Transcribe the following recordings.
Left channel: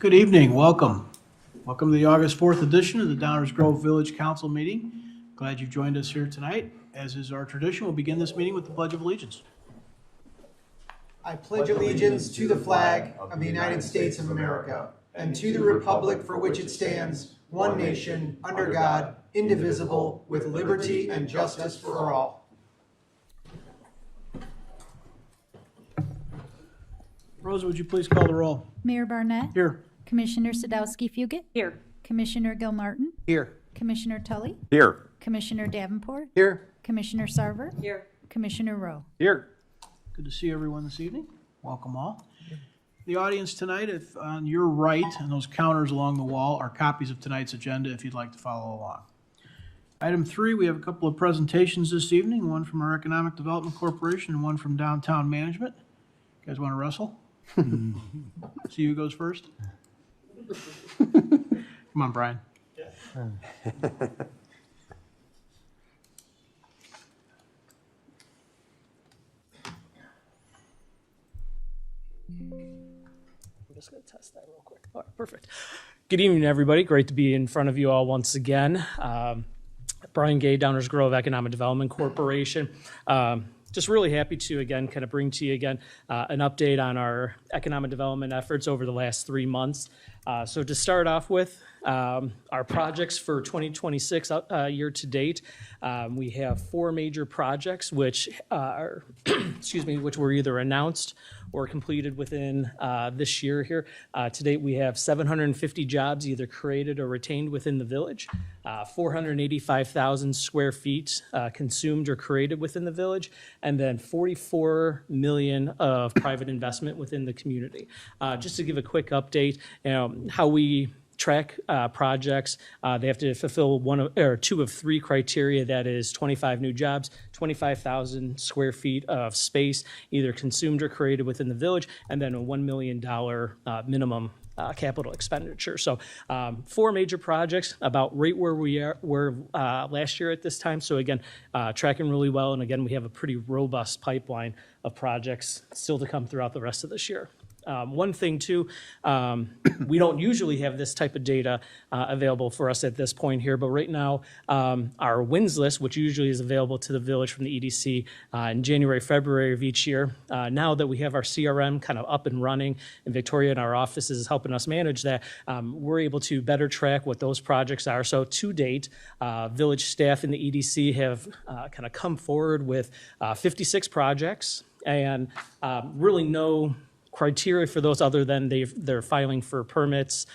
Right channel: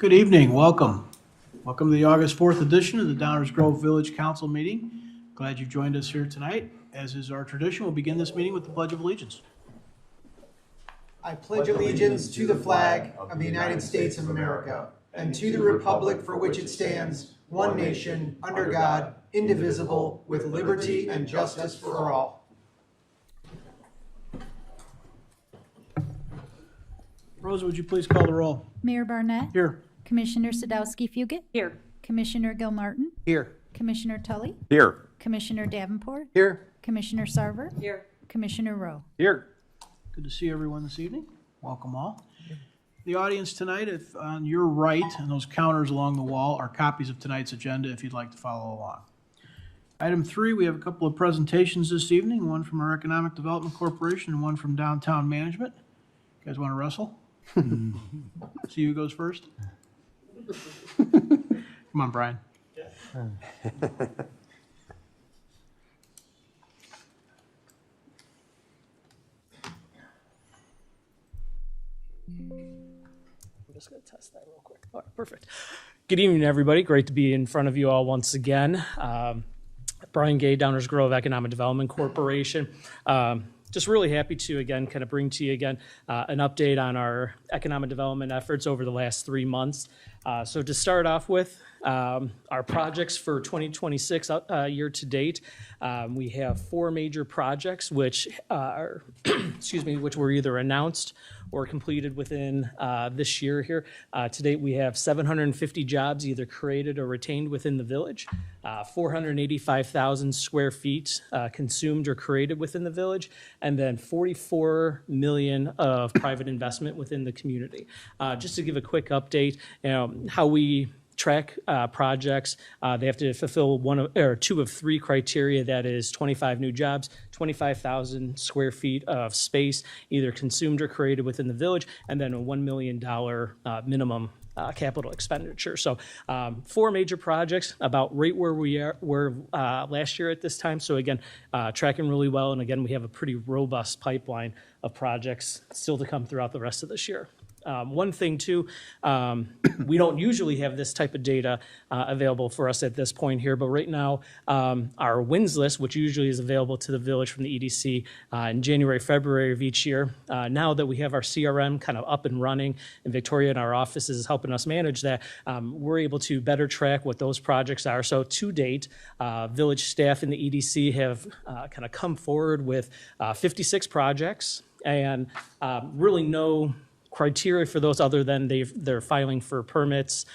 Good evening, welcome. Welcome to the August 4th edition of the Downers Grove Village Council meeting. Glad you joined us here tonight. As is our tradition, we'll begin this meeting with the Pledge of Allegiance. I pledge allegiance to the flag of the United States of America and to the republic for which it stands, one nation, under God, indivisible, with liberty and justice for all. Rosa, would you please call the roll? Mayor Barnett. Here. Commissioner Sadowski-Fugit. Here. Commissioner Gilmartin. Here. Commissioner Tully. Here. Commissioner Davenport. Here. Commissioner Sarver. Here. Commissioner Rowe. Here. Good to see everyone this evening. Welcome all. The audience tonight, if on your right and those counters along the wall are copies of tonight's agenda if you'd like to follow along. Item 3, we have a couple of presentations this evening, one from our Economic Development Corporation and one from Downtown Management. You guys want to wrestle? See who goes first? Come on, Brian. I'm just going to test that real quick. All right, perfect. Good evening, everybody. Great to be in front of you all once again. Brian Gay, Downers Grove Economic Development Corporation. Just really happy to, again, kind of bring to you again an update on our economic development efforts over the last 3 months. So to start off with, our projects for 2026 year to date, we have 4 major projects which are, which were either announced or completed within this year here. To date, we have 750 jobs either created or retained within the village, 485,000 square feet consumed or created within the village, and then 44 million of private investment within the community. Just to give a quick update, how we track projects, they have to fulfill 2 of 3 criteria. That is 25 new jobs, 25,000 square feet of space, either consumed or created within the village, and then a $1 million minimum capital expenditure. So 4 major projects, about right where we were last year at this time. So again, tracking really well. And again, we have a pretty robust pipeline of projects still to come throughout the rest of this year. One thing too, we don't usually have this type of data available for us at this point here, but right now our wins list, which usually is available to the village from the EDC in January, February of each year, now that we have our CRM kind of up and running and Victoria in our office is helping us manage that, we're able to better track what those projects are. So to date, village staff in the EDC have kind of come forward with 56 projects and really no criteria for those other than they're filing for permits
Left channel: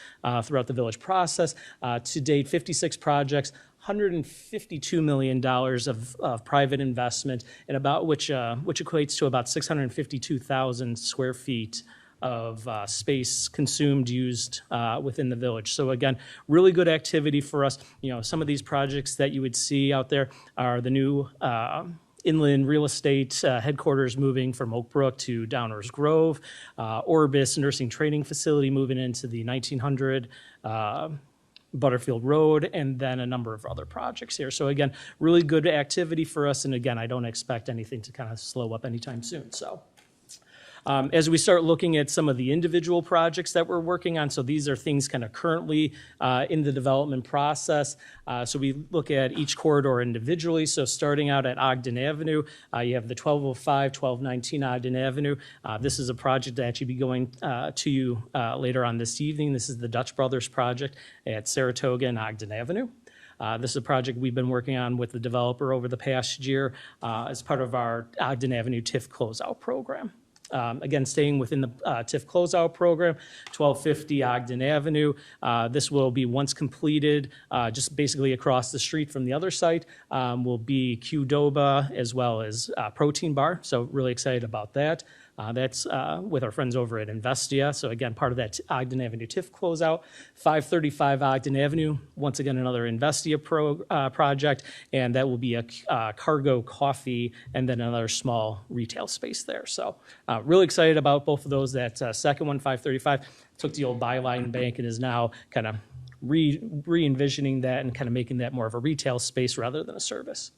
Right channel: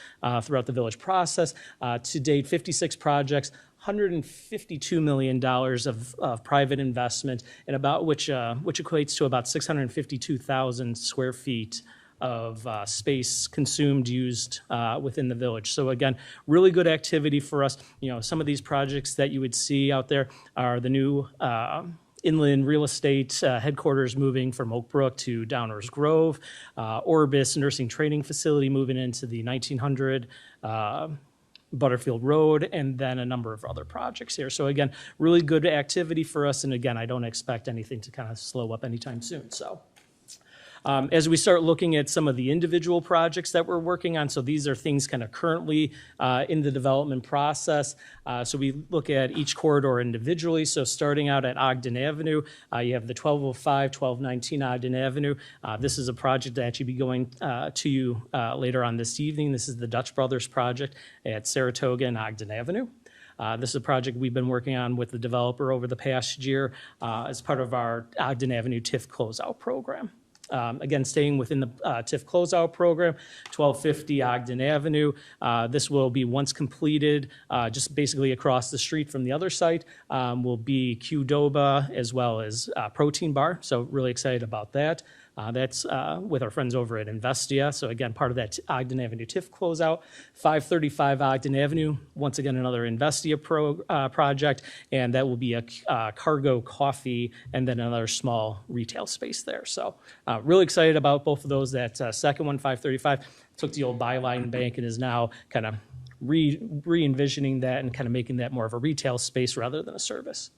throughout the village process. To date, 56 projects, $152 million of private investment, and about which equates to about 652,000 square feet of space consumed, used within the village. So again, really good activity for us. Some of these projects that you would see out there are the new inland real estate headquarters moving from Oak Brook to Downers Grove, Orbis nursing training facility moving into the 1900 Butterfield Road, and then a number of other projects here. So again, really good activity for us. And again, I don't expect anything to kind of slow up anytime soon. So as we start looking at some of the individual projects that we're working on, so these are things kind of currently in the development process. So we look at each corridor individually. So starting out at Ogden Avenue, you have the 1205, 1219 Ogden Avenue. This is a project that actually be going to you later on this evening. This is the Dutch Brothers project at Saratoga and Ogden Avenue. This is a project we've been working on with the developer over the past year as part of our Ogden Avenue TIF closeout program. Again, staying within the TIF closeout program, 1250 Ogden Avenue. This will be, once completed, just basically across the street from the other site, will be Qdoba as well as Protein Bar. So really excited about that. That's with our friends over at Investia. So again, part of that Ogden Avenue TIF closeout. 535 Ogden Avenue, once again, another Investia project, and that will be a cargo coffee and then another small retail space there. So really excited about both of those. That second one, 535, took the old Byline Bank and is now kind of re-envisioning that and kind of making that more of a retail space rather than a service.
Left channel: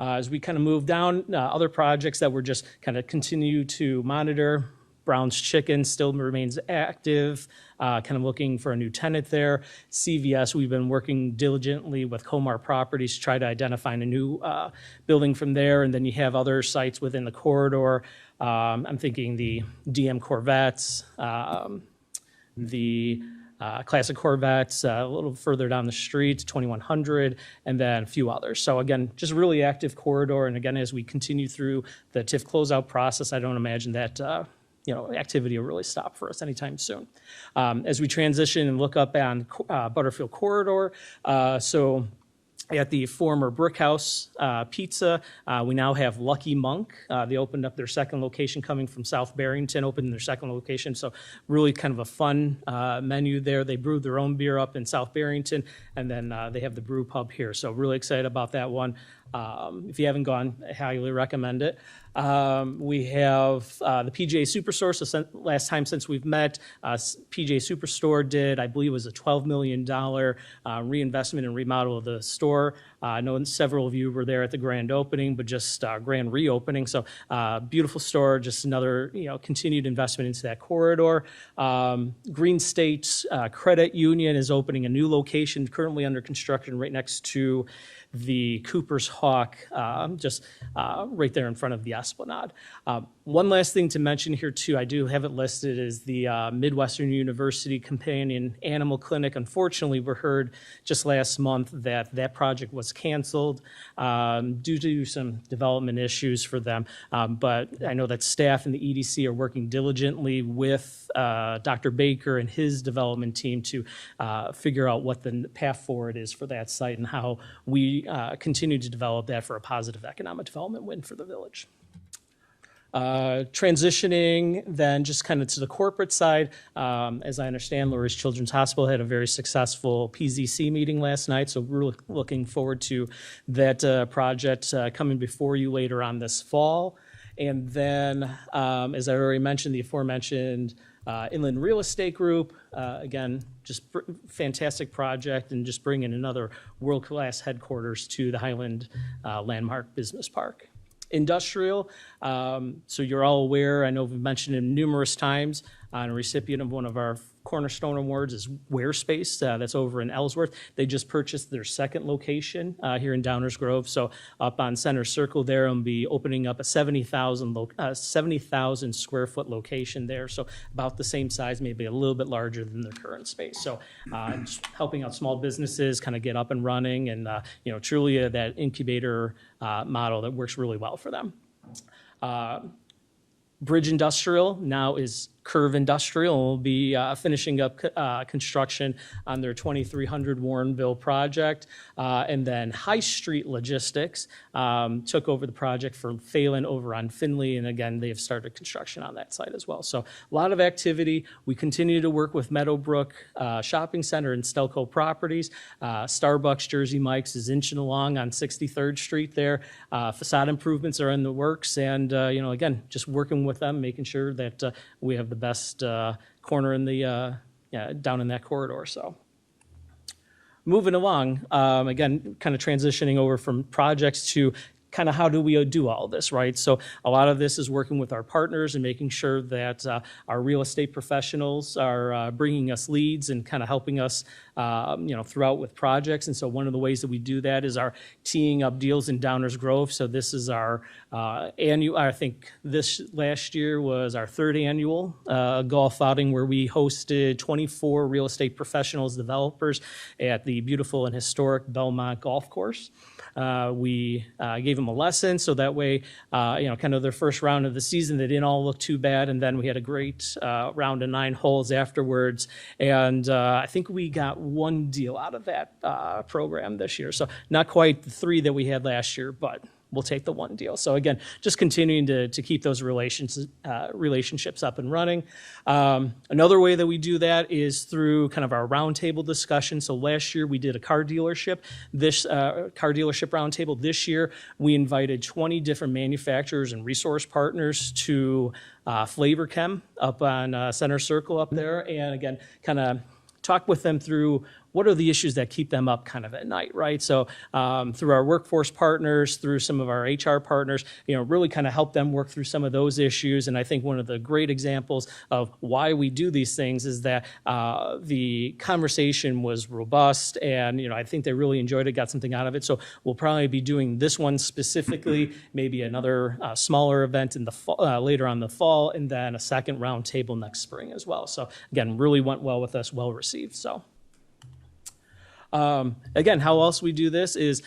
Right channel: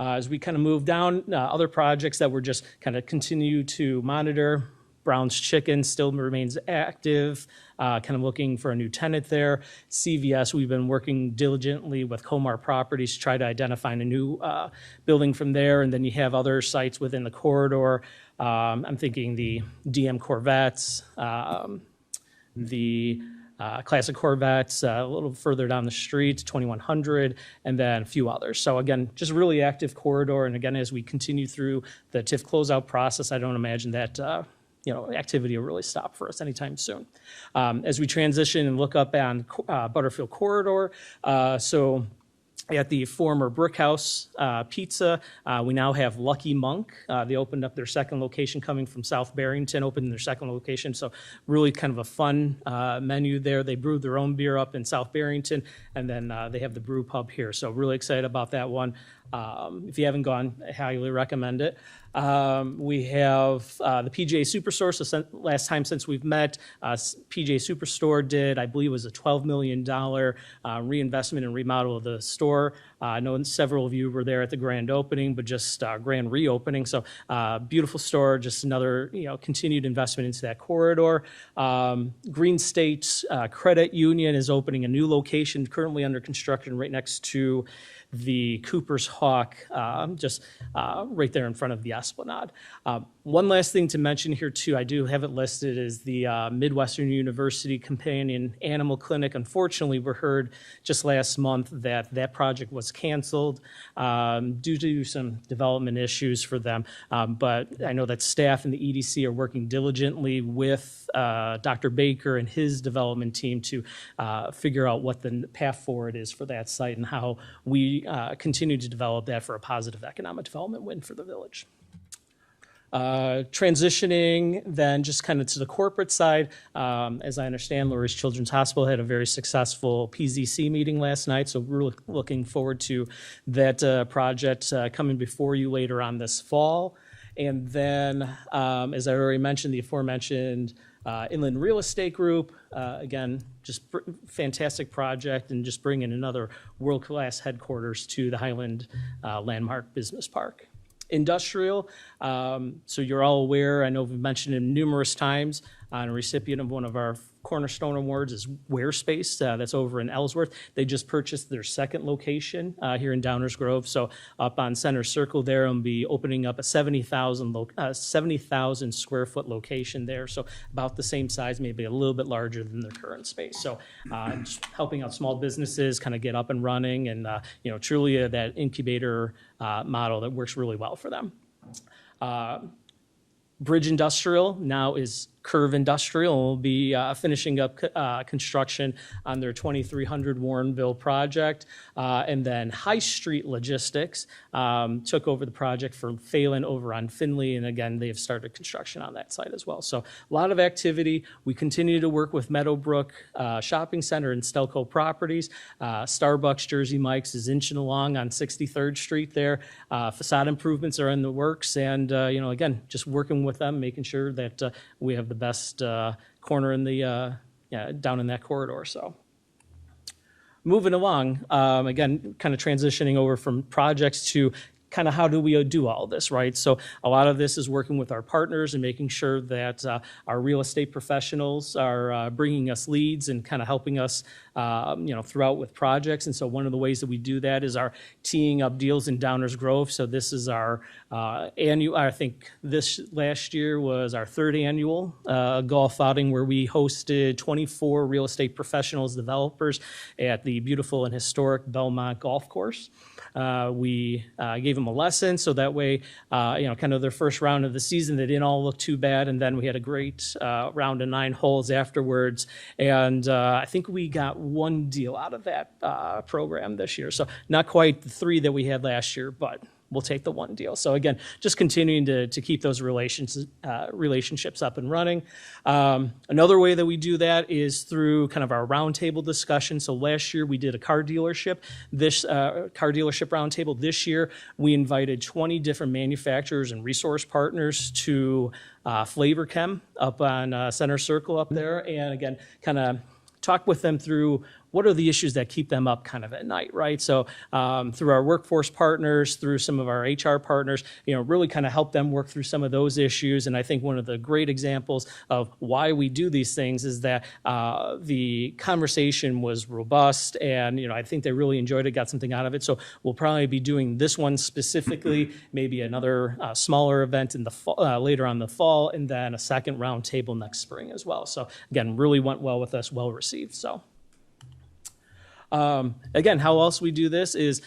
As we kind of move down, other projects that we're just kind of continue to monitor, Brown's Chicken still remains active, kind of looking for a new tenant there. CVS, we've been working diligently with Comar Properties to try to identify a new building from there. And then you have other sites within the corridor. I'm thinking the DM Corvettes, the Classic Corvettes, a little further down the street, 2100, and then a few others. So again, just really active corridor. And again, as we continue through the TIF closeout process, I don't imagine that activity will really stop for us anytime soon. As we transition and look up on Butterfield Corridor, so at the former Brickhouse Pizza, we now have Lucky Monk. They opened up their second location coming from South Barrington, opened their second location. So really kind of a fun menu there. They brew their own beer up in South Barrington, and then they have the brew pub here. So really excited about that one. If you haven't gone, I highly recommend it. We have the PJ Superstore. So last time since we've met, PJ Superstore did, I believe it was a $12 million reinvestment and remodel of the store. I know several of you were there at the grand opening, but just grand reopening. So beautiful store, just another continued investment into that corridor. Green State Credit Union is opening a new location currently under construction right next to the Cooper's Hawk, just right there in front of the Esplanade. One last thing to mention here too, I do have it listed, is the Midwestern University Companion Animal Clinic. Unfortunately, we heard just last month that that project was canceled due to some development issues for them. But I know that staff and the EDC are working diligently with Dr. Baker and his development team to figure out what the path forward is for that site and how we continue to develop that for a positive economic development win for the village. Transitioning then just kind of to the corporate side, as I understand, Lurie's Children's Hospital had a very successful PZC meeting last night, so we're looking forward to that project coming before you later on this fall. And then, as I already mentioned, the aforementioned Inland Real Estate Group, again, just fantastic project and just bringing another world-class headquarters to the Highland Landmark Business Park. Industrial, so you're all aware, I know we've mentioned it numerous times, a recipient of one of our Cornerstone Awards is Warespace, that's over in Ellsworth. They just purchased their second location here in Downers Grove. So up on Center Circle there, and be opening up a 70,000 square foot location there. So about the same size, maybe a little bit larger than their current space. So just helping out small businesses kind of get up and running, and truly that incubator model that works really well for them. Bridge Industrial now is Curve Industrial, and will be finishing up construction on their 2300 Warrenville project. And then High Street Logistics took over the project from Phelan over on Finley, and again, they have started construction on that site as well. So a lot of activity. We continue to work with Meadowbrook Shopping Center and Stelco Properties. Starbucks Jersey Mike's is inching along on 63rd Street there. Facade improvements are in the works, and again, just working with them, making sure that we have the best corner in the down in that corridor. So moving along, again, kind of transitioning over from projects to kind of how do we do all this, right? So a lot of this is working with our partners and making sure that our real estate professionals are bringing us leads and kind of helping us throughout with projects. And so one of the ways that we do that is our teeing up deals in Downers Grove. So this is our annual, I think this last year was our third annual golf outing, where we hosted 24 real estate professionals, developers at the beautiful and historic Belmont Golf Course. We gave them a lesson, so that way, kind of their first round of the season, they didn't all look too bad. And then we had a great round of 9 holes afterwards. And I think we got one deal out of that program this year. So not quite the 3 that we had last year, but we'll take the one deal. So again, just continuing to keep those relationships up and running. Another way that we do that is through kind of our roundtable discussion. So last year we did a car dealership. This car dealership roundtable. This year we invited 20 different manufacturers and resource partners to Flavor Chem up on Center Circle up there, and again, kind of talk with them through what are the issues that keep them up kind of at night, right? So through our workforce partners, through some of our HR partners, really kind of help them work through some of those issues. And I think one of the great examples of why we do these things is that the conversation was robust, and I think they really enjoyed it, got something out of it. So we'll probably be doing this one specifically, maybe another smaller event in the later on the fall, and then a second round table next spring as well. So again, really went well with us, well received. So again, how else we do this is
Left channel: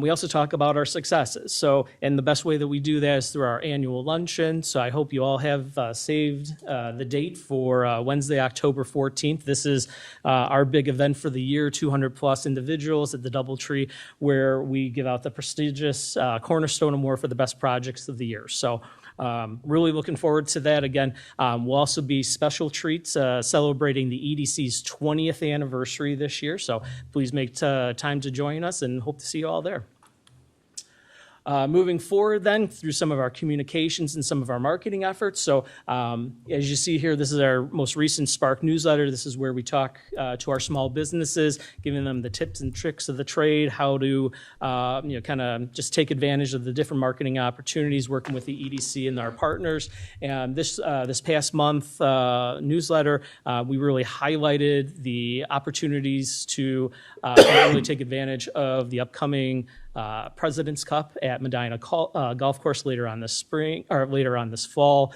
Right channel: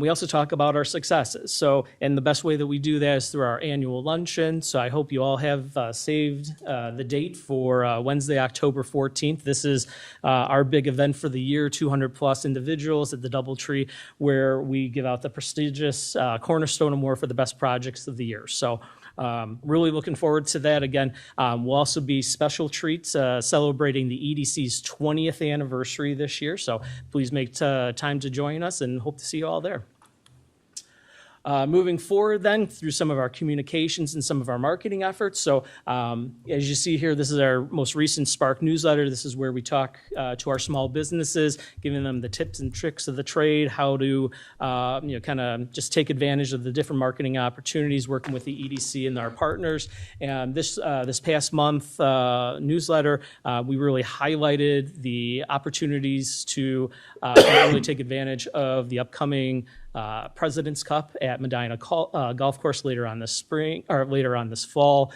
we also talk about our successes. So, and the best way that we do that is through our annual luncheon. So I hope you all have saved the date for Wednesday, October 14th. This is our big event for the year, 200 plus individuals at the DoubleTree, where we give out the prestigious Cornerstone Award for the best projects of the year. So really looking forward to that. Again, we'll also be special treats celebrating the EDC's 20th anniversary this year. So please make time to join us, and hope to see you all there. Moving forward then through some of our communications and some of our marketing efforts. So as you see here, this is our most recent Spark newsletter. This is where we talk to our small businesses, giving them the tips and tricks of the trade, how to kind of just take advantage of the different marketing opportunities, working with the EDC and our partners. And this past month newsletter, we really highlighted the opportunities to really take advantage of the upcoming President's Cup at Medina Golf Course later on this spring, or later on this fall.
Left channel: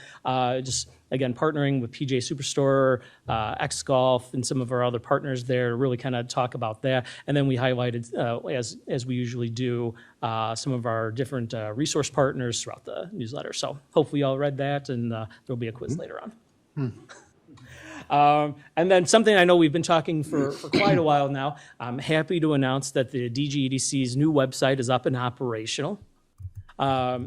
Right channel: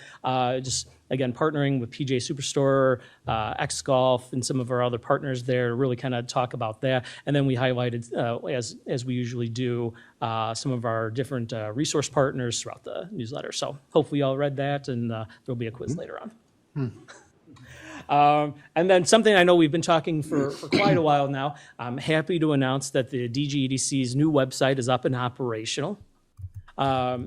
Just again, partnering with PJ Superstore, X Golf, and some of our other partners there to really kind of talk about that. And then we highlighted, as we usually do, some of our different resource partners throughout the newsletter. So hopefully you all read that, and there'll be a quiz later on. And then something I know we've been talking for quite a while now, I'm happy to announce that the DGEDC's new website is up and operational.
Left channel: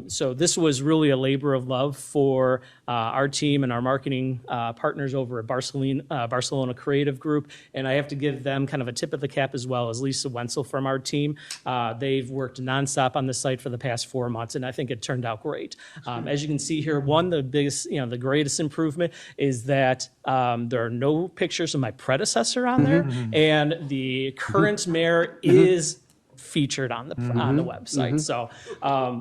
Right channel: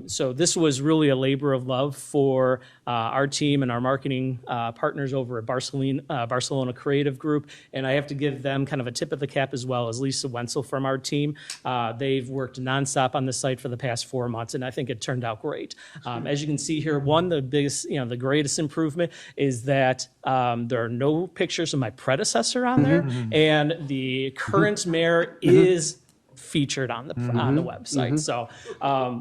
So this was really a labor of love for our team and our marketing partners over at Barcelona Creative Group. And I have to give them kind of a tip of the cap, as well as Lisa Wenzel from our team. They've worked nonstop on the site for the past 4 months, and I think it turned out great. As you can see here, the biggest, the greatest improvement is that there are no pictures of my predecessor on there, and the current mayor is featured on the website. So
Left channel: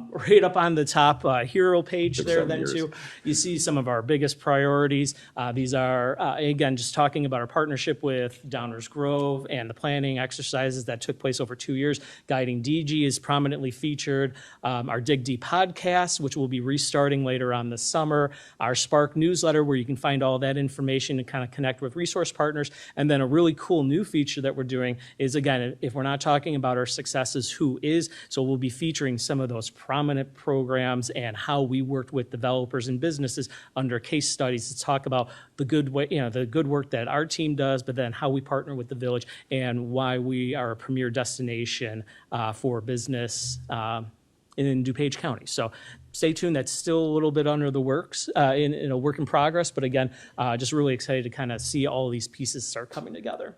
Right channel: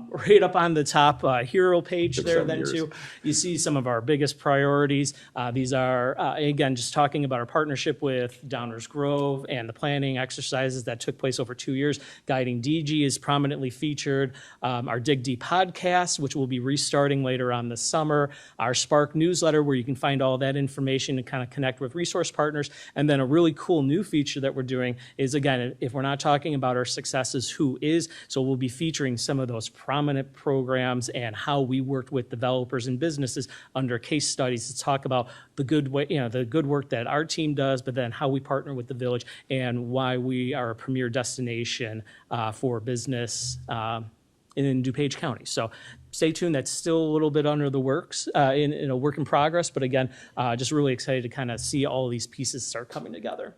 right up on the top hero page there then too, you see some of our biggest priorities. These are, again, just talking about our partnership with Downers Grove and the planning exercises that took place over 2 years. Guiding DG is prominently featured. Our Dig Deep podcast, which will be restarting later on this summer. Our Spark newsletter, where you can find all that information and kind of connect with resource partners. And then a really cool new feature that we're doing is, again, if we're not talking about our successes, who is. So we'll be featuring some of those prominent programs and how we worked with developers and businesses under case studies to talk about the good way, the good work that our team does, but then how we partner with the village and why we are a premier destination for business in DuPage County. So stay tuned. That's still a little bit under the works, in a work in progress. But again, just really excited to kind of see all these pieces start coming together.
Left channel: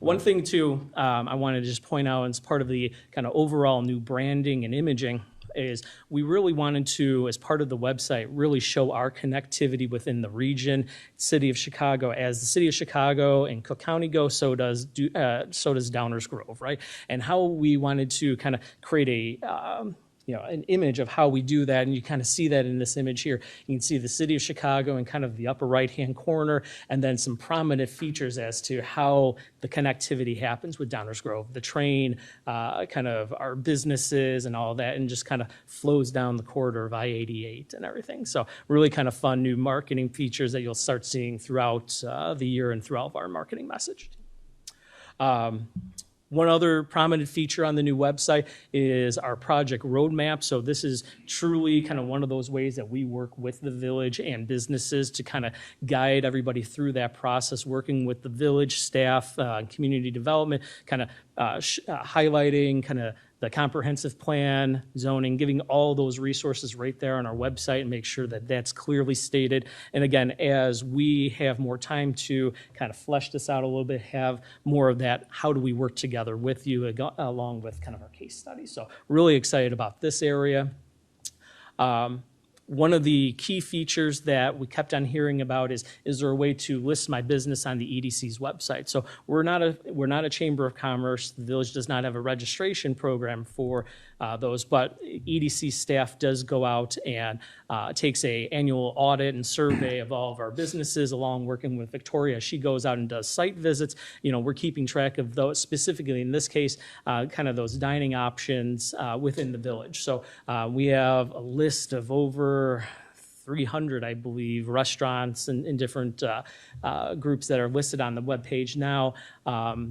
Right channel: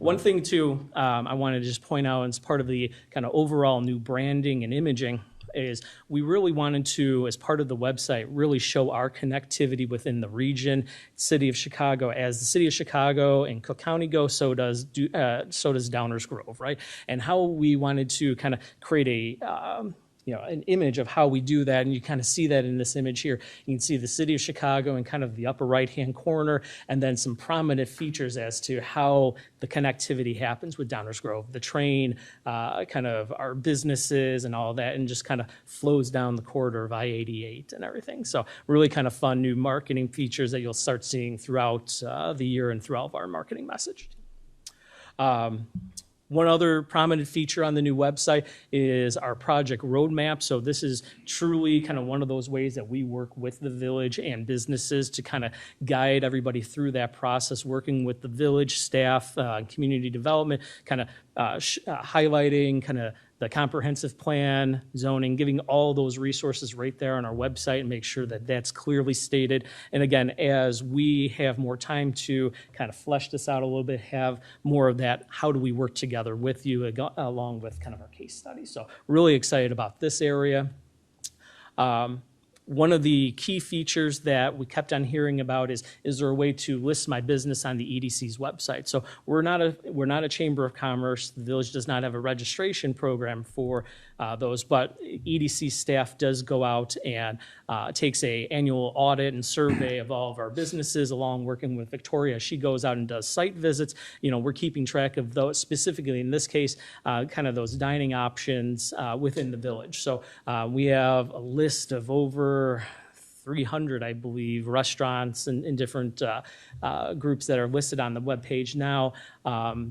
One thing too, I want to just point out as part of the kind of overall new branding and imaging is we really wanted to, as part of the website, really show our connectivity within the region, city of Chicago. As the city of Chicago and Cook County go, so does Downers Grove, right? And how we wanted to kind of create an image of how we do that. And you kind of see that in this image here. You can see the city of Chicago in kind of the upper right-hand corner, and then some prominent features as to how the connectivity happens with Downers Grove, the train, kind of our businesses and all that, and just kind of flows down the corridor of I-88 and everything. So really kind of fun new marketing features that you'll start seeing throughout the year and throughout our marketing message. One other prominent feature on the new website is our project roadmap. So this is truly kind of one of those ways that we work with the village and businesses to kind of guide everybody through that process, working with the village staff, community development, kind of highlighting kind of the comprehensive plan, zoning, giving all those resources right there on our website and make sure that that's clearly stated. And again, as we have more time to kind of flesh this out a little bit, have more of that, how do we work together with you along with kind of our case study. So really excited about this area. one of the key features that we kept on hearing about is there a way to list my business on the EDC's website? So we're not a chamber of commerce. The village does not have a registration program for those, but EDC staff does go out and takes a annual audit and survey of all of our businesses, along working with Victoria. She goes out and does site visits. We're keeping track of those, specifically in this case, kind of those dining options within the village. So we have a list of over 300, I believe, restaurants and different groups that are listed on the webpage now.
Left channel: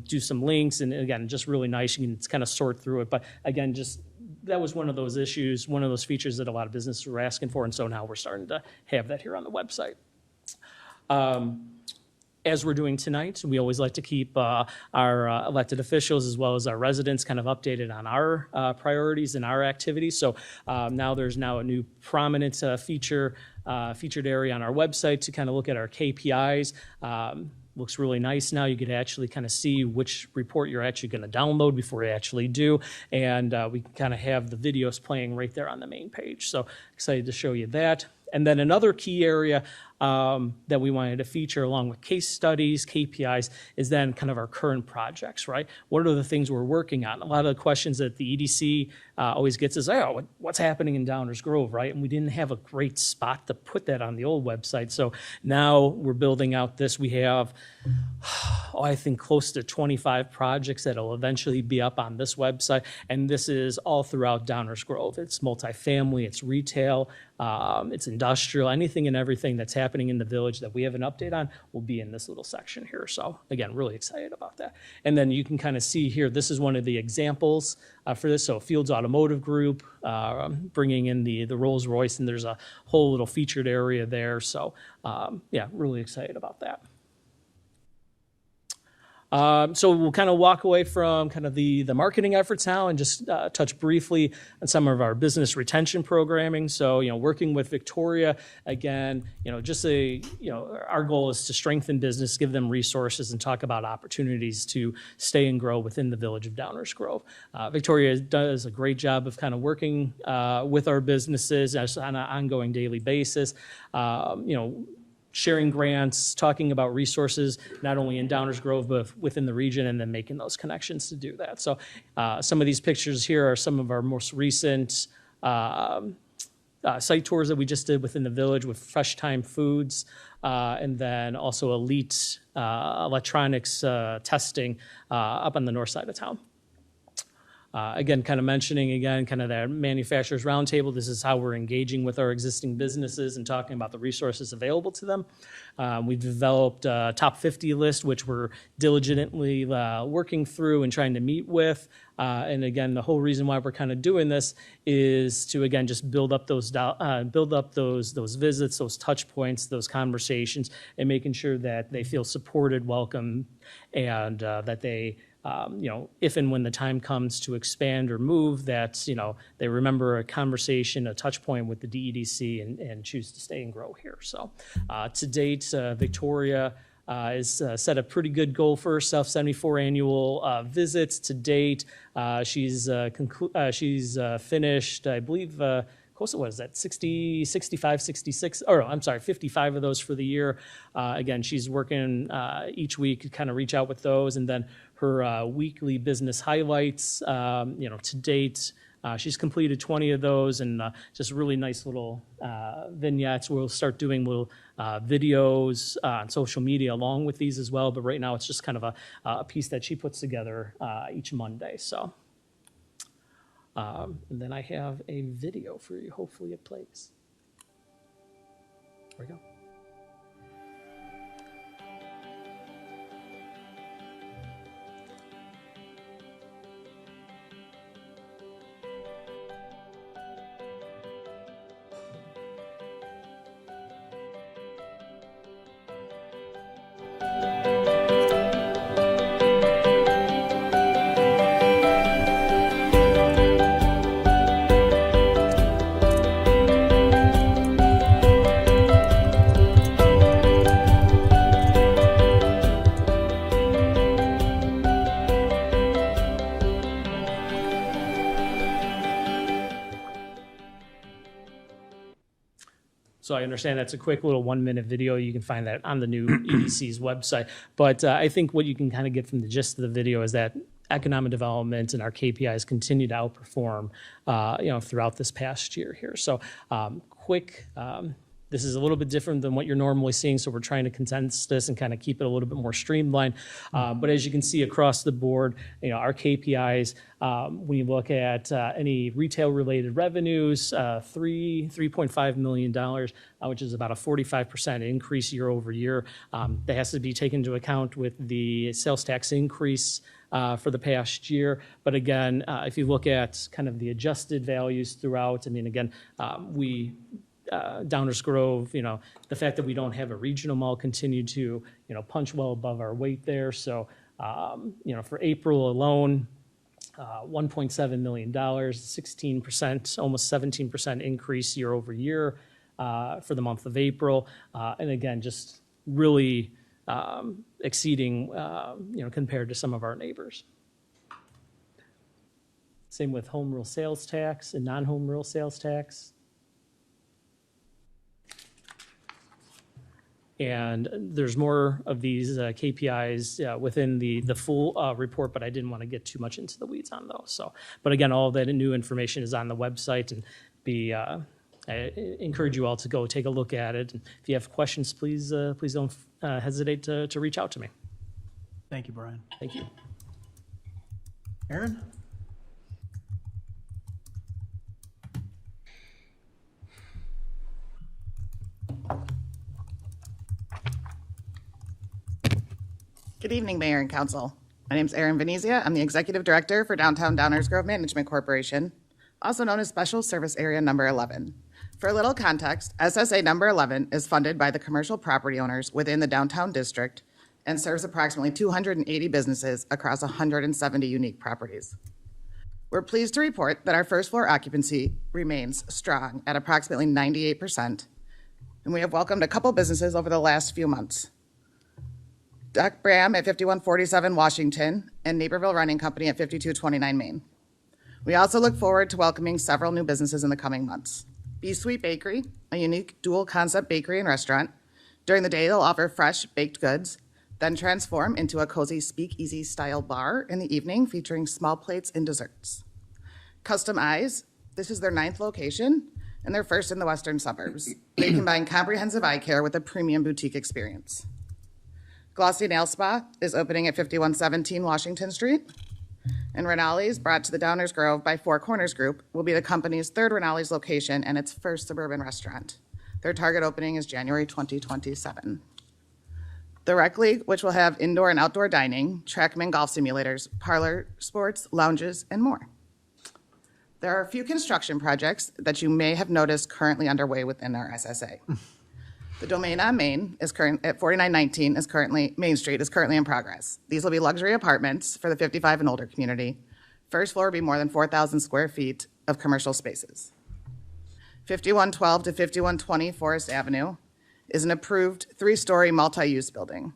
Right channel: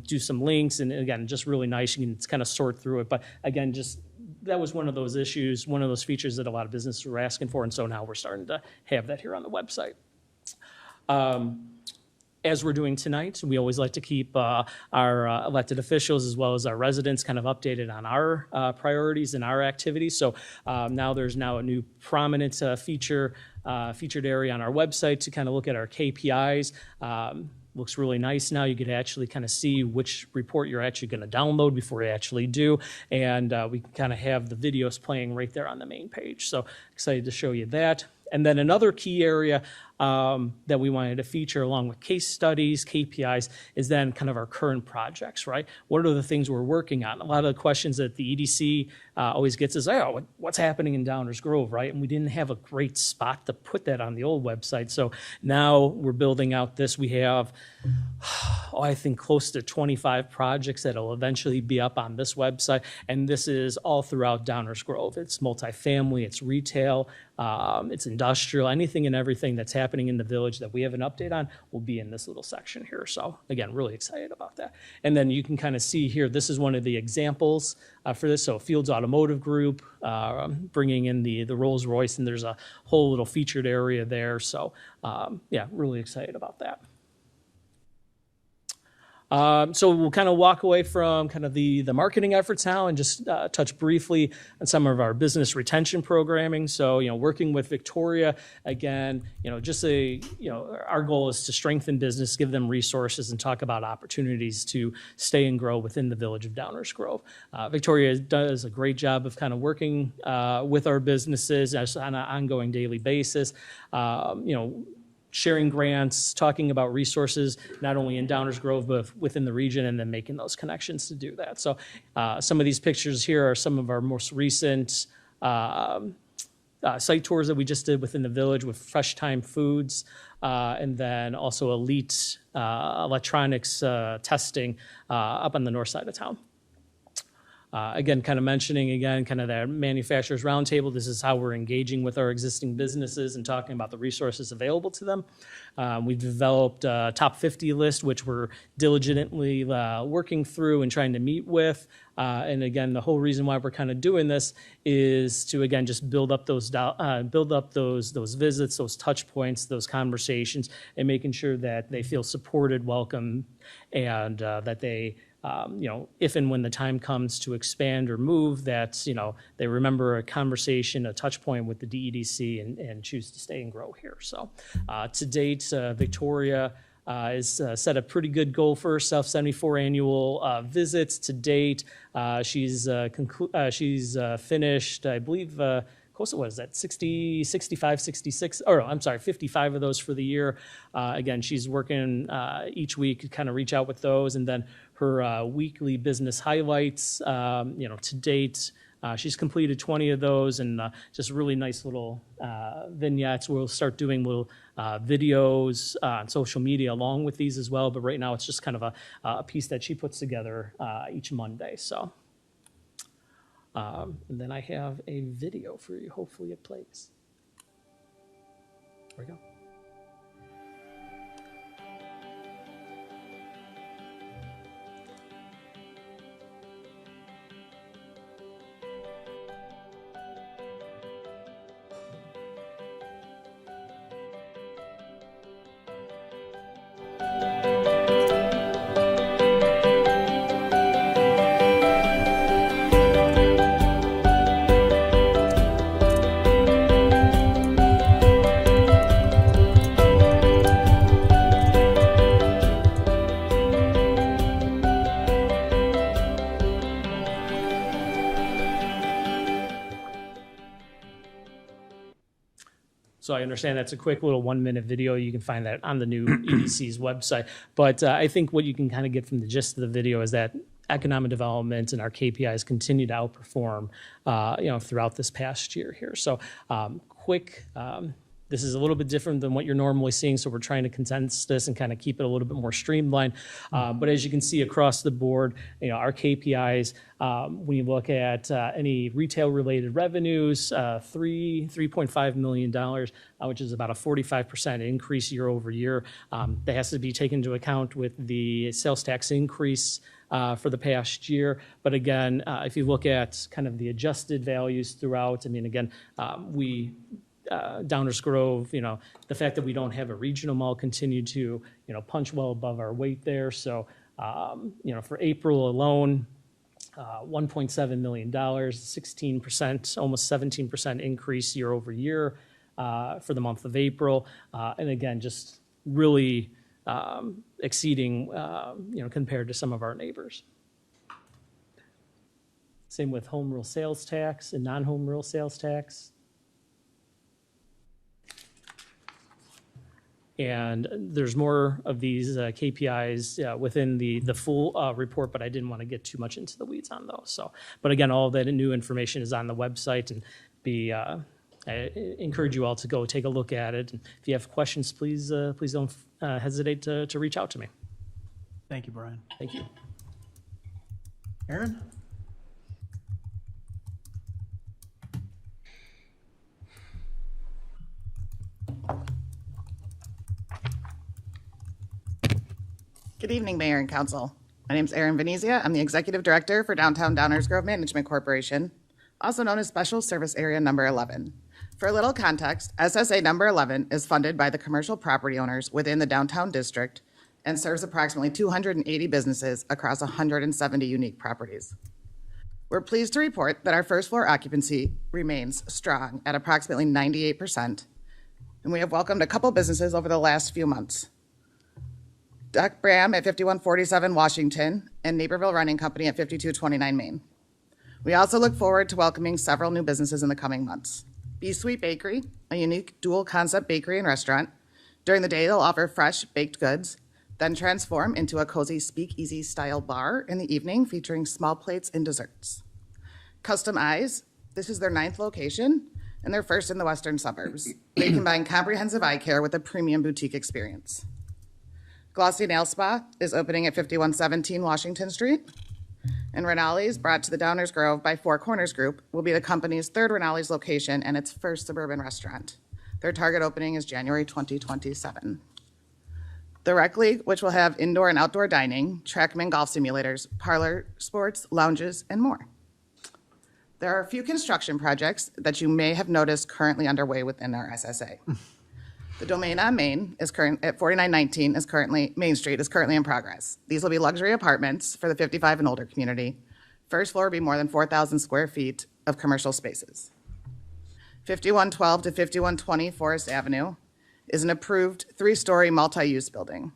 Do some links, and again, just really nice. You can kind of sort through it. But again, just that was one of those issues, one of those features that a lot of businesses were asking for, and so now we're starting to have that here on the website. As we're doing tonight, we always like to keep our elected officials as well as our residents kind of updated on our priorities and our activities. So now there's a new prominent featured area on our website to kind of look at our KPIs. Looks really nice now. You can actually kind of see which report you're actually going to download before you actually do. And we can kind of have the videos playing right there on the main page. So excited to show you that. And then another key area that we wanted to feature along with case studies, KPIs, is then kind of our current projects, right? What are the things we're working on? A lot of the questions that the EDC always gets is, oh, what's happening in Downers Grove, right? And we didn't have a great spot to put that on the old website. So now we're building out this. We have, I think, close to 25 projects that will eventually be up on this website. And this is all throughout Downers Grove. It's multifamily, it's retail, it's industrial, anything and everything that's happening in the village that we have an update on will be in this little section here. So again, really excited about that. And then you can kind of see here, this is one of the examples for this. So Fields Automotive Group, bringing in the Rolls Royce, and there's a whole little featured area there. So yeah, really excited about that. So we'll kind of walk away from kind of the marketing efforts now and just touch briefly on some of our business retention programming. So, working with Victoria, again, our goal is to strengthen business, give them resources, and talk about opportunities to stay and grow within the village of Downers Grove. Victoria does a great job of kind of working with our businesses on an ongoing daily basis. Sharing grants, talking about resources, not only in Downers Grove, but within the region, and then making those connections to do that. So some of these pictures here are some of our most recent site tours that we just did within the village with Fresh Time Foods, and then also Elite Electronics testing up on the north side of town. Again, kind of mentioning again, kind of that manufacturers roundtable. This is how we're engaging with our existing businesses and talking about the resources available to them. We've developed a top 50 list, which we're diligently working through and trying to meet with. And again, the whole reason why we're kind of doing this is to, again, just build up those visits, those touch points, those conversations, and making sure that they feel supported, welcome, and that they, if and when the time comes to expand or move, that, they remember a conversation, a touch point with the DEDC and choose to stay and grow here. So to date, Victoria has set a pretty good goal for herself, 74 annual visits to date. She's finished, I believe, close to, what is that, 60, 65, 66, or I'm sorry, 55 of those for the year. Again, she's working each week to kind of reach out with those, and then her weekly business highlights, to date, she's completed 20 of those, and just really nice little vignettes. We'll start doing little videos on social media along with these as well, but right now it's just kind of a piece that she puts together each Monday. So. And then I have a video for you. Hopefully it plays. There we go. So I understand that's a quick little 1-minute video. You can find that on the new EDC's website. But I think what you can kind of get from the gist of the video is that economic development and our KPIs continue to outperform, throughout this past year here. So this is a little bit different than what you're normally seeing, so we're trying to condense this and kind of keep it a little bit more streamlined. But as you can see across the board, our KPIs, when you look at any retail-related revenues, $3.5 million, which is about a 45% increase year over year. That has to be taken into account with the sales tax increase for the past year. But again, if you look at kind of the adjusted values throughout, Downers Grove, the fact that we don't have a regional mall continued to, punch well above our weight there. So, for April alone, $1.7 million, 16%, almost 17% increase year over year for the month of April. And again, just really exceeding, compared to some of our neighbors. Same with home rule sales tax and non-home rule sales tax. And there's more of these KPIs within the full report, but I didn't want to get too much into the weeds on those. So, but again, all of that new information is on the website, and I encourage you all to go take a look at it. And if you have questions, please don't hesitate to reach out to me. Thank you, Brian. Thank you. Aaron? Good evening, Mayor and Council. My name is Erin Venezia. I'm the Executive Director for Downtown Downers Grove Management Corporation, also known as Special Service Area Number 11. For a little context, SSA Number 11 is funded by the commercial property owners within the downtown district and serves approximately 280 businesses across 170 unique properties. We're pleased to report that our first floor occupancy remains strong at approximately 98%, and we have welcomed a couple businesses over the last few months. Duck Bram at 5147 Washington and Naperville Running Company at 5229 Main. We also look forward to welcoming several new businesses in the coming months. B Sweet Bakery, a unique dual concept bakery and restaurant. During the day, they'll offer fresh baked goods, then transform into a cozy speakeasy style bar in the evening featuring small plates and desserts. Custom Eyes, this is their 9th location and their first in the western suburbs. They combine comprehensive eye care with a premium boutique experience. Glossy Nail Spa is opening at 5117 Washington Street. And Rinaldi's, brought to the Downers Grove by Four Corners Group, will be the company's 3rd Rinaldi's location and its first suburban restaurant. Their target opening is January 2027. The Rec League, which will have indoor and outdoor dining, Trackman golf simulators, parlor sports, lounges, and more. There are a few construction projects that you may have noticed currently underway within our SSA. The Domain on Main is current at 4919 Main Street is currently in progress. These will be luxury apartments for the 55 and older community. First floor will be more than 4,000 square feet of commercial spaces. 5112 to 5120 Forest Avenue is an approved 3-story multi-use building.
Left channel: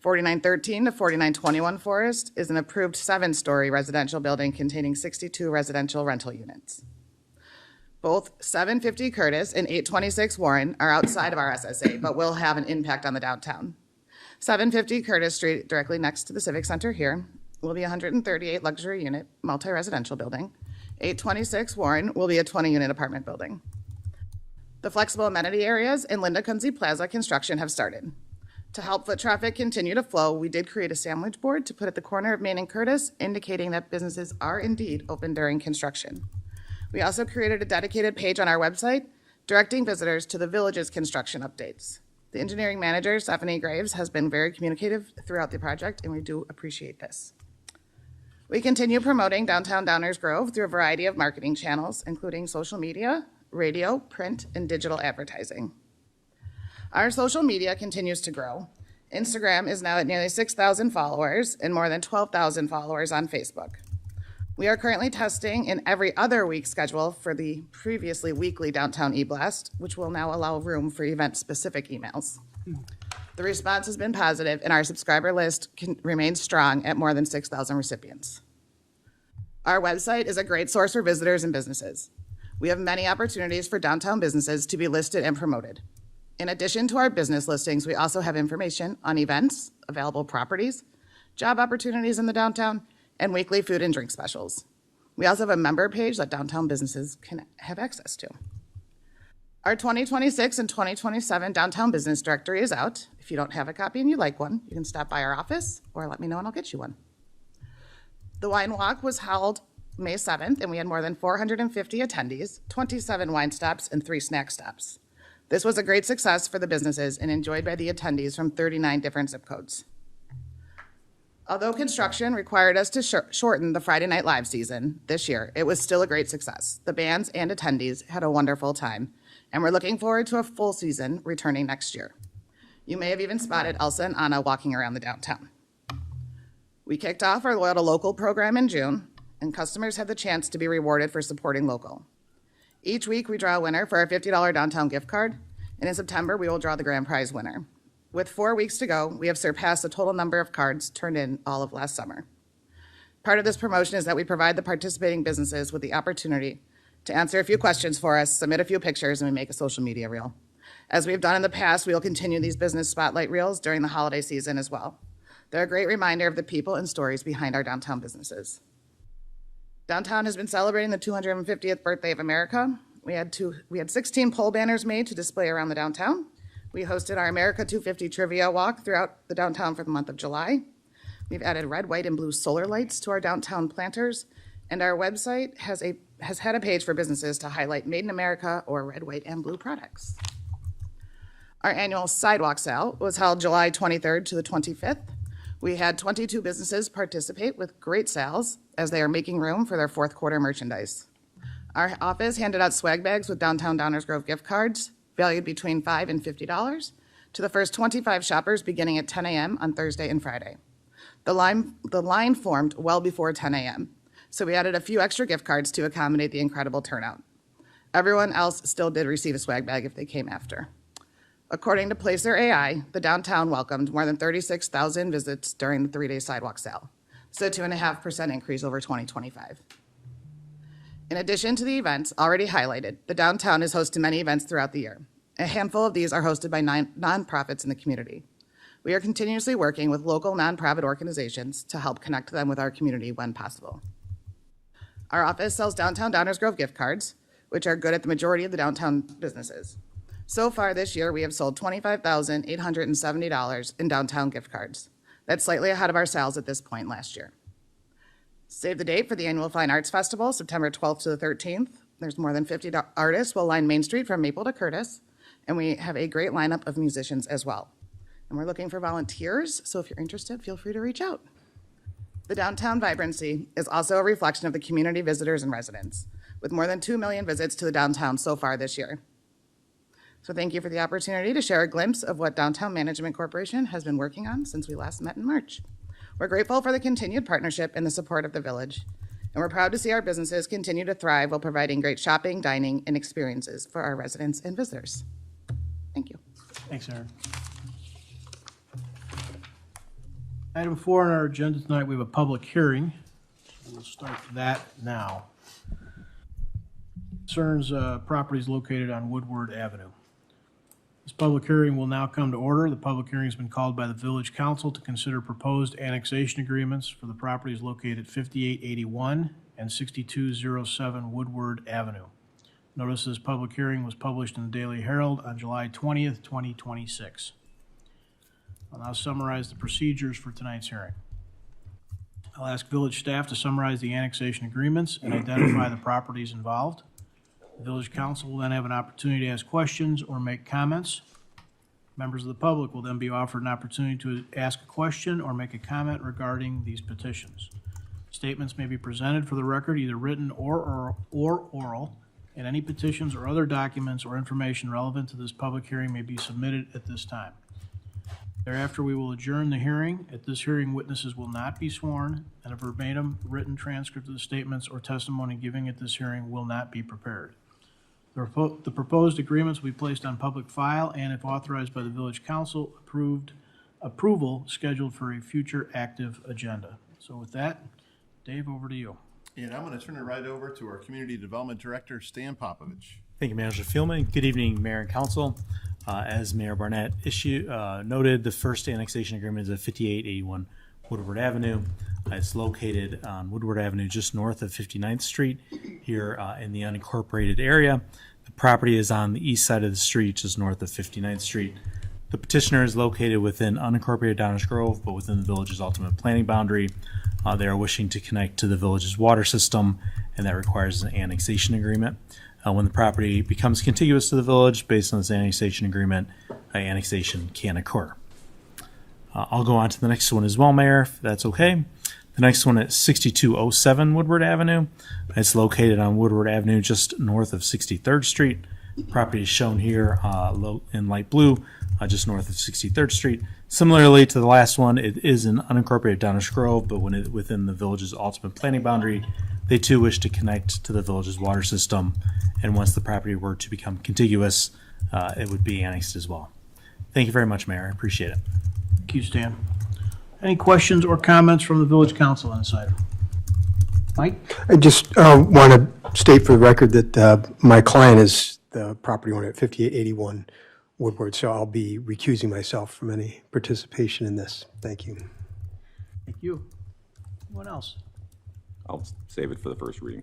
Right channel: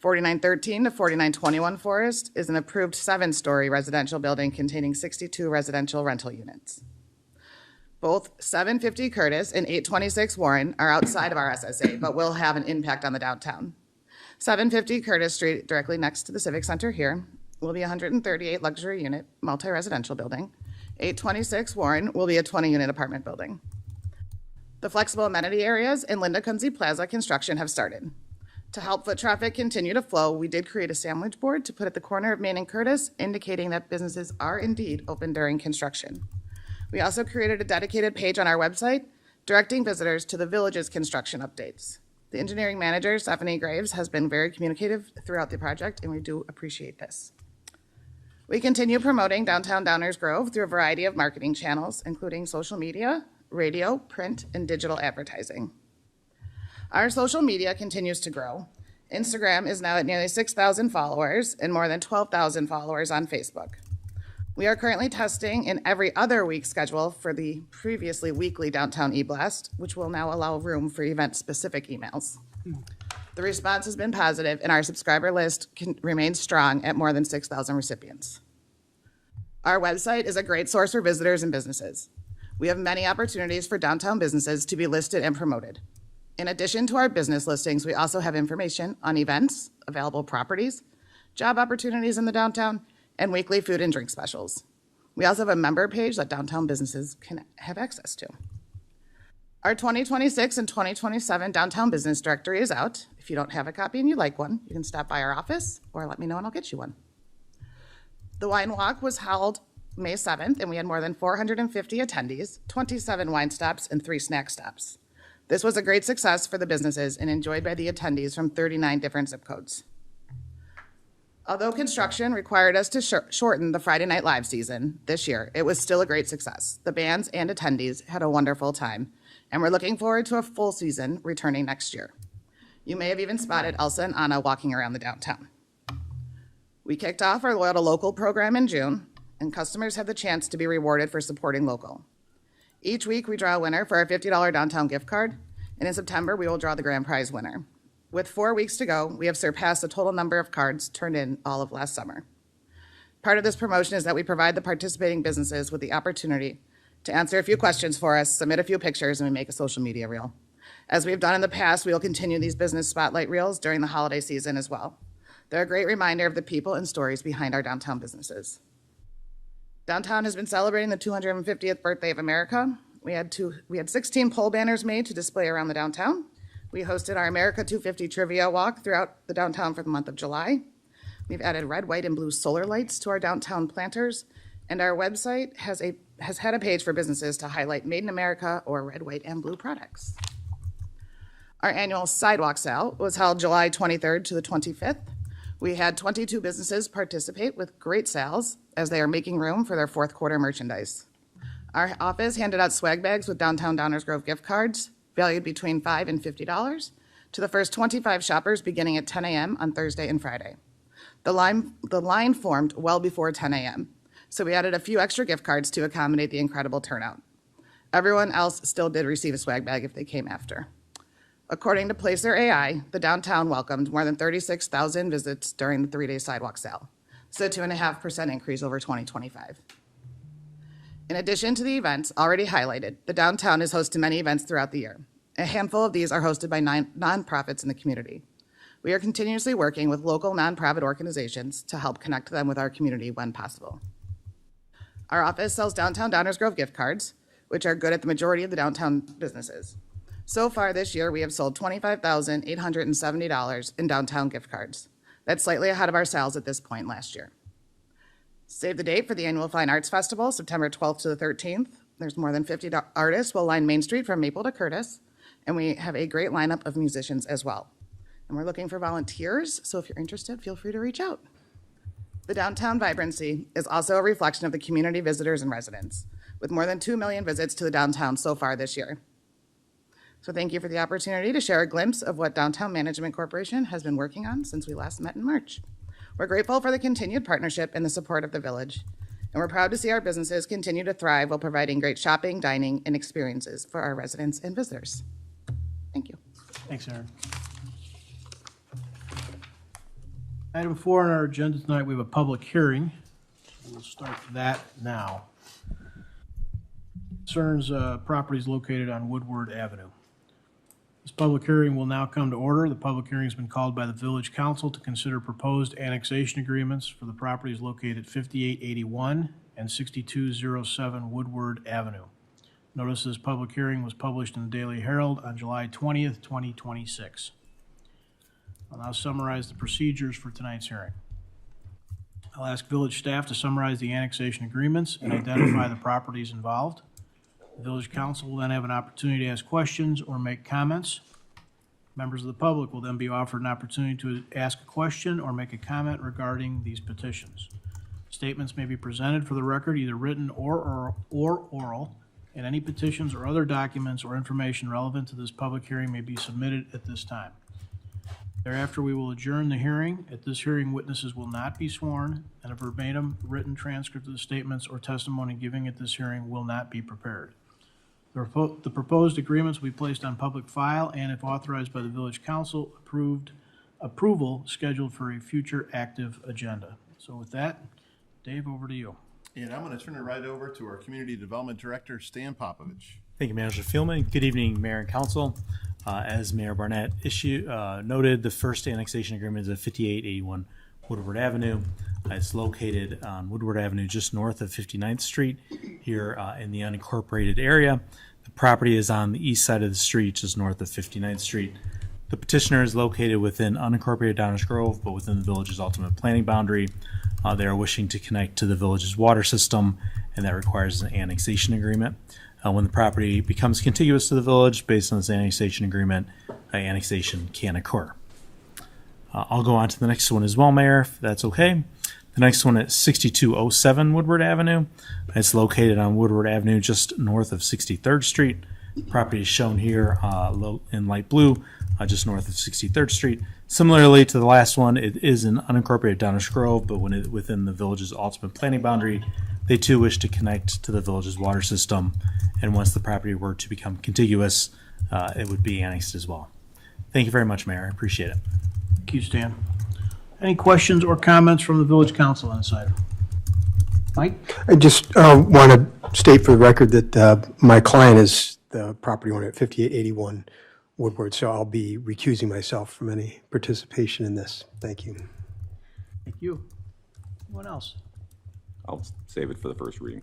4913 to 4921 Forest is an approved 7-story residential building containing 62 residential rental units. Both 750 Curtis and 826 Warren are outside of our SSA, but will have an impact on the downtown. 750 Curtis Street, directly next to the Civic Center here, will be a 138 luxury unit multi-residential building. 826 Warren will be a 20-unit apartment building. The flexible amenity areas in Linda Kunze Plaza construction have started. To help foot traffic continue to flow, we did create a sandwich board to put at the corner of Main and Curtis, indicating that businesses are indeed open during construction. We also created a dedicated page on our website directing visitors to the village's construction updates. The engineering manager, Stephanie Graves, has been very communicative throughout the project, and we do appreciate this. We continue promoting Downtown Downers Grove through a variety of marketing channels, including social media, radio, print, and digital advertising. Our social media continues to grow. Instagram is now at nearly 6,000 followers and more than 12,000 followers on Facebook. We are currently testing an every other week schedule for the previously weekly Downtown e-blast, which will now allow room for event-specific emails. The response has been positive, and our subscriber list remains strong at more than 6,000 recipients. Our website is a great source for visitors and businesses. We have many opportunities for downtown businesses to be listed and promoted. In addition to our business listings, we also have information on events, available properties, job opportunities in the downtown, and weekly food and drink specials. We also have a member page that downtown businesses can have access to. Our 2026 and 2027 Downtown Business Directory is out. If you don't have a copy and you'd like one, you can stop by our office or let me know and I'll get you one. The Wine Walk was held May 7th, and we had more than 450 attendees, 27 wine stops, and 3 snack stops. This was a great success for the businesses and enjoyed by the attendees from 39 different zip codes. Although construction required us to shorten the Friday Night Live season this year, it was still a great success. The bands and attendees had a wonderful time, and we're looking forward to a full season returning next year. You may have even spotted Elsa and Anna walking around the downtown. We kicked off our Loyal to Local program in June, and customers have the chance to be rewarded for supporting local. Each week, we draw a winner for our $50 downtown gift card, and in September, we will draw the grand prize winner. With 4 weeks to go, we have surpassed the total number of cards turned in all of last summer. Part of this promotion is that we provide the participating businesses with the opportunity to answer a few questions for us, submit a few pictures, and we make a social media reel. As we've done in the past, we will continue these business spotlight reels during the holiday season as well. They're a great reminder of the people and stories behind our downtown businesses. Downtown has been celebrating the 250th birthday of America. We had 16 pole banners made to display around the downtown. We hosted our America 250 trivia walk throughout the downtown for the month of July. We've added red, white, and blue solar lights to our downtown planters, and our website has had a page for businesses to highlight Made in America or red, white, and blue products. Our annual sidewalk sale was held July 23rd to the 25th. We had 22 businesses participate with great sales as they are making room for their fourth quarter merchandise. Our office handed out swag bags with Downtown Downers Grove gift cards valued between $5 and $50 to the first 25 shoppers beginning at 10 a.m. on Thursday and Friday. The line formed well before 10 a.m., so we added a few extra gift cards to accommodate the incredible turnout. Everyone else still did receive a swag bag if they came after. According to Placer AI, the downtown welcomed more than 36,000 visits during the 3-day sidewalk sale. So a 2.5% increase over 2025. In addition to the events already highlighted, the downtown has hosted many events throughout the year. A handful of these are hosted by nonprofits in the community. We are continuously working with local nonprofit organizations to help connect them with our community when possible. Our office sells Downtown Downers Grove gift cards, which are good at the majority of the downtown businesses. So far this year, we have sold $25,870 in downtown gift cards. That's slightly ahead of our sales at this point last year. Save the date for the annual Fine Arts Festival, September 12th to the 13th. There's more than 50 artists will line Main Street from Maple to Curtis, and we have a great lineup of musicians as well. And we're looking for volunteers, so if you're interested, feel free to reach out. The downtown vibrancy is also a reflection of the community visitors and residents, with more than 2 million visits to the downtown so far this year. So thank you for the opportunity to share a glimpse of what Downtown Management Corporation has been working on since we last met in March. We're grateful for the continued partnership and the support of the village, and we're proud to see our businesses continue to thrive while providing great shopping, dining, and experiences for our residents and visitors. Thank you. Thanks, Aaron. Item 4 on our agenda tonight, we have a public hearing. We'll start that now. Concerns properties located on Woodward Avenue. This public hearing will now come to order. The public hearing has been called by the Village Council to consider proposed annexation agreements for the properties located at 5881 and 6207 Woodward Avenue. Notice this public hearing was published in the Daily Herald on July 20th, 2026. I'll now summarize the procedures for tonight's hearing. I'll ask village staff to summarize the annexation agreements and identify the properties involved. The village council will then have an opportunity to ask questions or make comments. Members of the public will then be offered an opportunity to ask a question or make a comment regarding these petitions. Statements may be presented for the record, either written or oral, and any petitions or other documents or information relevant to this public hearing may be submitted at this time. Thereafter, we will adjourn the hearing. At this hearing, witnesses will not be sworn, and a verbatim written transcript of the statements or testimony given at this hearing will not be prepared. The proposed agreements will be placed on public file and, if authorized by the village council, approval scheduled for a future active agenda. So with that, Dave, over to you. And I'm going to turn it right over to our Community Development Director, Stan Popovich. Thank you, Manager Fielman. Good evening, Mayor and Council. As Mayor Barnett noted, the first annexation agreement is at 5881 Woodward Avenue. It's located on Woodward Avenue just north of 59th Street here in the unincorporated area. The property is on the east side of the street, just north of 59th Street. The petitioner is located within unincorporated Downers Grove, but within the village's ultimate planning boundary. They are wishing to connect to the village's water system, and that requires an annexation agreement. When the property becomes contiguous to the village, based on this annexation agreement, annexation can occur. I'll go on to the next one as well, Mayor, if that's okay. The next one is 6207 Woodward Avenue. It's located on Woodward Avenue just north of 63rd Street. The property is shown here in light blue, just north of 63rd Street. Similarly to the last one, it is an unincorporated Downers Grove, but within the village's ultimate planning boundary, they too wish to connect to the village's water system. And once the property were to become contiguous, it would be annexed as well. Thank you very much, Mayor. I appreciate it. Thank you, Stan. Any questions or comments from the village council on this item? Mike? I just want to state for the record that my client is the property owner at 5881 Woodward, so I'll be recusing myself from any participation in this. Thank you. Thank you. Anyone else? I'll save it for the first reading.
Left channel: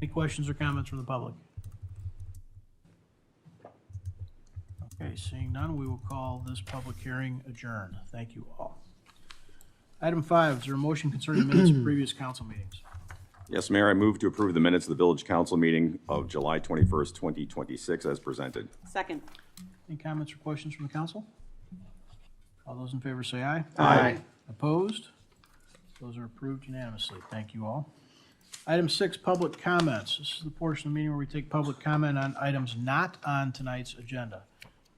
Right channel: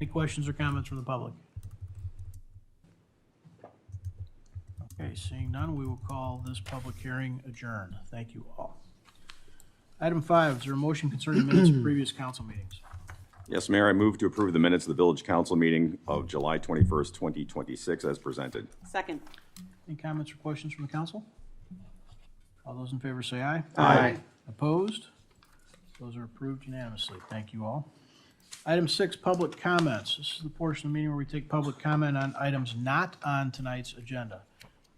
Any questions or comments from the public? Okay, seeing none, we will call this public hearing adjourned. Thank you all. Item 5, is there a motion concerning minutes of previous council meetings? Yes, Mayor, I move to approve the minutes of the Village Council meeting of July 21st, 2026 as presented. Second. Any comments or questions from the council? All those in favor say aye. Aye. Opposed? Those are approved unanimously. Thank you all. Item 6, public comments. This is the portion of the meeting where we take public comment on items not on tonight's agenda.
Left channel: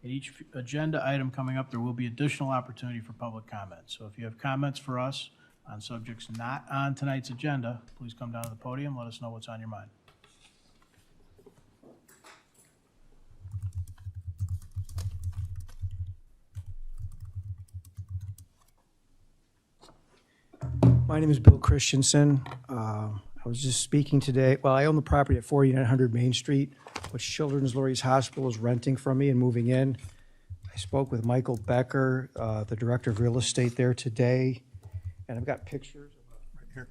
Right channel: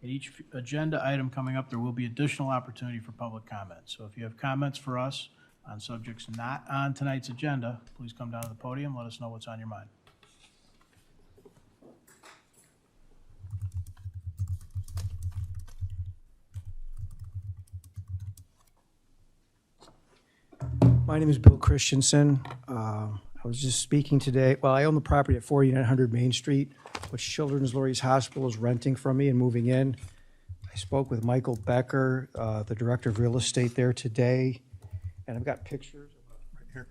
In each agenda item coming up, there will be additional opportunity for public comment. So if you have comments for us on subjects not on tonight's agenda, please come down to the podium, let us know what's on your mind. My name is Bill Christensen. I was just speaking today. Well, I own the property at 4900 Main Street, which Children's Lurie's Hospital is renting from me and moving in. I spoke with Michael Becker, the director of real estate there today, and I've got pictures right here.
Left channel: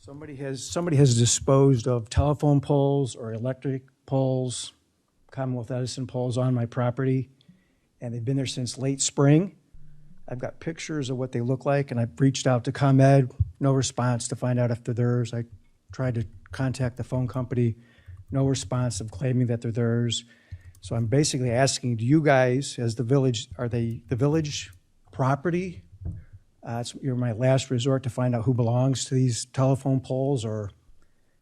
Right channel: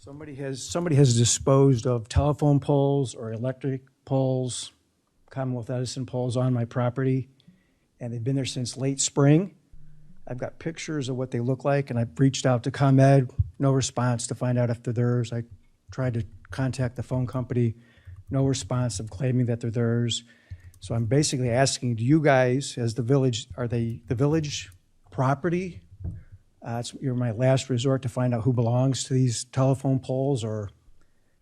Somebody has disposed of telephone poles or electric poles, Commonwealth Edison poles on my property, and they've been there since late spring. I've got pictures of what they look like, and I've reached out to ComEd, no response to find out if they're theirs. I tried to contact the phone company, no response of claiming that they're theirs. So I'm basically asking, do you guys, as the village, are they the village property? You're my last resort to find out who belongs to these telephone poles, or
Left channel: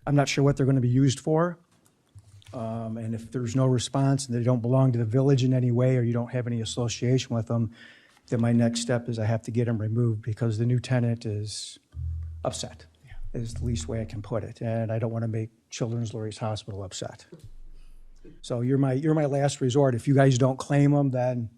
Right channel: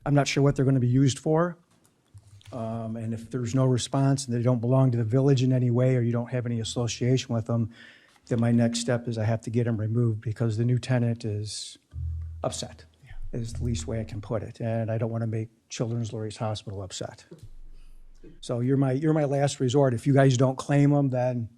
I'm not sure what they're going to be used for. And if there's no response and they don't belong to the village in any way, or you don't have any association with them, then my next step is I have to get them removed because the new tenant is upset, is the least way I can put it. And I don't want to make Children's Lurie's Hospital upset. So you're my last resort. If you guys don't claim them, then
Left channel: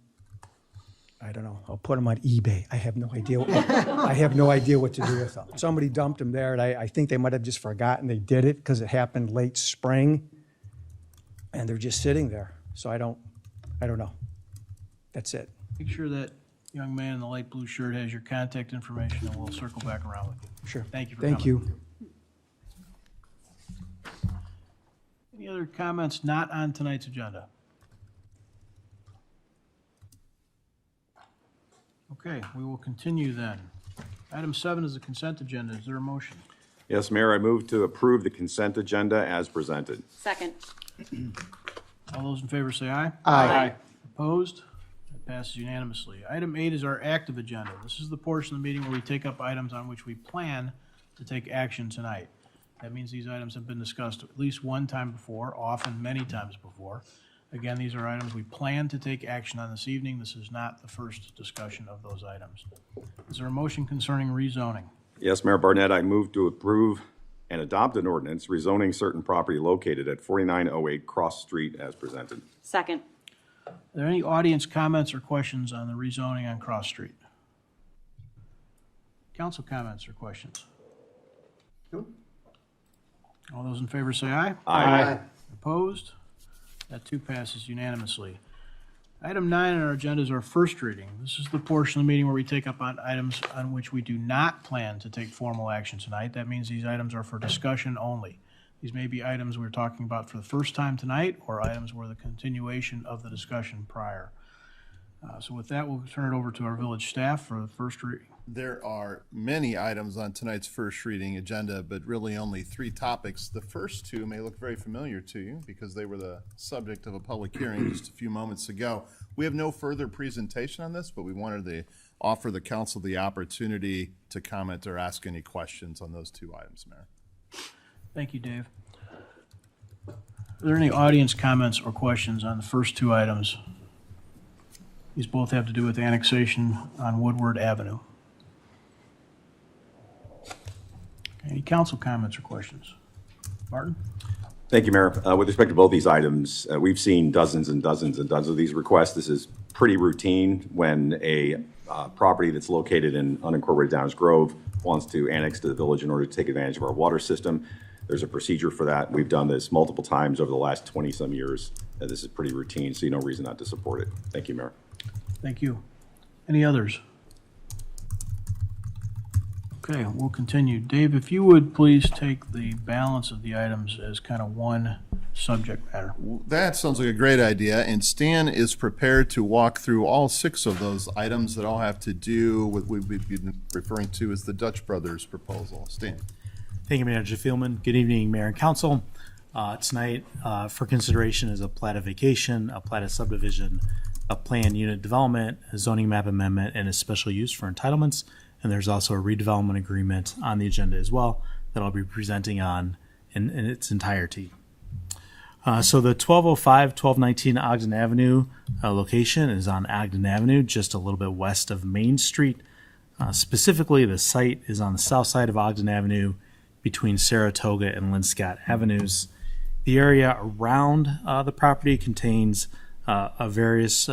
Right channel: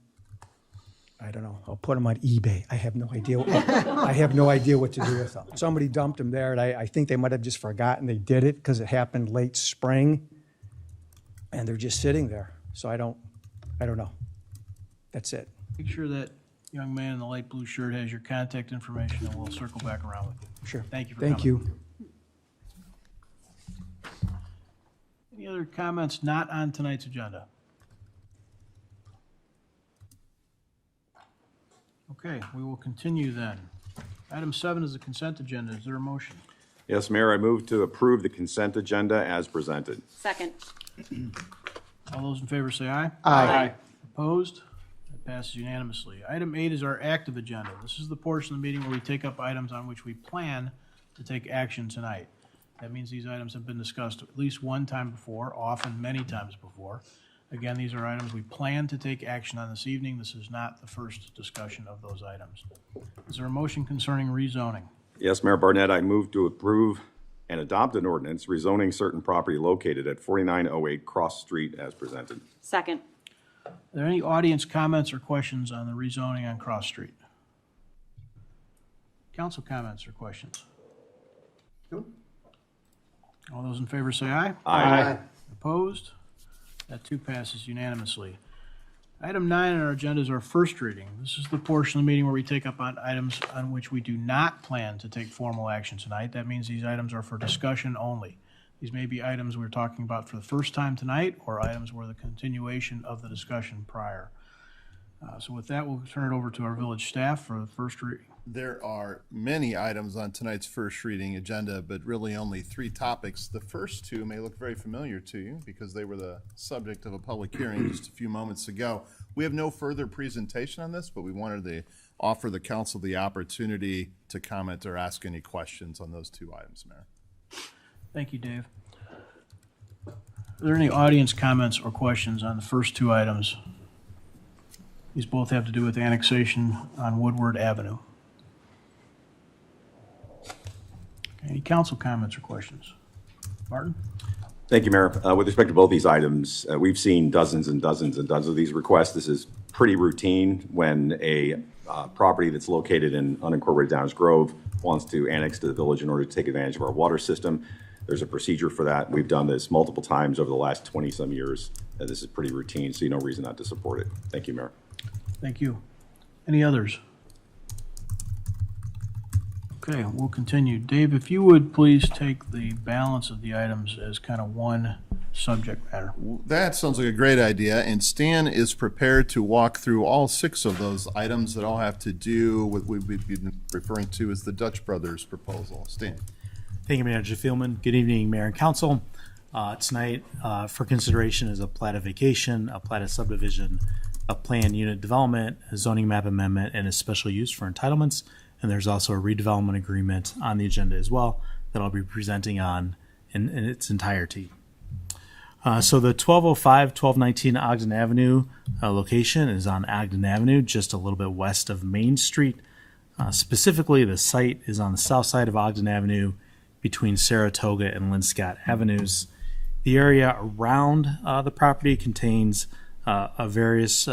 I don't know. I'll put them on eBay. I have no idea. I have no idea what to do with them. Somebody dumped them there, and I think they might have just forgotten they did it because it happened late spring, and they're just sitting there. So I don't know. That's it. Make sure that young man in the light blue shirt has your contact information, and we'll circle back around with you. Sure. Thank you for Thank coming. you. Any other comments not on tonight's agenda? Okay, we will continue then. Item 7 is the consent agenda. Is there a motion? Yes, Mayor, I move to approve the consent agenda as presented. Second. All those in favor say aye. Aye. Opposed? That passes unanimously. Item 8 is our active agenda. This is the portion of the meeting where we take up items on which we plan to take action tonight. That means these items have been discussed at least one time before, often many times before. Again, these are items we plan to take action on this evening. This is not the first discussion of those items. Is there a motion concerning rezoning? Yes, Mayor Barnett, I move to approve and adopt an ordinance rezoning certain property located at 4908 Cross Street as presented. Second. Are there any audience comments or questions on the rezoning on Cross Street? council comments or questions? All those in favor say aye. Aye. Opposed? That too passes unanimously. Item 9 on our agenda is our first reading. This is the portion of the meeting where we take up on items on which we do not plan to take formal action tonight. That means these items are for discussion only. These may be items we're talking about for the first time tonight, or items where the continuation of the discussion prior. So with that, we'll turn it over to our village staff for the first reading. There are many items on tonight's first reading agenda, but really only 3 topics. The first 2 may look very familiar to you because they were the subject of a public hearing just a few moments ago. We have no further presentation on this, but we wanted to offer the council the opportunity to comment or ask any questions on those 2 items, Mayor. Thank you, Dave. Are there any audience comments or questions on the first 2 items? These both have to do with annexation on Woodward Avenue. Any council comments or questions? Martin? Thank you, Mayor. With respect to both these items, we've seen dozens and dozens and dozens of these requests. This is pretty routine when a property that's located in unincorporated Downers Grove wants to annex to the village in order to take advantage of our water system. There's a procedure for that. We've done this multiple times over the last 20-some years. This is pretty routine, so you no reason not to support it. Thank you, Mayor. Thank you. Any others? Okay, we'll continue. Dave, if you would please take the balance of the items as kind of one subject matter. That sounds like a great idea, and Stan is prepared to walk through all 6 of those items that all have to do with what we've been referring to as the Dutch Brothers proposal. Stan. Thank you, Manager Thielman. Good evening, Mayor and Council. Tonight, for consideration is a plat of vacation, a plat of subdivision, a planned unit development, a zoning map amendment, and a special use for entitlements. And there's also a redevelopment agreement on the agenda as well that I'll be presenting on in its entirety. So the 1205, 1219 Ogden Avenue location is on Ogden Avenue, just a little bit west of Main Street. Specifically, the site is on the south side of Ogden Avenue between Saratoga and Linscott Avenues. The area around the property contains various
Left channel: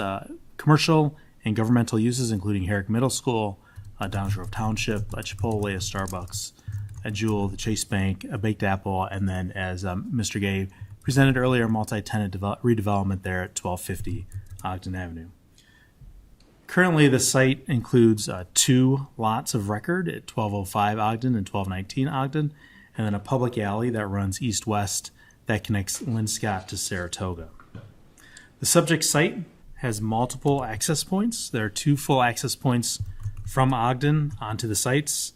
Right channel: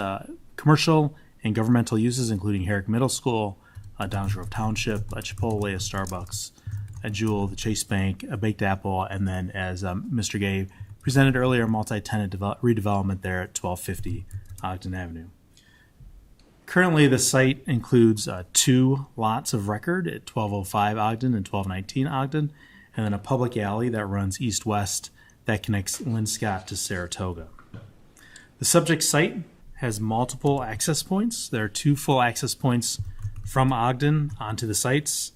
commercial and governmental uses, including Herrick Middle School, Downers Grove Township, a Chipotle, a Starbucks, a Jewel, the Chase Bank, a Baked Apple, and then, as Mr. Gay presented earlier, multi-tenant redevelopment there at 1250 Ogden Avenue. Currently, the site includes 2 lots of record at 1205 Ogden and 1219 Ogden, and then a public alley that runs east-west that connects Linscott to Saratoga. The subject site has multiple access points. There are 2 full access points from Ogden onto the sites.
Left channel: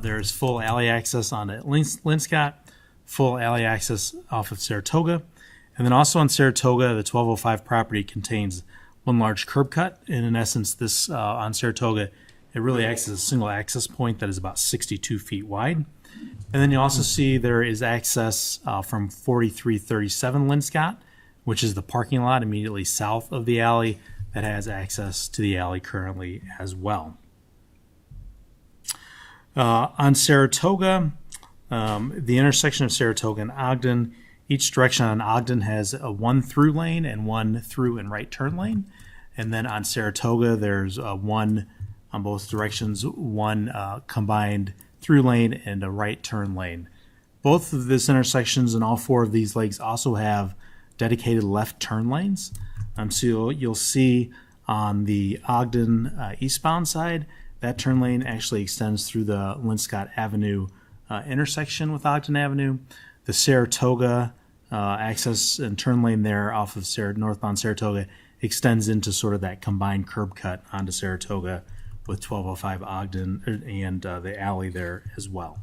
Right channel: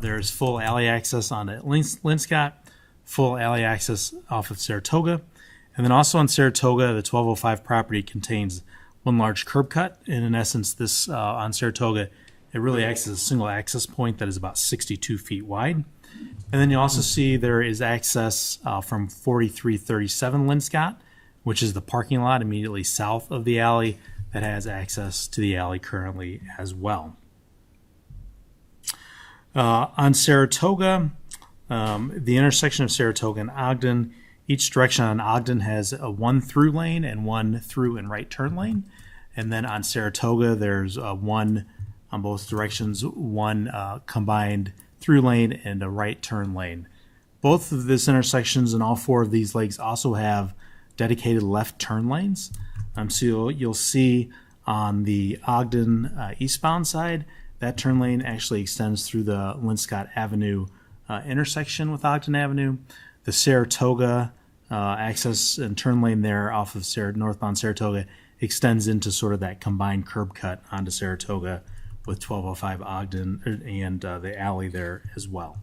There's full alley access on Linscott, full alley access off of Saratoga. And then also on Saratoga, the 1205 property contains one large curb cut. And in essence, this on Saratoga, it really acts as a single access point that is about 62 feet wide. And then you also see there is access from 4337 Linscott, which is the parking lot immediately south of the alley that has access to the alley currently as well. On Saratoga, the intersection of Saratoga and Ogden, each direction on Ogden has a 1 through lane and 1 through and right turn lane. And then on Saratoga, there's 1 on both directions, 1 combined through lane and a right turn lane. Both of these intersections and all 4 of these lakes also have dedicated left turn lanes. So you'll see on the Ogden eastbound side, that turn lane actually extends through the Linscott Avenue intersection with Ogden Avenue. The Saratoga access and turn lane there off of northbound Saratoga extends into sort of that combined curb cut onto Saratoga with 1205 Ogden and the alley there as well.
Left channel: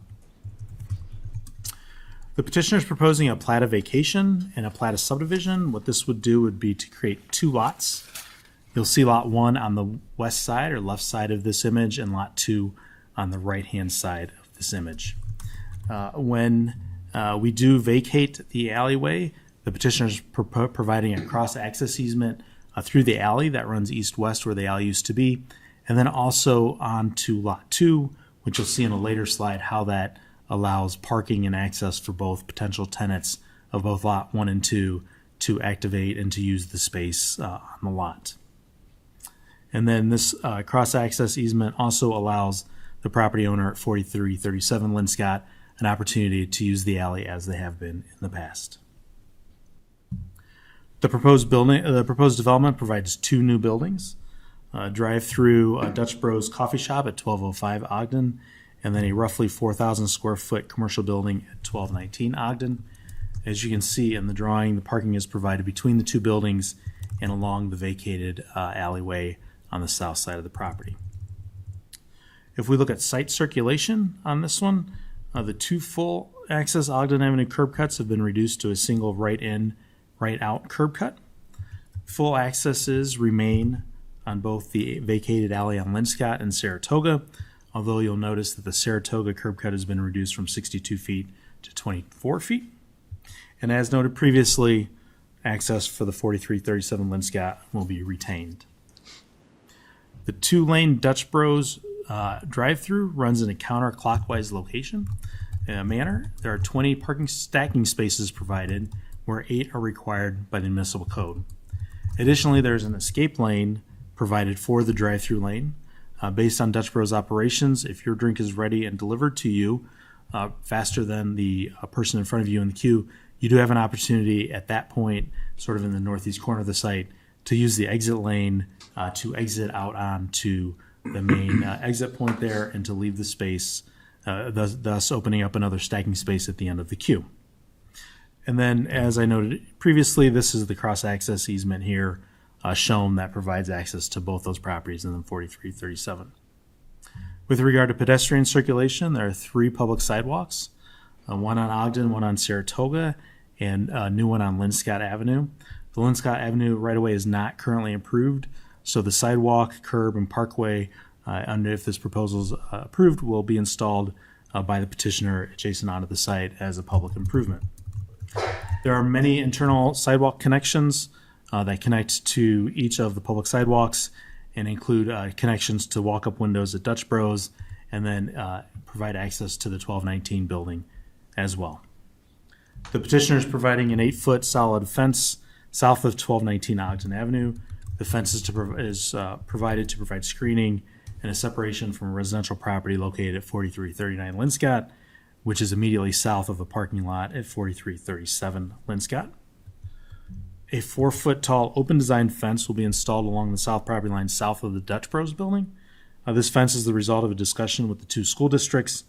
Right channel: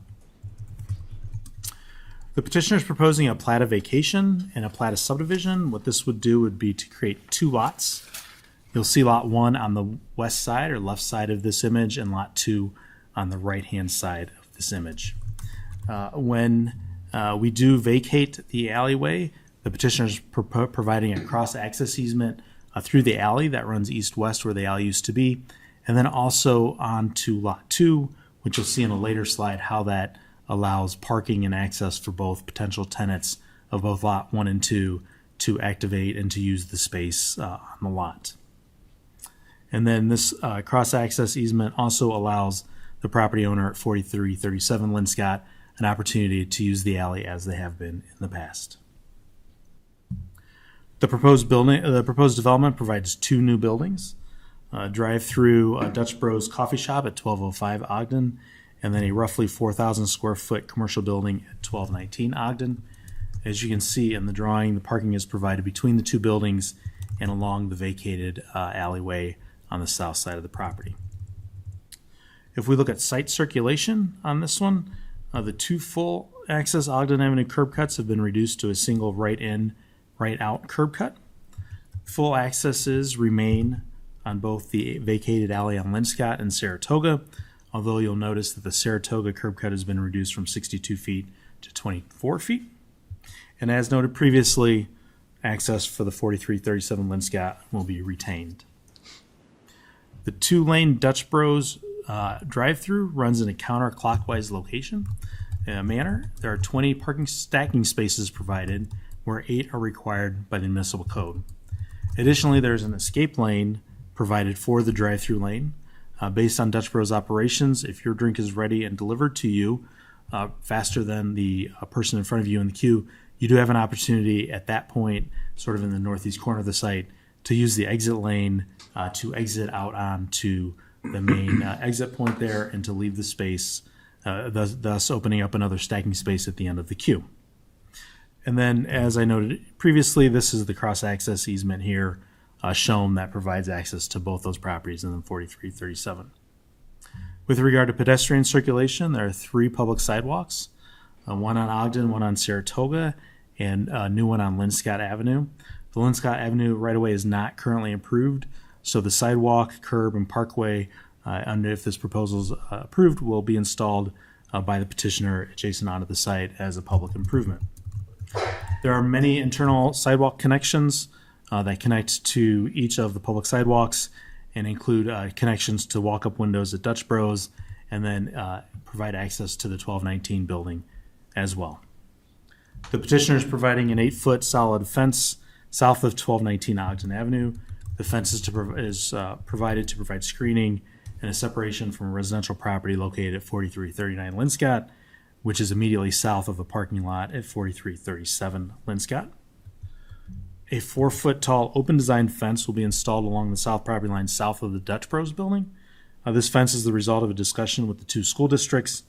The petitioner is proposing a plat of vacation and a plat of subdivision. What this would do would be to create 2 lots. You'll see lot 1 on the west side or left side of this image and lot 2 on the right-hand side of this image. When we do vacate the alleyway, the petitioner is providing a cross-access easement through the alley that runs east-west where the alley used to be, and then also onto lot 2, which you'll see in a later slide how that allows parking and access for both potential tenants of both lot 1 and 2 to activate and to use the space on the lot. And then this cross-access easement also allows the property owner at 4337 Linscott an opportunity to use the alley as they have been in the past. The proposed development provides 2 new buildings, drive-through Dutch Bros Coffee Shop at 1205 Ogden, and then a roughly 4,000 square foot commercial building at 1219 Ogden. As you can see in the drawing, the parking is provided between the 2 buildings and along the vacated alleyway on the south side of the property. If we look at site circulation on this one, the 2 full access Ogden Avenue curb cuts have been reduced to a single right in, right out curb cut. Full accesses remain on both the vacated alley on Linscott and Saratoga, although you'll notice that the Saratoga curb cut has been reduced from 62 feet to 24 feet. And as noted previously, access for the 4337 Linscott will be retained. The 2-lane Dutch Bros drive-through runs in a counterclockwise location manner. There are 20 parking stacking spaces provided, where 8 are required by the municipal code. Additionally, there's an escape lane provided for the drive-through lane. Based on Dutch Bros operations, if your drink is ready and delivered to you faster than the person in front of you in the queue, you do have an opportunity at that point, sort of in the northeast corner of the site, to use the exit lane to exit out onto the main exit point there and to leave the space, thus opening up another stacking space at the end of the queue. And then, as I noted previously, this is the cross-access easement here shown that provides access to both those properties and then 4337. With regard to pedestrian circulation, there are 3 public sidewalks, one on Ogden, one on Saratoga, and a new one on Linscott Avenue. The Linscott Avenue right-of-way is not currently improved, so the sidewalk, curb, and parkway, if this proposal is approved, will be installed by the petitioner adjacent onto the site as a public improvement. There are many internal sidewalk connections that connect to each of the public sidewalks and include connections to walk-up windows at Dutch Bros, and then provide access to the 1219 building as well. The petitioner is providing an 8-foot solid fence south of 1219 Ogden Avenue. The fence is provided to provide screening and a separation from residential property located at 4339 Linscott, which is immediately south of the parking lot at 4337 Linscott. A 4-foot tall open design fence will be installed along the south property line south of the Dutch Bros building. This fence is the result of a discussion with the 2 school districts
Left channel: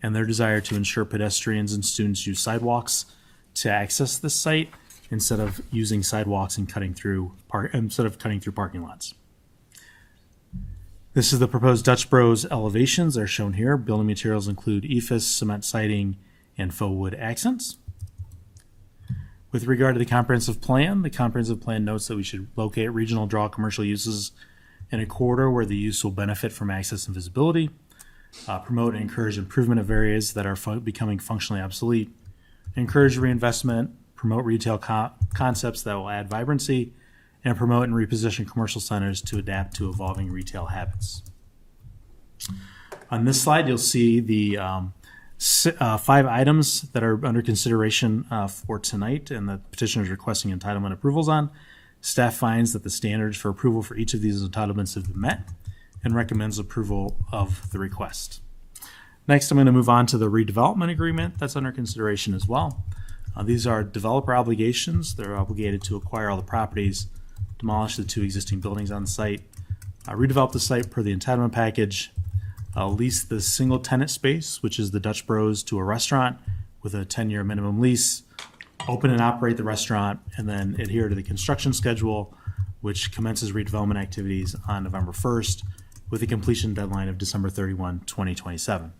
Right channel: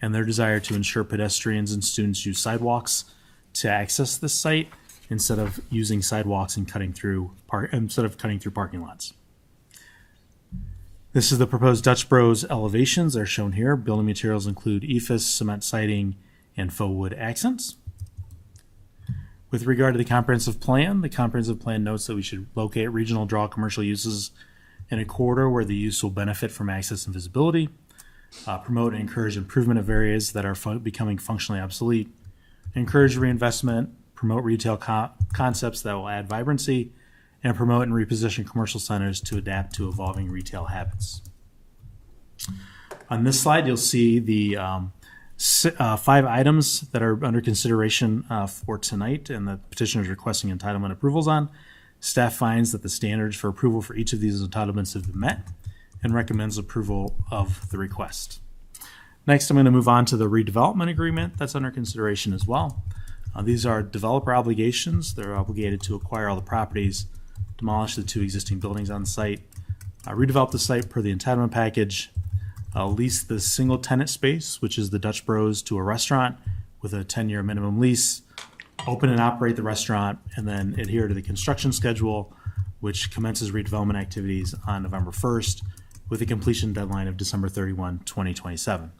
and their desire to ensure pedestrians and students use sidewalks to access this site instead of using sidewalks and cutting through parking lots. This is the proposed Dutch Bros elevations. They're shown here. Building materials include EIFS, cement siding, and faux wood accents. With regard to the comprehensive plan notes that we should locate regional draw commercial uses in a corridor where the use will benefit from access and visibility, promote and encourage improvement of areas that are becoming functionally obsolete, encourage reinvestment, promote retail concepts that will add vibrancy, and promote and reposition commercial centers to adapt to evolving retail habits. On this slide, you'll see the 5 items that are under consideration for tonight and the petitioner is requesting entitlement approvals on. Staff finds that the standards for approval for each of these entitlements have been met and recommends approval of the request. Next, I'm going to move on to the redevelopment agreement that's under consideration as well. These are developer obligations. They're obligated to acquire all the properties, demolish the 2 existing buildings on site, redevelop the site per the entitlement package, lease the single tenant space, which is the Dutch Bros, to a restaurant with a 10-year minimum lease, open and operate the restaurant, and then adhere to the construction schedule, which commences redevelopment activities on November 1st with a completion deadline of December 31, 2027.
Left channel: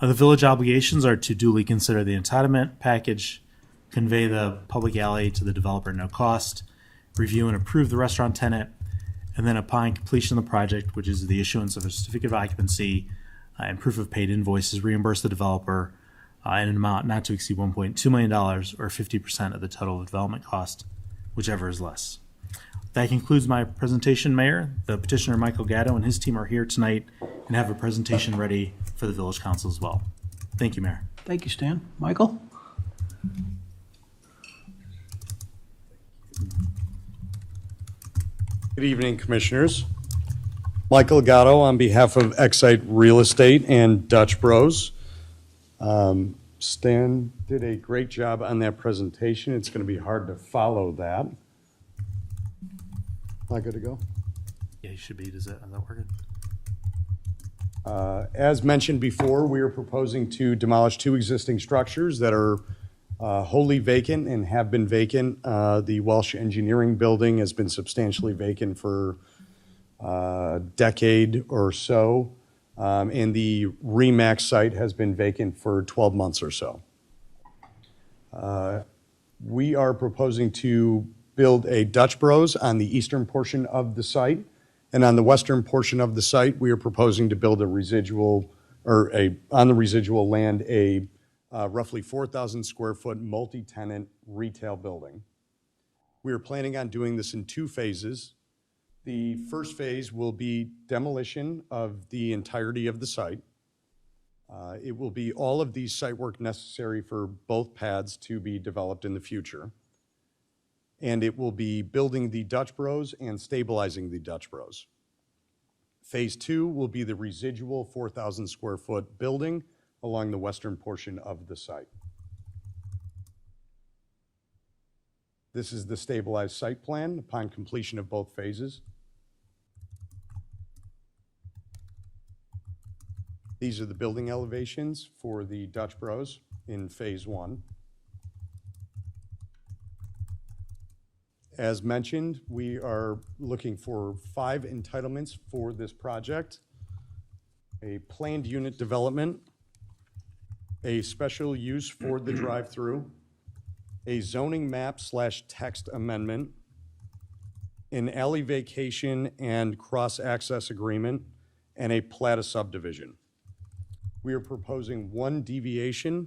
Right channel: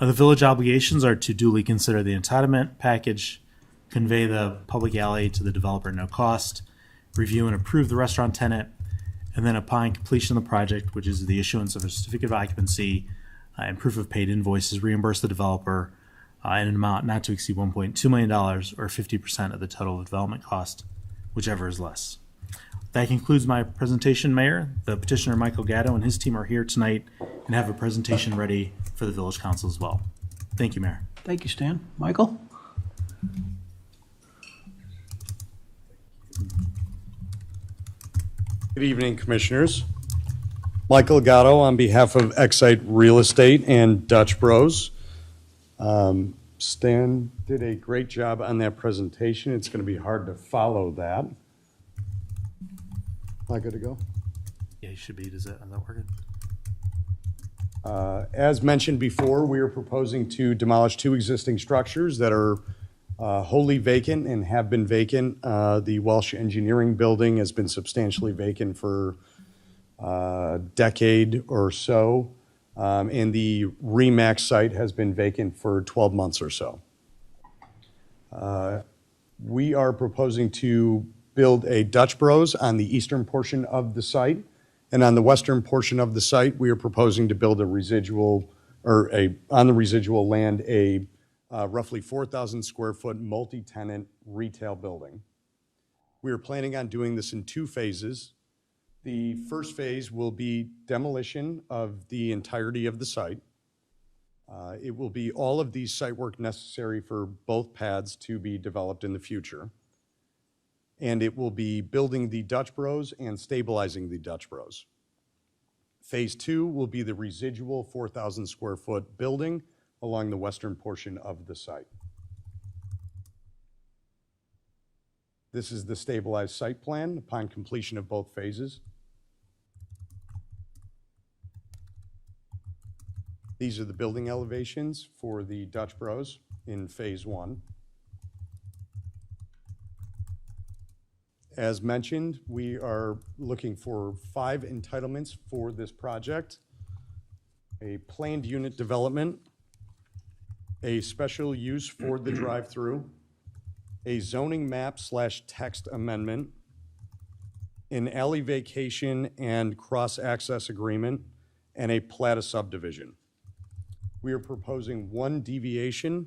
The village obligations are to duly consider the entitlement package, convey the public alley to the developer at no cost, review and approve the restaurant tenant, and then upon completion of the project, which is the issuance of a certificate of occupancy and proof of paid invoices, reimburse the developer in an amount not to exceed $1.2 million or 50% of the total development cost, whichever is less. That concludes my presentation, Mayor. The petitioner, Michael Gatto, and his team are here tonight and have a presentation ready for the Village Council as well. Thank you, Mayor. Thank you, Stan. Michael? Good evening, Commissioners. Michael Gatto on behalf of Excite Real Estate and Dutch Bros. Stan did a great job on that presentation. It's going to be hard to follow that. Am I good to go? Yeah, you should be. Is that working? As mentioned before, we are proposing to demolish 2 existing structures that are wholly vacant and have been vacant. The Welsh Engineering Building has been substantially vacant for a decade or so, and the RE/MAX site has been vacant for 12 months or so. We are proposing to build a Dutch Bros on the eastern portion of the site, and on the western portion of the site, we are proposing to build a residual, on the residual land, a roughly 4,000 square foot multi-tenant retail building. We are planning on doing this in 2 phases. The first phase will be demolition of the entirety of the site. It will be all of the site work necessary for both pads to be developed in the future. And it will be building the Dutch Bros and stabilizing the Dutch Bros. Phase 2 will be the residual 4,000 square foot building along the western portion of the site. This is the stabilized site plan upon completion of both phases. These are the building elevations for the Dutch Bros in phase 1. As mentioned, we are looking for 5 entitlements for this project: a planned unit development, a special use for the drive-through, a zoning map / text amendment, an alley vacation and cross-access agreement, and a plat of subdivision. We are proposing 1 deviation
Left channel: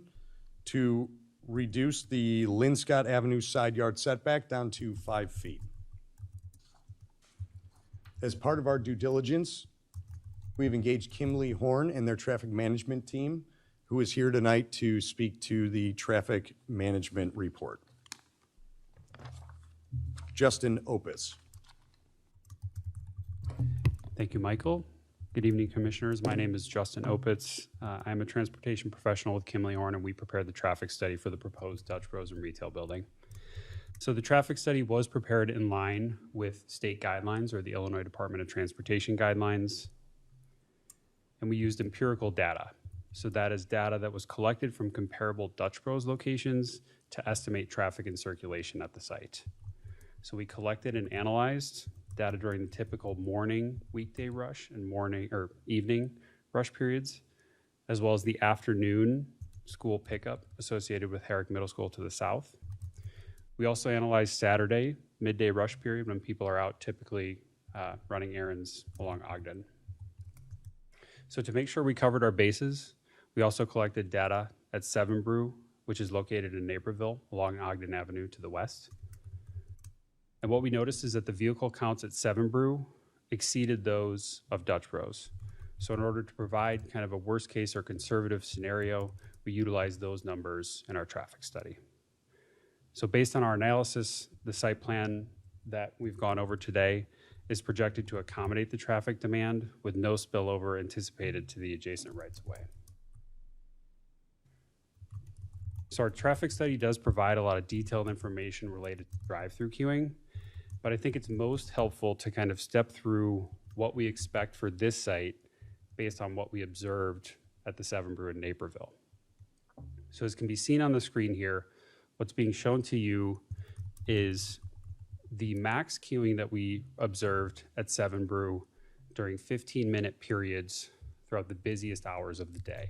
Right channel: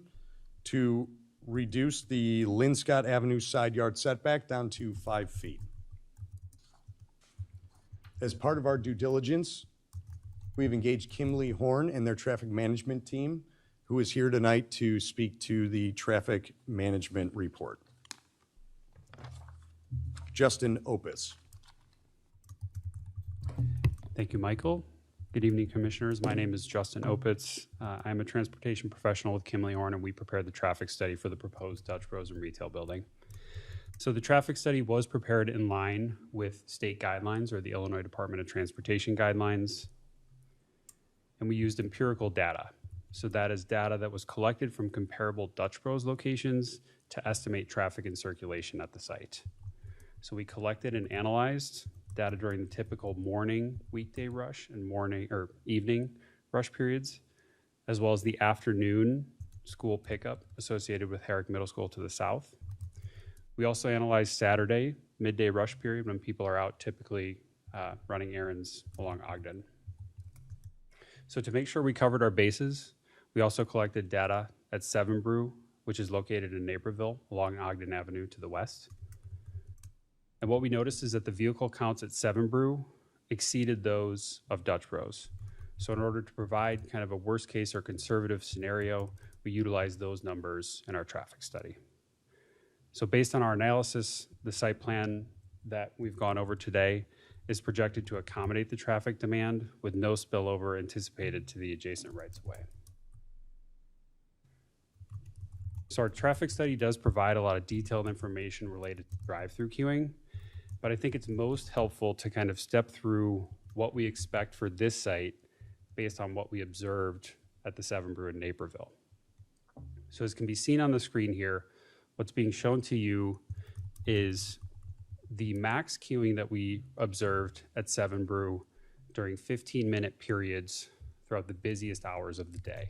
to reduce the Linscott Avenue side yard setback down to 5 feet. As part of our due diligence, we've engaged Kimley Horn and their traffic management team, who is here tonight to speak to the traffic management report. Justin Opitz. Thank you, Michael. Good evening, Commissioners. My name is Justin Opitz. I'm a transportation professional with Kimley Horn, and we prepared the traffic study for the proposed Dutch Bros and retail building. So the traffic study was prepared in line with state guidelines, or the Illinois Department of Transportation guidelines, and we used empirical data. So that is data that was collected from comparable Dutch Bros locations to estimate traffic and circulation at the site. So we collected and analyzed data during the typical morning weekday rush and morning or evening rush periods, as well as the afternoon school pickup associated with Herrick Middle School to the south. We also analyzed Saturday midday rush period when people are out typically running errands along Ogden. So to make sure we covered our bases, we also collected data at 7 Brew, which is located in Naperville along Ogden Avenue to the west. And what we noticed is that the vehicle counts at 7 Brew exceeded those of Dutch Bros. So in order to provide kind of a worst case or conservative scenario, we utilized those numbers in our traffic study. So based on our analysis, the site plan that we've gone over today is projected to accommodate the traffic demand with no spillover anticipated to the adjacent rights-of-way. So our traffic study does provide a lot of detailed information related to drive-through queuing, but I think it's most helpful to kind of step through what we expect for this site based on what we observed at the 7 Brew in Naperville. So as can be seen on the screen here, what's being shown to you is the max queuing that we observed at 7 Brew during 15-minute periods throughout the busiest hours of the day.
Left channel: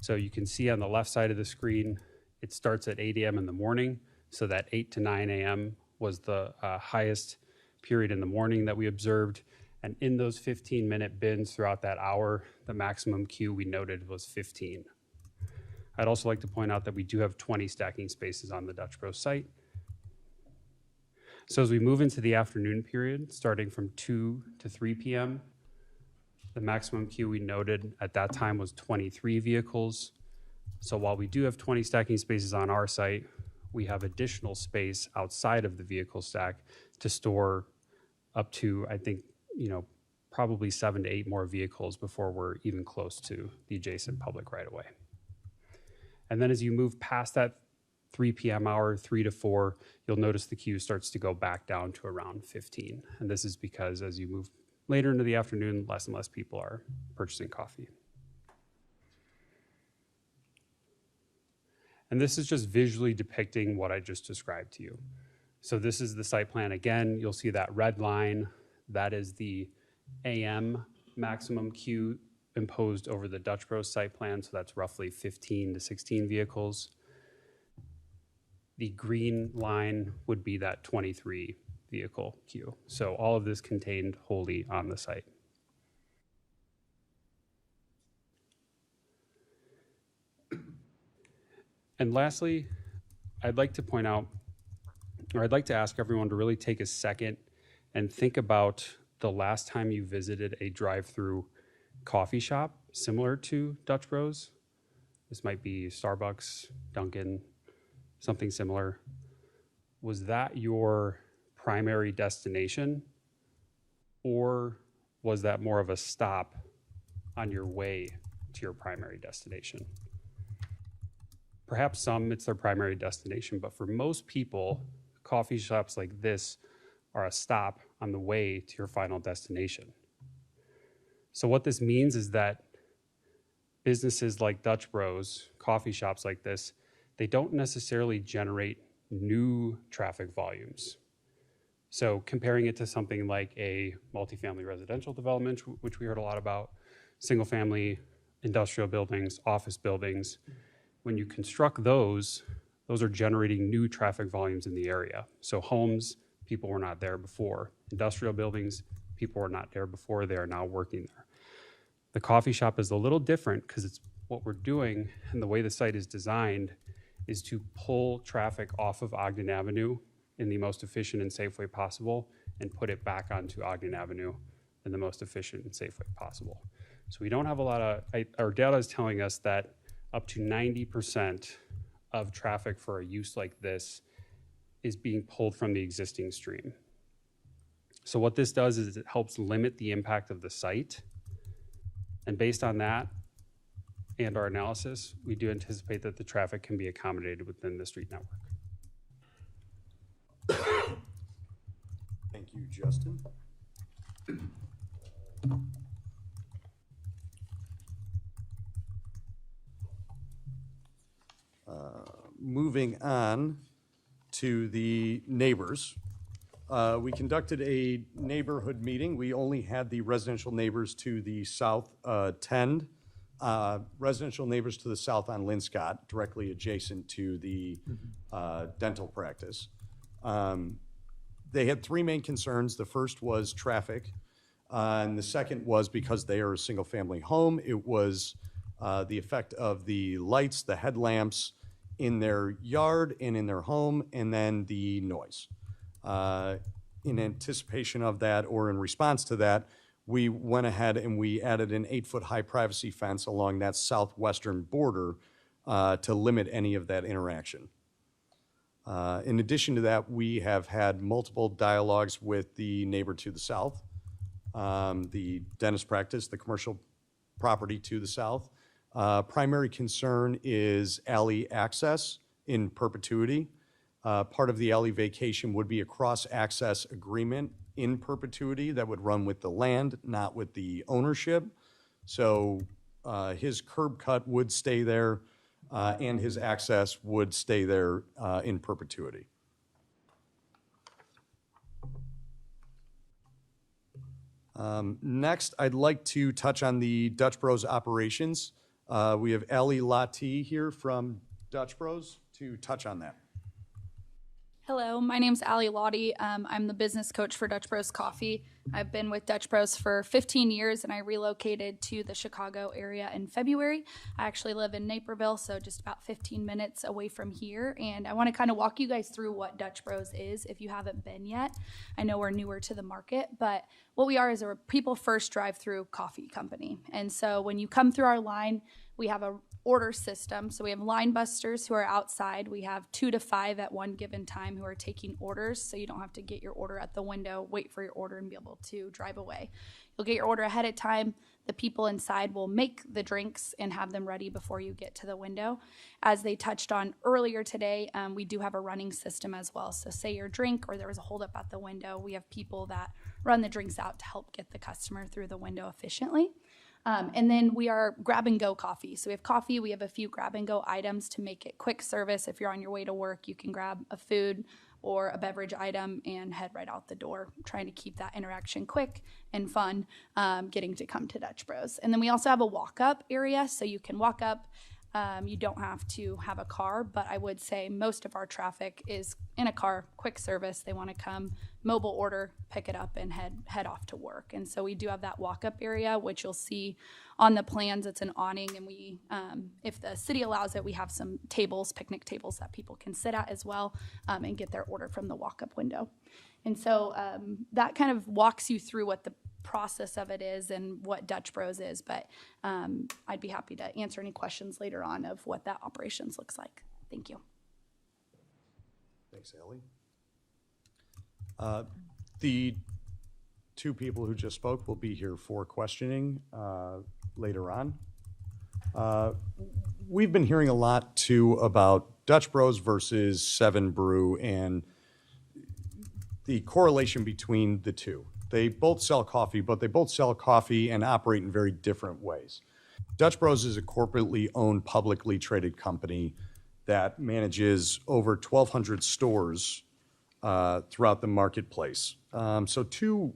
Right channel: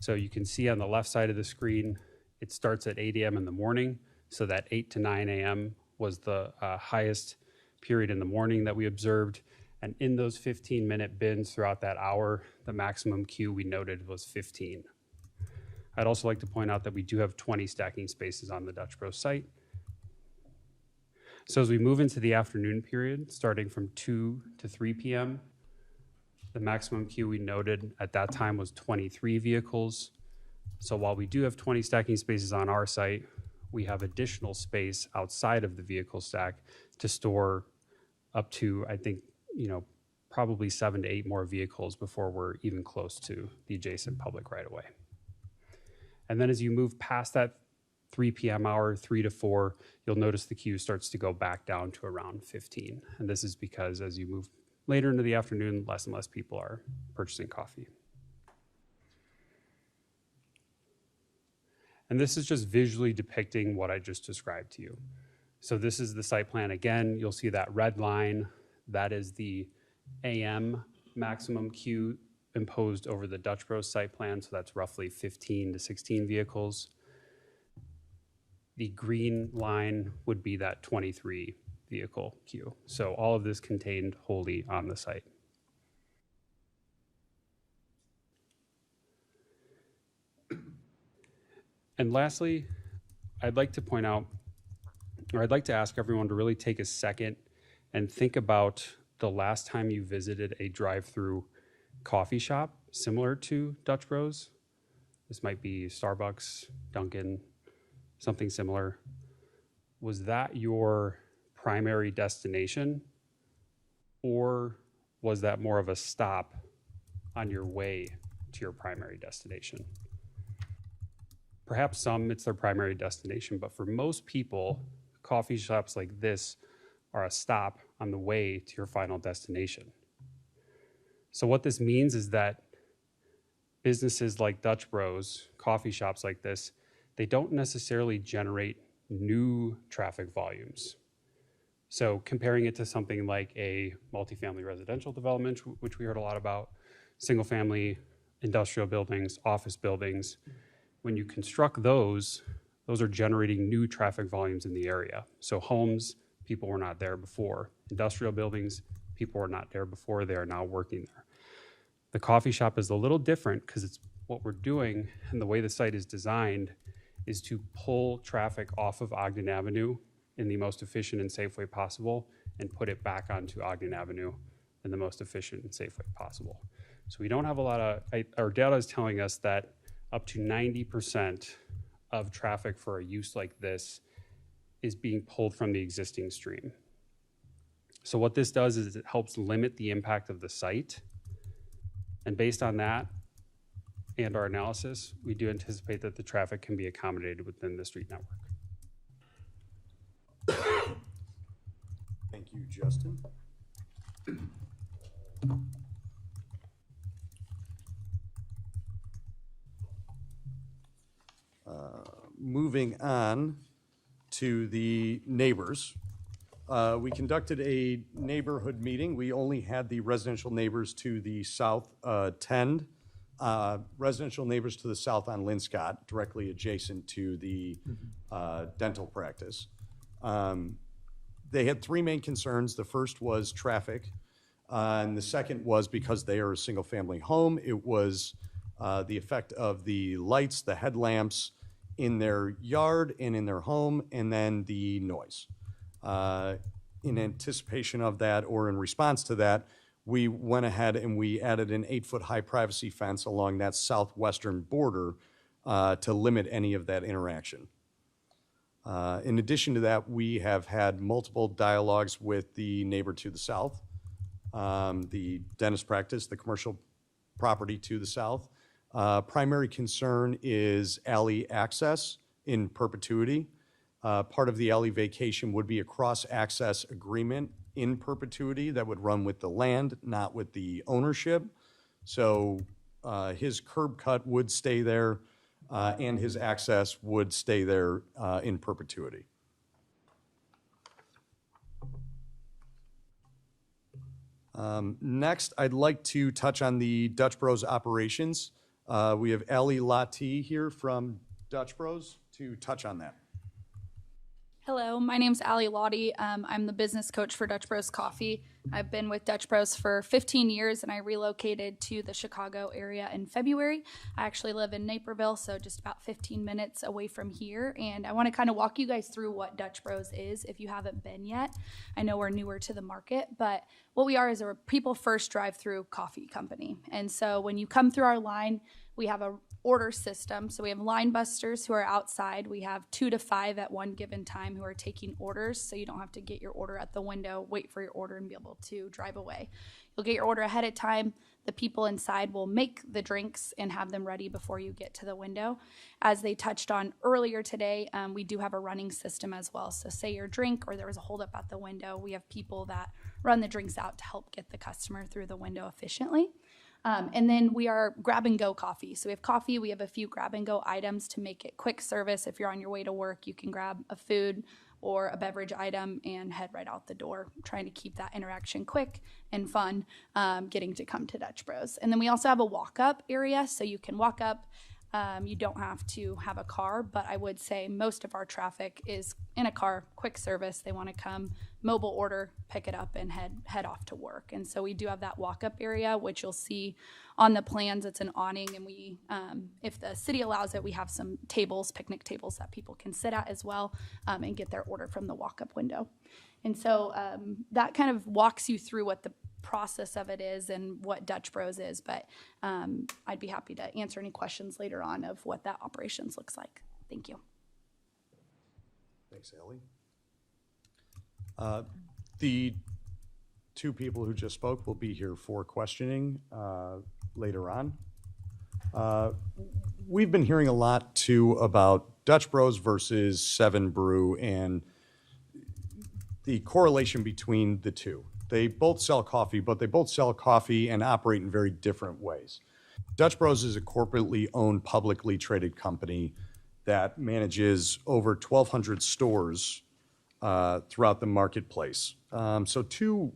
So you can see on the left side of the screen, it starts at 8 a.m. in the morning. So that 8 to 9 a.m. was the highest period in the morning that we observed. And in those 15-minute bins throughout that hour, the maximum queue we noted was 15. I'd also like to point out that we do have 20 stacking spaces on the Dutch Bros site. So as we move into the afternoon period, starting from 2 to 3 p.m., the maximum queue we noted at that time was 23 vehicles. So while we do have 20 stacking spaces on our site, we have additional space outside of the vehicle stack to store up to, I think, probably 7 to 8 more vehicles before we're even close to the adjacent public right of way. And then as you move past that 3 p.m. hour, 3 to 4, you'll notice the queue starts to go back down to around 15. And this is because as you move later into the afternoon, less and less people are purchasing coffee. And this is just visually depicting what I just described to you. So this is the site plan. Again, you'll see that red line. That is the AM maximum queue imposed over the Dutch Bros site plan. So that's roughly 15 to 16 vehicles. The green line would be that 23 vehicle queue. So all of this contained wholly on the site. And lastly, I'd like to point out, or I'd like to ask everyone to really take a second and think about the last time you visited a drive-through coffee shop similar to Dutch Bros. This might be Starbucks, Dunkin', something similar. Was that your primary destination, or was that more of a stop on your way to your primary destination? Perhaps some it's their primary destination, but for most people, coffee shops like this are a stop on the way to your final destination. So what this means is that businesses like Dutch Bros, coffee shops like this, they don't necessarily generate new traffic volumes. So comparing it to something like a multifamily residential development, which we heard a lot about, single family industrial buildings, office buildings, when you construct those are generating new traffic volumes in the area. So homes, people were not there before. Industrial buildings, people were not there before, they are now working there. The coffee shop is a little different because it's what we're doing, and the way the site is designed is to pull traffic off of Ogden Avenue in the most efficient and safe way possible and put it back onto Ogden Avenue in the most efficient and safe way possible. So we don't have a lot of, our data is telling us that up to 90% of traffic for a use like this is being pulled from the existing stream. So what this does is it helps limit the impact of the site. And based on that and our analysis, we do anticipate that the traffic can be accommodated within the street network. Thank you, Justin. Moving on to the neighbors. We conducted a neighborhood meeting. We only had the residential neighbors to the south attend. Residential neighbors to the south on Linscott, directly adjacent to the dental practice. They had three main concerns. The first was traffic, and the second was because they are a single family home, it was the effect of the lights, the headlamps in their yard and in their home, and then the noise. In anticipation of that, or in response to that, we went ahead and we added an 8-foot high privacy fence along that southwestern border to limit any of that interaction. In addition to that, we have had multiple dialogues with the neighbor to the south, the dentist practice, the commercial property to the south. Primary concern is alley access in perpetuity. Part of the alley vacation would be a cross-access agreement in perpetuity that would run with the land, not with the ownership. So his curb cut would stay there and his access would stay there in perpetuity. Next, I'd like to touch on the Dutch Bros operations. We have Ali Lati here from Dutch Bros to touch on that. Hello, my name's Ali Lottie. I'm the business coach for Dutch Bros Coffee. I've been with Dutch Bros for 15 years and I relocated to the Chicago area in February. I actually live in Naperville, so just about 15 minutes away from here. And I want to kind of walk you guys through what Dutch Bros is if you haven't been yet. I know we're newer to the market, but what we are is a people first drive-through coffee company. And so when you come through our line, we have a order system. So we have line busters who are outside. We have 2 to 5 at one given time who are taking orders. So you don't have to get your order at the window, wait for your order and be able to drive away. You'll get your order ahead of time. The people inside will make the drinks and have them ready before you get to the window. As they touched on earlier today, we do have a running system as well. So say your drink or there was a holdup at the window, we have people that run the drinks out to help get the customer through the window efficiently. And then we are grab and go coffee. So we have coffee, we have a few grab and go items to make it quick service. If you're on your way to work, you can grab a food or a beverage item and head right out the door, trying to keep that interaction quick and fun, getting to come to Dutch Bros. And then we also have a walk-up area, so you can walk up. You don't have to have a car, but I would say most of our traffic is in a car, quick service. They want to come, mobile order, pick it up, and head off to work. And so we do have that walk-up area, which you'll see on the plans. It's an awning, and we, if the city allows it, we have some tables, picnic tables that people can sit at as well, and get their order from the walk-up window. And so that kind of walks you through what the process of it is and what Dutch Bros is. But I'd be happy to answer any questions later on of what that operations looks like. Thank you. Thanks, Ellie. The two people who just spoke will be here for questioning later on. We've been hearing a lot too about Dutch Bros versus Seven Brew and the correlation between the two. They both sell coffee, but they both sell coffee and operate in very different ways. Dutch Bros is a corporately owned, publicly traded company that manages over 1,200 stores throughout the marketplace. So two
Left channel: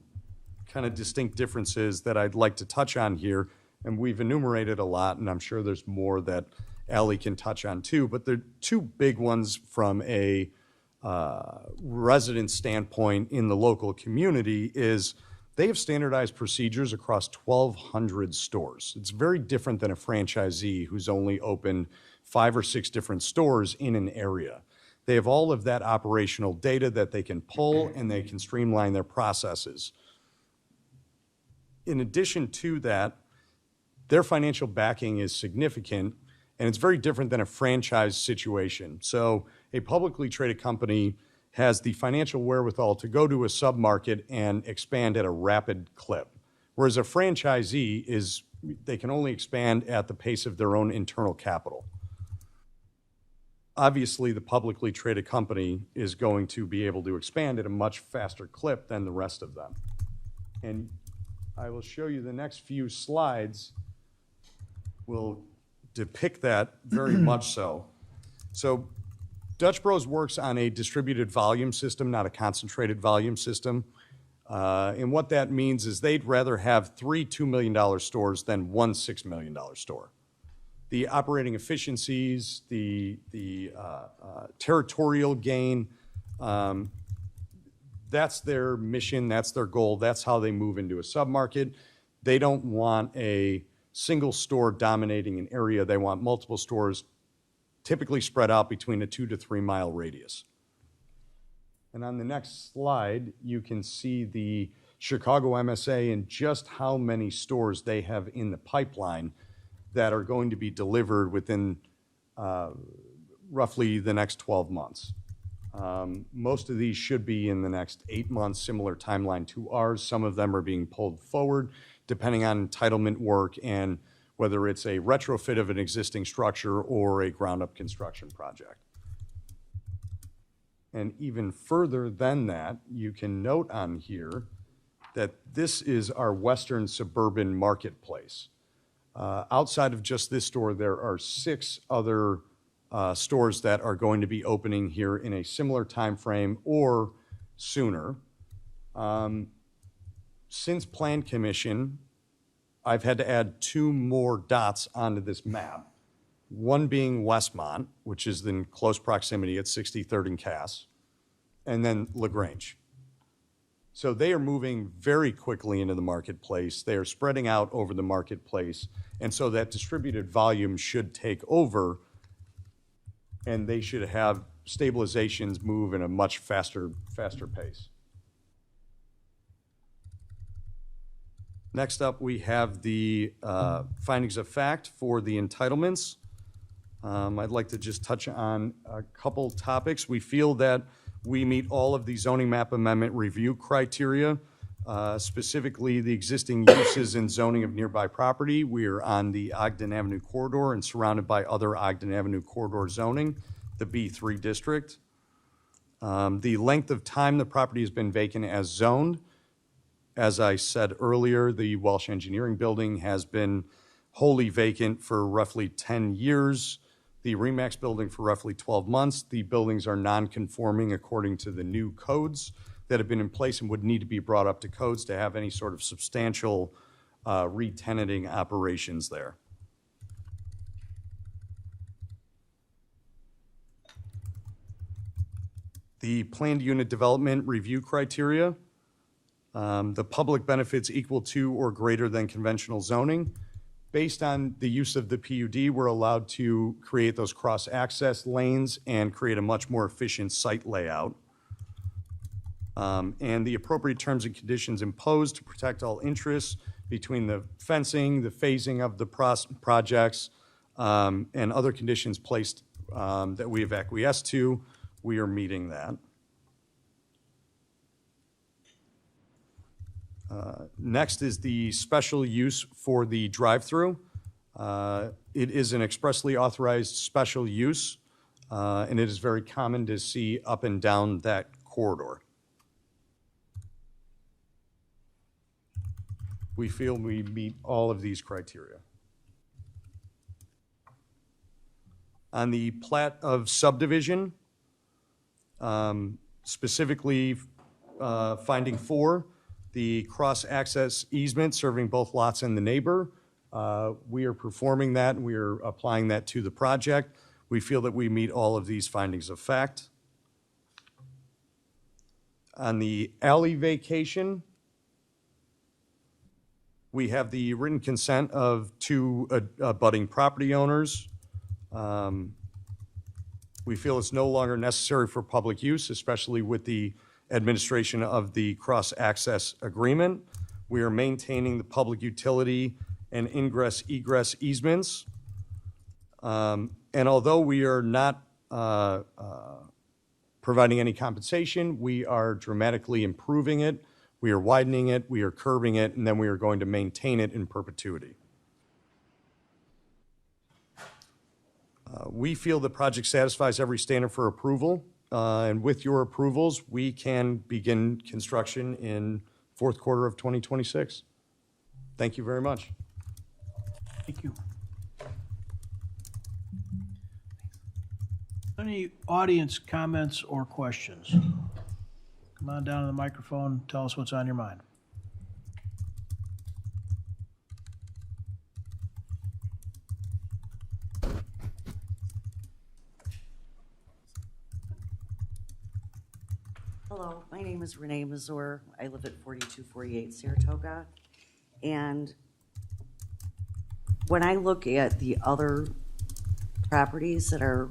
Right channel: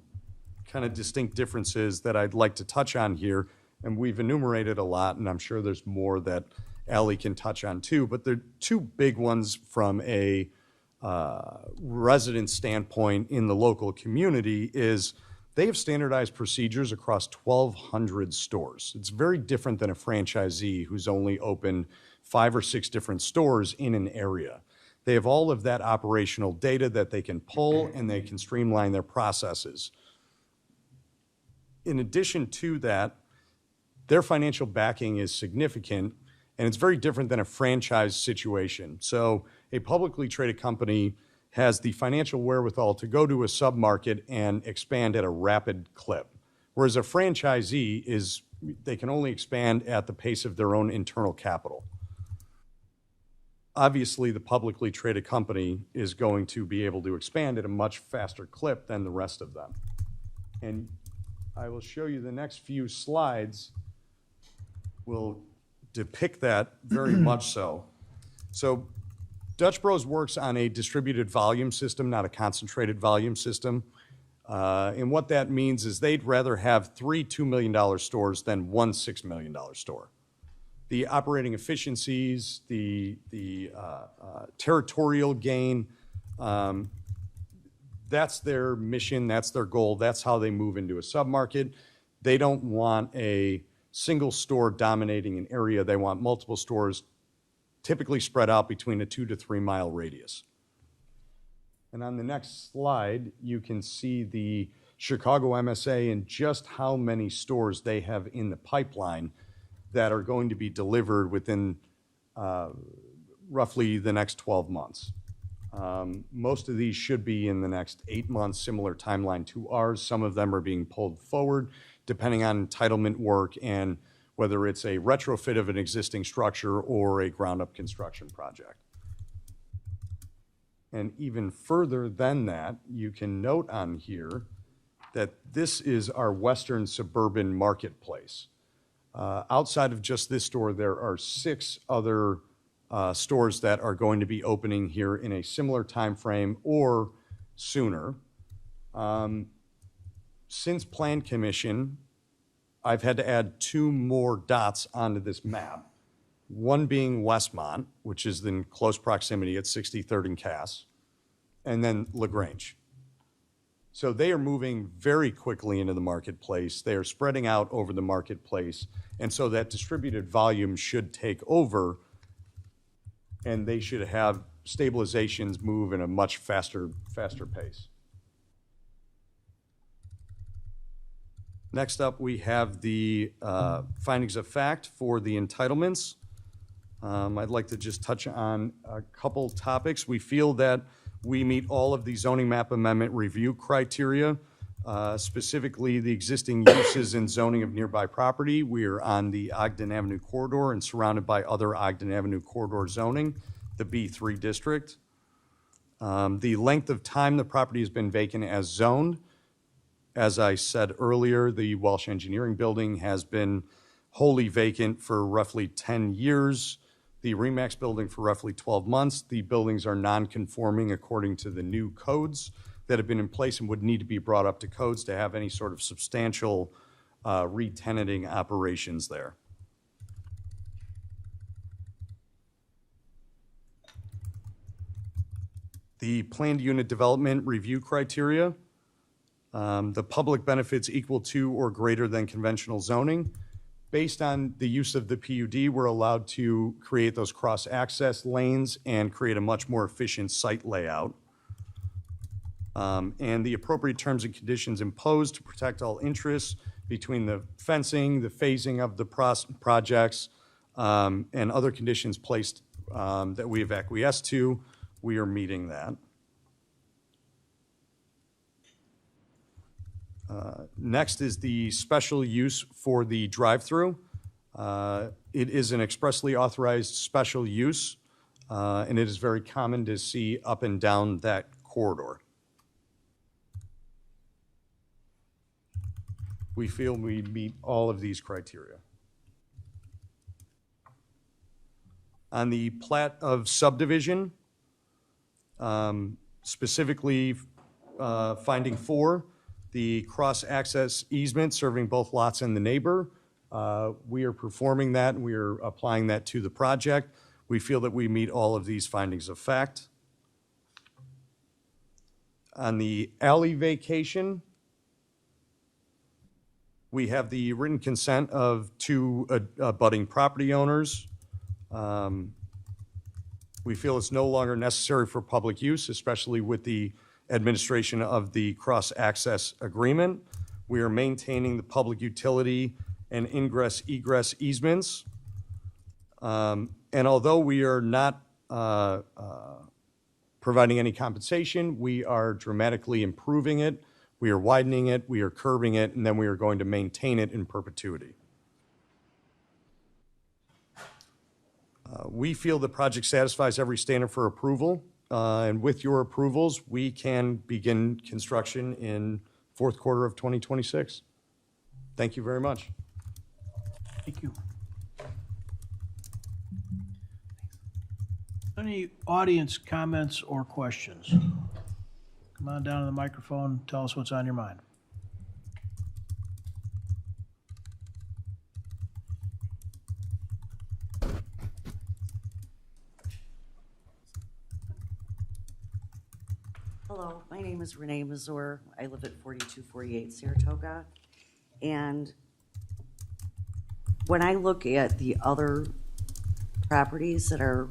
kind of distinct differences that I'd like to touch on here, and we've enumerated a lot, and I'm sure there's more that Allie can touch on too, but they're two big ones from a resident standpoint in the local community is they have standardized procedures across 1,200 stores. It's very different than a franchisee who's only opened 5 or 6 different stores in an area. They have all of that operational data that they can pull, and they can streamline their processes. In addition to that, their financial backing is significant, and it's very different than a franchise situation. So a publicly traded company has the financial wherewithal to go to a submarket and expand at a rapid clip, whereas a franchisee they can only expand at the pace of their own internal capital. Obviously, the publicly traded company is going to be able to expand at a much faster clip than the rest of them. And I will show you the next few slides will depict that very much so. So Dutch Bros works on a distributed volume system, not a concentrated volume system. And what that means is they'd rather have 3 $2 million stores than 1 $6 million store. The operating efficiencies, the territorial gain, that's their mission, that's their goal, that's how they move into a submarket. They don't want a single store dominating an area. They want multiple stores typically spread out between a 2 to 3 mile radius. And on the next slide, you can see the Chicago MSA and just how many stores they have in the pipeline that are going to be delivered within roughly the next 12 months. Most of these should be in the next 8 months, similar timeline to ours. Some of them are being pulled forward depending on entitlement work and whether it's a retrofit of an existing structure or a ground-up construction project. And even further than that, you can note on here that this is our western suburban marketplace. Outside of just this store, there are 6 other stores that are going to be opening here in a similar time frame or sooner. Since Plan Commission, I've had to add 2 more dots onto this map. One being Westmont, which is in close proximity at 63rd and Cass, and then LaGrange. So they are moving very quickly into the marketplace. They are spreading out over the marketplace. And so that distributed volume should take over, and they should have stabilizations move in a much faster pace. Next up, we have the findings of fact for the entitlements. I'd like to just touch on a couple topics. We feel that we meet all of the zoning map amendment review criteria specifically the existing uses and zoning of nearby property. We are on the Ogden Avenue corridor and surrounded by other Ogden Avenue corridor zoning, the B3 district. The length of time the property has been vacant as zoned. As I said earlier, the Welsh Engineering Building has been wholly vacant for roughly 10 years. The Remax Building for roughly 12 months. The buildings are non-conforming according to the new codes that have been in place and would need to be brought up to codes to have any sort of substantial re-tenanting operations there. The planned unit development review criteria. The public benefits equal to or greater than conventional zoning. Based on the use of the PUD, we're allowed to create those cross-access lanes and create a much more efficient site layout. And the appropriate terms and conditions imposed to protect all interests between the fencing, the phasing of the projects, and other conditions placed that we have acquiesced to. We are meeting that. Next is the special use for the drive-through. It is an expressly authorized special use, and it is very common to see up and down that corridor. We feel we meet all of these criteria. On the plat of subdivision, specifically finding 4, the cross-access easement serving both lots and the neighbor. We are performing that. We are applying that to the project. We feel that we meet all of these findings of fact. On the alley vacation, we have the written consent of 2 abutting property owners. We feel it's no longer necessary for public use, especially with the administration of the cross-access agreement. We are maintaining the public utility and ingress-egress easements. And although we are not providing any compensation, we are dramatically improving it. We are widening it, we are curbing it, and then we are going to maintain it in perpetuity. We feel the project satisfies every standard for approval. And with your approvals, we can begin construction in 4th quarter of 2026. Thank you very much. Thank you. Any audience comments or questions? Come on down to the microphone and tell us what's on your mind. Hello, my name is Renee Mazur. I live at 4248 Saratoga. And when I look at the other properties that are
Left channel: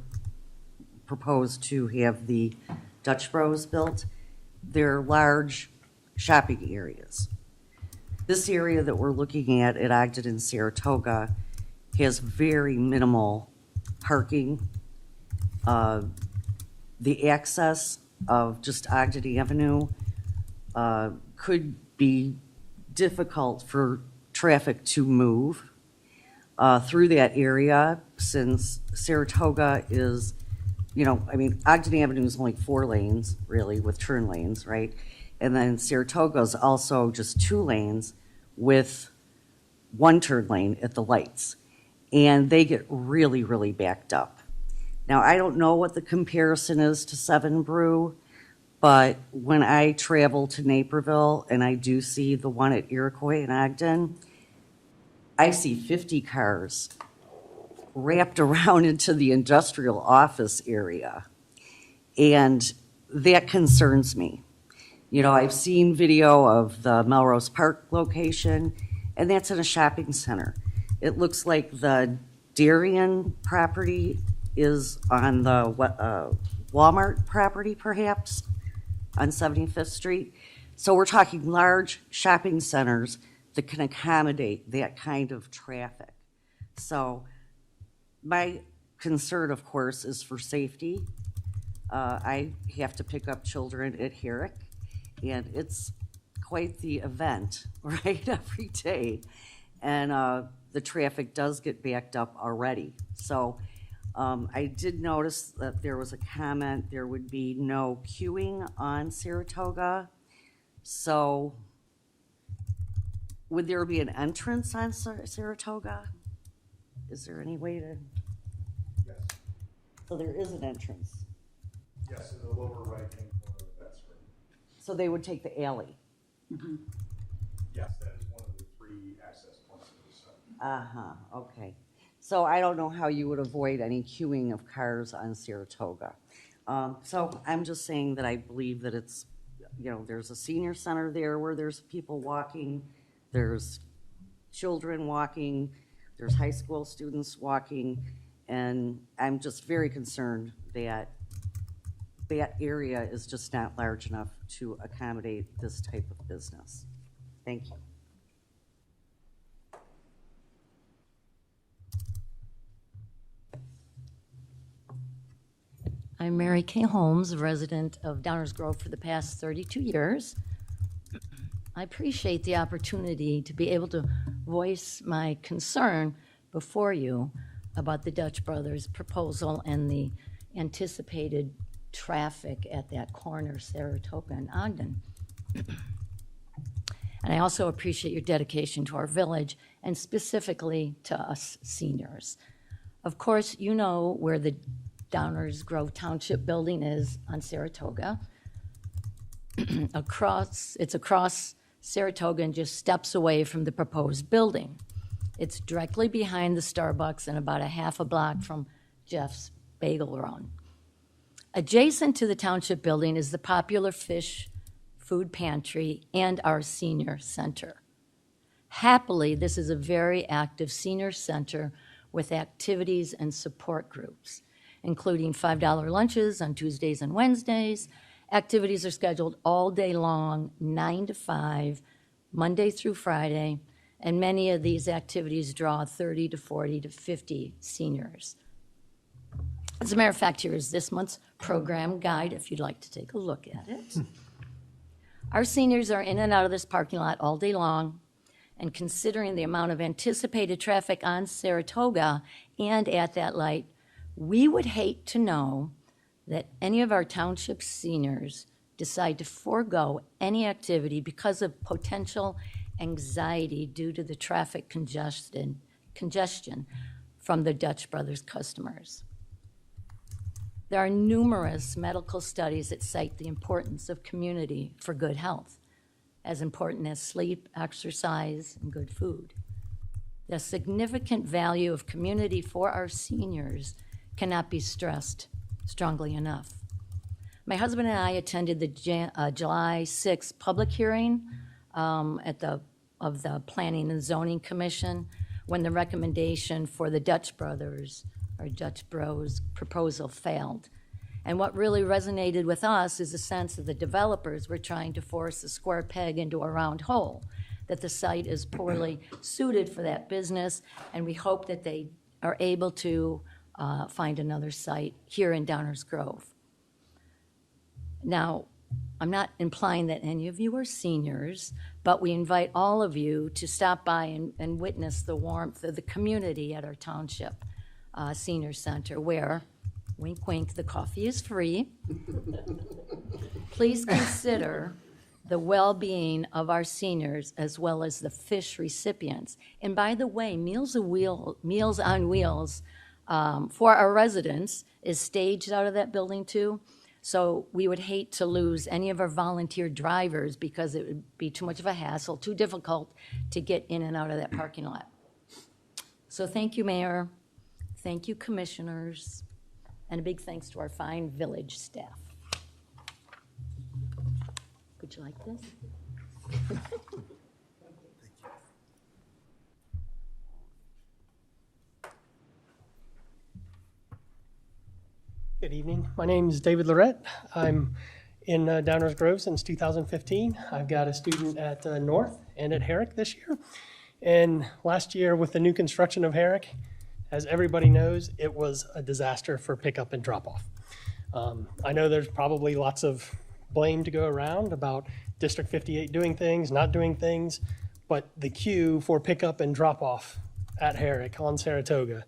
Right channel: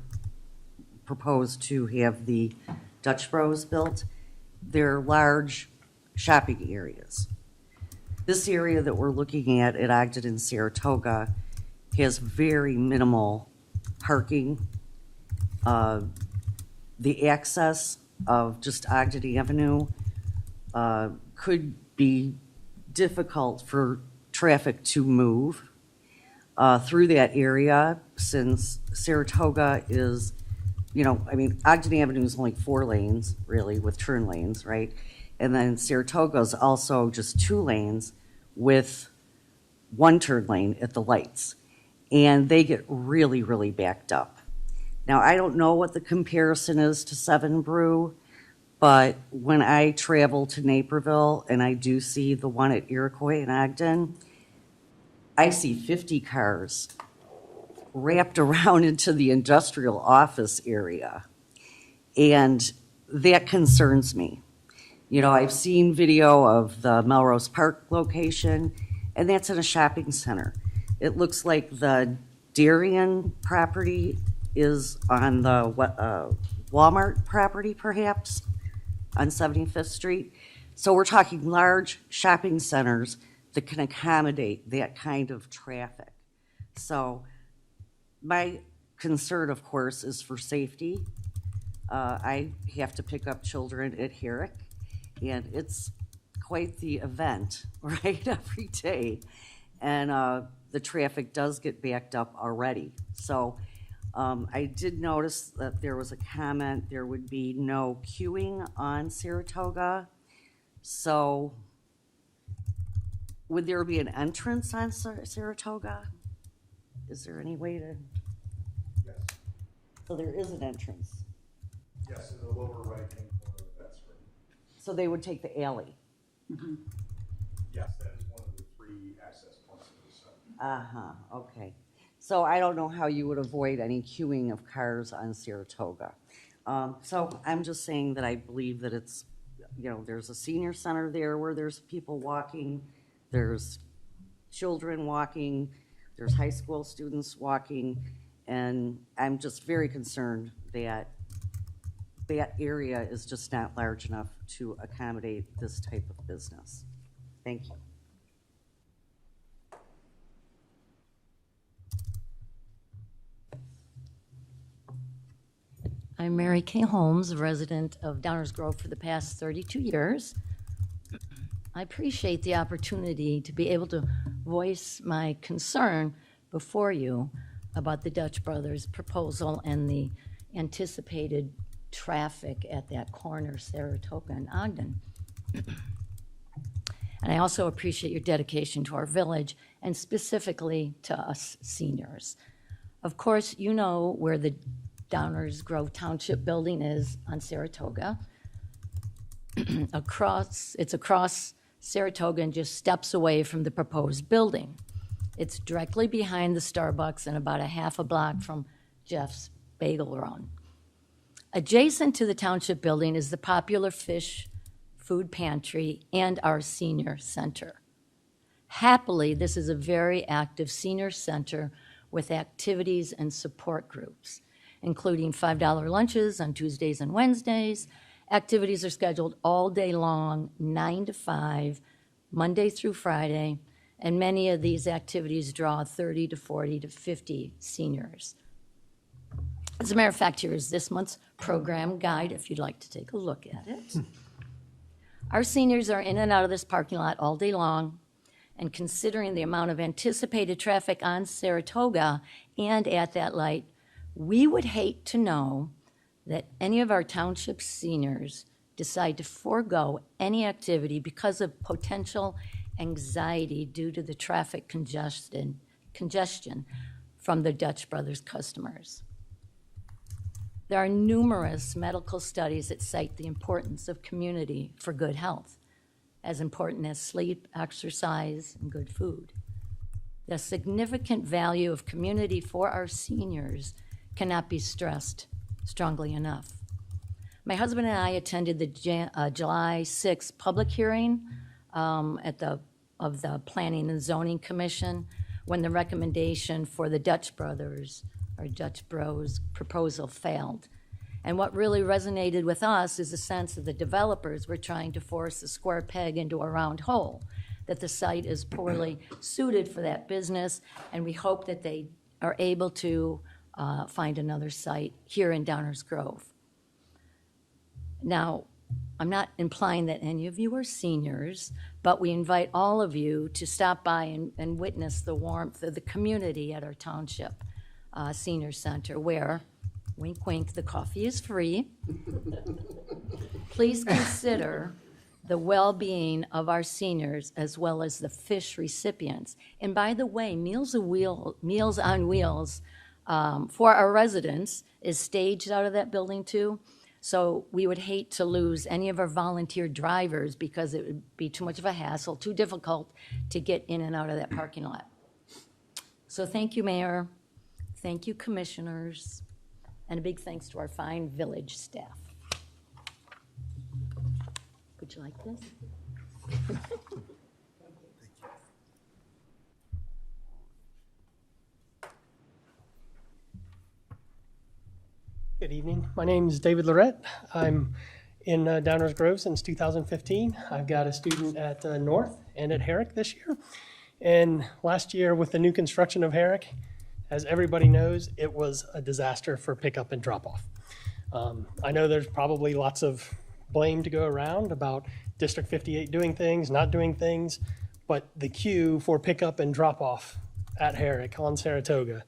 proposed to have the Dutch Bros built, they're large shopping areas. This area that we're looking at Ogden and Saratoga has very minimal parking. The access of just Ogden Avenue could be difficult for traffic to move through that area, since Saratoga is, Ogden Avenue is only 4 lanes, really, with turn lanes, right? And then Saratoga is also just 2 lanes with 1 turn lane at the lights. And they get really, really backed up. Now, I don't know what the comparison is to 7 Brew, but when I travel to Naperville and I do see the one at Iroquois and Ogden, I see 50 cars wrapped around into the industrial office area. And that concerns me. I've seen video of the Melrose Park location, and that's in a shopping center. It looks like the Darien property is on the Walmart property, perhaps, on 75th Street. So we're talking large shopping centers that can accommodate that kind of traffic. So my concern, of course, is for safety. I have to pick up children at Herrick, and it's quite the event, right, every day. And the traffic does get backed up already. So I did notice that there was a comment, there would be no queuing on Saratoga. So would there be an entrance on Saratoga? Is there any way to? Yes. So there is an entrance. Yes, to the lower right-hand corner of that screen. So they would take the alley. Yes, that is one of the 3 access points of the site. Uh-huh, okay. So I don't know how you would avoid any queuing of cars on Saratoga. So I'm just saying that I believe that it's, you know, there's a senior center there where there's people walking, there's children walking, there's high school students walking, and I'm just very concerned that that area is just not large enough to accommodate this type of business. Thank you. I'm Mary Kay Holmes, a resident of Downers Grove for the past 32 years. I appreciate the opportunity to be able to voice my concern before you about the Dutch Brothers proposal and the anticipated traffic at that corner, Saratoga and Ogden. And I also appreciate your dedication to our village and specifically to us seniors. Of course, you know where the Downers Grove Township building is on Saratoga. It's across Saratoga and just steps away from the proposed building. It's directly behind the Starbucks and about a half a block from Jeff's Bagel Run. Adjacent to the township building is the popular fish food pantry and our senior center. Happily, this is a very active senior center with activities and support groups, including $5 lunches on Tuesdays and Wednesdays. Activities are scheduled all day long, 9 to 5, Monday through Friday, and many of these activities draw 30 to 40 to 50 seniors. As a matter of fact, here is this month's program guide if you'd like to take a look at it. Our seniors are in and out of this parking lot all day long, and considering the amount of anticipated traffic on Saratoga and at that light, we would hate to know that any of our township seniors decide to forego any activity because of potential anxiety due to the traffic congestion from the Dutch Brothers customers. There are numerous medical studies that cite the importance of community for good health, as important as sleep, exercise, and good food. The significant value of community for our seniors cannot be stressed strongly enough. My husband and I attended the July 6th public hearing of the Planning and Zoning Commission when the recommendation for the Dutch Brothers or Dutch Bros proposal failed. And what really resonated with us is the sense that the developers were trying to force a square peg into a round hole, that the site is poorly suited for that business, and we hope that they are able to find another site here in Downers Grove. Now, I'm not implying that any of you are seniors, but we invite all of you to stop by and witness the warmth of the community at our township senior center where, wink, wink, the coffee is free. Please consider the well-being of our seniors as well as the fish recipients. And by the way, Meals on Wheels for our residents is staged out of that building too. So we would hate to lose any of our volunteer drivers because it would be too much of a hassle, too difficult to get in and out of that parking lot. So thank you, Mayor. Thank you, commissioners. And a big thanks to our fine village staff. Would you like this? Good evening. My name is David Lorette. I'm in Downers Grove since 2015. I've got a student at North and at Herrick this year. And last year with the new construction of Herrick, as everybody knows, it was a disaster for pickup and drop off. I know there's probably lots of blame to go around about District 58 doing things, not doing things, but the queue for pickup and drop off at Herrick on Saratoga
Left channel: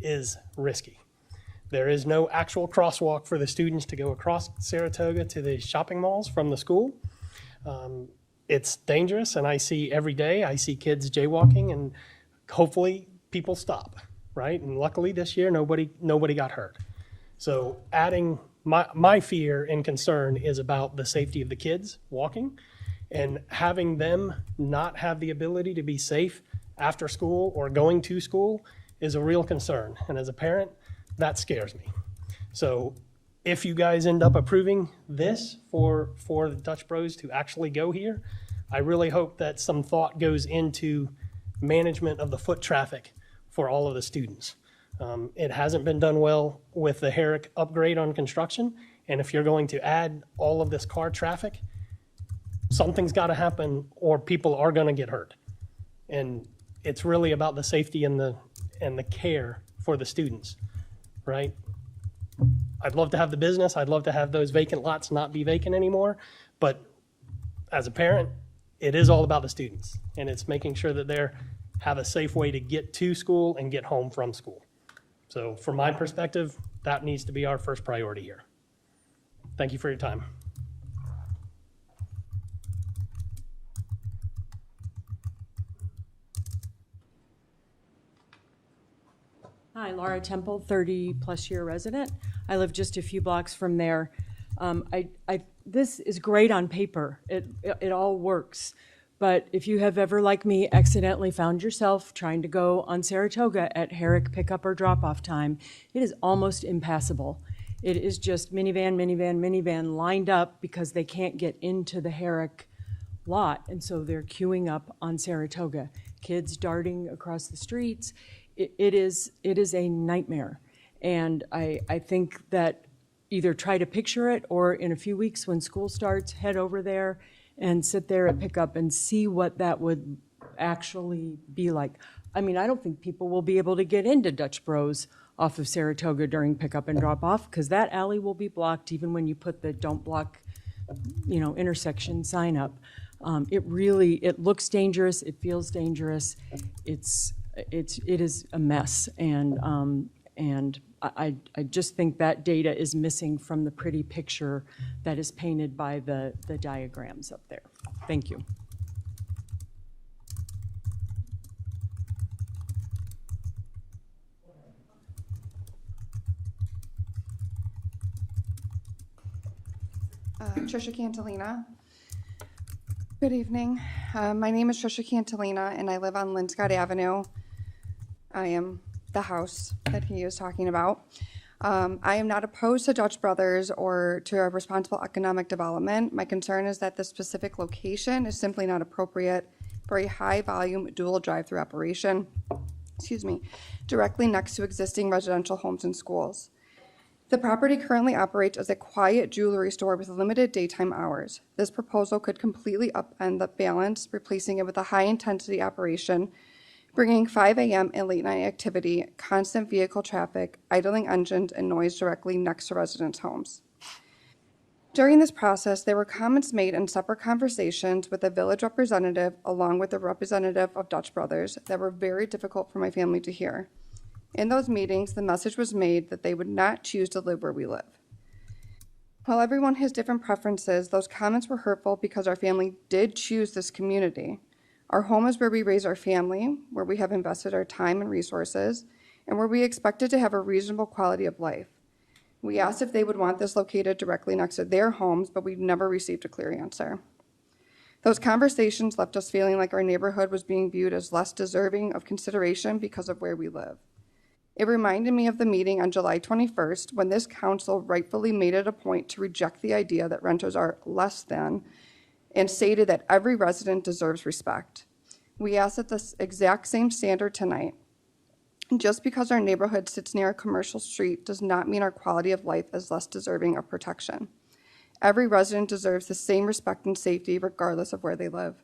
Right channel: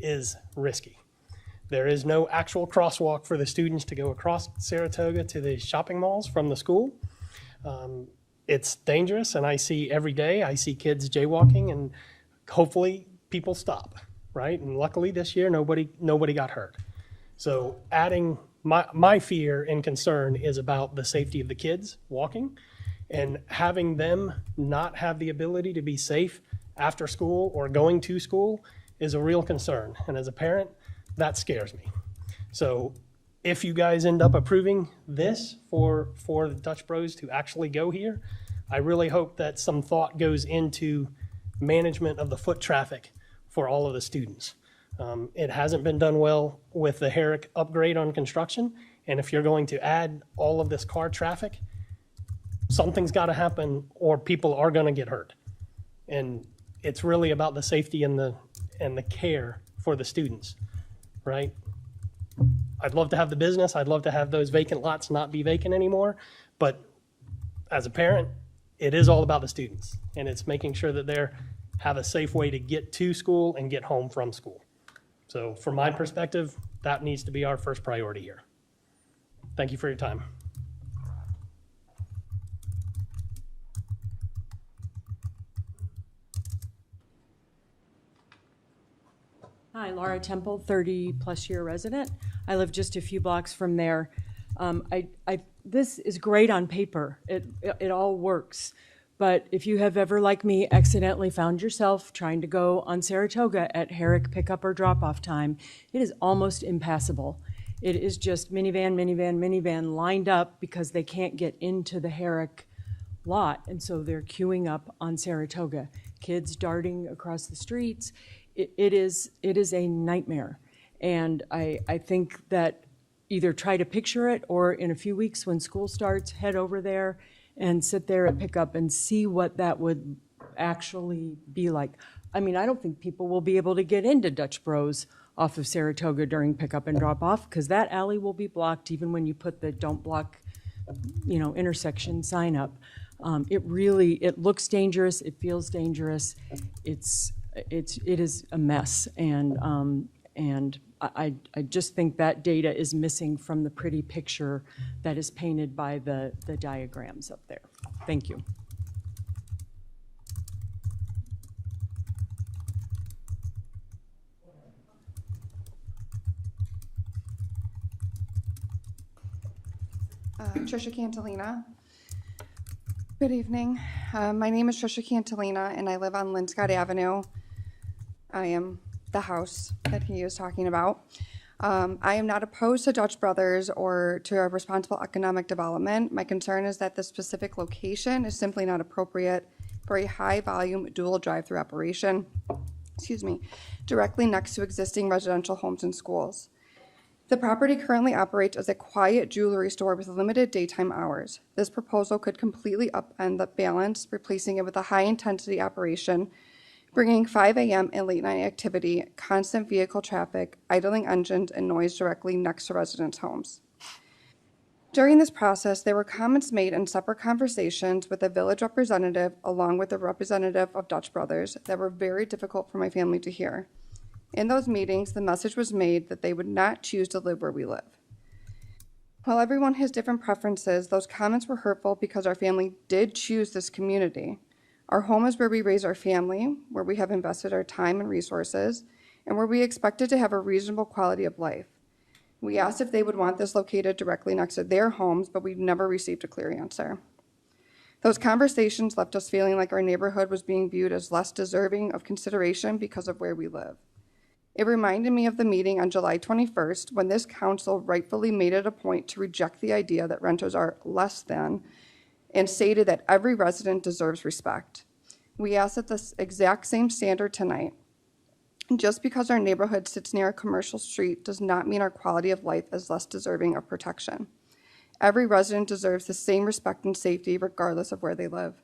is risky. There is no actual crosswalk for the students to go across Saratoga to the shopping malls from the school. It's dangerous, and I see every day, I see kids jaywalking, and hopefully people stop, right? And luckily this year, nobody got hurt. So adding, my fear and concern is about the safety of the kids walking, and having them not have the ability to be safe after school or going to school is a real concern. And as a parent, that scares me. So if you guys end up approving this for the Dutch Bros to actually go here, I really hope that some thought goes into management of the foot traffic for all of the students. It hasn't been done well with the Herrick upgrade on construction, and if you're going to add all of this car traffic, something's got to happen or people are going to get hurt. And it's really about the safety and the care for the students, right? I'd love to have the business. I'd love to have those vacant lots not be vacant anymore. But as a parent, it is all about the students, and it's making sure that they have a safe way to get to school and get home from school. So from my perspective, that needs to be our first priority here. Thank you for your time. Hi, Laura Temple, 30-plus year resident. I live just a few blocks from there. This is great on paper. It all works. But if you have ever, like me, accidentally found yourself trying to go on Saratoga at Herrick pickup or drop-off time, it is almost impassable. It is just minivan lined up because they can't get into the Herrick lot, and so they're queuing up on Saratoga. Kids darting across the streets. It is a nightmare. And I think that either try to picture it, or in a few weeks when school starts, head over there and sit there at pickup and see what that would actually be like. I mean, I don't think people will be able to get into Dutch Bros off of Saratoga during pickup and drop off, because that alley will be blocked even when you put the don't block, intersection sign up. It looks dangerous. It feels dangerous. It is a mess. And I just think that data is missing from the pretty picture that is painted by the diagrams up there. Thank you. Trisha Cantalina. Good evening. My name is Trisha Cantalina, and I live on Linscott Avenue. I am the house that he is talking about. I am not opposed to Dutch Brothers or to a responsible economic development. My concern is that this specific location is simply not appropriate for a high volume dual drive-through operation, directly next to existing residential homes and schools. The property currently operates as a quiet jewelry store with limited daytime hours. This proposal could completely upend the balance, replacing it with a high-intensity operation, bringing 5 a.m. and late-night activity, constant vehicle traffic, idling engines, and noise directly next to residents' homes. During this process, there were comments made in separate conversations with a village representative along with a representative of Dutch Brothers that were very difficult for my family to hear. In those meetings, the message was made that they would not choose to live where we live. While everyone has different preferences, those comments were hurtful because our family did choose this community. Our home is where we raise our family, where we have invested our time and resources, and where we expected to have a reasonable quality of life. We asked if they would want this located directly next to their homes, but we've never received a clear answer. Those conversations left us feeling like our neighborhood was being viewed as less deserving of consideration because of where we live. It reminded me of the meeting on July 21st when this council rightfully made it a point to reject the idea that renters are less than and stated that every resident deserves respect. We ask that this exact same standard tonight. Just because our neighborhood sits near a commercial street does not mean our quality of life is less deserving of protection. Every resident deserves the same respect and safety regardless of where they live.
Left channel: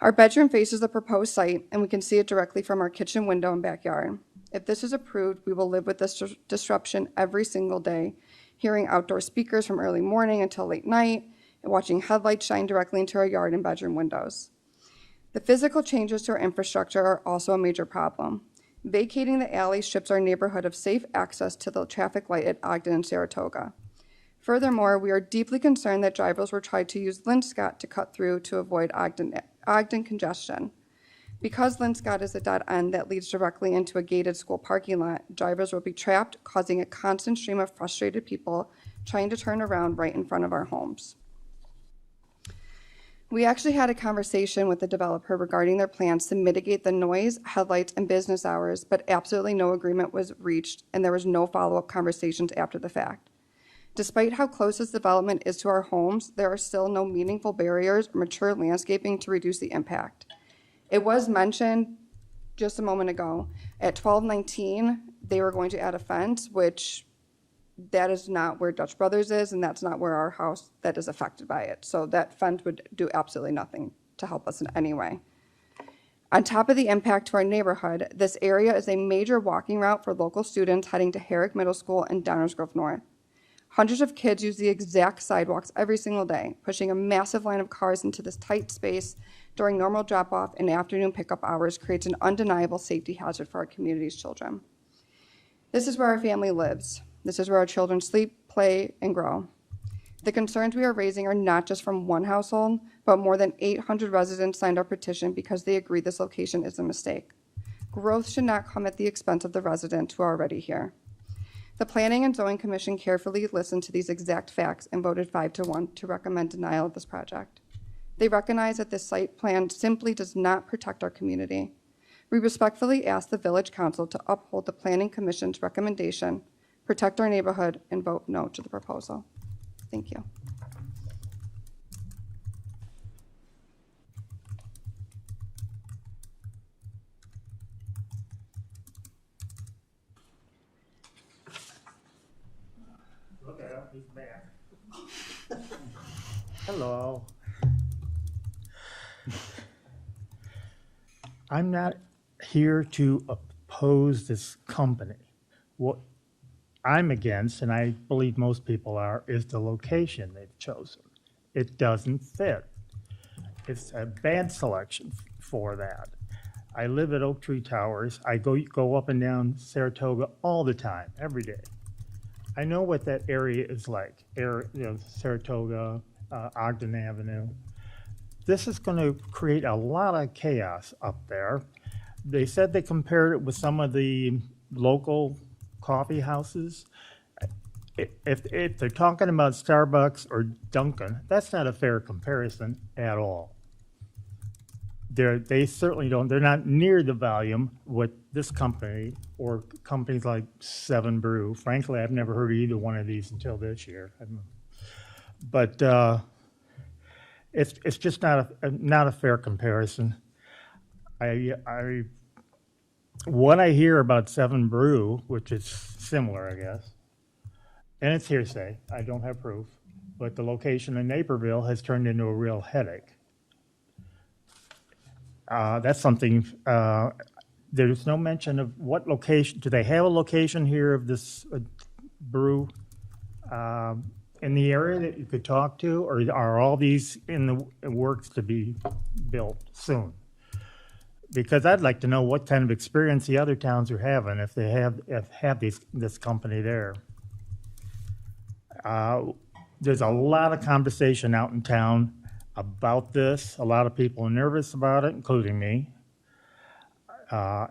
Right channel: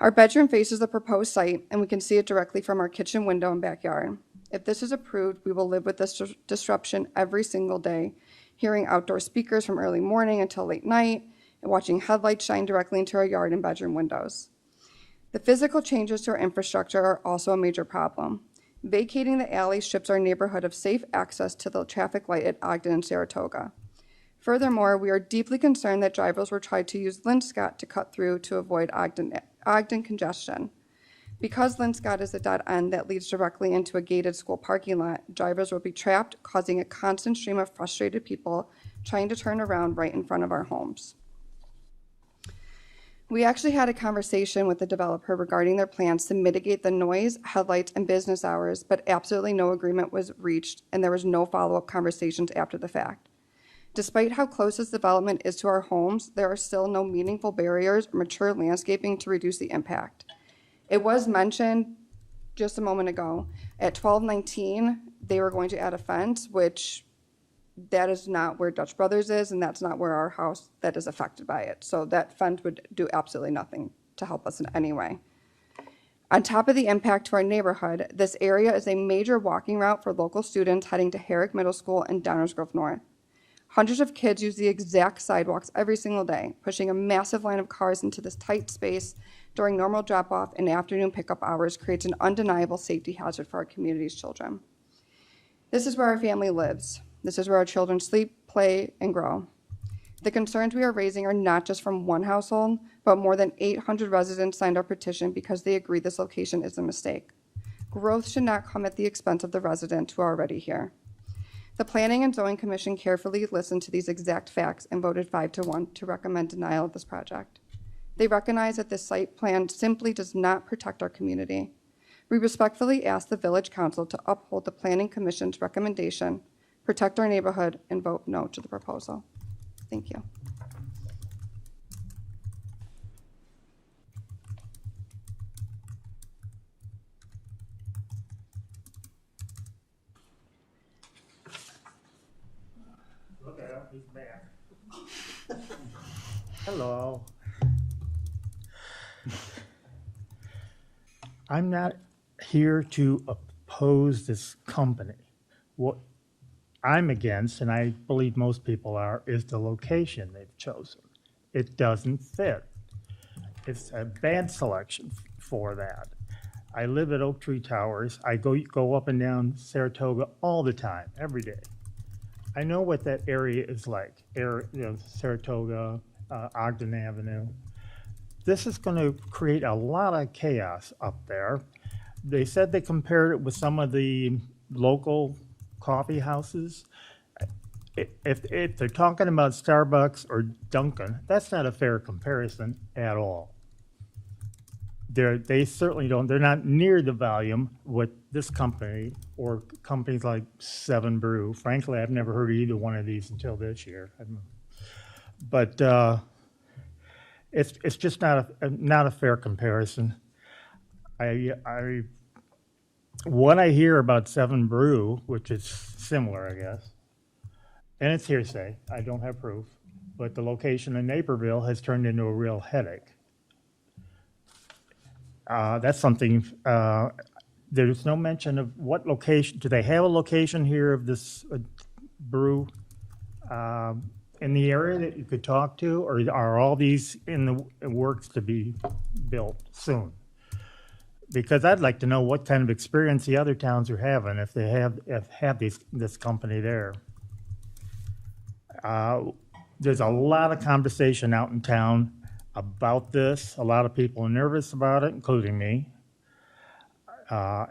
Our bedroom faces the proposed site, and we can see it directly from our kitchen window and backyard. If this is approved, we will live with this disruption every single day, hearing outdoor speakers from early morning until late night, and watching headlights shine directly into our yard and bedroom windows. The physical changes to our infrastructure are also a major problem. Vacating the alley strips our neighborhood of safe access to the traffic light at Ogden and Saratoga. Furthermore, we are deeply concerned that drivers will try to use Linscott to cut through to avoid Ogden congestion. Because Linscott is a dead end that leads directly into a gated school parking lot, drivers will be trapped, causing a constant stream of frustrated people trying to turn around right in front of our homes. We actually had a conversation with the developer regarding their plans to mitigate the noise, headlights, and business hours, but absolutely no agreement was reached, and there was no follow-up conversations after the fact. Despite how close this development is to our homes, there are still no meaningful barriers or mature landscaping to reduce the impact. It was mentioned just a moment ago, at 1219, they were going to add a fence, which that is not where Dutch Brothers is, and that's not where our house that is affected by it. So that fence would do absolutely nothing to help us in any way. On top of the impact to our neighborhood, this area is a major walking route for local students heading to Herrick Middle School and Downers Grove North. Hundreds of kids use the exact sidewalks every single day, pushing a massive line of cars into this tight space during normal drop-off and afternoon pickup hours creates an undeniable safety hazard for our community's children. This is where our family lives. This is where our children sleep, play, and grow. The concerns we are raising are not just from one household, but more than 800 residents signed our petition because they agree this location is a mistake. Growth should not come at the expense of the residents who are already here. The Planning and Zoning Commission carefully listened to these exact facts and voted 5-1 to recommend denial of this project. They recognize that this site plan simply does not protect our community. We respectfully ask the Village Council to uphold the Planning Commission's recommendation, protect our neighborhood, and vote no to the proposal. Thank you. Look at up, he's back. Hello. I'm not here to oppose this company. What I'm against, and I believe most people are, is the location they've chosen. It doesn't fit. It's a bad selection for that. I live at Oak Tree Towers. I go up and down Saratoga all the time, every day. I know what that area is like, Saratoga, Ogden Avenue. This is going to create a lot of chaos up there. They said they compared it with some of the local coffee houses. If they're talking about Starbucks or Dunkin', that's not a fair comparison at all. They certainly don't. They're not near the volume with this company or companies like Seven Brew. Frankly, I've never heard of either one of these until this year. But it's just not a fair comparison. What I hear about Seven Brew, which is similar, I guess, and it's hearsay, I don't have proof, but the location in Naperville has turned into a real headache. That's something, there's no mention of what location, do they have a location here of this brew in the area that you could talk to, or are all these in the works to be built soon? Because I'd like to know what kind of experience the other towns are having if they have this company there. There's a lot of conversation out in town about this. A lot of people are nervous about it, including me.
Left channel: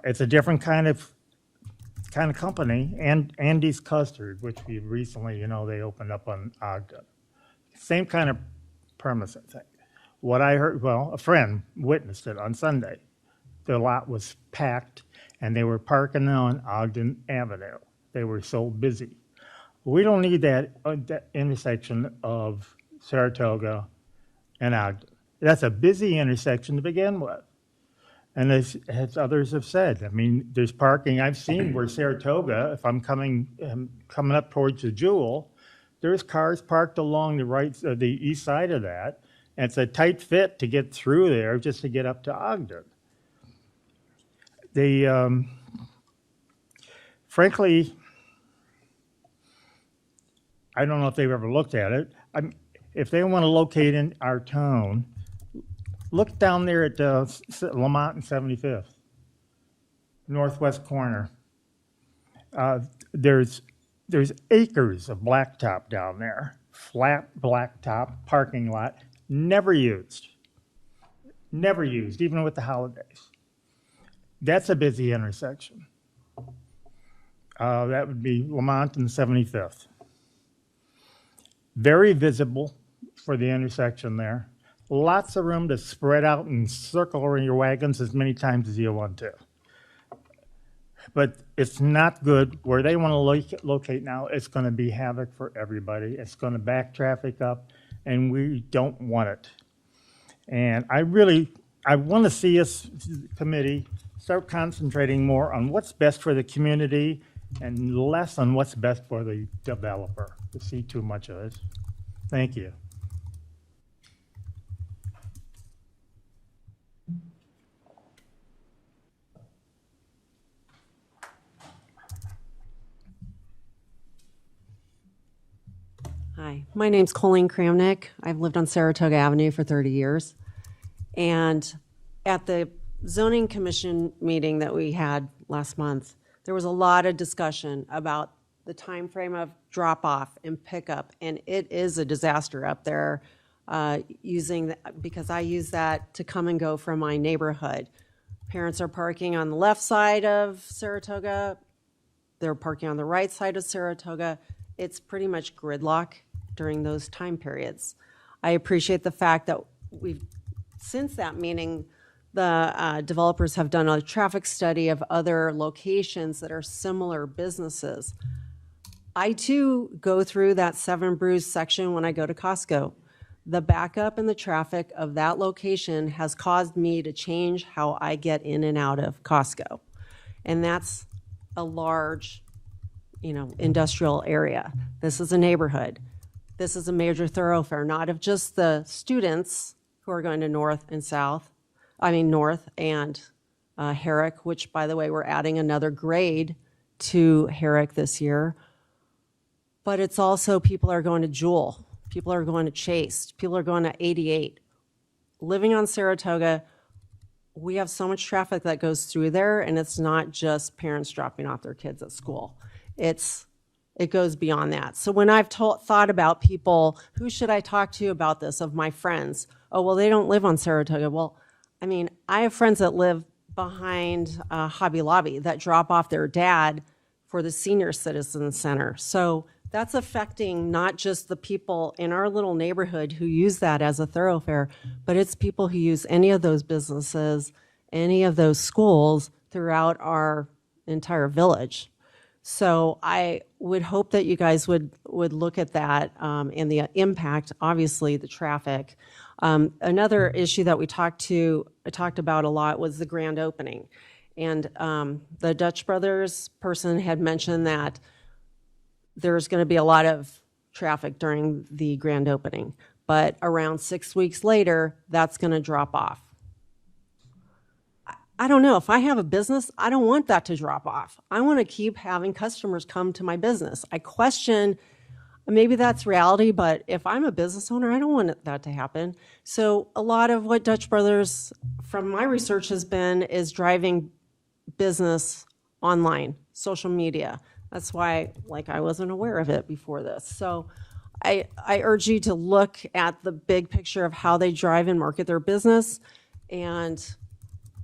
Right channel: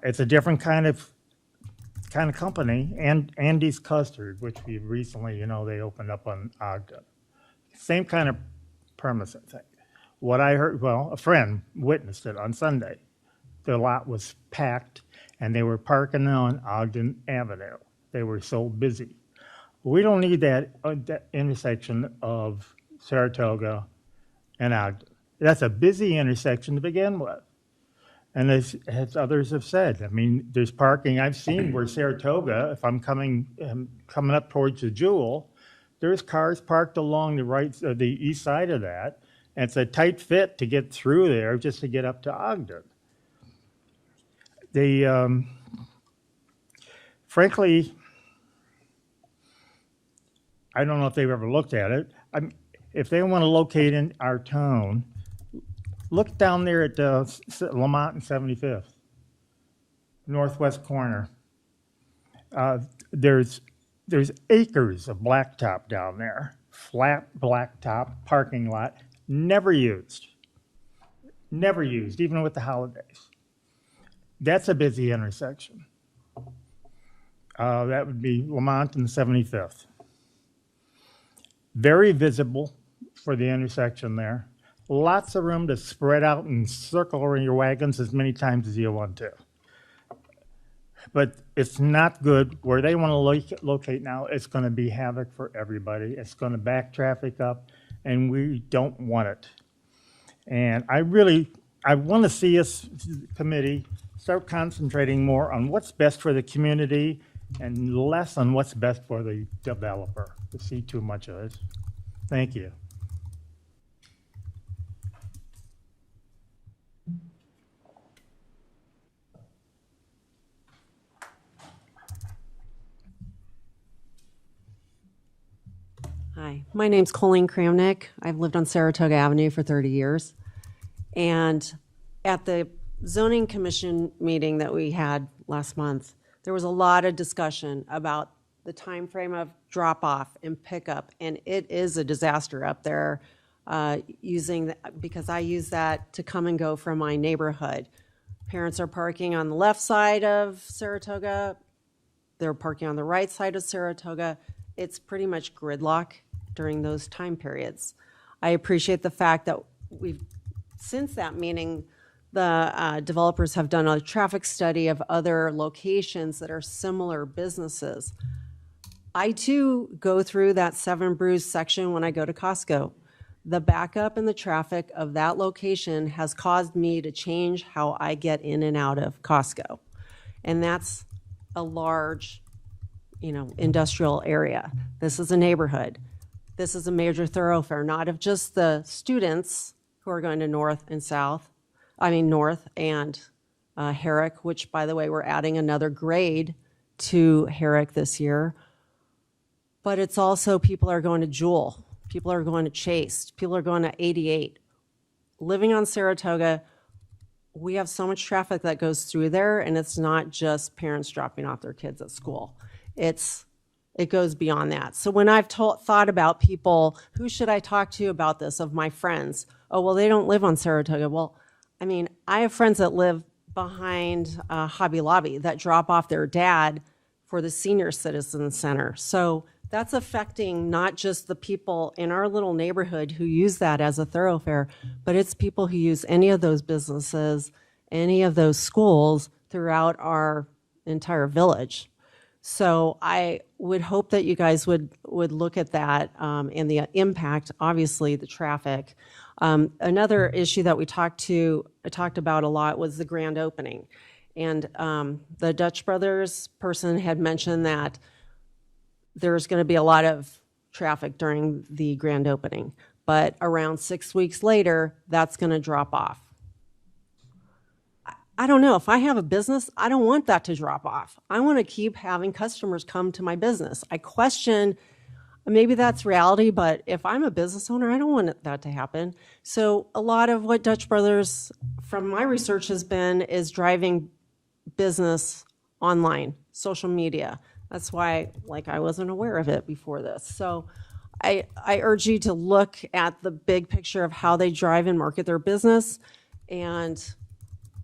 It's a different kind of company. And Andy's Custard, which we recently, they opened up on Ogden. Same kind of premise, I think. What I heard, a friend witnessed it on Sunday. The lot was packed, and they were parking on Ogden Avenue. They were so busy. We don't need that intersection of Saratoga and Ogden. That's a busy intersection to begin with. And as others have said, there's parking I've seen where Saratoga, if I'm coming up towards the Jewel, there's cars parked along the east side of that. And it's a tight fit to get through there just to get up to Ogden. Frankly, I don't know if they've ever looked at it. if they want to locate in our town, look down there at Lamont and 75th, northwest corner. There's acres of blacktop down there, flat blacktop parking lot, never used, even with the holidays. That's a busy intersection. That would be Lamont and 75th. Very visible for the intersection there. Lots of room to spread out and circle around your wagons as many times as you want to. But it's not good. Where they want to locate now, it's going to be havoc for everybody. It's going to back traffic up, and we don't want it. And I want to see us, committee, start concentrating more on what's best for the community and less on what's best for the developer. To see too much of it. Thank you. Hi, my name's Colleen Kramnick. I've lived on Saratoga Avenue for 30 years. And at the zoning commission meeting that we had last month, there was a lot of discussion about the time frame of drop off and pickup. And it is a disaster up there because I use that to come and go from my neighborhood. Parents are parking on the left side of Saratoga. They're parking on the right side of Saratoga. It's pretty much gridlock during those time periods. I appreciate the fact that since that meeting, the developers have done a traffic study of other locations that are similar businesses. I too go through that Seven Brews section when I go to Costco. The backup in the traffic of that location has caused me to change how I get in and out of Costco. And that's a large, industrial area. This is a neighborhood. This is a major thoroughfare, not of just the students who are going to North and Herrick, which, by the way, we're adding another grade to Herrick this year. But it's also people are going to Jewel. People are going to Chase. People are going to 88. Living on Saratoga, we have so much traffic that goes through there, and it's not just parents dropping off their kids at school. It goes beyond that. So when I've thought about people, who should I talk to about this, of my friends? Oh, well, they don't live on Saratoga. Well, I have friends that live behind Hobby Lobby that drop off their dad for the Senior Citizen Center. So that's affecting not just the people in our little neighborhood who use that as a thoroughfare, but it's people who use any of those businesses, any of those schools throughout our entire village. So I would hope that you guys would look at that and the impact, obviously, the traffic. Another issue that I talked about a lot was the grand opening. And the Dutch Brothers person had mentioned that there's going to be a lot of traffic during the grand opening, but around 6 weeks later, that's going to drop off. I don't know. If I have a business, I don't want that to drop off. I want to keep having customers come to my business. I question, maybe that's reality, but if I'm a business owner, I don't want that to happen. So a lot of what Dutch Brothers, from my research, has been is driving business online, social media. That's why, I wasn't aware of it before this. So I urge you to look at the big picture of how they drive and market their business and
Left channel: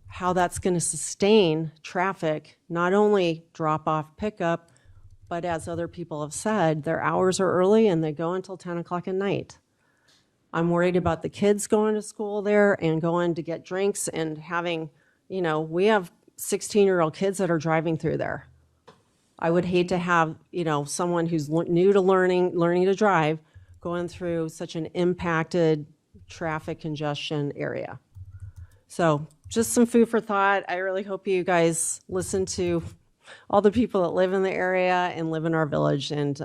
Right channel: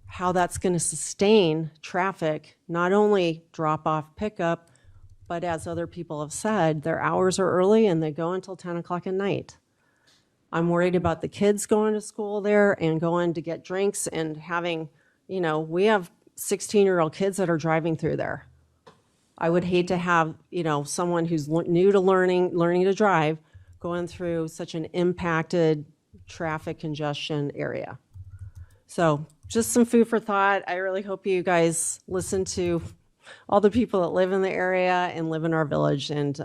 how that's going to sustain traffic, not only drop off pickup, but as other people have said, their hours are early and they go until 10 o'clock at night. I'm worried about the kids going to school there and going to get drinks and having, we have 16-year-old kids that are driving through there. I would hate to have, someone who's new to learning to drive going through such an impacted traffic congestion area. So just some food for thought. I really hope you guys listen to all the people that live in the area and live in our village and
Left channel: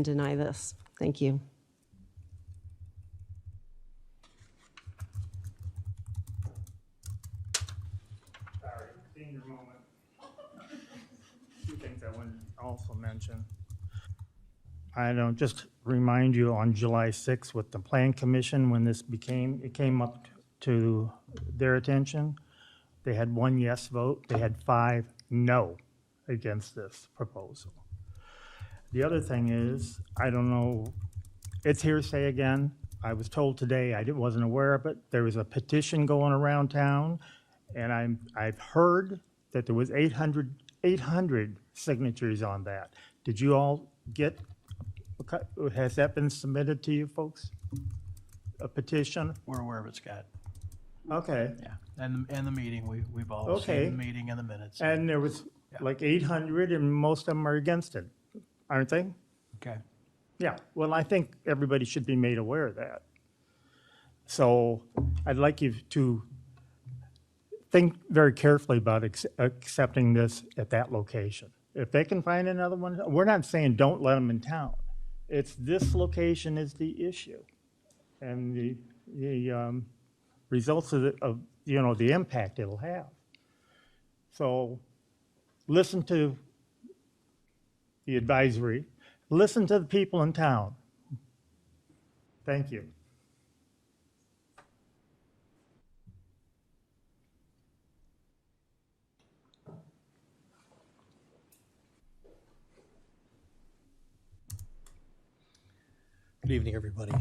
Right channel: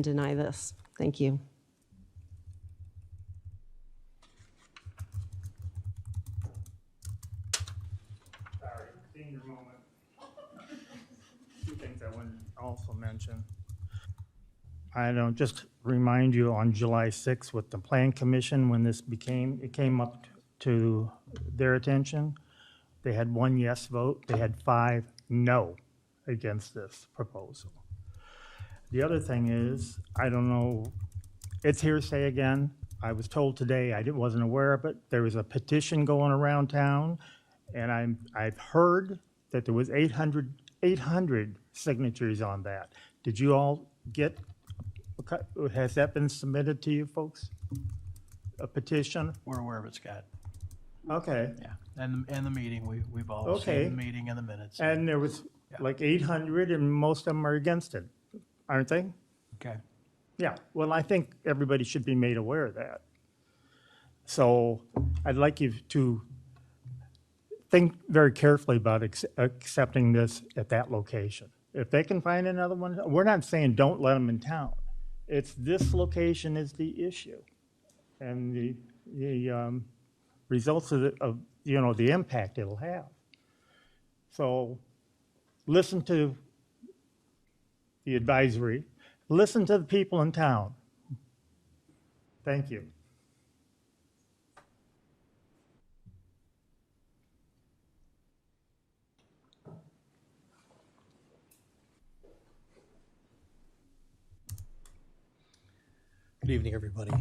deny this. Thank you. Two things I want to also mention. I don't just remind you on July 6th with the Plan Commission, when it came up to their attention, they had 1 yes vote, they had 5 no against this proposal. The other thing is, I don't know, it's hearsay again. I was told today, wasn't aware of it, there was a petition going around town, and I've heard that there was 800 signatures on that. Did you all get, has that been submitted to you folks? A petition? We're aware of it, Scott. Okay. Yeah, and the meeting, we've all Okay. seen the meeting and the minutes. And there was like 800, and most of them are against it, aren't they? Okay. Yeah, well, I think everybody should be made aware of that. So I'd like you to think very carefully about accepting this at that location. If they can find another one, we're not saying don't let them in town. It's this location is the issue. And the results of the impact it'll have. So listen to the advisory, listen to the people in town. Thank you. Good evening, everybody.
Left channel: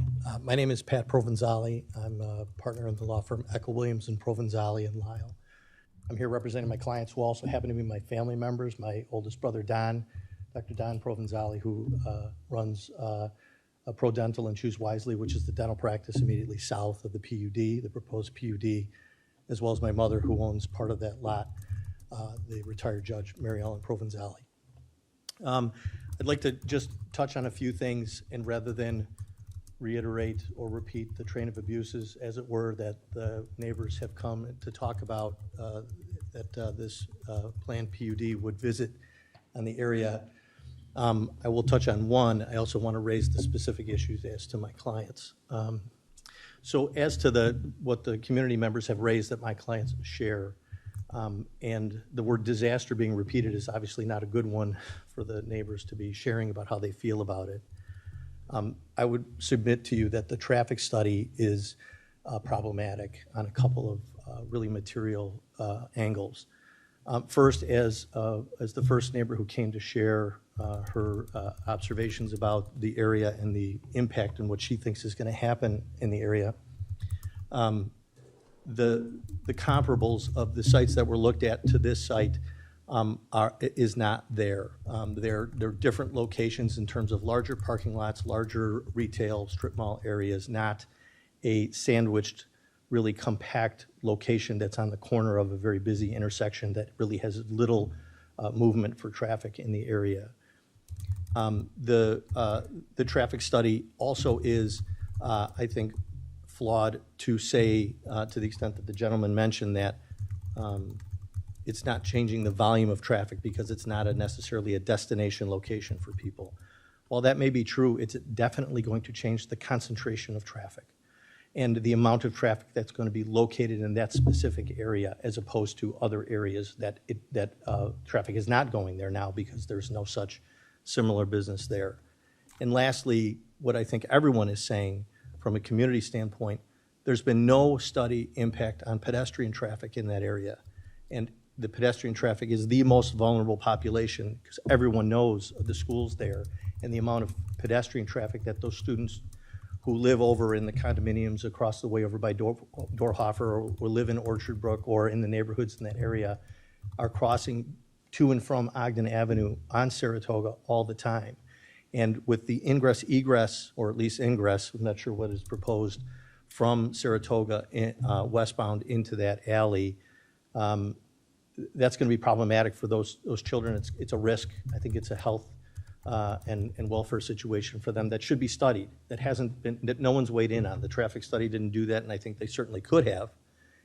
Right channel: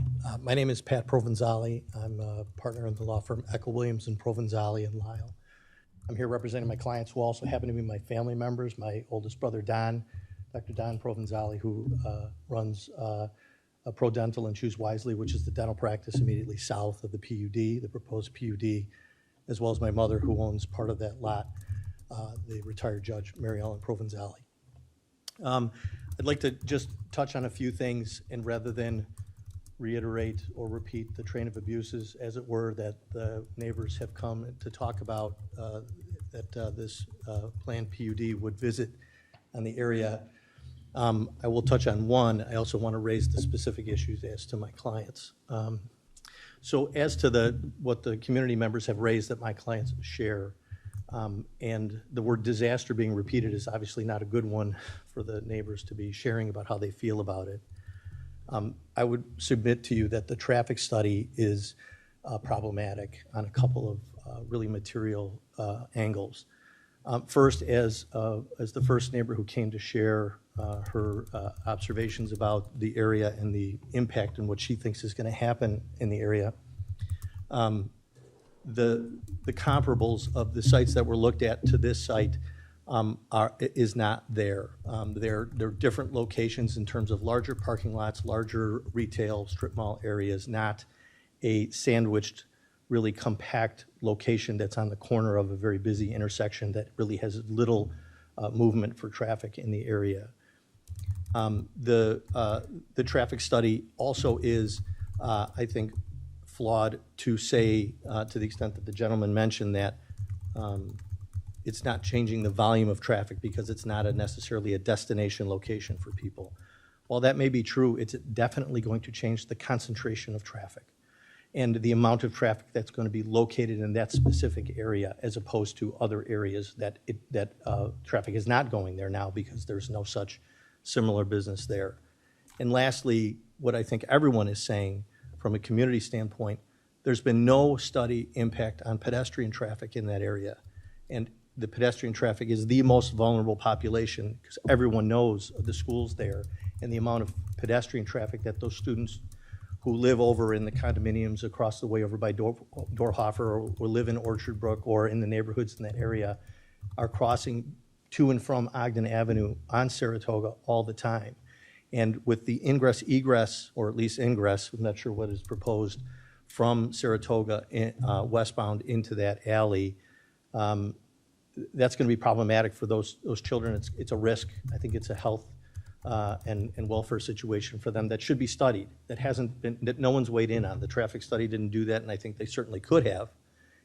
My name is Pat Provenzali. I'm a partner in the law firm Echo Williams and Provenzali in Lisle. I'm here representing my clients who also happen to be my family members. My oldest brother, Don, Dr. Don Provenzali, who runs Pro Dental and Choose Wisely, which is the dental practice immediately south of the PUD, the proposed PUD, as well as my mother, who owns part of that lot, the retired judge, Mary Ellen Provenzali. I'd like to just touch on a few things, and rather than reiterate or repeat the train of abuses, as it were, that the neighbors have come to talk about, that this planned PUD would visit on the area, I will touch on one. I also want to raise the specific issues as to my clients. So as to what the community members have raised that my clients share, and the word disaster being repeated is obviously not a good one for the neighbors to be sharing about how they feel about it. I would submit to you that the traffic study is problematic on a couple of really material angles. First, as the first neighbor who came to share her observations about the area and the impact and what she thinks is going to happen in the area, the comparables of the sites that were looked at to this site is not there. They're different locations in terms of larger parking lots, larger retail strip mall areas, not a sandwiched, really compact location that's on the corner of a very busy intersection that really has little movement for traffic in the area. The traffic study also is, I think, flawed to say, to the extent that the gentleman mentioned, that it's not changing the volume of traffic because it's not necessarily a destination location for people. While that may be true, it's definitely going to change the concentration of traffic and the amount of traffic that's going to be located in that specific area, as opposed to other areas that traffic is not going there now because there's no such similar business there. And lastly, what I think everyone is saying from a community standpoint, there's been no study impact on pedestrian traffic in that area. And the pedestrian traffic is the most vulnerable population because everyone knows the schools there and the amount of pedestrian traffic that those students who live over in the condominiums across the way over by Dorhofer or live in Orchard Brook or in the neighborhoods in that area are crossing to and from Ogden Avenue on Saratoga all the time. And with the ingress, egress, or at least ingress, I'm not sure what is proposed, from Saratoga westbound into that alley, that's going to be problematic for those children. It's a risk. I think it's a health and welfare situation for them that should be studied, that no one's weighed in on. The traffic study didn't do that, and I think they certainly could have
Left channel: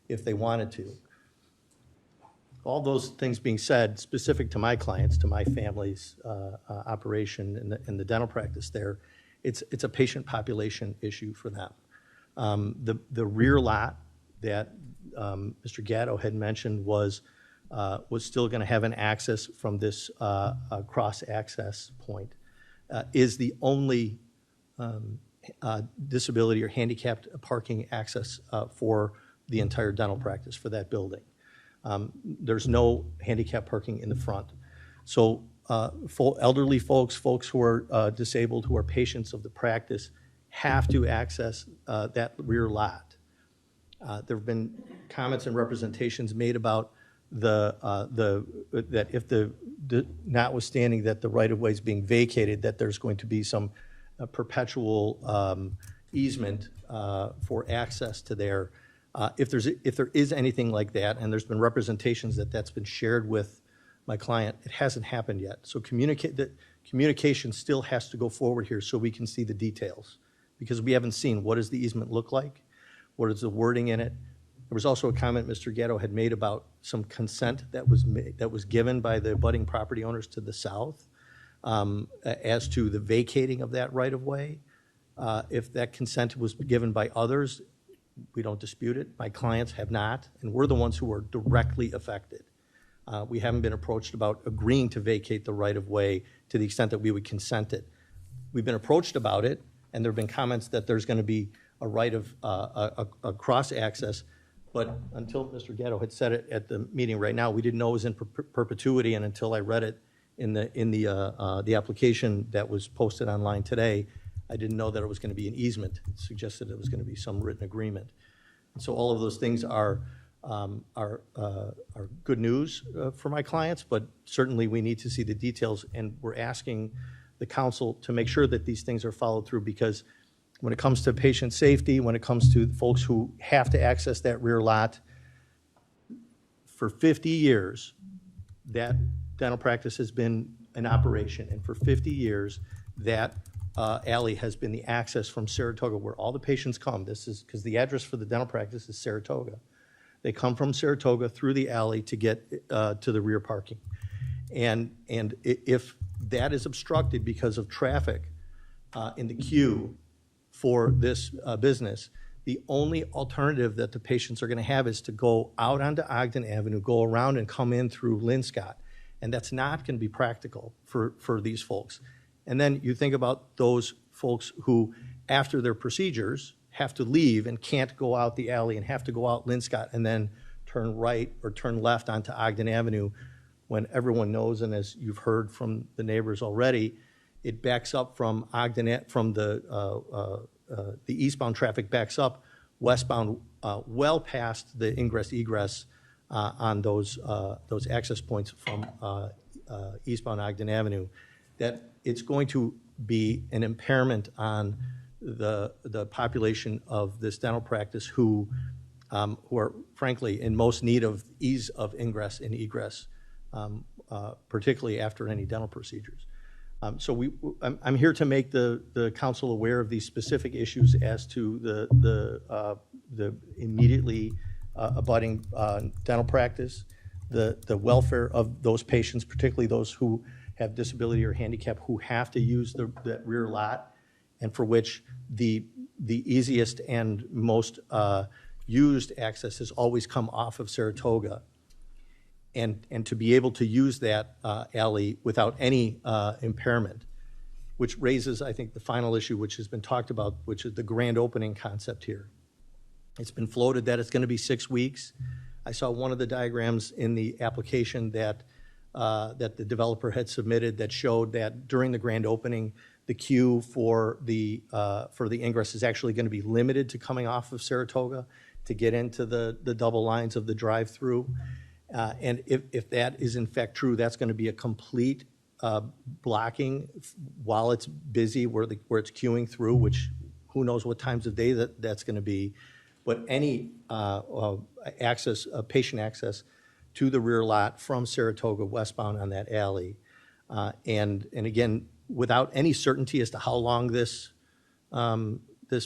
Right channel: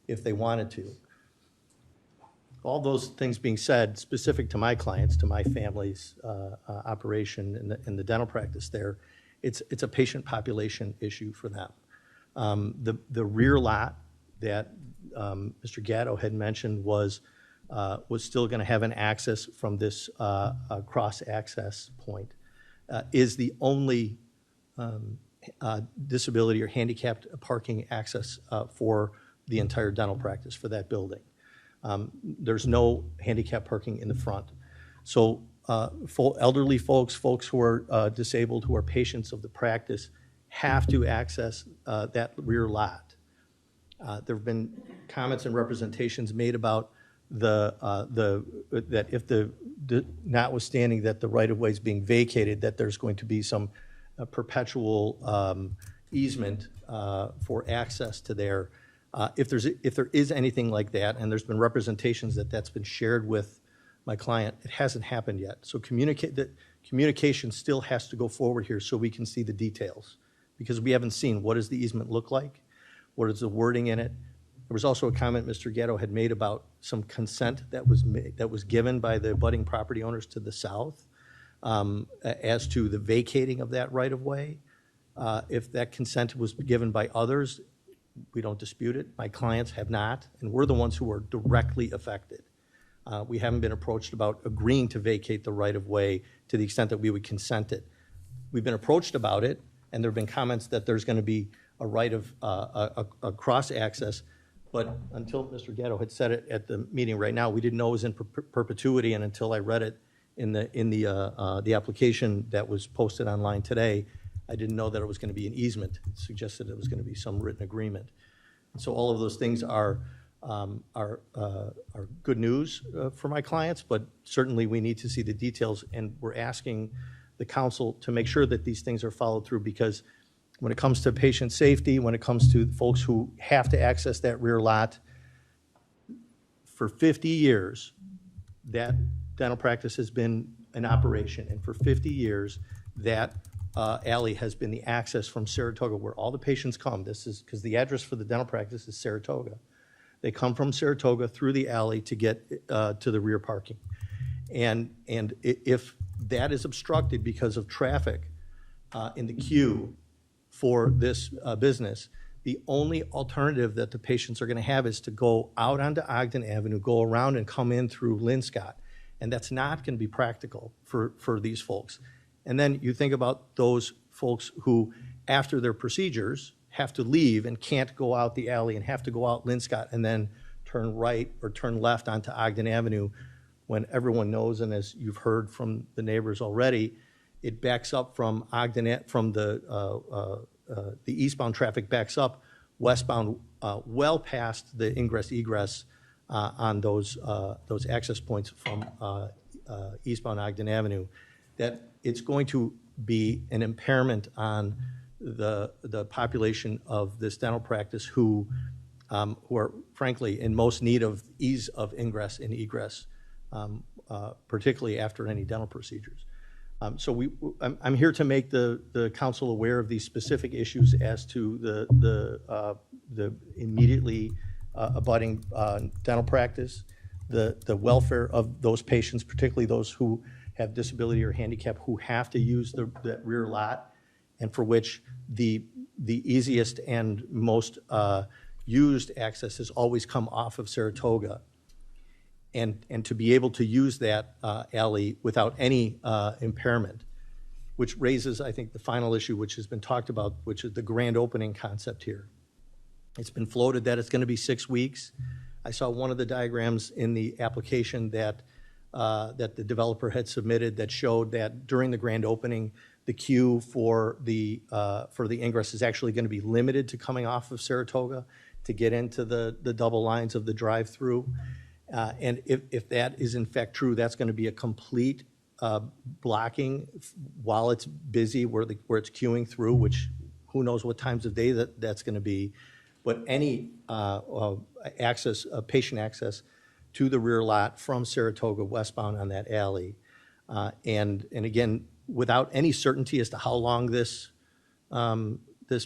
if they wanted to. All those things being said, specific to my clients, to my family's operation and the dental practice there, it's a patient population issue for them. The rear lot that Mr. Gatto had mentioned was still going to have an access from this cross access point. is the only disability or handicapped parking access for the entire dental practice for that building. There's no handicap parking in the front. So elderly folks who are disabled, who are patients of the practice, have to access that rear lot. There have been comments and representations made about that if notwithstanding that the right-of-way is being vacated, that there's going to be some perpetual easement for access to there. If there is anything like that, and there's been representations that that's been shared with my client, it hasn't happened yet. So communication still has to go forward here so we can see the details, because we haven't seen what does the easement look like, what is the wording in it. There was also a comment Mr. Gatto had made about some consent that was given by the abutting property owners to the south as to the vacating of that right-of-way. If that consent was given by others, we don't dispute it. My clients have not, and we're the ones who are directly affected. We haven't been approached about agreeing to vacate the right-of-way to the extent that we would consent it. We've been approached about it, and there have been comments that there's going to be a right of a cross-access, but until Mr. Gatto had said it at the meeting right now, we didn't know it was in perpetuity, and until I read it in the application that was posted online today, I didn't know that it was going to be an easement. It suggested it was going to be some written agreement. And so all of those things are good news for my clients, but certainly we need to see the details, and we're asking the council to make sure that these things are followed through, because when it comes to patient safety, when it comes to folks who have to access that rear lot, for 50 years, that dental practice has been in operation, and for 50 years, that alley has been the access from Saratoga, where all the patients come. This is because the address for the dental practice is Saratoga. They come from Saratoga through the alley to get to the rear parking. And if that is obstructed because of traffic in the queue for this business, the only alternative that the patients are going to have is to go out onto Ogden Avenue, go around and come in through Linscott. And that's not going to be practical for these folks. And then you think about those folks who, after their procedures, have to leave and can't go out the alley and have to go out Linscott and then turn right or turn left onto Ogden Avenue, when everyone knows, and as you've heard from the neighbors already, it backs up from Ogden, from the eastbound traffic backs up westbound well past the ingress-egress on those access points from eastbound Ogden Avenue, that it's going to be an impairment on the population of this dental practice who are frankly in most need of ease of ingress and egress, particularly after any dental procedures. So I'm here to make the council aware of these specific issues as to the immediately abutting dental practice, the welfare of those patients, particularly those who have disability or handicap, who have to use that rear lot, and for which the easiest and most used access has always come off of Saratoga, and to be able to use that alley without any impairment, which raises, I think, the final issue which has been talked about, which is the grand opening concept here. It's been floated that it's going to be 6 weeks. I saw one of the diagrams in the application that the developer had submitted that showed that during the grand opening, the queue for the ingress is actually going to be limited to coming off of Saratoga to get into the double lines of the drive-through. And if that is in fact true, that's going to be a complete blocking while it's busy, where it's queuing through, which who knows what times of day that's going to be. But any patient access to the rear lot from Saratoga westbound on that alley, and again, without any certainty as to how long this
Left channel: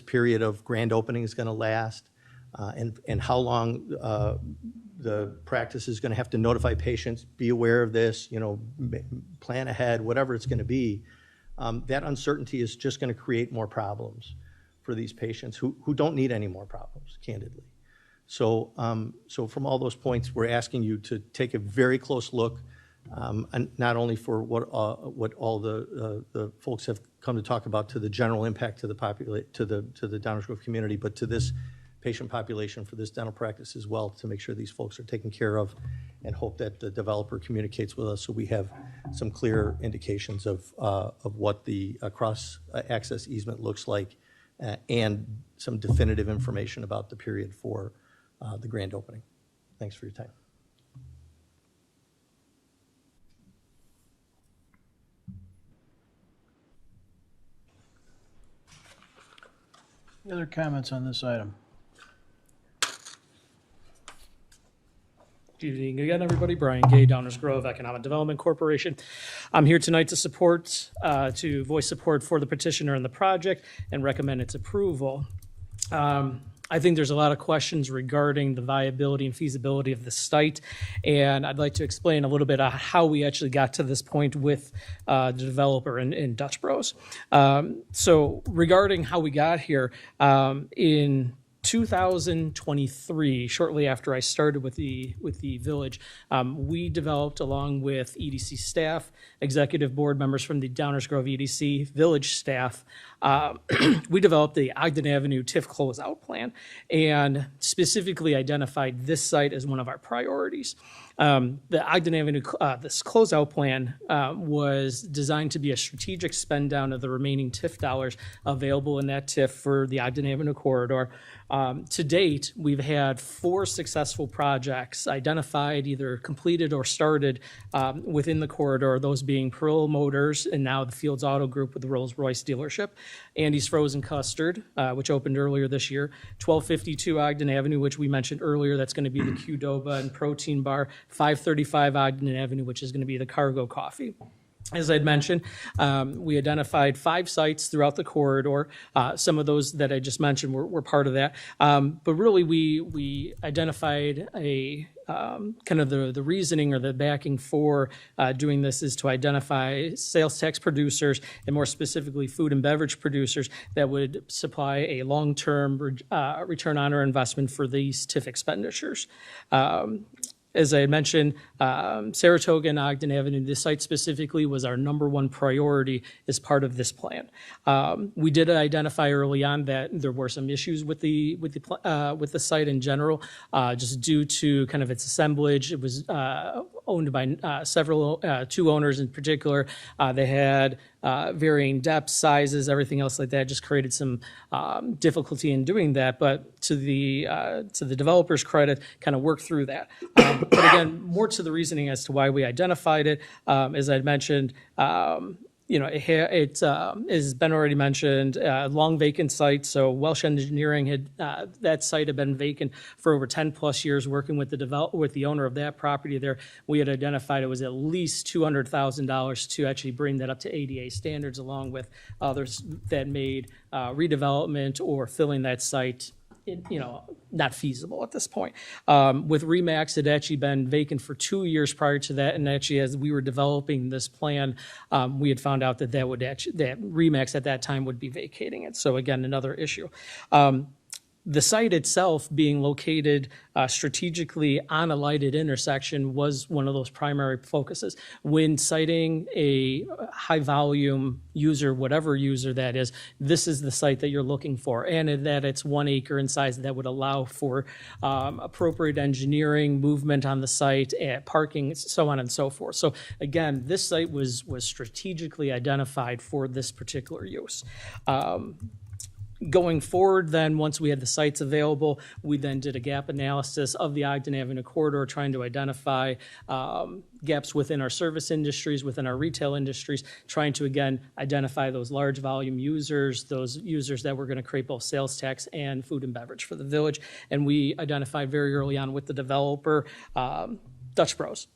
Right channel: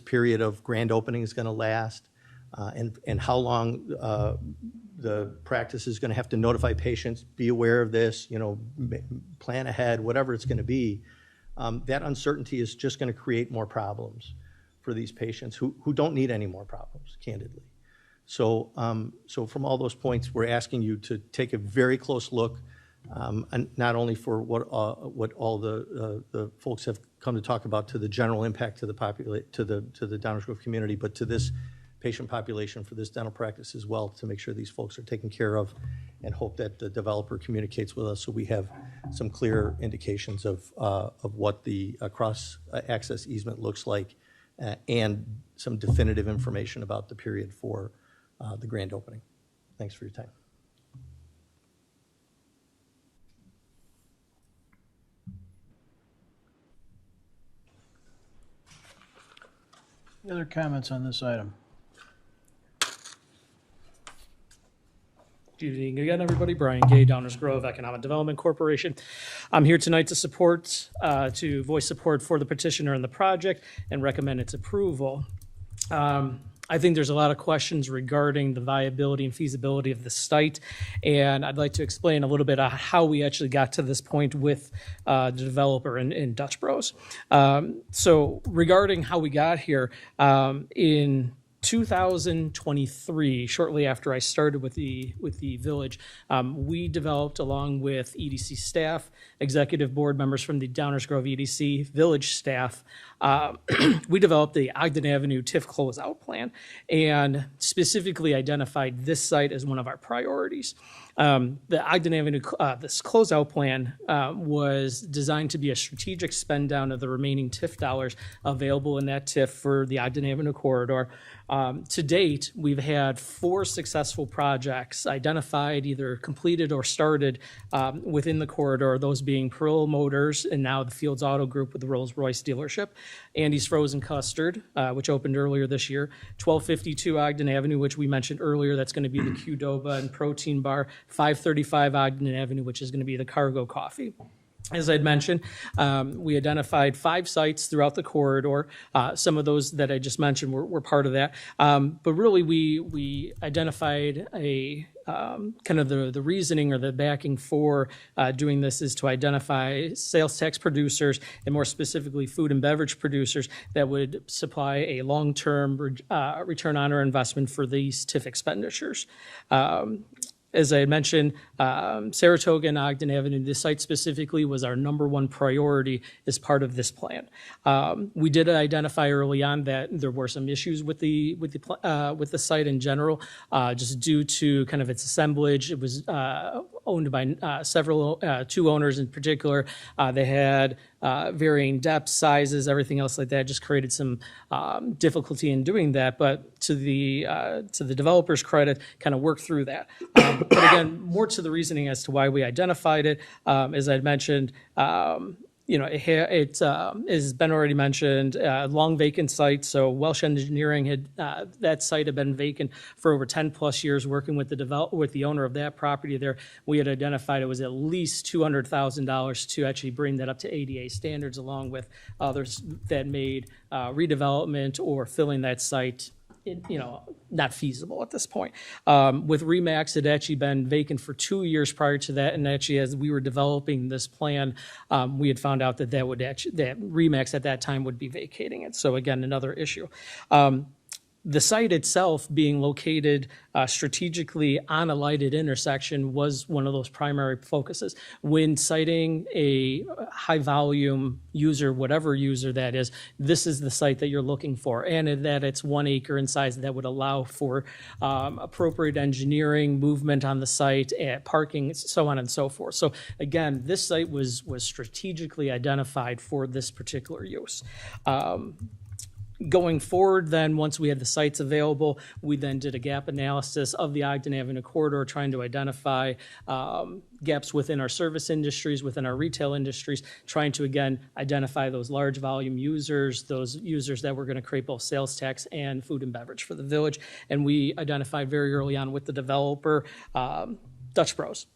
period of grand opening is going to last, and how long the practice is going to have to notify patients, be aware of this, plan ahead, whatever it's going to be. That uncertainty is just going to create more problems for these patients who don't need any more problems, candidly. So from all those points, we're asking you to take a very close look and not only for what all the folks have come to talk about to the general impact to the Downers Grove community, but to this patient population for this dental practice as well, to make sure these folks are taken care of, and hope that the developer communicates with us so we have some clear indications of what the cross access easement looks like, and some definitive information about the period for the grand opening. Thanks for your time. Any other comments on this item? Good evening again, everybody. Brian Gay, Downers Grove Economic Development Corporation. I'm here tonight to voice support for the petitioner and the project and recommend its approval. I think there's a lot of questions regarding the viability and feasibility of the site, and I'd like to explain a little bit of how we actually got to this point with the developer in Dutch Bros. So regarding how we got here, in 2023, shortly after I started with the village, we developed, along with EDC staff, executive board members from the Downers Grove EDC, village staff, we developed the Ogden Avenue TIF closeout plan and specifically identified this site as one of our priorities. The Ogden Avenue, this closeout plan was designed to be a strategic spend down of the remaining TIF dollars available in that TIF for the Ogden Avenue corridor. To date, we've had 4 successful projects identified, either completed or started within the corridor, those being Pearl Motors and now the Fields Auto Group with the Rolls-Royce dealership, Andy's Frozen Custard, which opened earlier this year, 1252 Ogden Avenue, which we mentioned earlier, that's going to be the Qdoba and Protein Bar, 535 Ogden Avenue, which is going to be the Cargo Coffee. As I'd mentioned, we identified 5 sites throughout the corridor. Some of those that I just mentioned were part of that. But really, we identified a kind of the reasoning or the backing for doing this is to identify sales tax producers, and more specifically food and beverage producers that would supply a long-term return on our investment for these TIF expenditures. As I mentioned, Saratoga and Ogden Avenue, this site specifically was our #1 priority as part of this plan. We did identify early on that there were some issues with the site in general, just due to kind of its assemblage. It was owned by several, 2 owners in particular. They had varying depths, sizes, everything else like that. Just created some difficulty in doing that. But to the developer's credit, kind of worked through that. But again, more to the reasoning as to why we identified it. As I mentioned, it has been already mentioned, long vacant site. So Welsh Engineering had that site had been vacant for over 10 plus years, working with the owner of that property there. We had identified it was at least $200,000 to actually bring that up to ADA standards, along with others that made redevelopment or filling that site not feasible at this point. With Remax, it had actually been vacant for 2 years prior to that, and actually as we were developing this plan, we had found out that that Remax at that time would be vacating it. So again, another issue. The site itself being located strategically on a lighted intersection was one of those primary focuses. When citing a high volume user, whatever user that is, this is the site that you're looking for, and that it's 1 acre in size that would allow for appropriate engineering, movement on the site, parking, so on and so forth. So again, this site was strategically identified for this particular use. Going forward, then, once we had the sites available, we then did a gap analysis of the Ogden Avenue corridor, trying to identify gaps within our service industries, within our retail industries, trying to, again, identify those large volume users, those users that were going to create both sales tax and food and beverage for the village. And we identified very early on with the developer, Dutch Bros.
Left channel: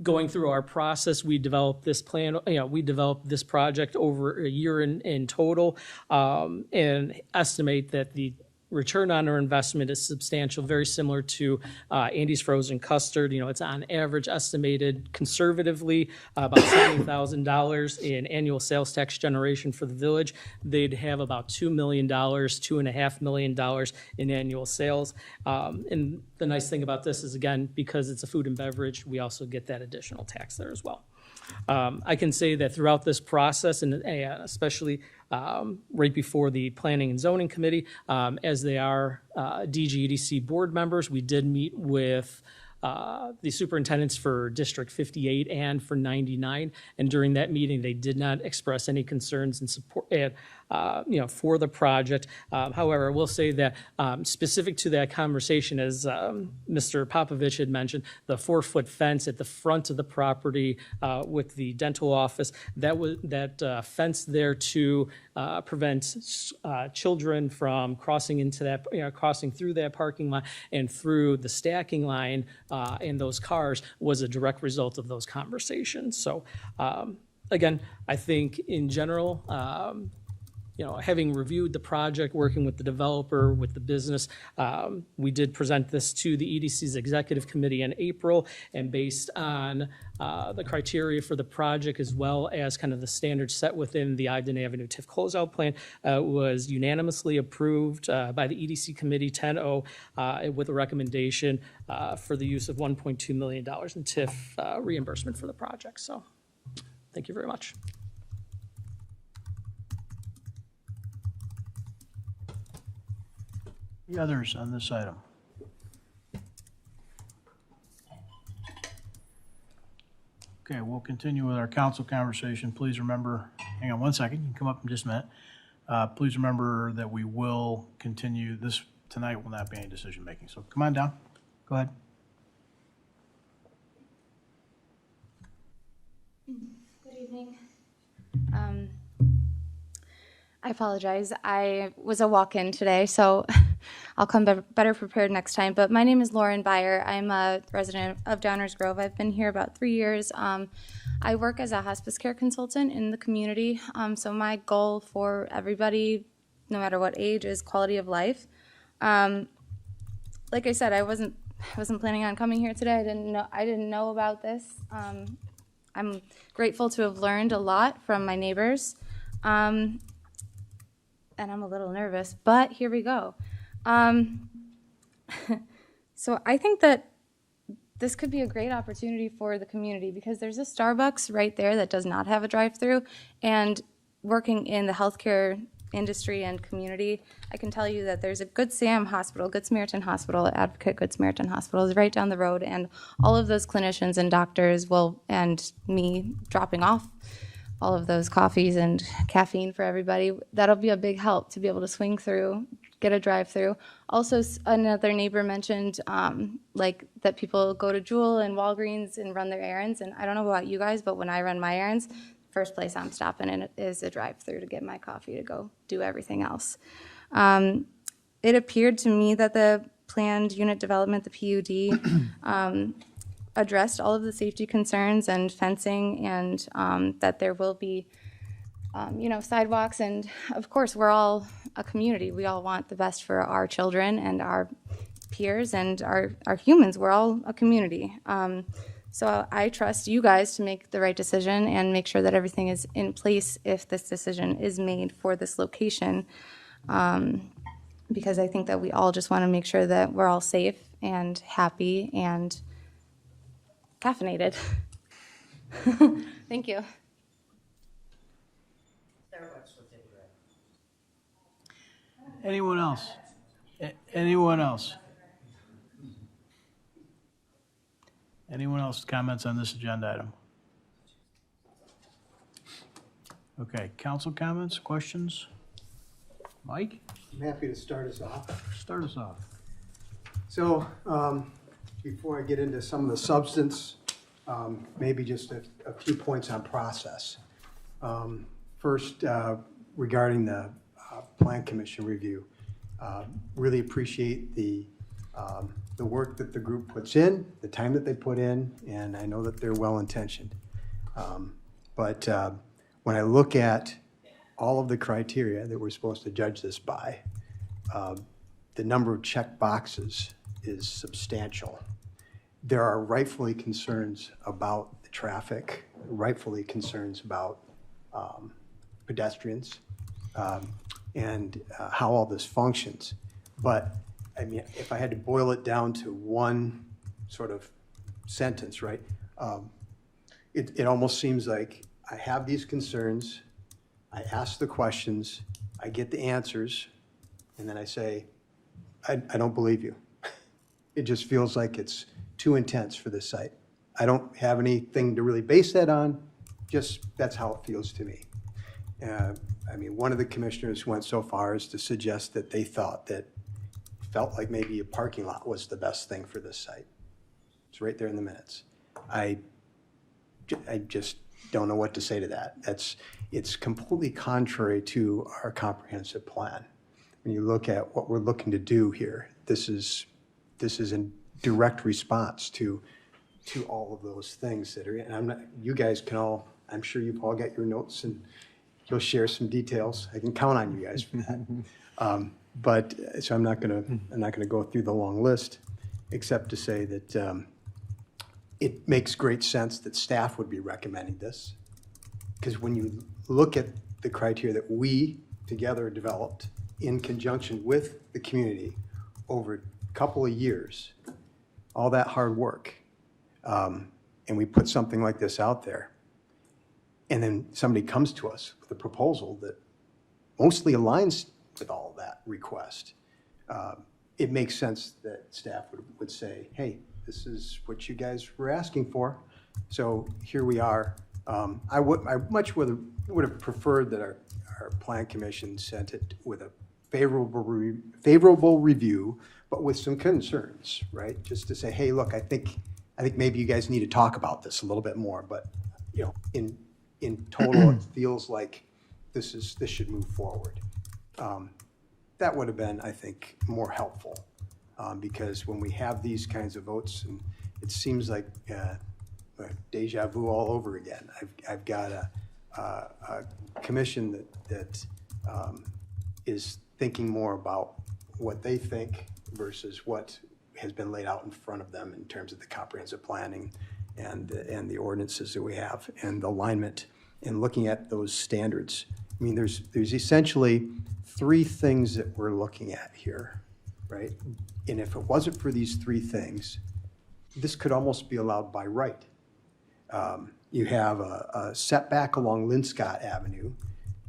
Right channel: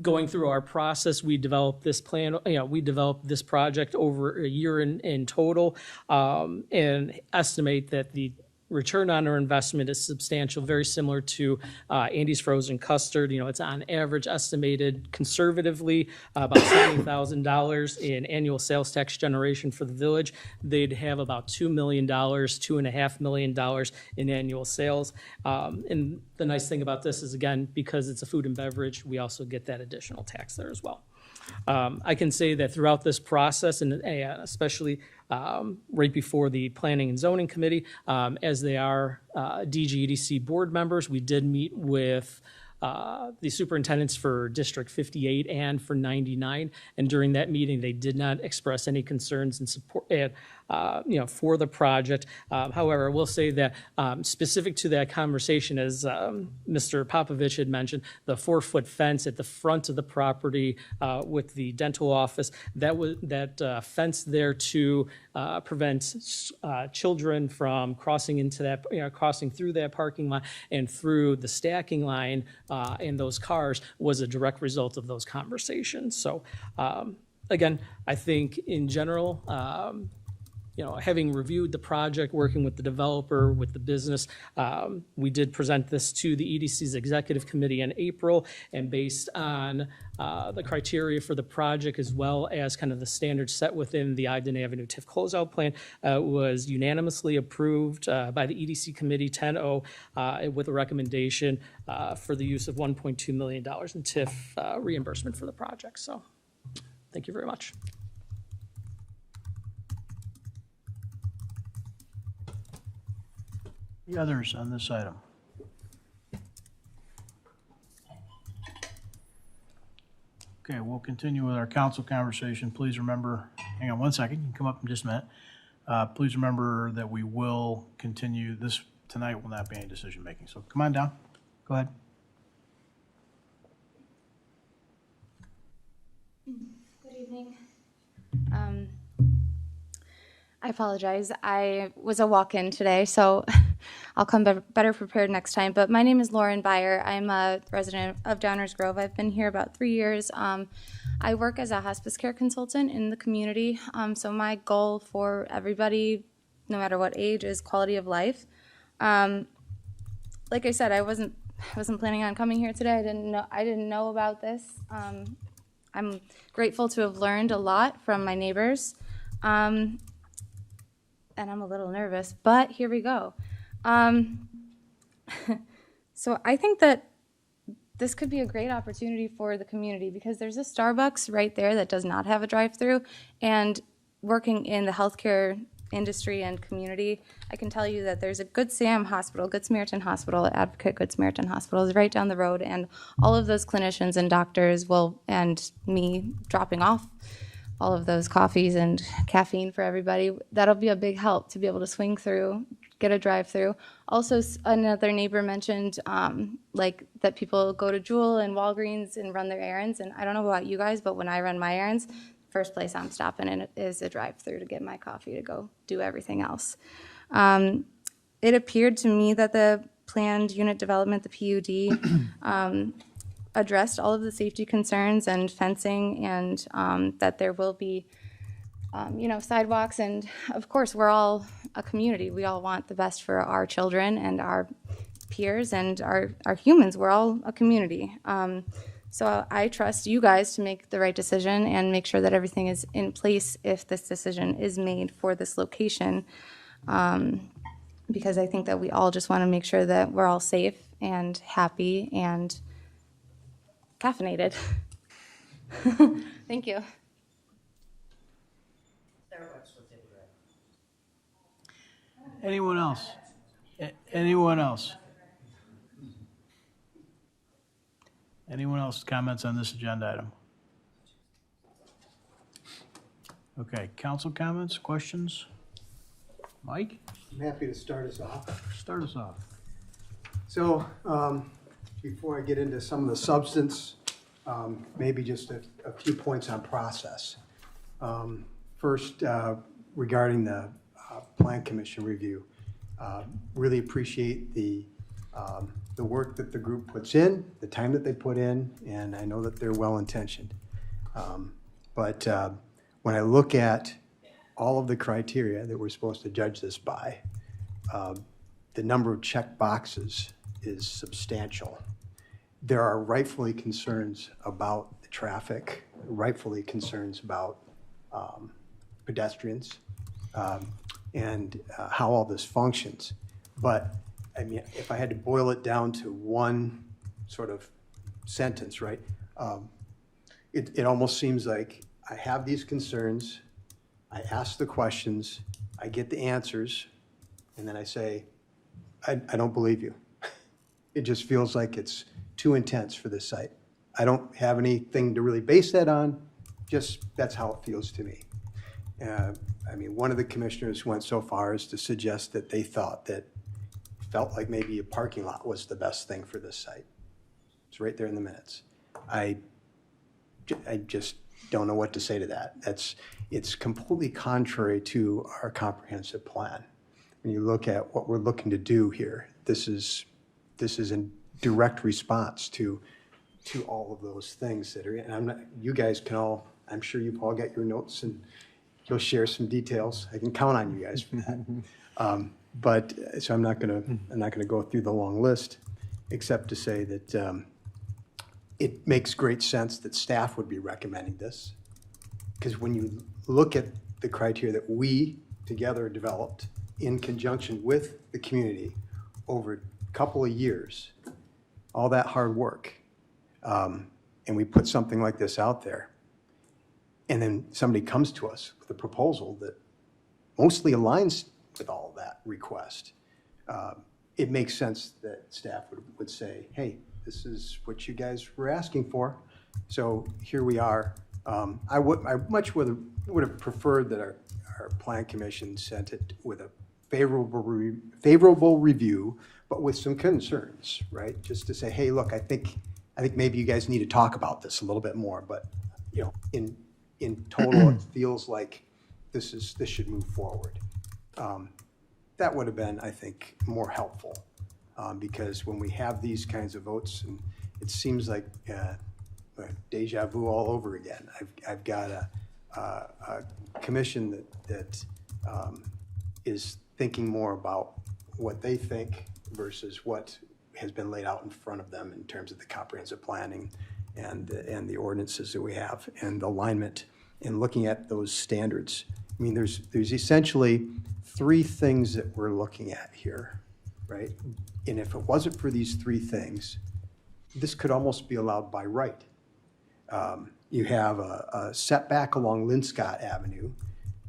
Going through our process, we developed this plan. We developed this project over a year in total, and estimate that return on our investment is substantial, very similar to Andy's Frozen Custard. It's on average estimated conservatively about $70,000 in annual sales tax generation for the village. They'd have about $2 million, $2.5 million in annual sales. And the nice thing about this is, again, because it's a food and beverage, we also get that additional tax there as well. I can say that throughout this process, and especially right before the Planning and Zoning Committee, as they are DGEDC board members, we did meet with the superintendents for District 58 and for 99, and during that meeting, they did not express any concerns and support, for the project. However, I will say that specific to that conversation, as Mr. Popovich had mentioned, the 4-foot fence at the front of the property with the dental office, that fence there to prevent children from crossing into that, crossing through that parking lot and through the stacking line in those cars was a direct result of those conversations. So again, I think in general, having reviewed the project, working with the developer, with the business, we did present this to the EDC's executive committee in April, and based on the criteria for the project, as well as kind of the standards set within the Ogden Avenue TIF closeout plan, was unanimously approved by the EDC committee 10-0 with a recommendation for the use of $1.2 million in TIF reimbursement for the project. So thank you very much. Any others on this item? Okay, we'll continue with our council conversation. Please remember, hang on one second, you can come up in just a minute. Please remember that we will continue this, tonight will not be any decision making. So come on down, go ahead. Good evening. I apologize. I was a walk-in today, so I'll come better prepared next time. But my name is Lauren Byer. I'm a resident of Downers Grove. I've been here about 3 years. I work as a hospice care consultant in the community. So my goal for everybody, no matter what age, is quality of life. Like I said, I wasn't planning on coming here today. I didn't know about this. I'm grateful to have learned a lot from my neighbors. And I'm a little nervous, but here we go. So I think that this could be a great opportunity for the community, because there's a Starbucks right there that does not have a drive-through, and working in the healthcare industry and community, I can tell you that there's a Good Sam Hospital, Good Samaritan Hospital, Advocate Good Samaritan Hospital is right down the road, and all of those clinicians and doctors and me dropping off all of those coffees and caffeine for everybody, that'll be a big help to be able to swing through, get a drive-through. Also, another neighbor mentioned like that people go to Jewel and Walgreens and run their errands, and I don't know about you guys, but when I run my errands, first place I'm stopping in is a drive-through to get my coffee to go do everything else. It appeared to me that the planned unit development, the PUD, addressed all of the safety concerns and fencing, and that there will be, sidewalks. And of course, we're all a community. We all want the best for our children and our peers and our humans. We're all a community. So I trust you guys to make the right decision and make sure that everything is in place if this decision is made for this location. Because I think that we all just want to make sure that we're all safe and happy and caffeinated. Thank you. Anyone else? Anyone else? Anyone else comments on this agenda item? Okay, council comments, questions? Mike? I'm happy to start us off. Start us off. So, before I get into some of the substance, maybe just a few points on process. First, regarding the Plan Commission review, really appreciate the work that the group puts in, the time that they put in, and I know that they're well-intentioned. But when I look at all of the criteria that we're supposed to judge this by, the number of check boxes is substantial. There are rightfully concerns about the traffic, rightfully concerns about pedestrians, and how all this functions. But I mean, if I had to boil it down to one sort of sentence, right? It almost seems like I have these concerns, I ask the questions, I get the answers, and then I say, I don't believe you. It just feels like it's too intense for this site. I don't have anything to really base that on, just that's how it feels to me. I mean, one of the commissioners went so far as to suggest that they felt like maybe a parking lot was the best thing for this site. It's right there in the minutes. I just don't know what to say to that. It's completely contrary to our comprehensive plan. When you look at what we're looking to do here, this is in direct response to all of those things that are, and you guys can all, I'm sure you've all got your notes and you'll share some details. I can count on you guys for that. But so I'm not gonna go through the long list, except to say that it makes great sense that staff would be recommending this, because when you look at the criteria that we together developed in conjunction with the community over a couple of years, all that hard work, and we put something like this out there, and then somebody comes to us with a proposal that mostly aligns with all of that request, it makes sense that staff would say, hey, this is what you guys were asking for, so here we are. I much would have preferred that our plan commission sent it with a favorable review, but with some concerns, right? Just to say, hey, look, I think maybe you guys need to talk about this a little bit more, but you know, in total, it feels like this should move forward. That would have been, I think, more helpful, because when we have these kinds of votes, and it seems like deja vu all over again. I've got a commission that is thinking more about what they think versus what has been laid out in front of them in terms of the comprehensive planning and the ordinances that we have and alignment and looking at those standards. I mean, there's essentially three things that we're looking at here, right? And if it wasn't for these three things, this could almost be allowed by right. You have a setback along Linscott Avenue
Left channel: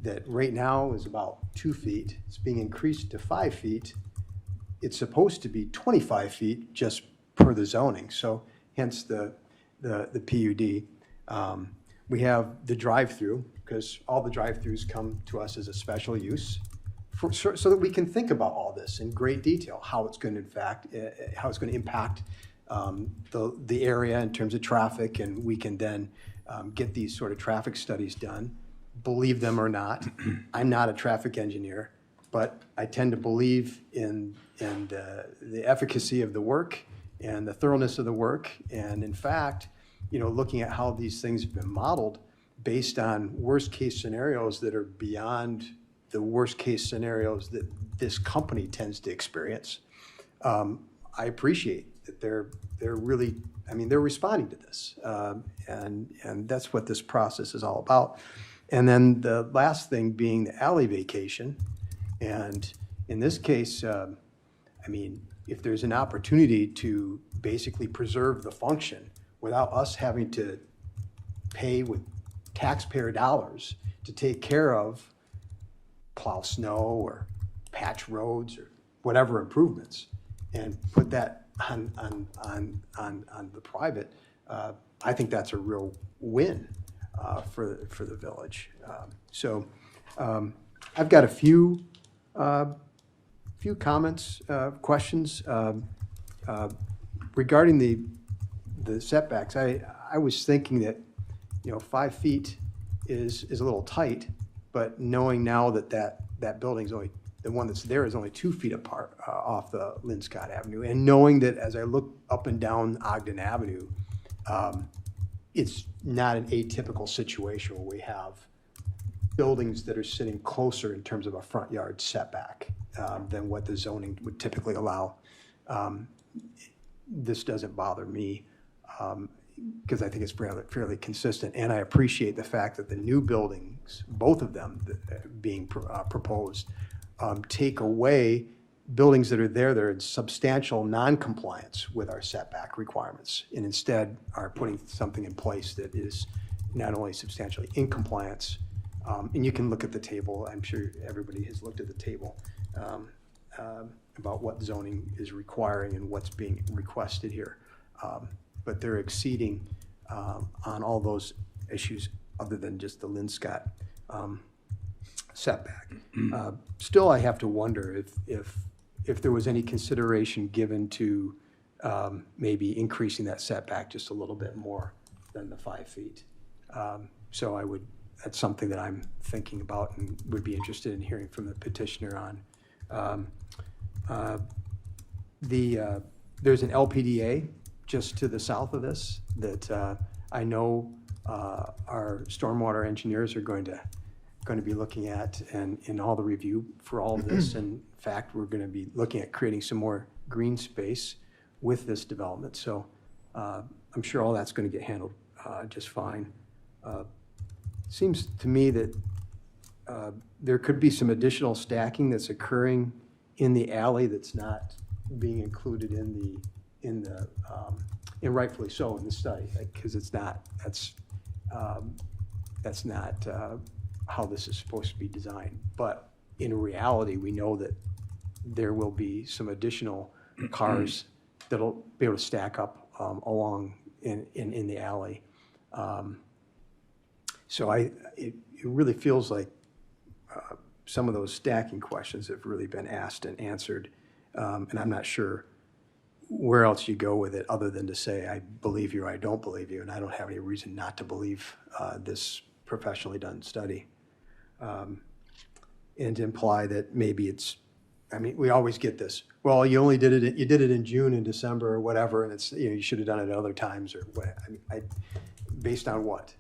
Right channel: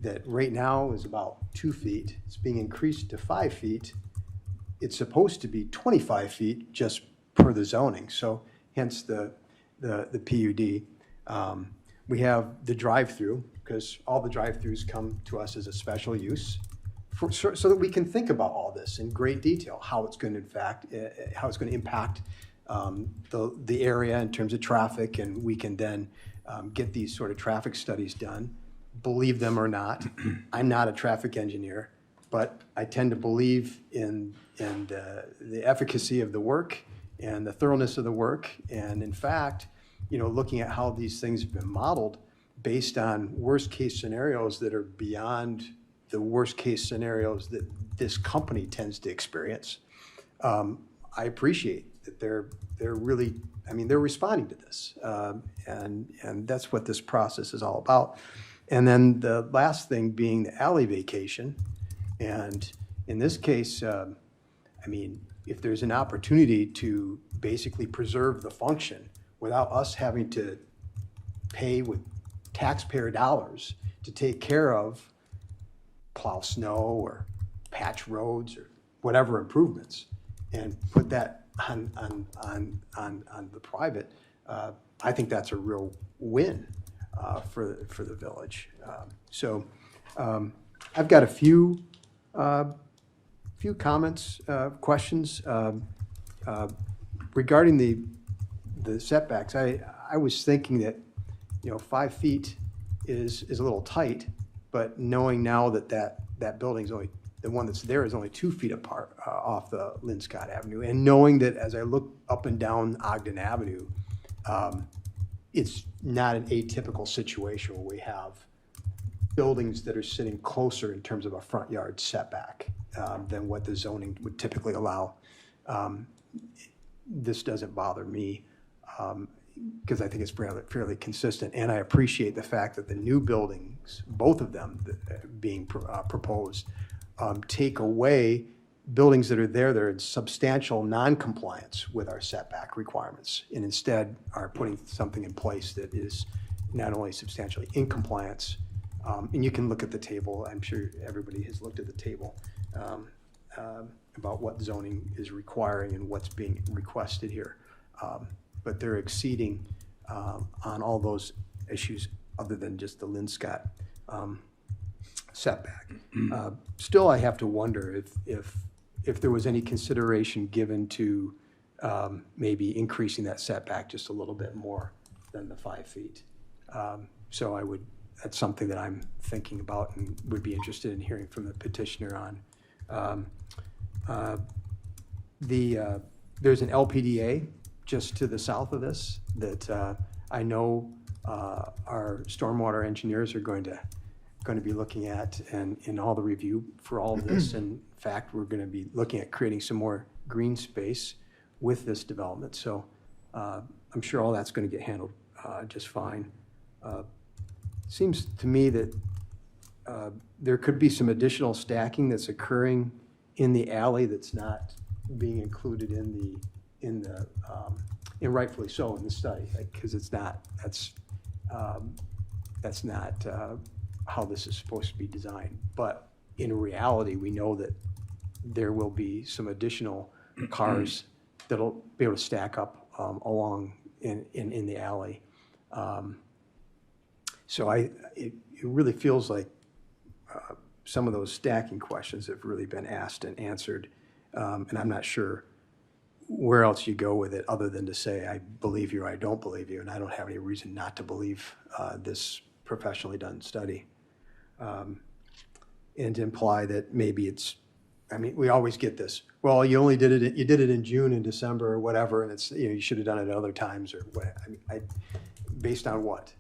that right now is about 2 feet. It's being increased to 5 feet. It's supposed to be 25 feet just per the zoning, so hence the PUD. We have the drive-through, because all the drive-throughs come to us as a special use, so that we can think about all this in great detail, how it's going to impact the area in terms of traffic, and we can then get these sort of traffic studies done, believe them or not. I'm not a traffic engineer, but I tend to believe in the efficacy of the work and the thoroughness of the work. And in fact, you know, looking at how these things have been modeled based on worst case scenarios that are beyond the worst case scenarios that this company tends to experience, I appreciate that they're really, I mean, they're responding to this, and that's what this process is all about. And then the last thing being the alley vacation, and in this case, I mean, if there's an opportunity to basically preserve the function without us having to pay with taxpayer dollars to take care of plow snow or patch roads or whatever improvements, and put that on the private, I think that's a real win for the village. So I've got a few comments, questions regarding the setbacks. I was thinking that, you know, 5 feet is a little tight, but knowing now that building's only, the one that's there is only 2 feet apart off the Linscott Avenue, and knowing that as I look up and down Ogden Avenue, it's not an atypical situation where we have buildings that are sitting closer in terms of a front yard setback than what the zoning would typically allow. This doesn't bother me because I think it's fairly consistent, and I appreciate the fact that the new buildings, both of them being proposed, take away buildings that are there that are in substantial non-compliance with our setback requirements, and instead are putting something in place that is not only substantially in compliance, and you can look at the table, I'm sure everybody has looked at the table about what zoning is requiring and what's being requested here. But they're exceeding on all those issues other than just the Linscott setback. Still, I have to wonder if there was any consideration given to maybe increasing that setback just a little bit more than the 5 feet. So that's something that I'm thinking about and would be interested in hearing from the petitioner on. There's an LPDA just to the south of this that I know our stormwater engineers are going to be looking at and in all the review for all of this. And in fact, we're going to be looking at creating some more green space with this development. So I'm sure all that's going to get handled just fine. Seems to me that there could be some additional stacking that's occurring in the alley that's not being included and rightfully so in the study, because that's not how this is supposed to be designed. But in reality, we know that there will be some additional cars that'll be able to stack up along in the alley. So it really feels like some of those stacking questions have really been asked and answered, and I'm not sure where else you go with it other than to say I believe you or I don't believe you, and I don't have any reason not to believe this professionally done study, and to imply that maybe we always get this. Well, you did it in June and December or whatever, and it's you should have done it at other times or what. Based on what?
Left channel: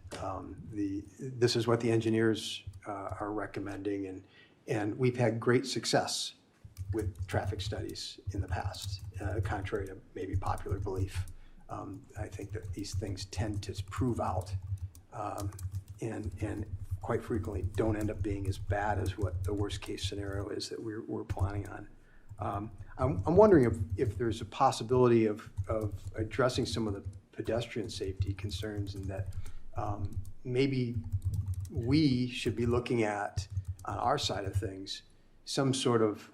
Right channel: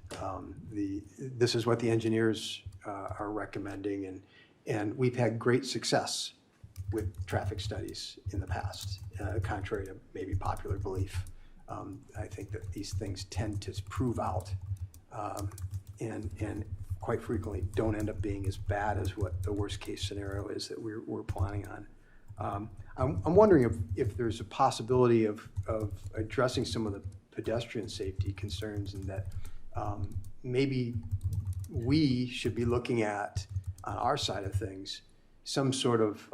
This is what the engineers are recommending, and we've had great success with traffic studies in the past, contrary to maybe popular belief. I think that these things tend to prove out and quite frequently don't end up being as bad as what the worst case scenario is that we're planning on. I'm wondering if there's a possibility of addressing some of the pedestrian safety concerns, and that maybe we should be looking at, on our side of things, some sort of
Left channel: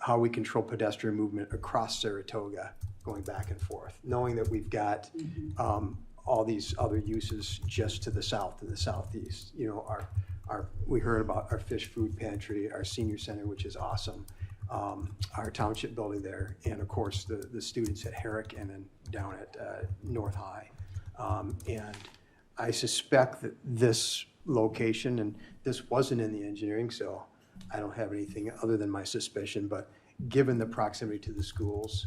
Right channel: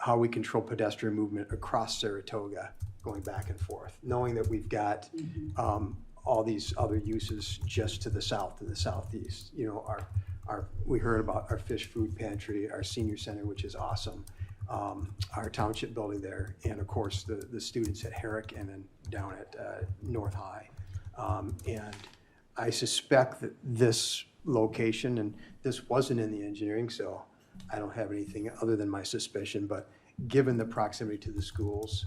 how we control pedestrian movement across Saratoga going back and forth, knowing that we've got all these other uses just to the south and the southeast. We heard about our fish food pantry, our senior center, which is awesome, our township building there, and of course the students at Herrick and then down at North High. And I suspect that this location, and this wasn't in the engineering, so I don't have anything other than my suspicion, but given the proximity to the schools,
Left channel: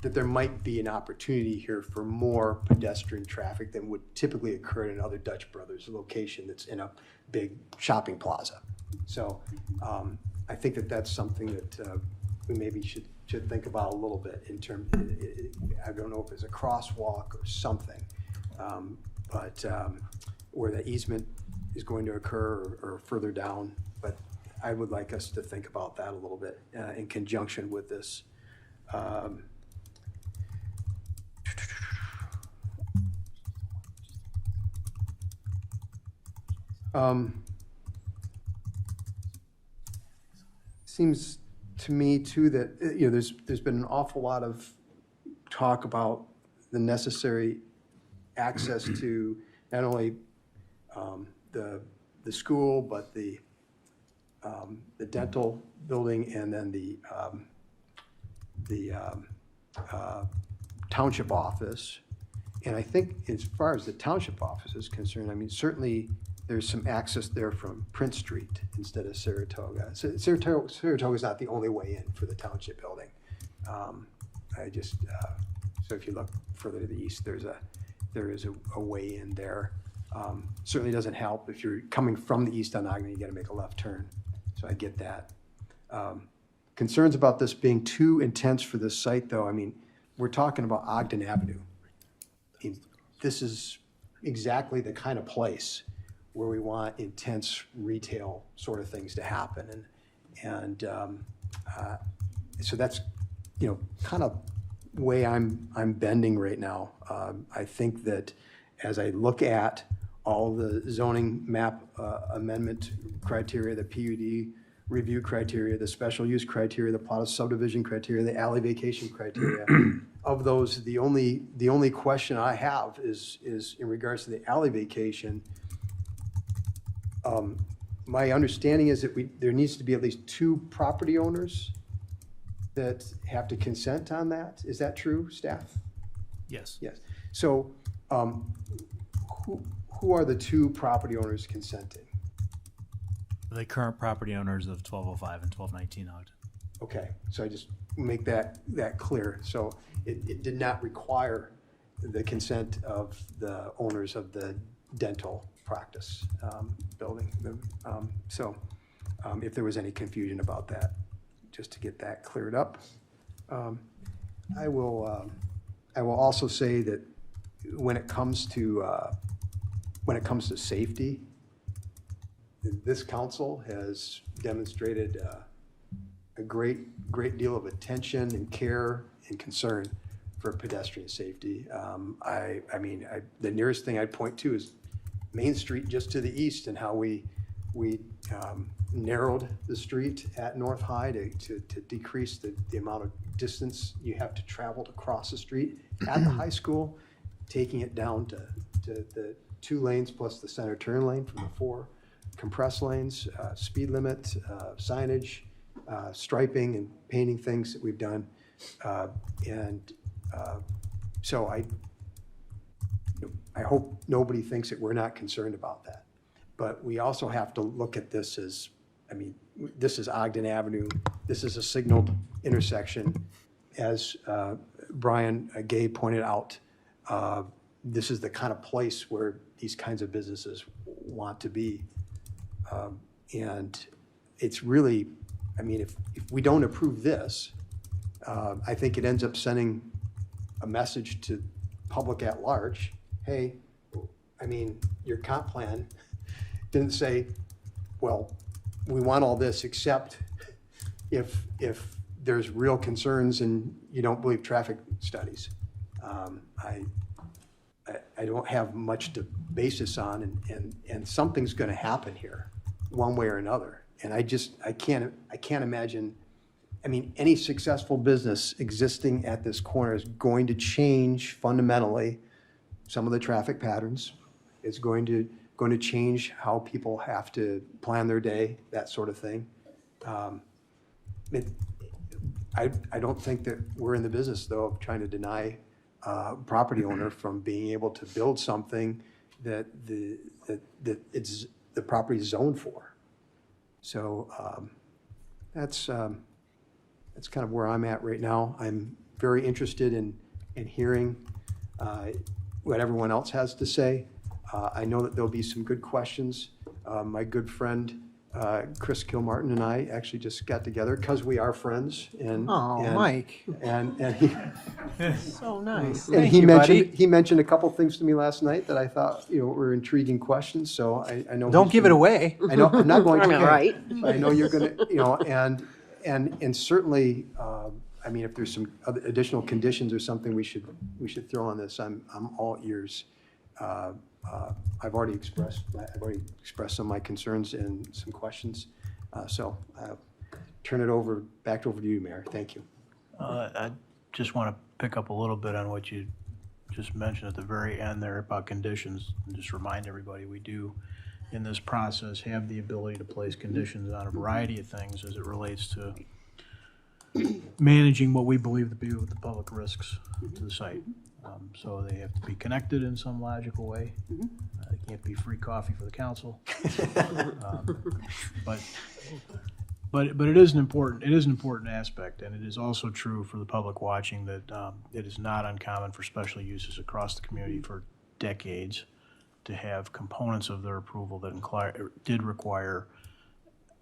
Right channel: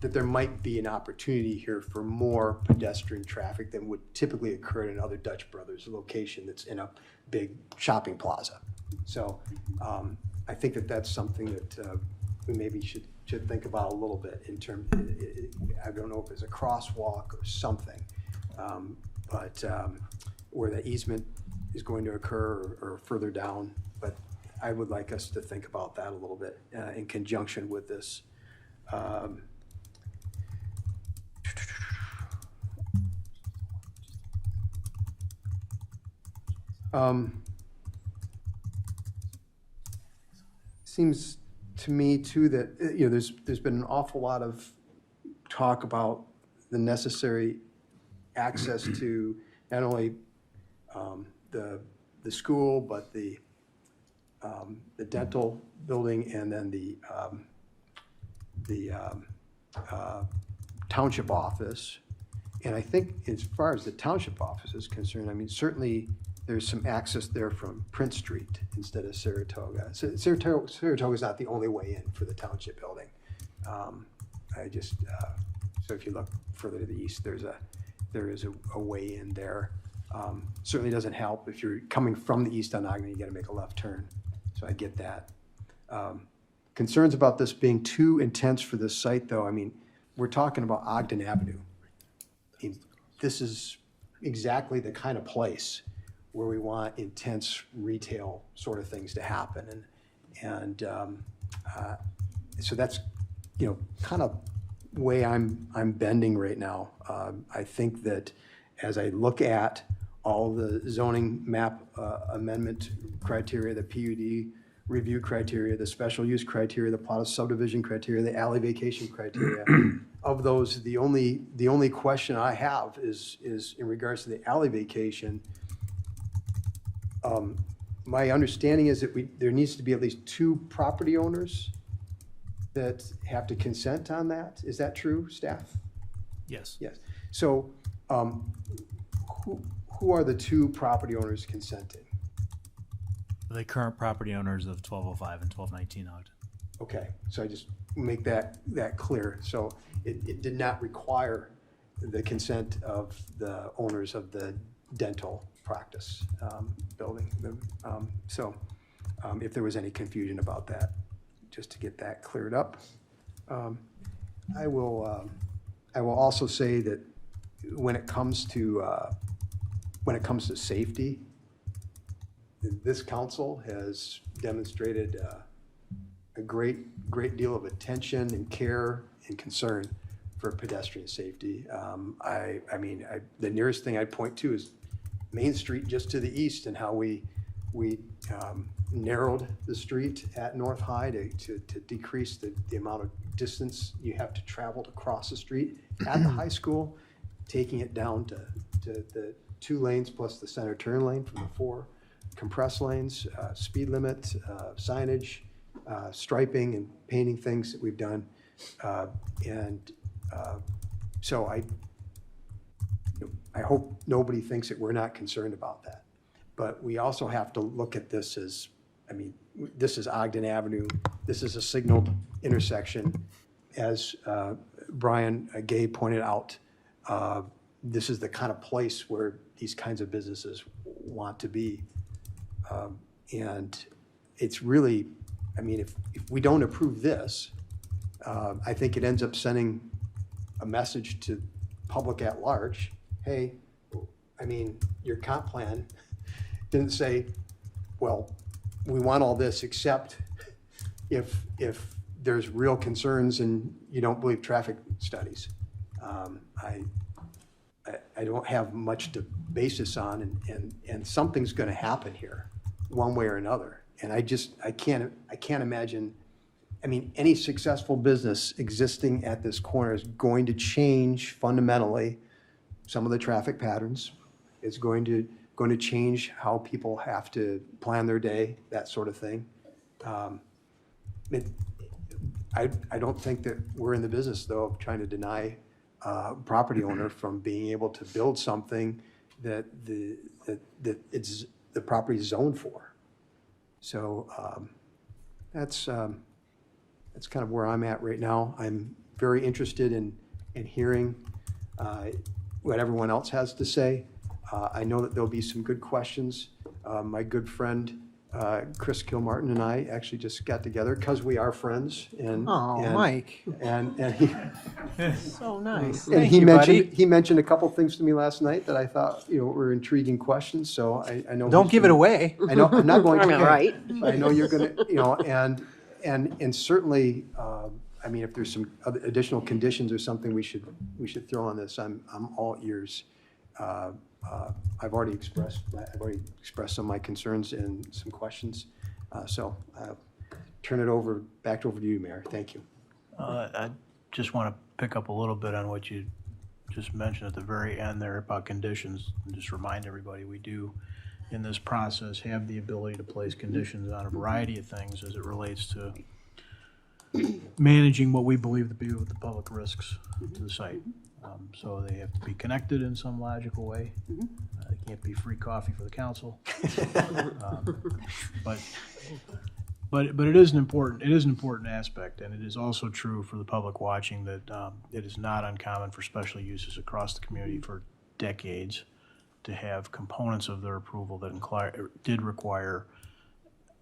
that there might be an opportunity here for more pedestrian traffic than would typically occur at another Dutch Brothers location that's in a big shopping plaza. So I think that that's something that we maybe should think about a little bit in terms of, I don't know if there's a crosswalk or something, but where the easement is going to occur or further down. But I would like us to think about that a little bit in conjunction with this. Seems to me too that there's been an awful lot of talk about the necessary access to not only the school but the dental building and then the township office. And I think as far as the township office is concerned, certainly there's some access there from Prince Street instead of Saratoga. So Saratoga is not the only way in for the township building. So if you look further to the east, there is a way in there. Certainly doesn't help if you're coming from the east on Ogden, you gotta make a left turn. So I get that. Concerns about this being too intense for this site, though. I mean, we're talking about Ogden Avenue. I mean, this is exactly the kind of place where we want intense retail sort of things to happen. And so that's, kind of way I'm bending right now. I think that as I look at all the zoning map amendment criteria, the PUD review criteria, the special use criteria, the plot of subdivision criteria, the alley vacation criteria, of those, the only question I have is in regards to the alley vacation. My understanding is that there needs to be at least 2 property owners that have to consent on that. Is that true, staff? Yes. Yes. So, who are the 2 property owners consenting? The current property owners of 1205 and 1219 Ogden. Okay, so I just make that clear. So it did not require the consent of the owners of the dental practice building. So if there was any confusion about that, just to get that cleared up. I will also say that when it comes to safety, this council has demonstrated a great deal of attention and care and concern for pedestrian safety. The nearest thing I'd point to is Main Street just to the east, and how we narrowed the street at North High to decrease the amount of distance you have to travel to cross the street at the high school, taking it down to the 2 lanes plus the center turn lane from the 4 compressed lanes, speed limit, signage, striping and painting things that we've done. So I hope nobody thinks that we're not concerned about that. But we also have to look at this as, this is Ogden Avenue. This is a signaled intersection. As Brian Gay pointed out, this is the kind of place where these kinds of businesses want to be. And it's really, if we don't approve this, I think it ends up sending a message to public at large. Hey, your comp plan didn't say, well, we want all this except if there's real concerns and you don't believe traffic studies. I don't have much to base this on, and something's going to happen here, one way or another. And I can't imagine. Any successful business existing at this corner is going to change fundamentally some of the traffic patterns. It's going to change how people have to plan their day, that sort of thing. I don't think that we're in the business, though, of trying to deny property owner from being able to build something that the property is zoned for. So that's kind of where I'm at right now. I'm very interested in hearing what everyone else has to say. I know that there'll be some good questions. My good friend Chris Kilmartin and I actually just got together because we are friends. Mike. And he, so nice. and he mentioned a couple things to me last night that I thought were intriguing questions. So I know. Don't give it away. I know I'm not going to. Right. I know you're going to. And certainly, if there's some other additional conditions or something we should throw on this, I'm all ears. I've already expressed some of my concerns and some questions. So turn it back over to you, Mayor. Thank you. I just want to pick up a little bit on what you just mentioned at the very end there about conditions, and just remind everybody we do in this process have the ability to place conditions on a variety of things as it relates to managing what we believe to be the public risks to the site. So they have to be connected in some logical way. It can't be free coffee for the council. But it is an important aspect, and it is also true for the public watching that it is not uncommon for special uses across the community for decades to have components of their approval that did require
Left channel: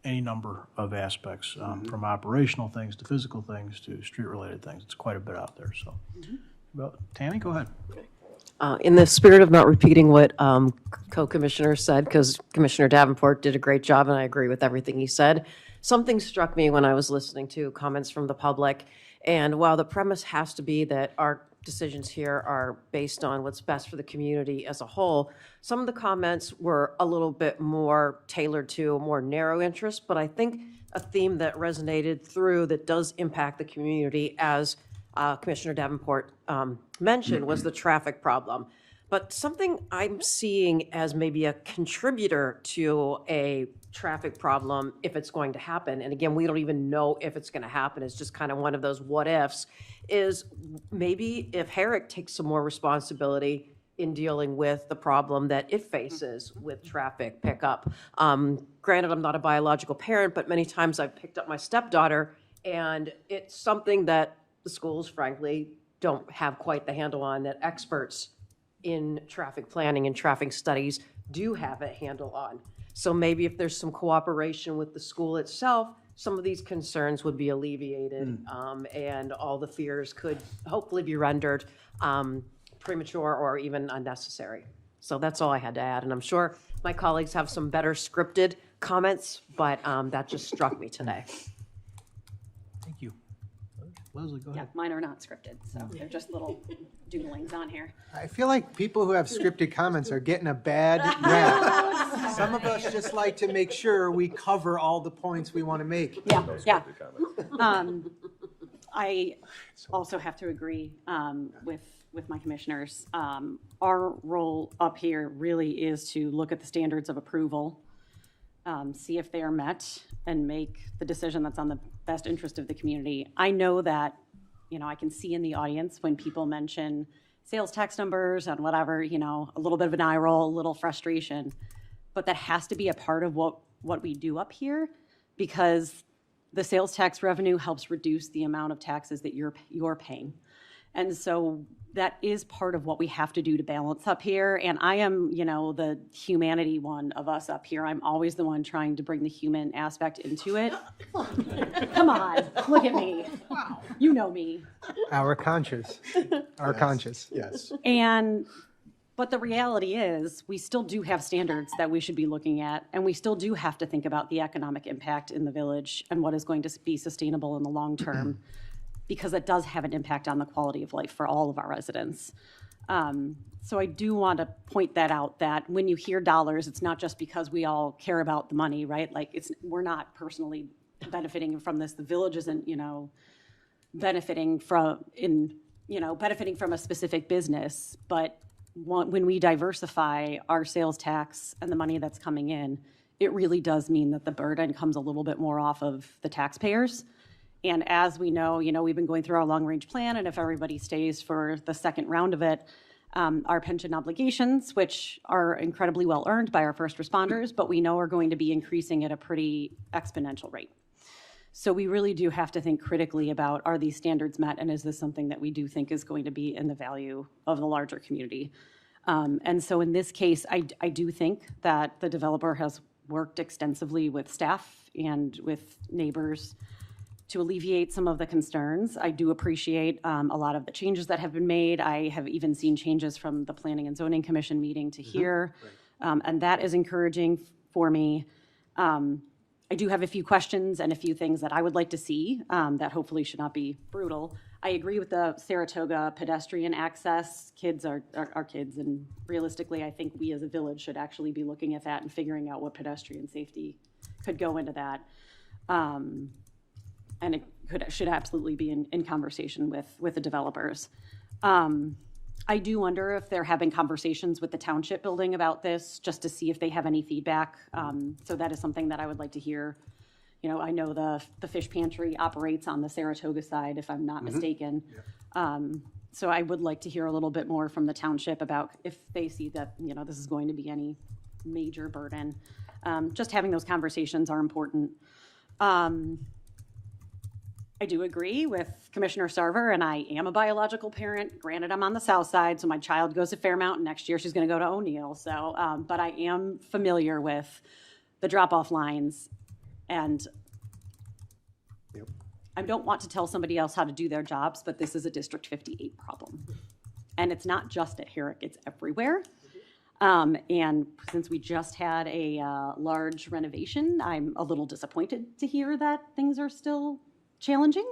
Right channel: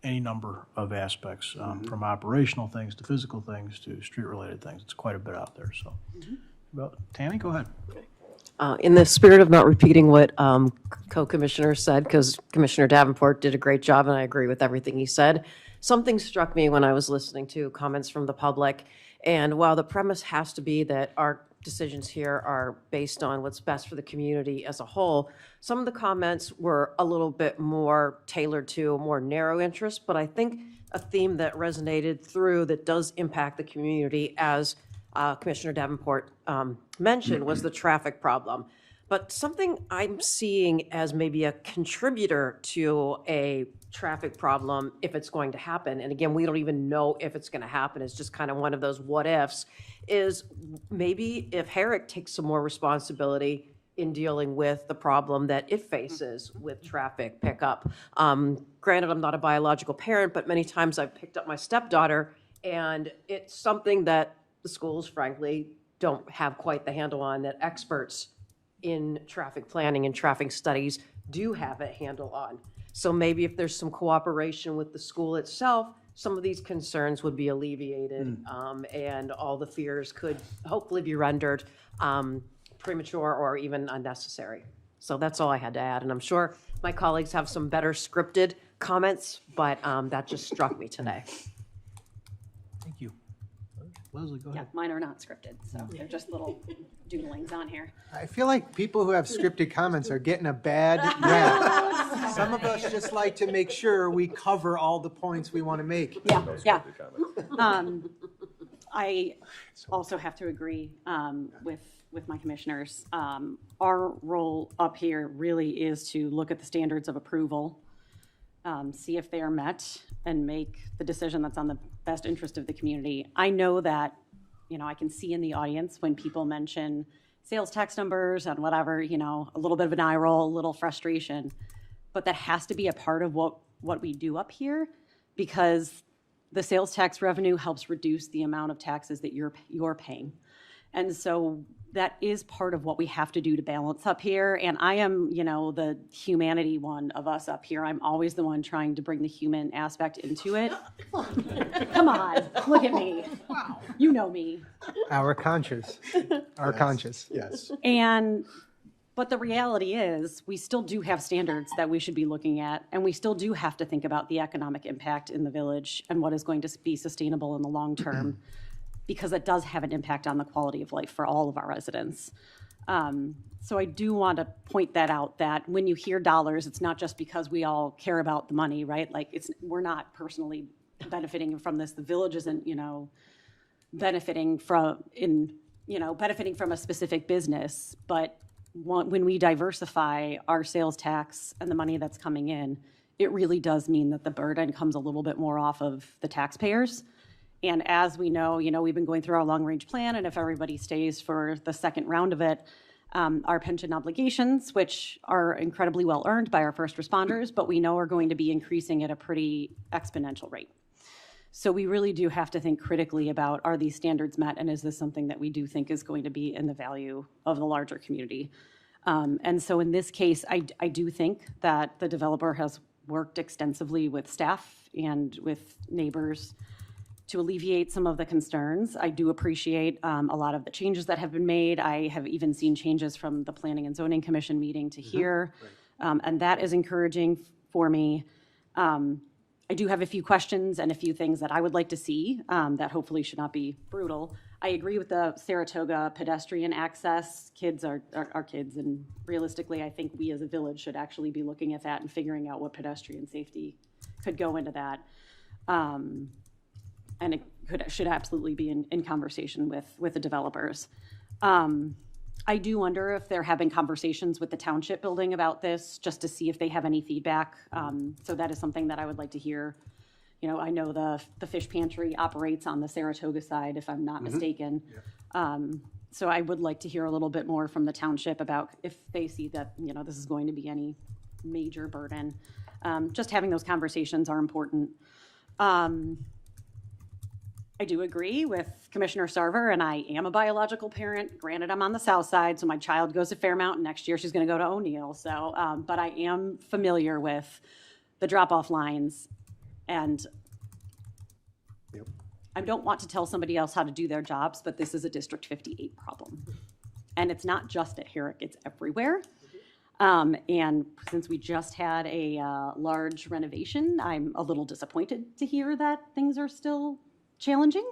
any number of aspects, from operational things to physical things to street-related things. It's quite a bit out there, so. Well, Tammy, go ahead. In the spirit of not repeating what co-commissioner said, because Commissioner Davenport did a great job and I agree with everything he said, something struck me when I was listening to comments from the public. And while the premise has to be that our decisions here are based on what's best for the community as a whole, some of the comments were a little bit more tailored to a more narrow interest, but I think a theme that resonated through that does impact the community, as Commissioner Davenport mentioned, was the traffic problem. But something I'm seeing as maybe a contributor to a traffic problem, if it's going to happen, and again, we don't even know if it's going to happen, it's just kind of one of those what ifs, is maybe if Herrick takes some more responsibility in dealing with the problem that it faces with traffic pickup. Granted, I'm not a biological parent, but many times I've picked up my stepdaughter, and it's something that the schools, frankly, don't have quite the handle on, that experts in traffic planning and traffic studies do have a handle on. So maybe if there's some cooperation with the school itself, some of these concerns would be alleviated, and all the fears could hopefully be rendered premature or even unnecessary. So that's all I had to add. And I'm sure my colleagues have some better scripted comments, but that just struck me today. Thank you. Leslie, go ahead. Yeah, mine are not scripted, so they're just little doodlings on here. I feel like people who have scripted comments are getting a bad rap. Some of us just like to make sure we cover all the points we want to make. Yeah. I also have to agree with my commissioners. Our role up here really is to look at the standards of approval, see if they are met, and make the decision that's on the best interest of the community. I know that, I can see in the audience when people mention sales tax numbers and whatever, a little bit of an eye roll, a little frustration, but that has to be a part of what we do up here, because the sales tax revenue helps reduce the amount of taxes that you're paying. And so that is part of what we have to do to balance up here. And I am, the humanity one of us up here. I'm always the one trying to bring the human aspect into it. Come on, look at me. Wow. You know me. Our conscious. Our conscious. Yes. But the reality is we still do have standards that we should be looking at, and we still do have to think about the economic impact in the village and what is going to be sustainable in the long term. Because it does have an impact on the quality of life for all of our residents. So I do want to point that out, that when you hear dollars, it's not just because we all care about the money, right? Like we're not personally benefiting from this. The village isn't, benefiting from a specific business, but when we diversify our sales tax and the money that's coming in, it really does mean that the burden comes a little bit more off of the taxpayers. And as we know, we've been going through our long-range plan, and if everybody stays for the second round of it, our pension obligations, which are incredibly well earned by our first responders, but we know are going to be increasing at a pretty exponential rate. So we really do have to think critically about, are these standards met, and is this something that we do think is going to be in the value of the larger community? And so in this case, I do think that the developer has worked extensively with staff and with neighbors to alleviate some of the concerns. I do appreciate a lot of the changes that have been made. I have even seen changes from the Planning and Zoning Commission meeting to here, and that is encouraging for me. I do have a few questions and a few things that I would like to see that hopefully should not be brutal. I agree with the Saratoga pedestrian access. Kids are kids, and realistically, I think we as a village should actually be looking at that and figuring out what pedestrian safety could go into that. And it should absolutely be in conversation with the developers. I do wonder if they're having conversations with the township building about this, just to see if they have any feedback. So that is something that I would like to hear. I know the fish pantry operates on the Saratoga side, if I'm not mistaken. Yeah. So I would like to hear a little bit more from the township about if they see that, this is going to be any major burden. Just having those conversations are important. I do agree with Commissioner Sarver, and I am a biological parent. Granted, I'm on the south side, so my child goes to Fairmount, and next year she's going to go to O'Neill. So, but I am familiar with the drop-off lines, and I don't want to tell somebody else how to do their jobs, but this is a District 58 problem. And it's not just at Herrick, it's everywhere. And since we just had a large renovation, I'm a little disappointed to hear that things are still challenging.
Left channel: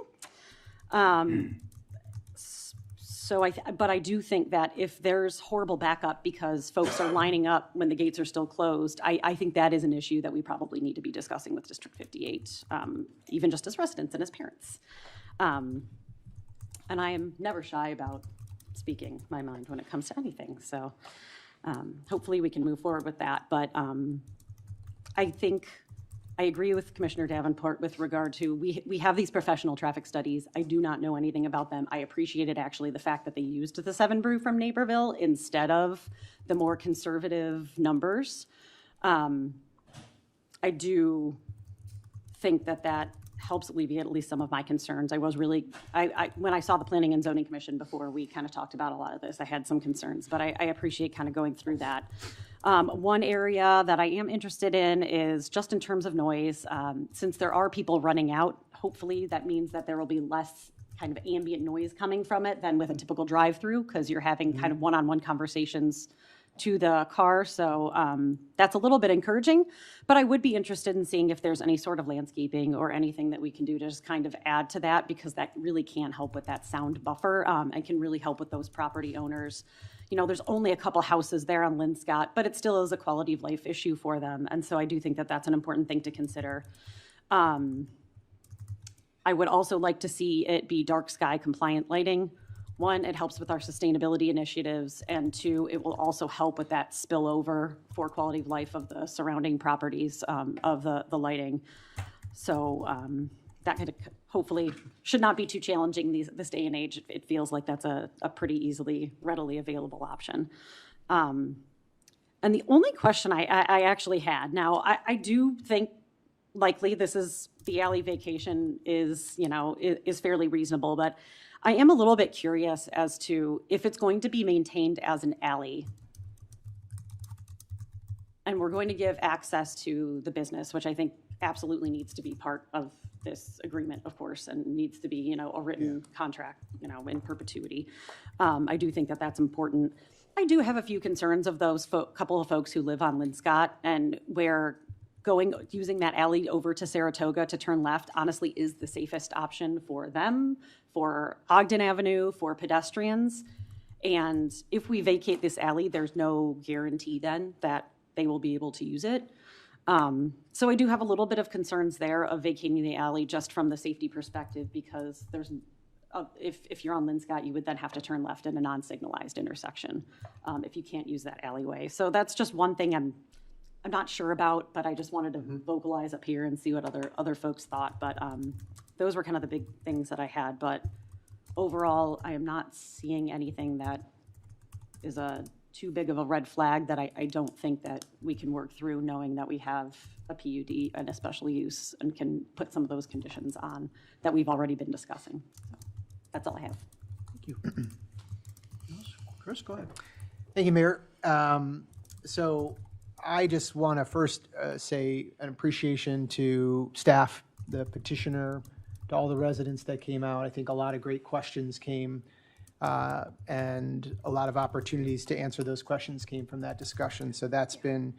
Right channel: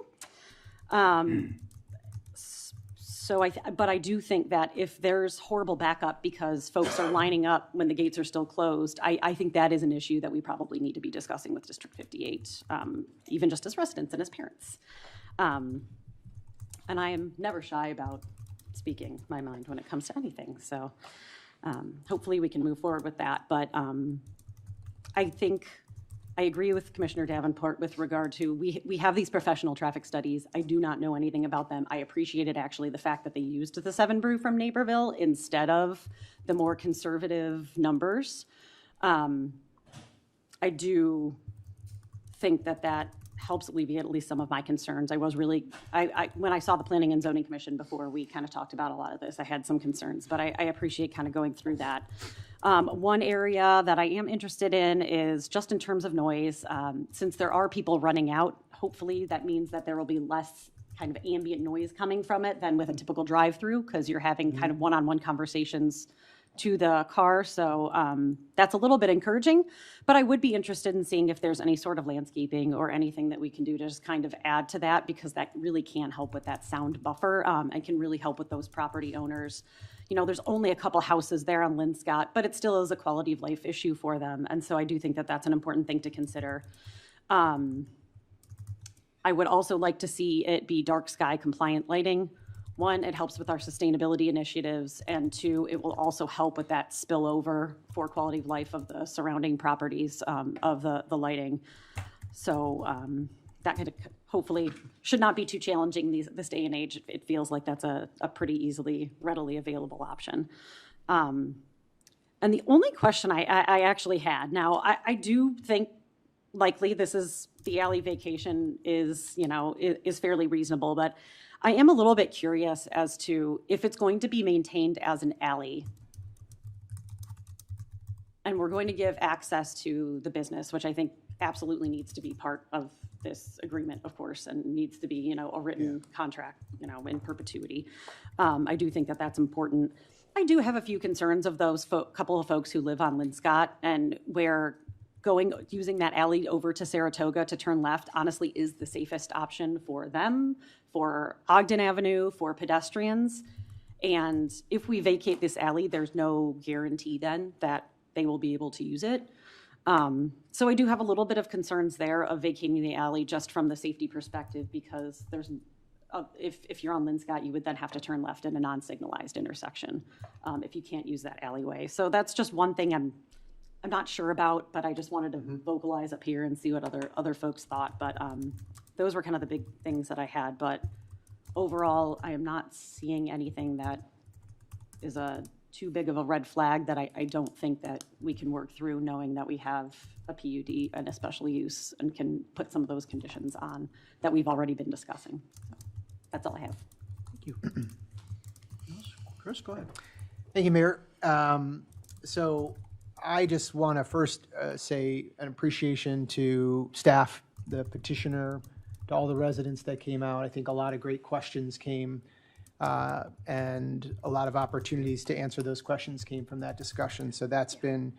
But I do think that if there's horrible backup because folks are lining up when the gates are still closed, I think that is an issue that we probably need to be discussing with District 58, even just as residents and as parents. And I am never shy about speaking my mind when it comes to anything. So hopefully we can move forward with that. But I think I agree with Commissioner Davenport with regard to, we have these professional traffic studies. I do not know anything about them. I appreciated actually the fact that they used the 7 brew from Naperville instead of the more conservative numbers. I do think that that helps alleviate at least some of my concerns. I was really, when I saw the Planning and Zoning Commission before, we kind of talked about a lot of this. I had some concerns, but I appreciate kind of going through that. One area that I am interested in is just in terms of noise. Since there are people running out, hopefully that means that there will be less kind of ambient noise coming from it than with a typical drive-through, because you're having kind of one-on-one conversations to the car. So that's a little bit encouraging, but I would be interested in seeing if there's any sort of landscaping or anything that we can do to just kind of add to that, because that really can help with that sound buffer and can really help with those property owners. You know, there's only a couple houses there on Linscott, but it still is a quality of life issue for them. And so I do think that that's an important thing to consider. I would also like to see it be dark sky compliant lighting. 1, it helps with our sustainability initiatives, and 2, it will also help with that spillover for quality of life of the surrounding properties of the lighting. So that could hopefully should not be too challenging this day and age. It feels like that's a pretty easily, readily available option. And the only question I actually had, now I do think likely this is, the alley vacation is, you know, is fairly reasonable, but I am a little bit curious as to if it's going to be maintained as an alley and we're going to give access to the business, which I think absolutely needs to be part of this agreement, of course, and needs to be, you know, a written contract, you know, in perpetuity. I do think that that's important. I do have a few concerns of those couple of folks who live on Linscott, and where using that alley over to Saratoga to turn left honestly is the safest option for them, for Ogden Avenue, for pedestrians. And if we vacate this alley, there's no guarantee then that they will be able to use it. So I do have a little bit of concerns there of vacating the alley just from the safety perspective, because there's, if you're on Linscott, you would then have to turn left in a non-signalized intersection if you can't use that alleyway. So that's just one thing I'm not sure about, but I just wanted to vocalize up here and see what other folks thought. But those were kind of the big things that I had. But overall, I am not seeing anything that is too big of a red flag that I don't think that we can work through, knowing that we have a PUD and a special use and can put some of those conditions on that we've already been discussing. So that's all I have. Thank you. Chris, go ahead. Thank you, Mayor. So I just want to first say an appreciation to staff, the petitioner, to all the residents that came out. I think a lot of great questions came and a lot of opportunities to answer those questions came from that discussion. So that's been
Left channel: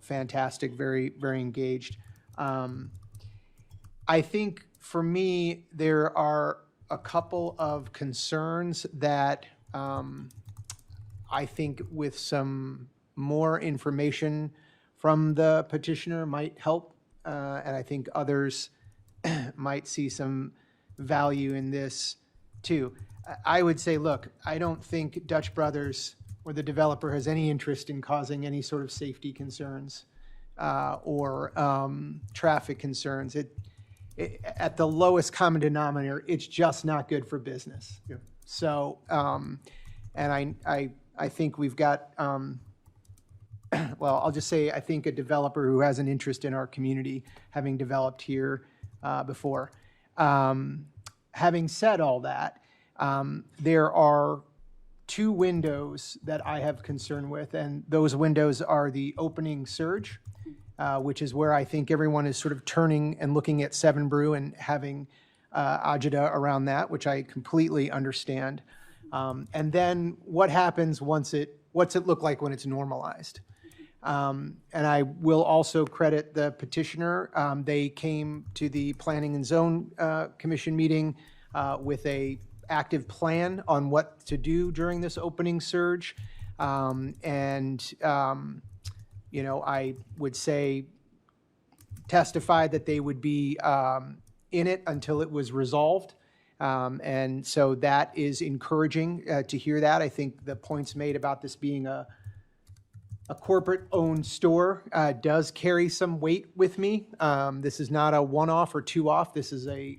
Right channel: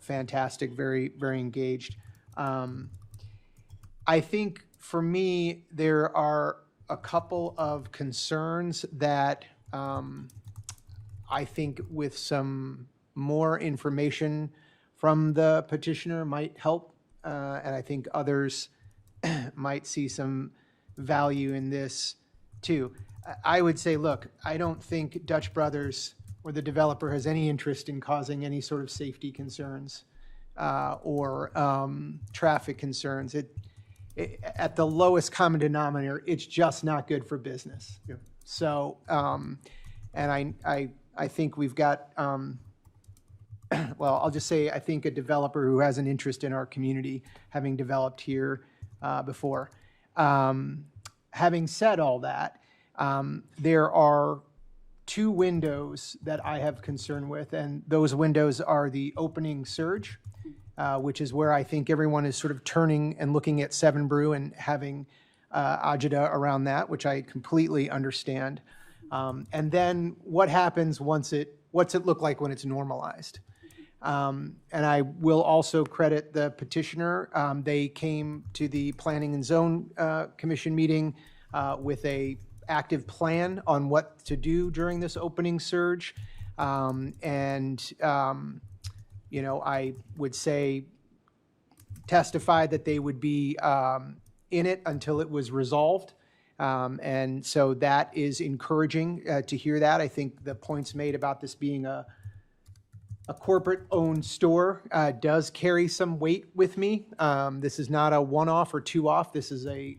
fantastic, very, very engaged. I think for me, there are a couple of concerns that I think with some more information from the petitioner might help. And I think others might see some value in this too. I would say, look, I don't think Dutch Brothers or the developer has any interest in causing any sort of safety concerns or traffic concerns. At the lowest common denominator, it's just not good for business. Yeah. So, and I think we've got, well, I'll just say, I think a developer who has an interest in our community, having developed here before. Having said all that, there are two windows that I have concern with, and those windows are the opening surge, which is where I think everyone is sort of turning and looking at Seven Brew and having agita around that, which I completely understand. And then what happens what's it look like when it's normalized? And I will also credit the petitioner. They came to the Planning and Zone Commission meeting with a active plan on what to do during this opening surge. I would say testified that they would be in it until it was resolved. And so that is encouraging to hear that. I think the points made about this being a corporate-owned store does carry some weight with me. This is not a one-off or two-off. This is a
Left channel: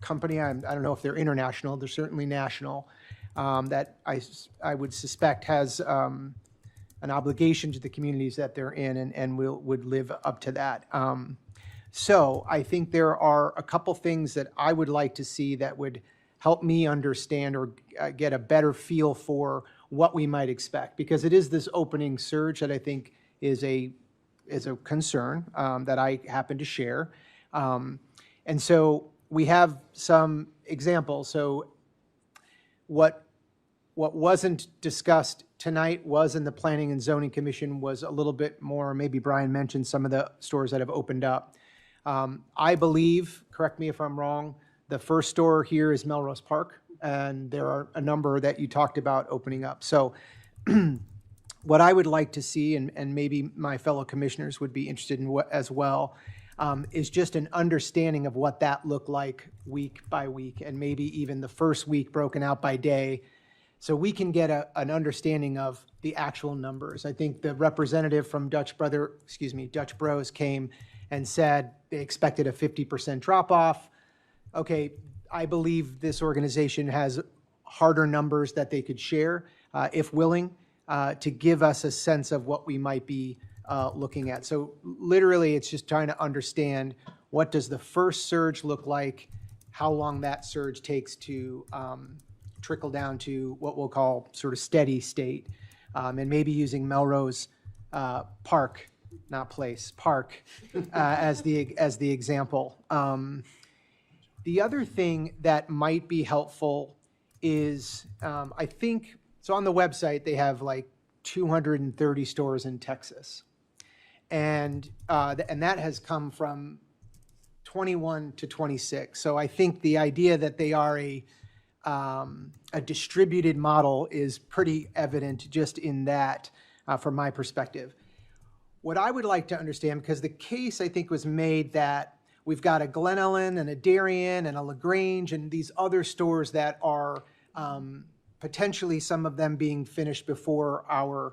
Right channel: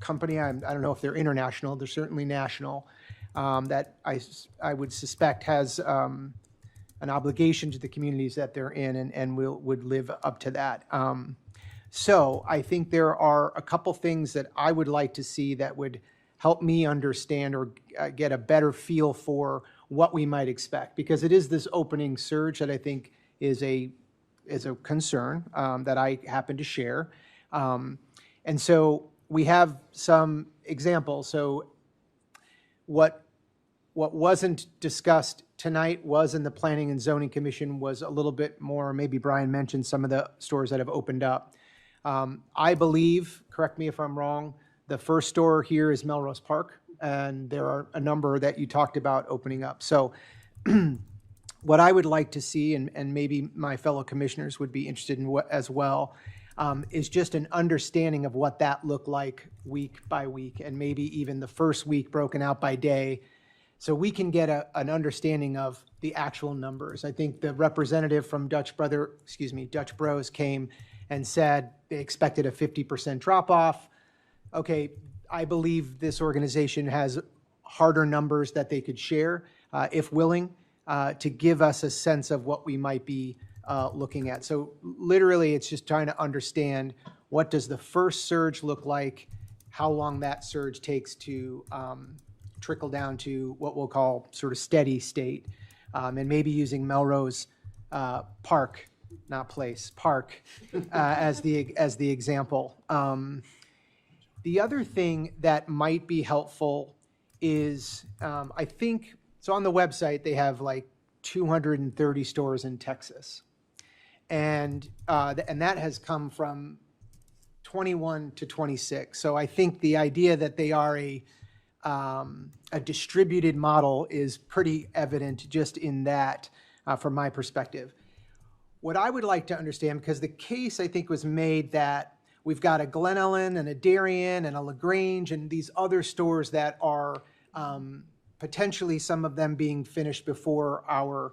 company, I don't know if they're international, they're certainly national, that I would suspect has an obligation to the communities that they're in and would live up to that. So I think there are a couple things that I would like to see that would help me understand or get a better feel for what we might expect, because it is this opening surge that I think is a concern that I happen to share. And so we have some examples. So what wasn't discussed tonight was in the Planning and Zoning Commission was a little bit more, maybe Brian mentioned some of the stores that have opened up. I believe, correct me if I'm wrong, the first store here is Melrose Park, and there are a number that you talked about opening up. So what I would like to see, and maybe my fellow commissioners would be interested in what as well, is just an understanding of what that looked like week by week, and maybe even the first week broken out by day, so we can get an understanding of the actual numbers. I think the representative from Dutch Bros came and said they expected a 50% drop off. Okay, I believe this organization has harder numbers that they could share, if willing, to give us a sense of what we might be looking at. So literally, it's just trying to understand what does the first surge look like, how long that surge takes to trickle down to what we'll call sort of steady state, and maybe using Melrose Park, not place, Park, as the example. The other thing that might be helpful is, I think, so on the website, they have like 230 stores in Texas. And that has come from 21 to 26. So I think the idea that they are a distributed model is pretty evident just in that, from my perspective. What I would like to understand, because the case I think was made that we've got a Glen Ellen and a Darien and a LaGrange and these other stores that are potentially some of them being finished before ours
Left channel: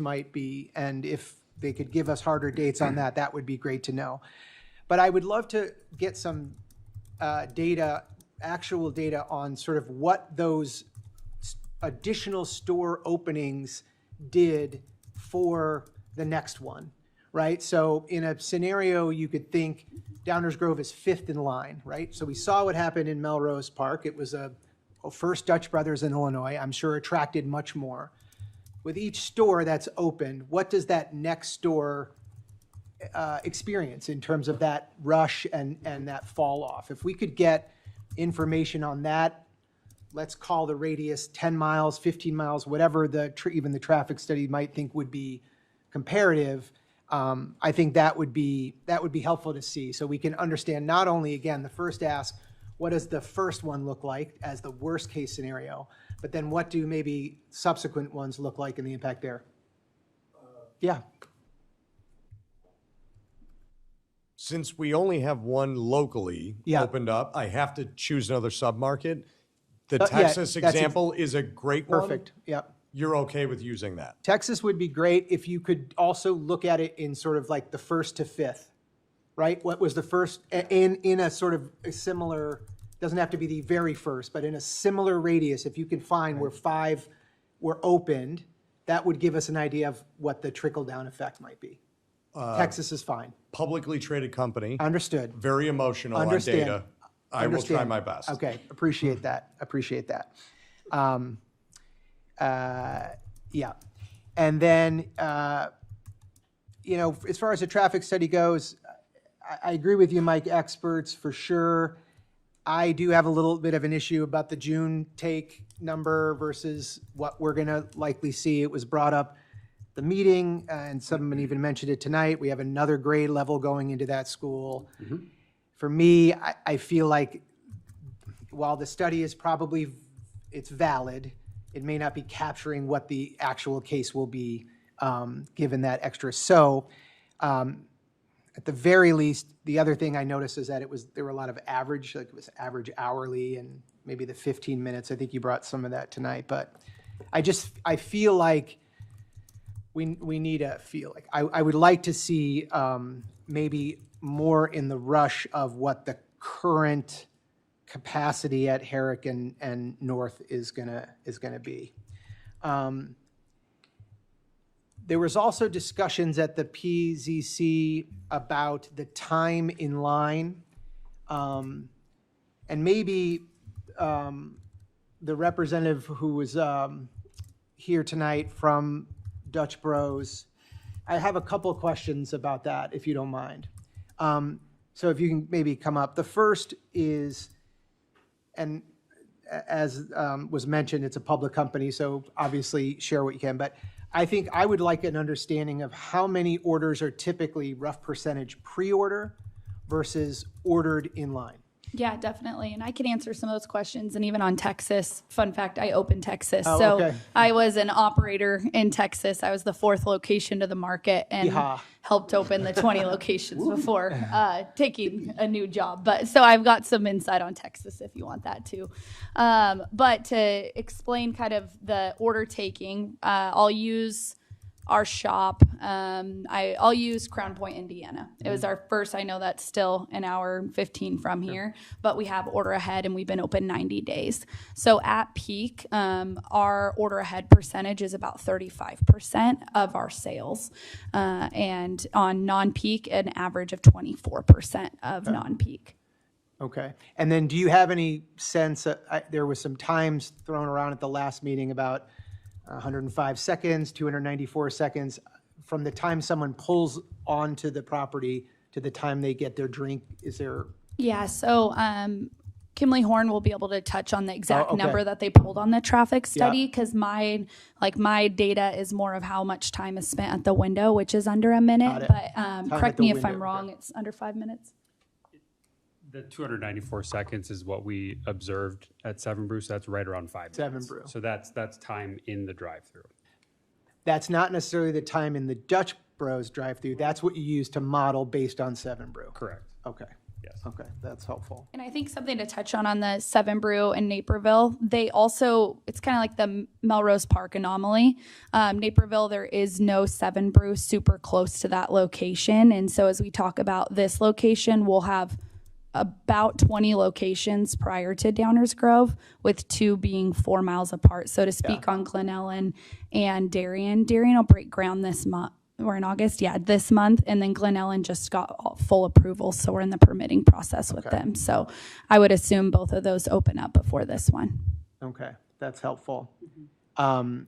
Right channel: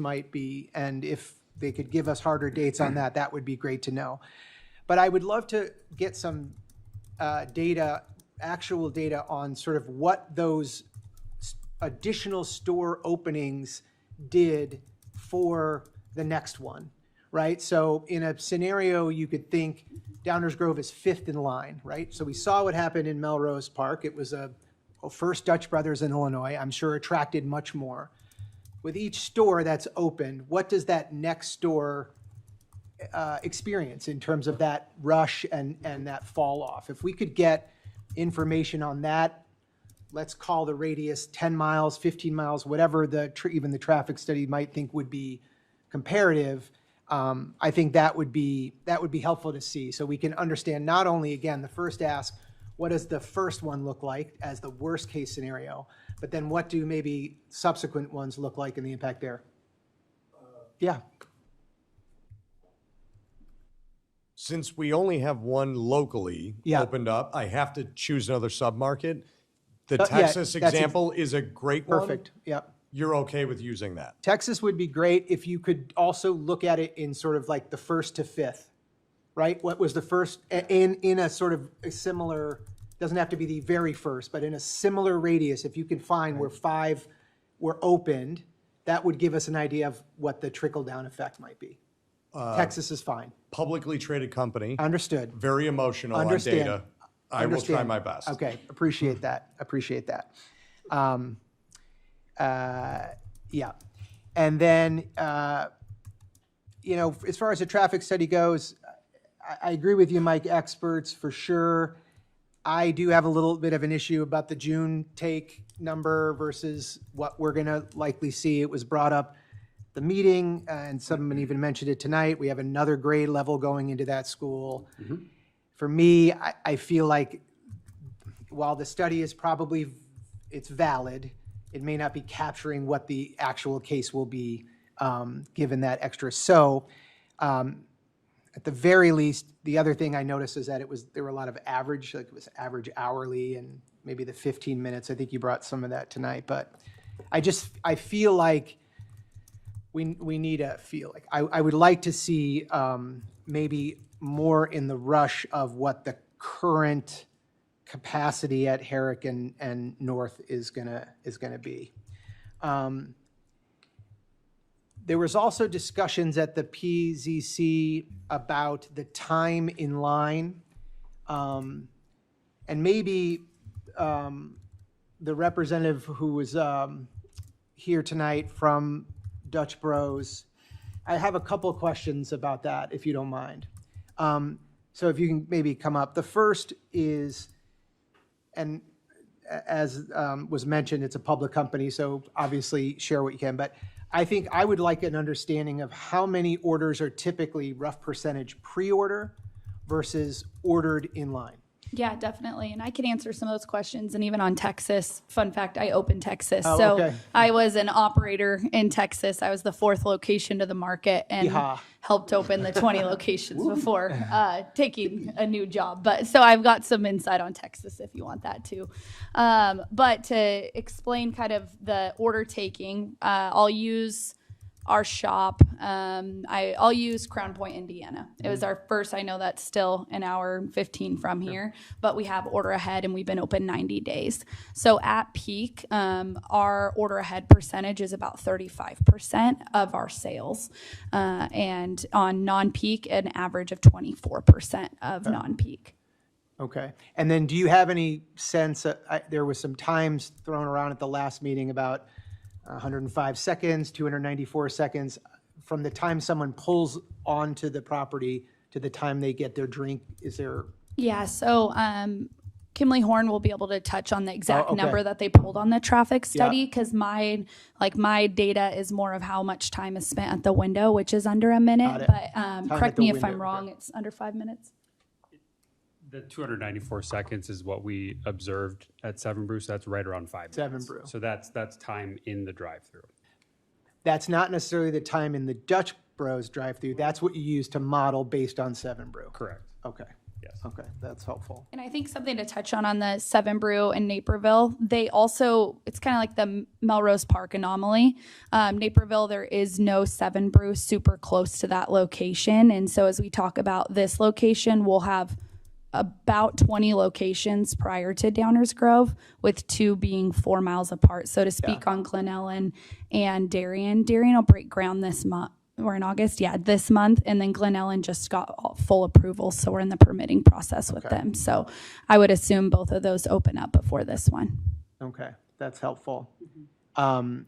might be. And if they could give us harder dates on that, that would be great to know. But I would love to get some data, actual data on sort of what those additional store openings did for the next one, right? So in a scenario, you could think Downers Grove is fifth in line, right? So we saw what happened in Melrose Park. It was a first Dutch Brothers in Illinois, I'm sure attracted much more. With each store that's opened, what does that next store experience in terms of that rush and that fall off? If we could get information on that, let's call the radius 10 miles, 15 miles, whatever even the traffic study might think would be comparative. I think that would be helpful to see, so we can understand not only, again, the first ask, what does the first one look like as the worst case scenario, but then what do maybe subsequent ones look like and the impact there? Yeah. Since we only have one locally opened up, I have to choose another submarket. The Texas example is a great one. Perfect. Yep. You're okay with using that? Texas would be great if you could also look at it in sort of like the first to fifth, right? What was the first in a sort of a similar, doesn't have to be the very first, but in a similar radius, if you can find where 5 were opened, that would give us an idea of what the trickle down effect might be. Texas is fine. Publicly traded company. Understood. Very emotional on Understand. data. I will try my best. Okay, appreciate that. Yeah. And then, as far as the traffic study goes, I agree with you, Mike, experts for sure. I do have a little bit of an issue about the June take number versus what we're going to likely see. It was brought up at the meeting, and someone even mentioned it tonight. We have another grade level going into that school. Mm-hmm. For me, I feel like while the study is it's valid, it may not be capturing what the actual case will be given that extra. So at the very least, the other thing I noticed is that there were a lot of average, like it was average hourly and maybe the 15 minutes. I think you brought some of that tonight, but I feel like we need a feel like I would like to see maybe more in the rush of what the current capacity at Herrick and North is gonna be. There was also discussions at the PZC about the time in line, and maybe the representative who was here tonight from Dutch Bros. I have a couple of questions about that, if you don't mind. So if you can maybe come up. The first is, and as was mentioned, it's a public company, so obviously share what you can, but I think I would like an understanding of how many orders are typically rough percentage pre-order versus ordered in line. Yeah, definitely. And I can answer some of those questions. And even on Texas, fun fact, I opened Texas. Oh, so okay. I was an operator in Texas. I was the 4th location to the market and helped open the 20 locations before taking a new job. But so I've got some insight on Texas if you want that too. But to explain kind of the order taking, I'll use our shop. I'll use Crown Point, Indiana. It was our first, I know that's still an hour and 15 from here, but we have order ahead and we've been open 90 days. So at peak, our order ahead percentage is about 35% of our sales. And on non-peak, an average of 24% of non-peak. Okay. And then do you have any sense, there was some times thrown around at the last meeting about 105 seconds, 294 seconds from the time someone pulls onto the property to the time they get their drink. Is there? Yeah. So, Kimley Horn will be able to touch on the exact okay. number that they pulled on the traffic study because my data is more of how much time is spent at the window, which is under a minute. But correct me if I'm wrong. It's under 5 minutes. The 294 seconds is what we observed at Seven Brew, so that's right around 5 Seven minutes. Brew. So that's time in the drive-through. That's not necessarily the time in the Dutch Bros drive-through. That's what you use to model based on Seven Brew. Correct. Okay. Yes. Okay, that's helpful. And I think something to touch on the Seven Brew in Naperville, they also, it's kind of like the Melrose Park anomaly. Naperville, there is no Seven Brew super close to that location. And so as we talk about this location, we'll have about 20 locations prior to Downers Grove, with 2 being 4 miles apart. So to speak on Glen Ellen and Darien will break ground this month. We're in August, this month. And then Glen Ellen just got full approval. So we're in the permitting process with them. So I would assume both of those open up before this one. Okay, that's helpful.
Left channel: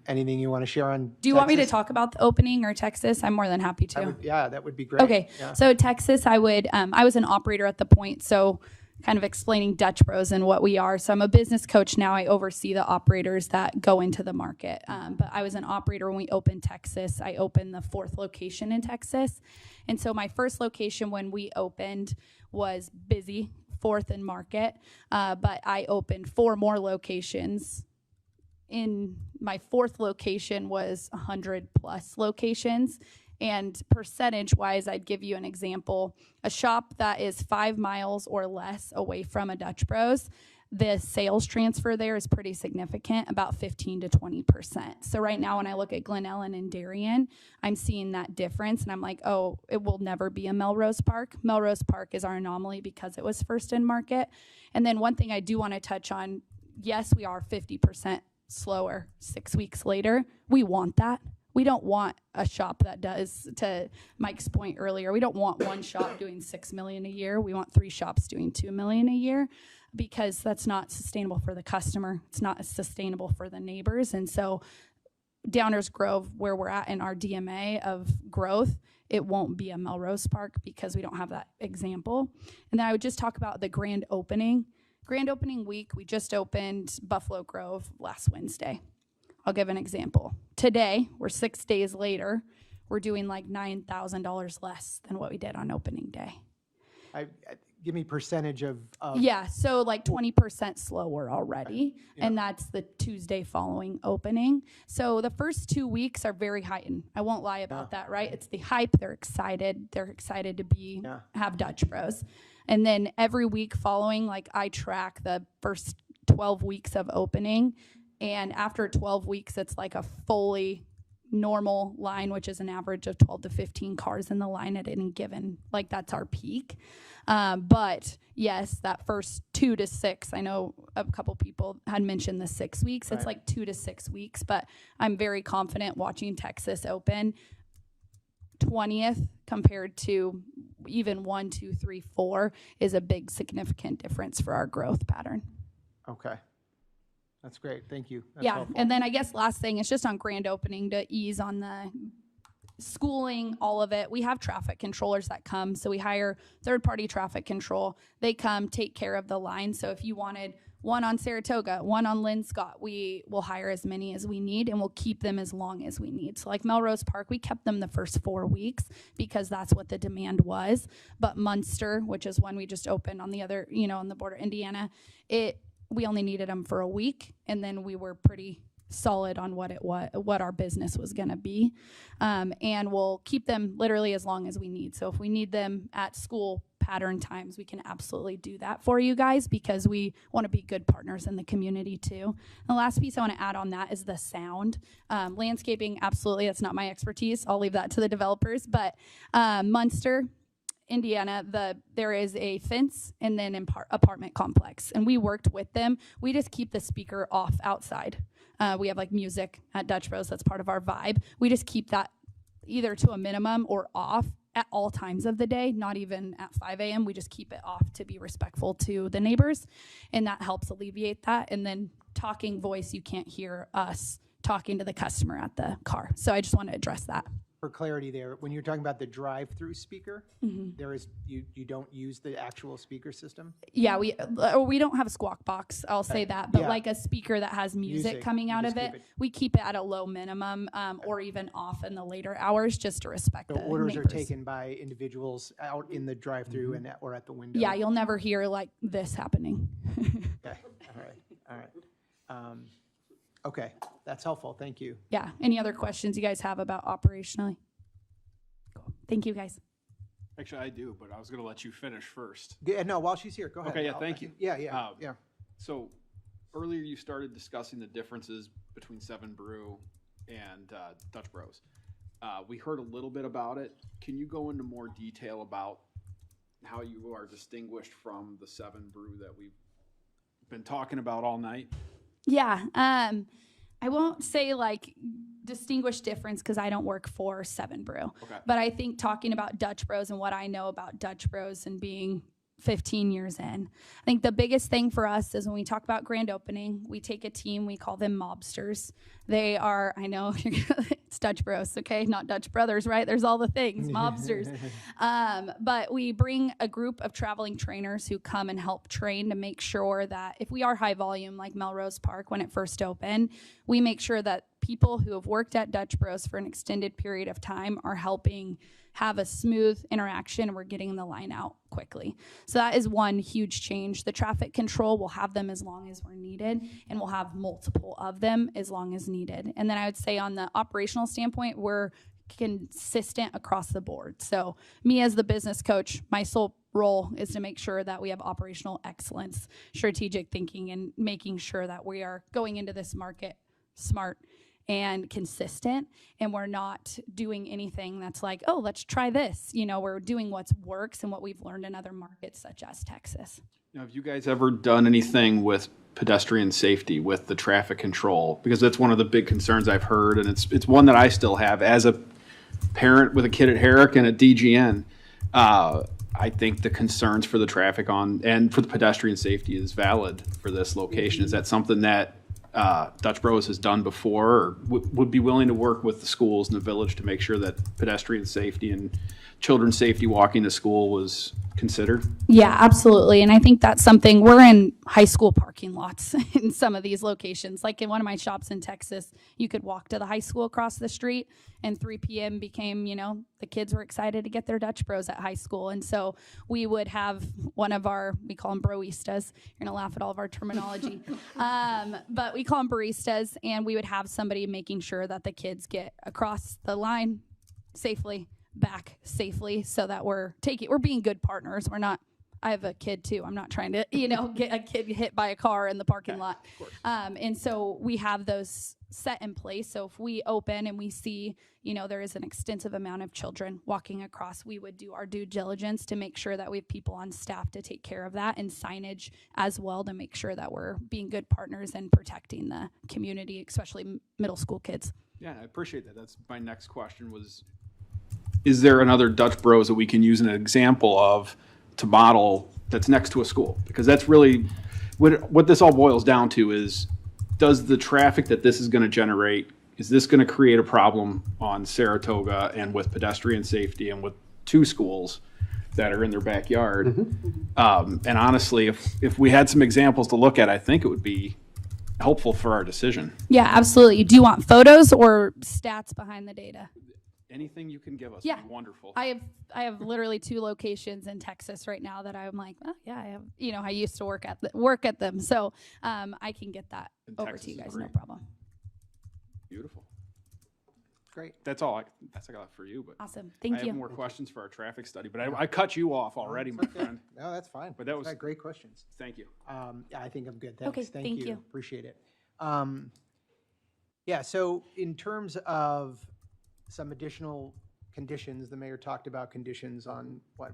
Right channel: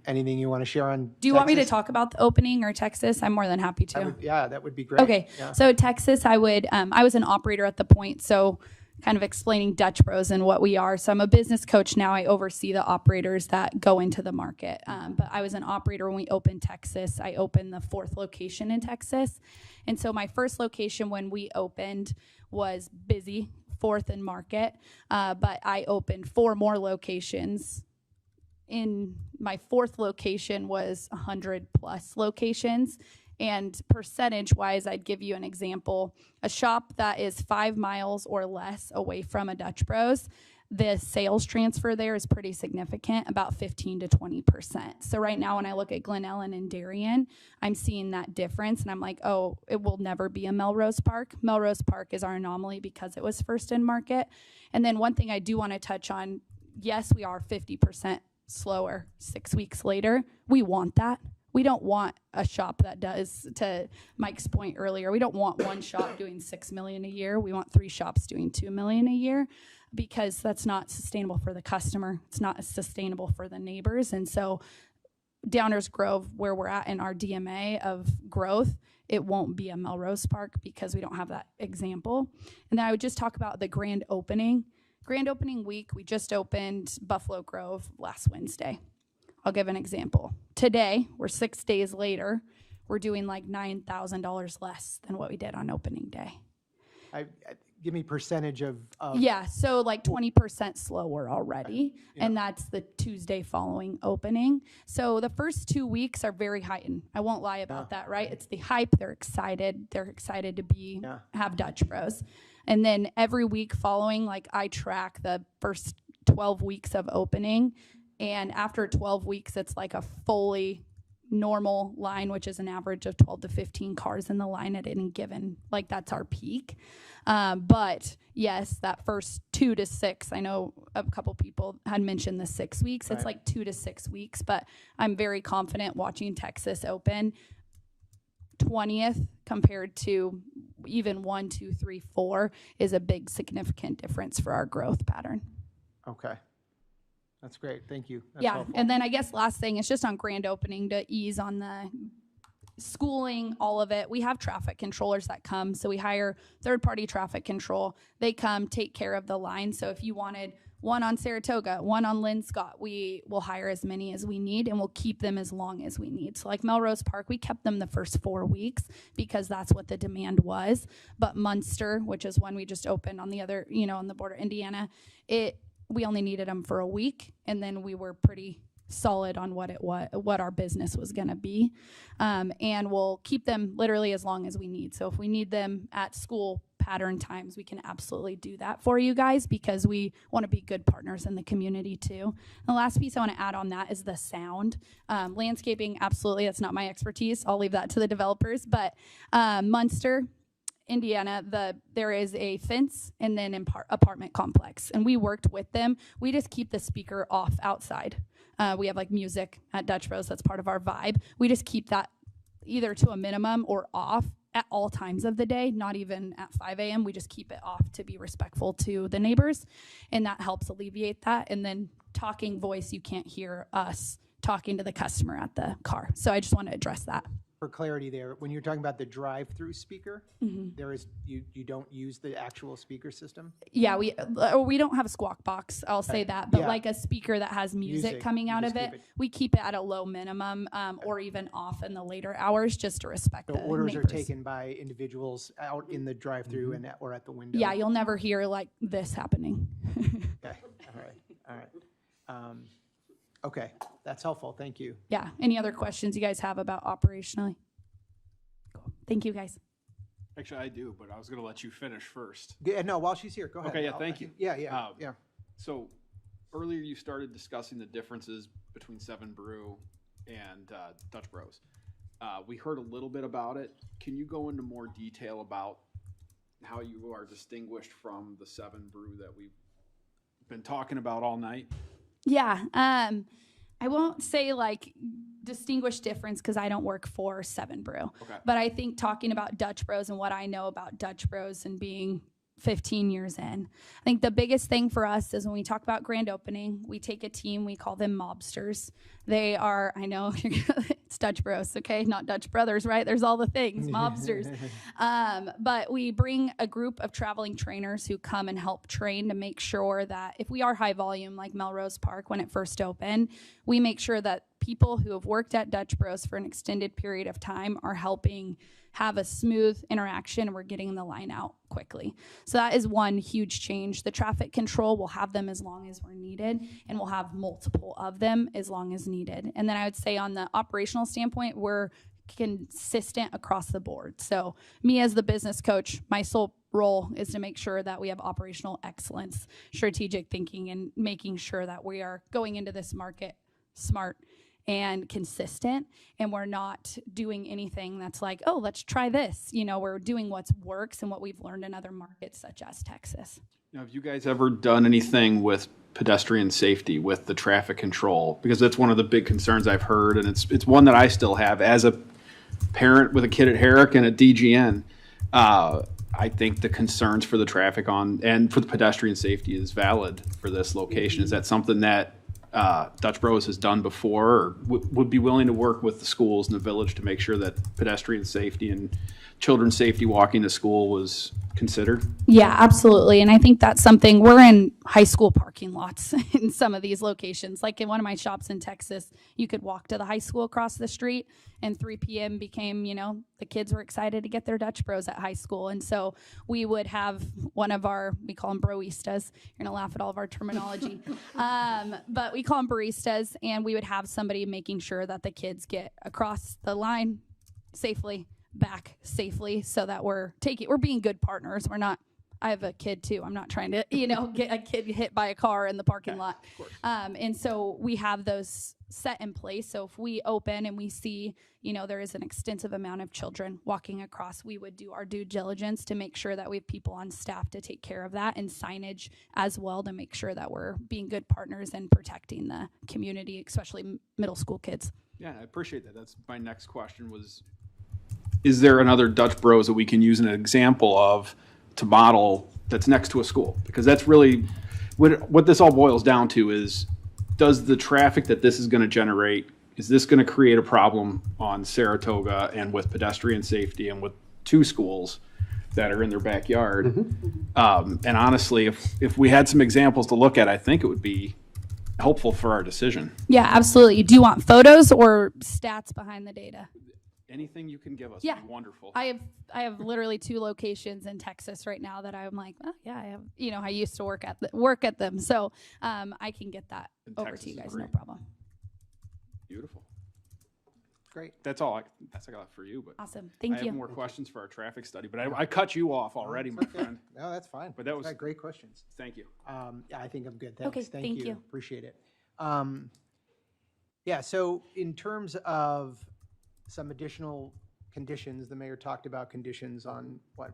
Anything you want to share on Do you want me to talk about the opening or Texas? I'm more than happy to. That would be great. Okay. Yeah. So Texas, I was an operator at the point. So kind of explaining Dutch Bros and what we are. So I'm a business coach now. I oversee the operators that go into the market. But I was an operator when we opened Texas. I opened the 4th location in Texas. And so my first location when we opened was busy, 4th and Market. But I opened 4 more locations. In my 4th location was 100 plus locations. And percentage wise, I'd give you an example. A shop that is 5 miles or less away from a Dutch Bros, the sales transfer there is pretty significant, about 15 to 20%. So right now when I look at Glen Ellen and Darien, I'm seeing that difference. And I'm like, oh, it will never be a Melrose Park. Melrose Park is our anomaly because it was first in market. And then one thing I do want to touch on, yes, we are 50% slower 6 weeks later. We want that. we don't want a shop that does, to Mike's point earlier, we don't want one shop doing 6 million a year. We want 3 shops doing 2 million a year, because that's not sustainable for the customer. It's not sustainable for the neighbors. And so Downers Grove, where we're at in our DMA of growth, it won't be a Melrose Park because we don't have that example. And then I would just talk about the grand opening. Grand opening week, we just opened Buffalo Grove last Wednesday. I'll give an example. Today, we're 6 days later, we're doing like $9,000 less than what we did on opening day. Give me percentage of. Yeah, so like 20% slower already, and that's the Tuesday following opening. So the first 2 weeks are very heightened. I won't lie about that, right? It's the hype. They're excited. They're excited to have Dutch Bros. And then every week following, like I track the first 12 weeks of opening, and after 12 weeks, it's like a fully normal line, which is an average of 12 to 15 cars in the line at any given, like that's our peak. But yes, that first 2 to 6, I know a couple people had mentioned the 6 weeks. It's like 2 to 6 weeks, but I'm very confident watching Texas open 20th compared to even 1, 2, 3, 4 is a big significant difference for our growth pattern. Okay. That's great. Thank you. That's yeah. helpful. And then I guess last thing is just on grand opening to ease on the schooling, all of it. We have traffic controllers that come. So we hire third-party traffic control. They come take care of the line. So if you wanted one on Saratoga, one on Lynn Scott, we will hire as many as we need, and we'll keep them as long as we need. So like Melrose Park, we kept them the first 4 weeks because that's what the demand was. But Munster, which is one we just opened on the other, on the border of Indiana, we only needed them for a week, and then we were pretty solid on what our business was going to be, and we'll keep them literally as long as we need. So if we need them at school pattern times, we can absolutely do that for you guys, because we want to be good partners in the community too. And the last piece I want to add on that is the sound. Landscaping, absolutely, that's not my expertise. I'll leave that to the developers. But Munster, Indiana, there is a fence and then apartment complex, and we worked with them. We just keep the speaker off outside. We have like music at Dutch Bros. That's part of our vibe. We just keep that either to a minimum or off at all times of the day, not even at 5 a.m. We just keep it off to be respectful to the neighbors, and that helps alleviate that. And then talking voice, you can't hear us talking to the customer at the car. So I just want to address that. For clarity there, when you're talking about the drive-through speaker, there is you don't use the actual speaker system? Yeah, we don't have a squawk box, I'll say that, but like a speaker that has music coming out of it, we keep it at a low minimum, or even off in the later hours, just to respect the orders neighbors. are taken by individuals out in the drive-through and or at the window. Yeah, you'll never hear like this happening. Okay, all right. Okay, that's helpful. Thank you. Yeah. Any other questions you guys have about operationally? Cool. Thank you, guys. Actually, I do, but I was going to let you finish first. Yeah, no, while she's here, go ahead. Okay, yeah, thank you. Yeah. So earlier you started discussing the differences between Seven Brew and Dutch Bros. We heard a little bit about it. Can you go into more detail about how you are distinguished from the Seven Brew that we've been talking about all night? Yeah. I won't say like distinguished difference because I don't work for Seven Brew. Okay. But I think talking about Dutch Bros and what I know about Dutch Bros and being 15 years in, I think the biggest thing for us is when we talk about grand opening, we take a team, we call them mobsters. They are, I know it's Dutch Bros, okay? Not Dutch Brothers, right? There's all the things, mobsters. But we bring a group of traveling trainers who come and help train to make sure that if we are high volume, like Melrose Park when it first opened, we make sure that people who have worked at Dutch Bros for an extended period of time are helping have a smooth interaction. We're getting the line out quickly. So that is one huge change. The traffic control, we'll have them as long as we're needed, and we'll have multiple of them as long as needed. And then I would say on the operational standpoint, we're consistent across the board. So me as the business coach, my sole role is to make sure that we have operational excellence, strategic thinking, and making sure that we are going into this market smart and consistent, and we're not doing anything that's like, oh, let's try this. We're doing what works and what we've learned in other markets such as Texas. Now, have you guys ever done anything with pedestrian safety, with the traffic control? Because that's one of the big concerns I've heard, and it's one that I still have as a parent with a kid at Herrick and at DGN. I think the concerns for the traffic and for the pedestrian safety is valid for this location. Is that something that Dutch Bros has done before, or would be willing to work with the schools in the village to make sure that pedestrian safety and children's safety walking to school was considered? Yeah, absolutely. And I think that's something, we're in high school parking lots in some of these locations. Like in one of my shops in Texas, you could walk to the high school across the street, and 3 p.m. became, the kids were excited to get their Dutch Bros at high school. And so we would have one of we call them broistas. You're going to laugh at all of our terminology. But we call them baristas, and we would have somebody making sure that the kids get across the line safely, back safely, so that we're being good partners. We're not, I have a kid too. I'm not trying to, get a kid hit by a car in the parking lot. And so we have those set in place. So if we open and we see, there is an extensive amount of children walking across, we would do our due diligence to make sure that we have people on staff to take care of that, and signage as well to make sure that we're being good partners and protecting the community, especially middle school kids. Yeah, I appreciate that. That's my next question was, is there another Dutch Bros that we can use an example of to model that's next to a school? Because that's really what this all boils down to is, does the traffic that this is going to generate, is this going to create a problem on Saratoga and with pedestrian safety and with 2 schools that are in their backyard? And honestly, if we had some examples to look at, I think it would be helpful for our decision. Yeah, absolutely. Do you want photos or stats behind the data? Anything you can give us Yeah. would be wonderful. I have literally 2 locations in Texas right now that I'm like, oh yeah, I have, I used to work at them. So I can get that over to you guys, no problem. Beautiful. Great. That's all I got for you. But awesome. Thank I you. have more questions for our traffic study, but I cut you off already, my friend. No, that's fine. But that was great questions. Thank you. Yeah, I think I'm good. Thanks. Okay, Thank thank you. Appreciate it. Yeah, so in terms of some additional conditions, the mayor talked about conditions on what,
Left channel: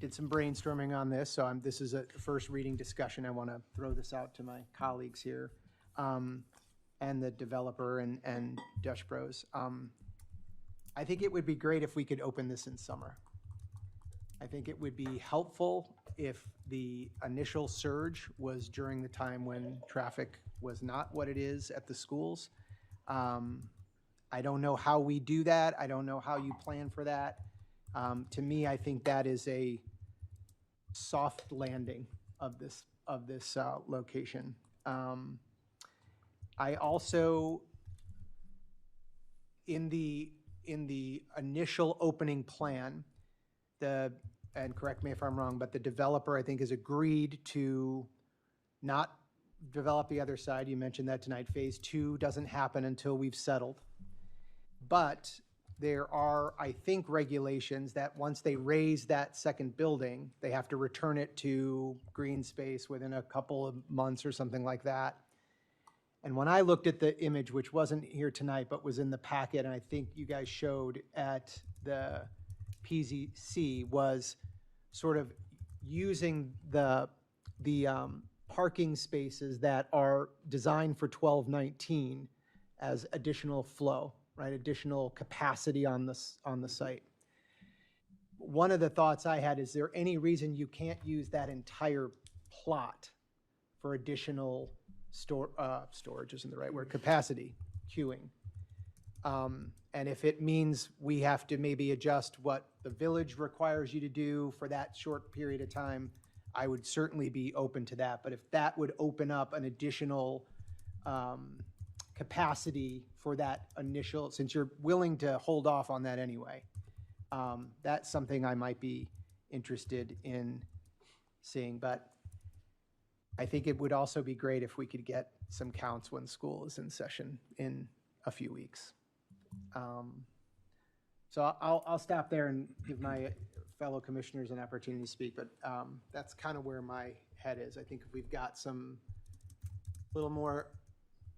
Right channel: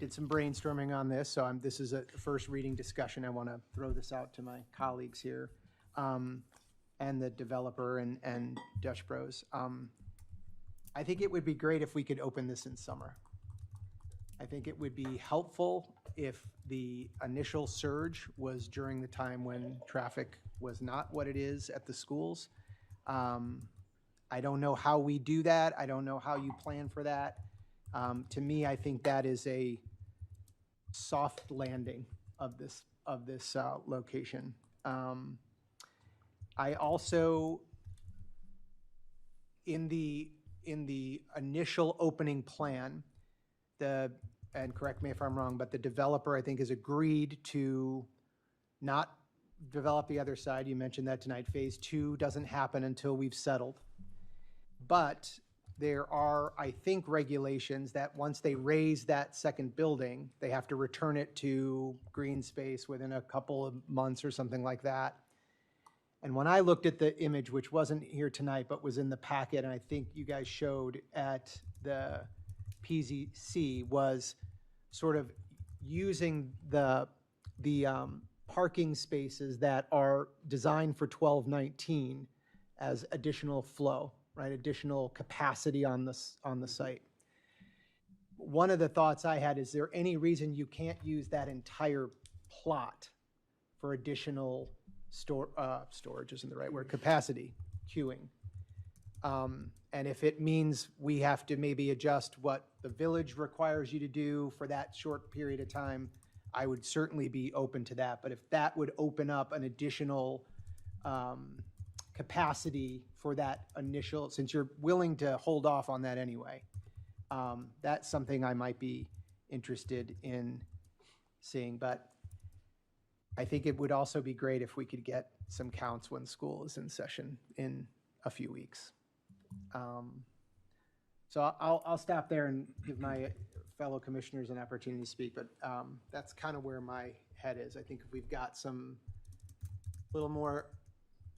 did some brainstorming on this. So this is a first reading discussion. I want to throw this out to my colleagues here, and the developer and Dutch Bros. I think it would be great if we could open this in summer. I think it would be helpful if the initial surge was during the time when traffic was not what it is at the schools. I don't know how we do that. I don't know how you plan for that. To me, I think that is a soft landing of this location. I also, in the initial opening plan, and correct me if I'm wrong, but the developer, I think, has agreed to not develop the other side. You mentioned that tonight. Phase 2 doesn't happen until we've settled. But there are, I think, regulations that once they raise that second building, they have to return it to green space within a couple of months or something like that. And when I looked at the image, which wasn't here tonight, but was in the packet, and I think you guys showed at the PZC, was sort of using the parking spaces that are designed for 1219 as additional flow, right? Additional capacity on the site. One of the thoughts I had, is there any reason you can't use that entire plot for additional storage isn't the right word, capacity, queuing? And if it means we have to maybe adjust what the village requires you to do for that short period of time, I would certainly be open to that. But if that would open up an additional capacity for that initial, since you're willing to hold off on that anyway, that's something I might be interested in seeing. But I think it would also be great if we could get some counts when school is in session in a few weeks. So I'll stop there and give my fellow commissioners an opportunity to speak, but that's kind of where my head is. I think if we've got some little more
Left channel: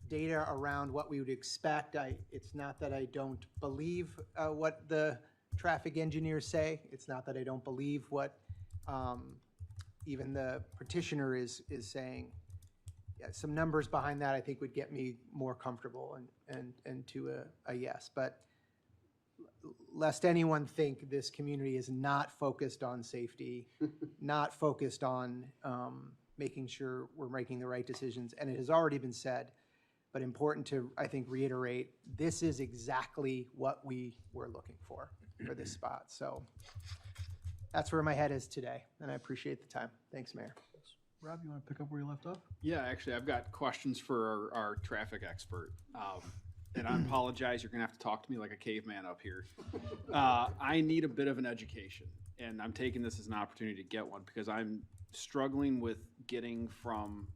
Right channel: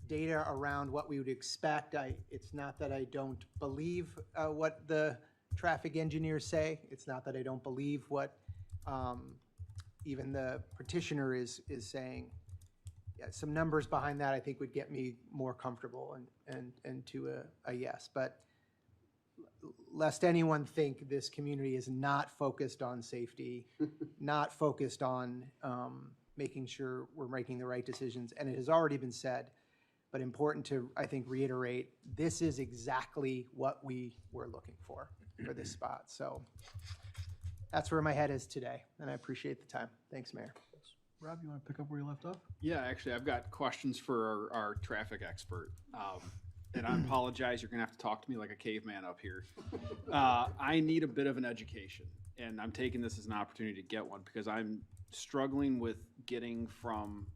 data around what we would expect. It's not that I don't believe what the traffic engineers say. It's not that I don't believe what even the petitioner is saying. Yeah, some numbers behind that I think would get me more comfortable and to a yes. But lest anyone think this community is not focused on safety, not focused on making sure we're making the right decisions. And it has already been said, but important to, I think, reiterate, this is exactly what we were looking for this spot. So that's where my head is today, and I appreciate the time. Thanks, Mayor. Rob, you want to pick up where you left off? Yeah, actually, I've got questions for our traffic expert. And I apologize, you're going to have to talk to me like a caveman up here. I need a bit of an education, and I'm taking this as an opportunity to get one because I'm struggling with getting from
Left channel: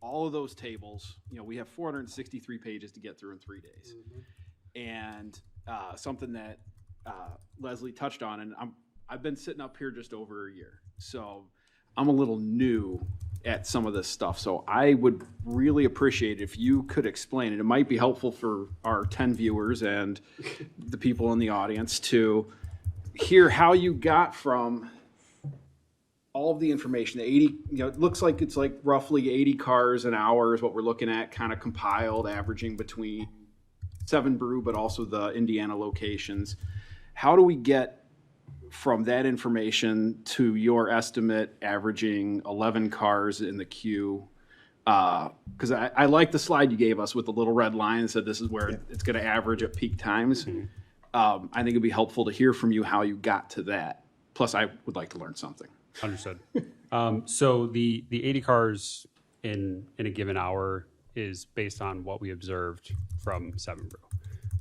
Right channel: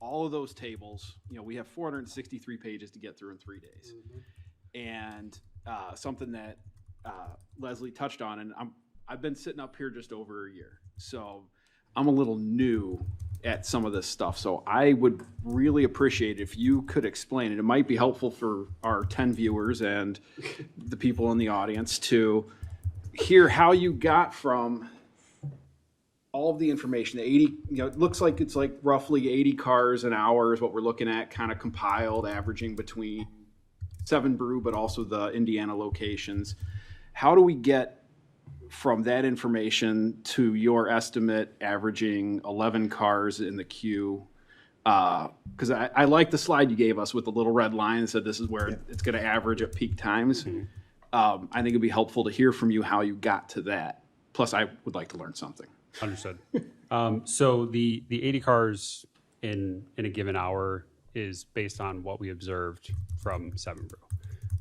all of those tables. You know, we have 463 pages to get through in 3 days. And something that Leslie touched on, and I've been sitting up here just over a year. So I'm a little new at some of this stuff. So I would really appreciate if you could explain it. It might be helpful for our 10 viewers and the people in the audience to hear how you got from all of the information, the 80, you know, it looks like it's like roughly 80 cars an hour is what we're looking at, kind of compiled, averaging between 7 Brew, but also the Indiana locations. How do we get from that information to your estimate averaging 11 cars in the queue? Because I like the slide you gave us with the little red line that said this is where it's going to average at peak times. I think it'd be helpful to hear from you how you got to that. Plus, I would like to learn something. Understood. So the 80 cars in a given hour is based on what we observed from 7 Brew.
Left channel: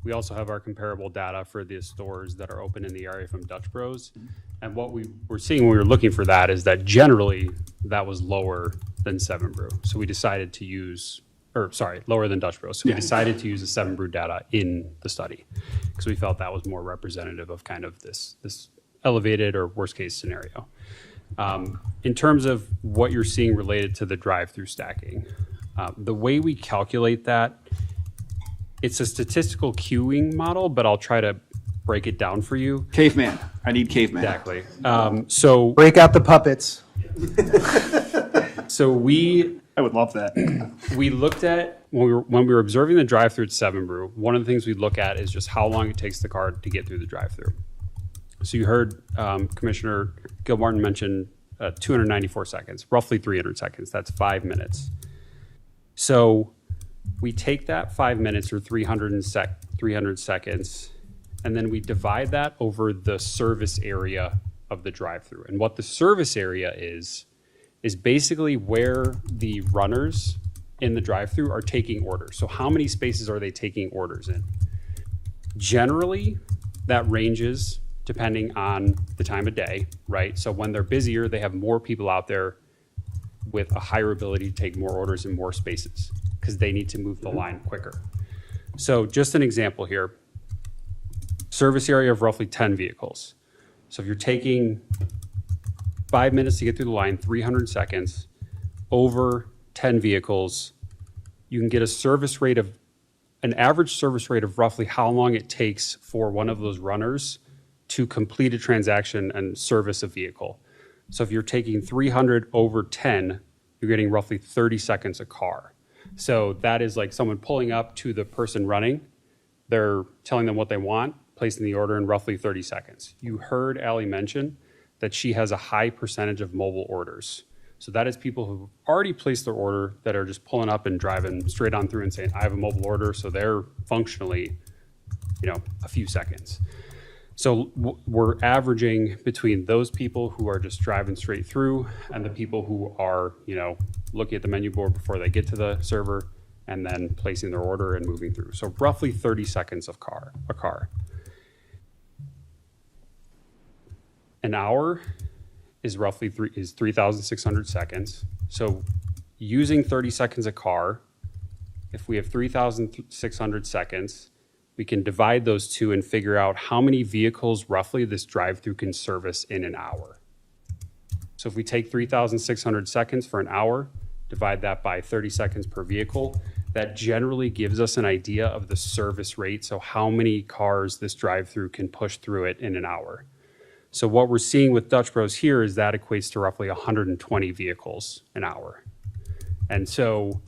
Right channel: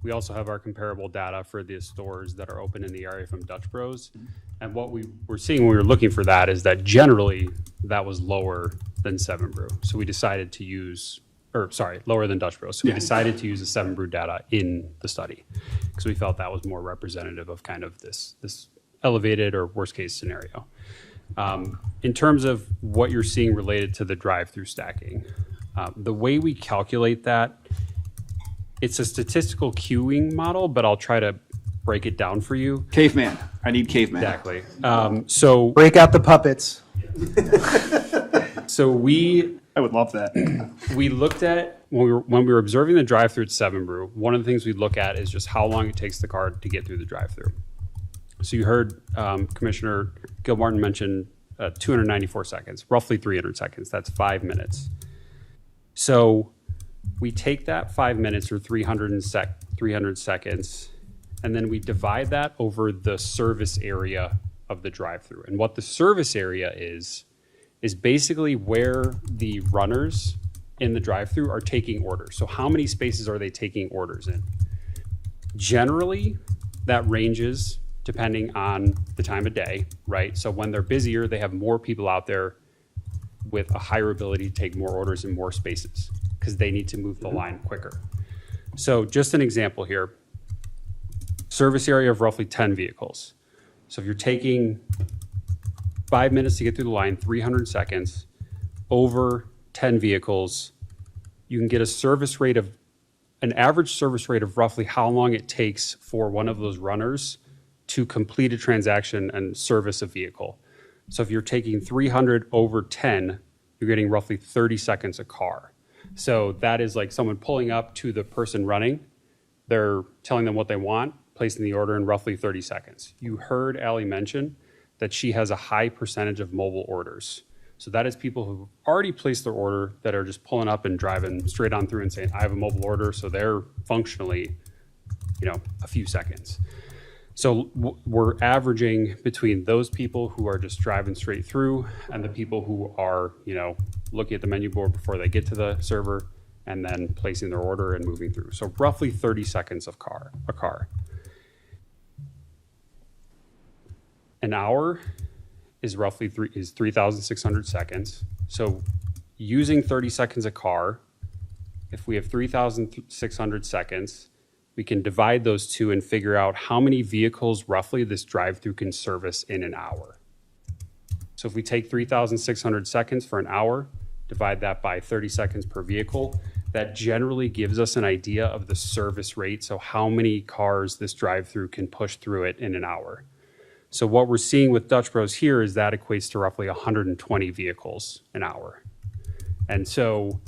We also have our comparable data for the stores that are open in the area from Dutch Bros. And what we were seeing when we were looking for that is that generally that was lower than 7 Brew. So we decided to use, lower than Dutch Bros. So we decided to use the 7 Brew data in the study because we felt that was more representative of kind of this elevated or worst case scenario. In terms of what you're seeing related to the drive-through stacking, the way we calculate that, it's a statistical queuing model, but I'll try to break it down for you. Caveman. I need caveman. Exactly. So break out the puppets. So I would love that. We looked at when we were observing the drive-through at 7 Brew. One of the things we look at is just how long it takes the car to get through the drive-through. So you heard Commissioner Gilmartin mention 294 seconds, roughly 300 seconds. That's 5 minutes. So we take that 5 minutes or 300 seconds, and then we divide that over the service area of the drive-through. And what the service area is basically where the runners in the drive-through are taking orders. So how many spaces are they taking orders in? Generally, that ranges depending on the time of day, right? So when they're busier, they have more people out there with a higher ability to take more orders in more spaces because they need to move the line quicker. So just an example here, service area of roughly 10 vehicles. So if you're taking 5 minutes to get through the line, 300 seconds, over 10 vehicles, you can get an average service rate of roughly how long it takes for one of those runners to complete a transaction and service a vehicle. So if you're taking 300 over 10, you're getting roughly 30 seconds a car. So that is like someone pulling up to the person running. They're telling them what they want, placing the order in roughly 30 seconds. You heard Allie mention that she has a high percentage of mobile orders. So that is people who already placed their order that are just pulling up and driving straight on through and saying, I have a mobile order. So they're functionally, a few seconds. So we're averaging between those people who are just driving straight through and the people who are, looking at the menu board before they get to the server and then placing their order and moving through. So roughly 30 seconds a car. An hour is roughly 3,600 seconds. So using 30 seconds a car, if we have 3,600 seconds, we can divide those two and figure out how many vehicles roughly this drive-through can service in an hour. So if we take 3,600 seconds for an hour, divide that by 30 seconds per vehicle, that generally gives us an idea of the service rate. So how many cars this drive-through can push through it in an hour. So what we're seeing with Dutch Bros here is that equates to roughly 120 vehicles an hour. And so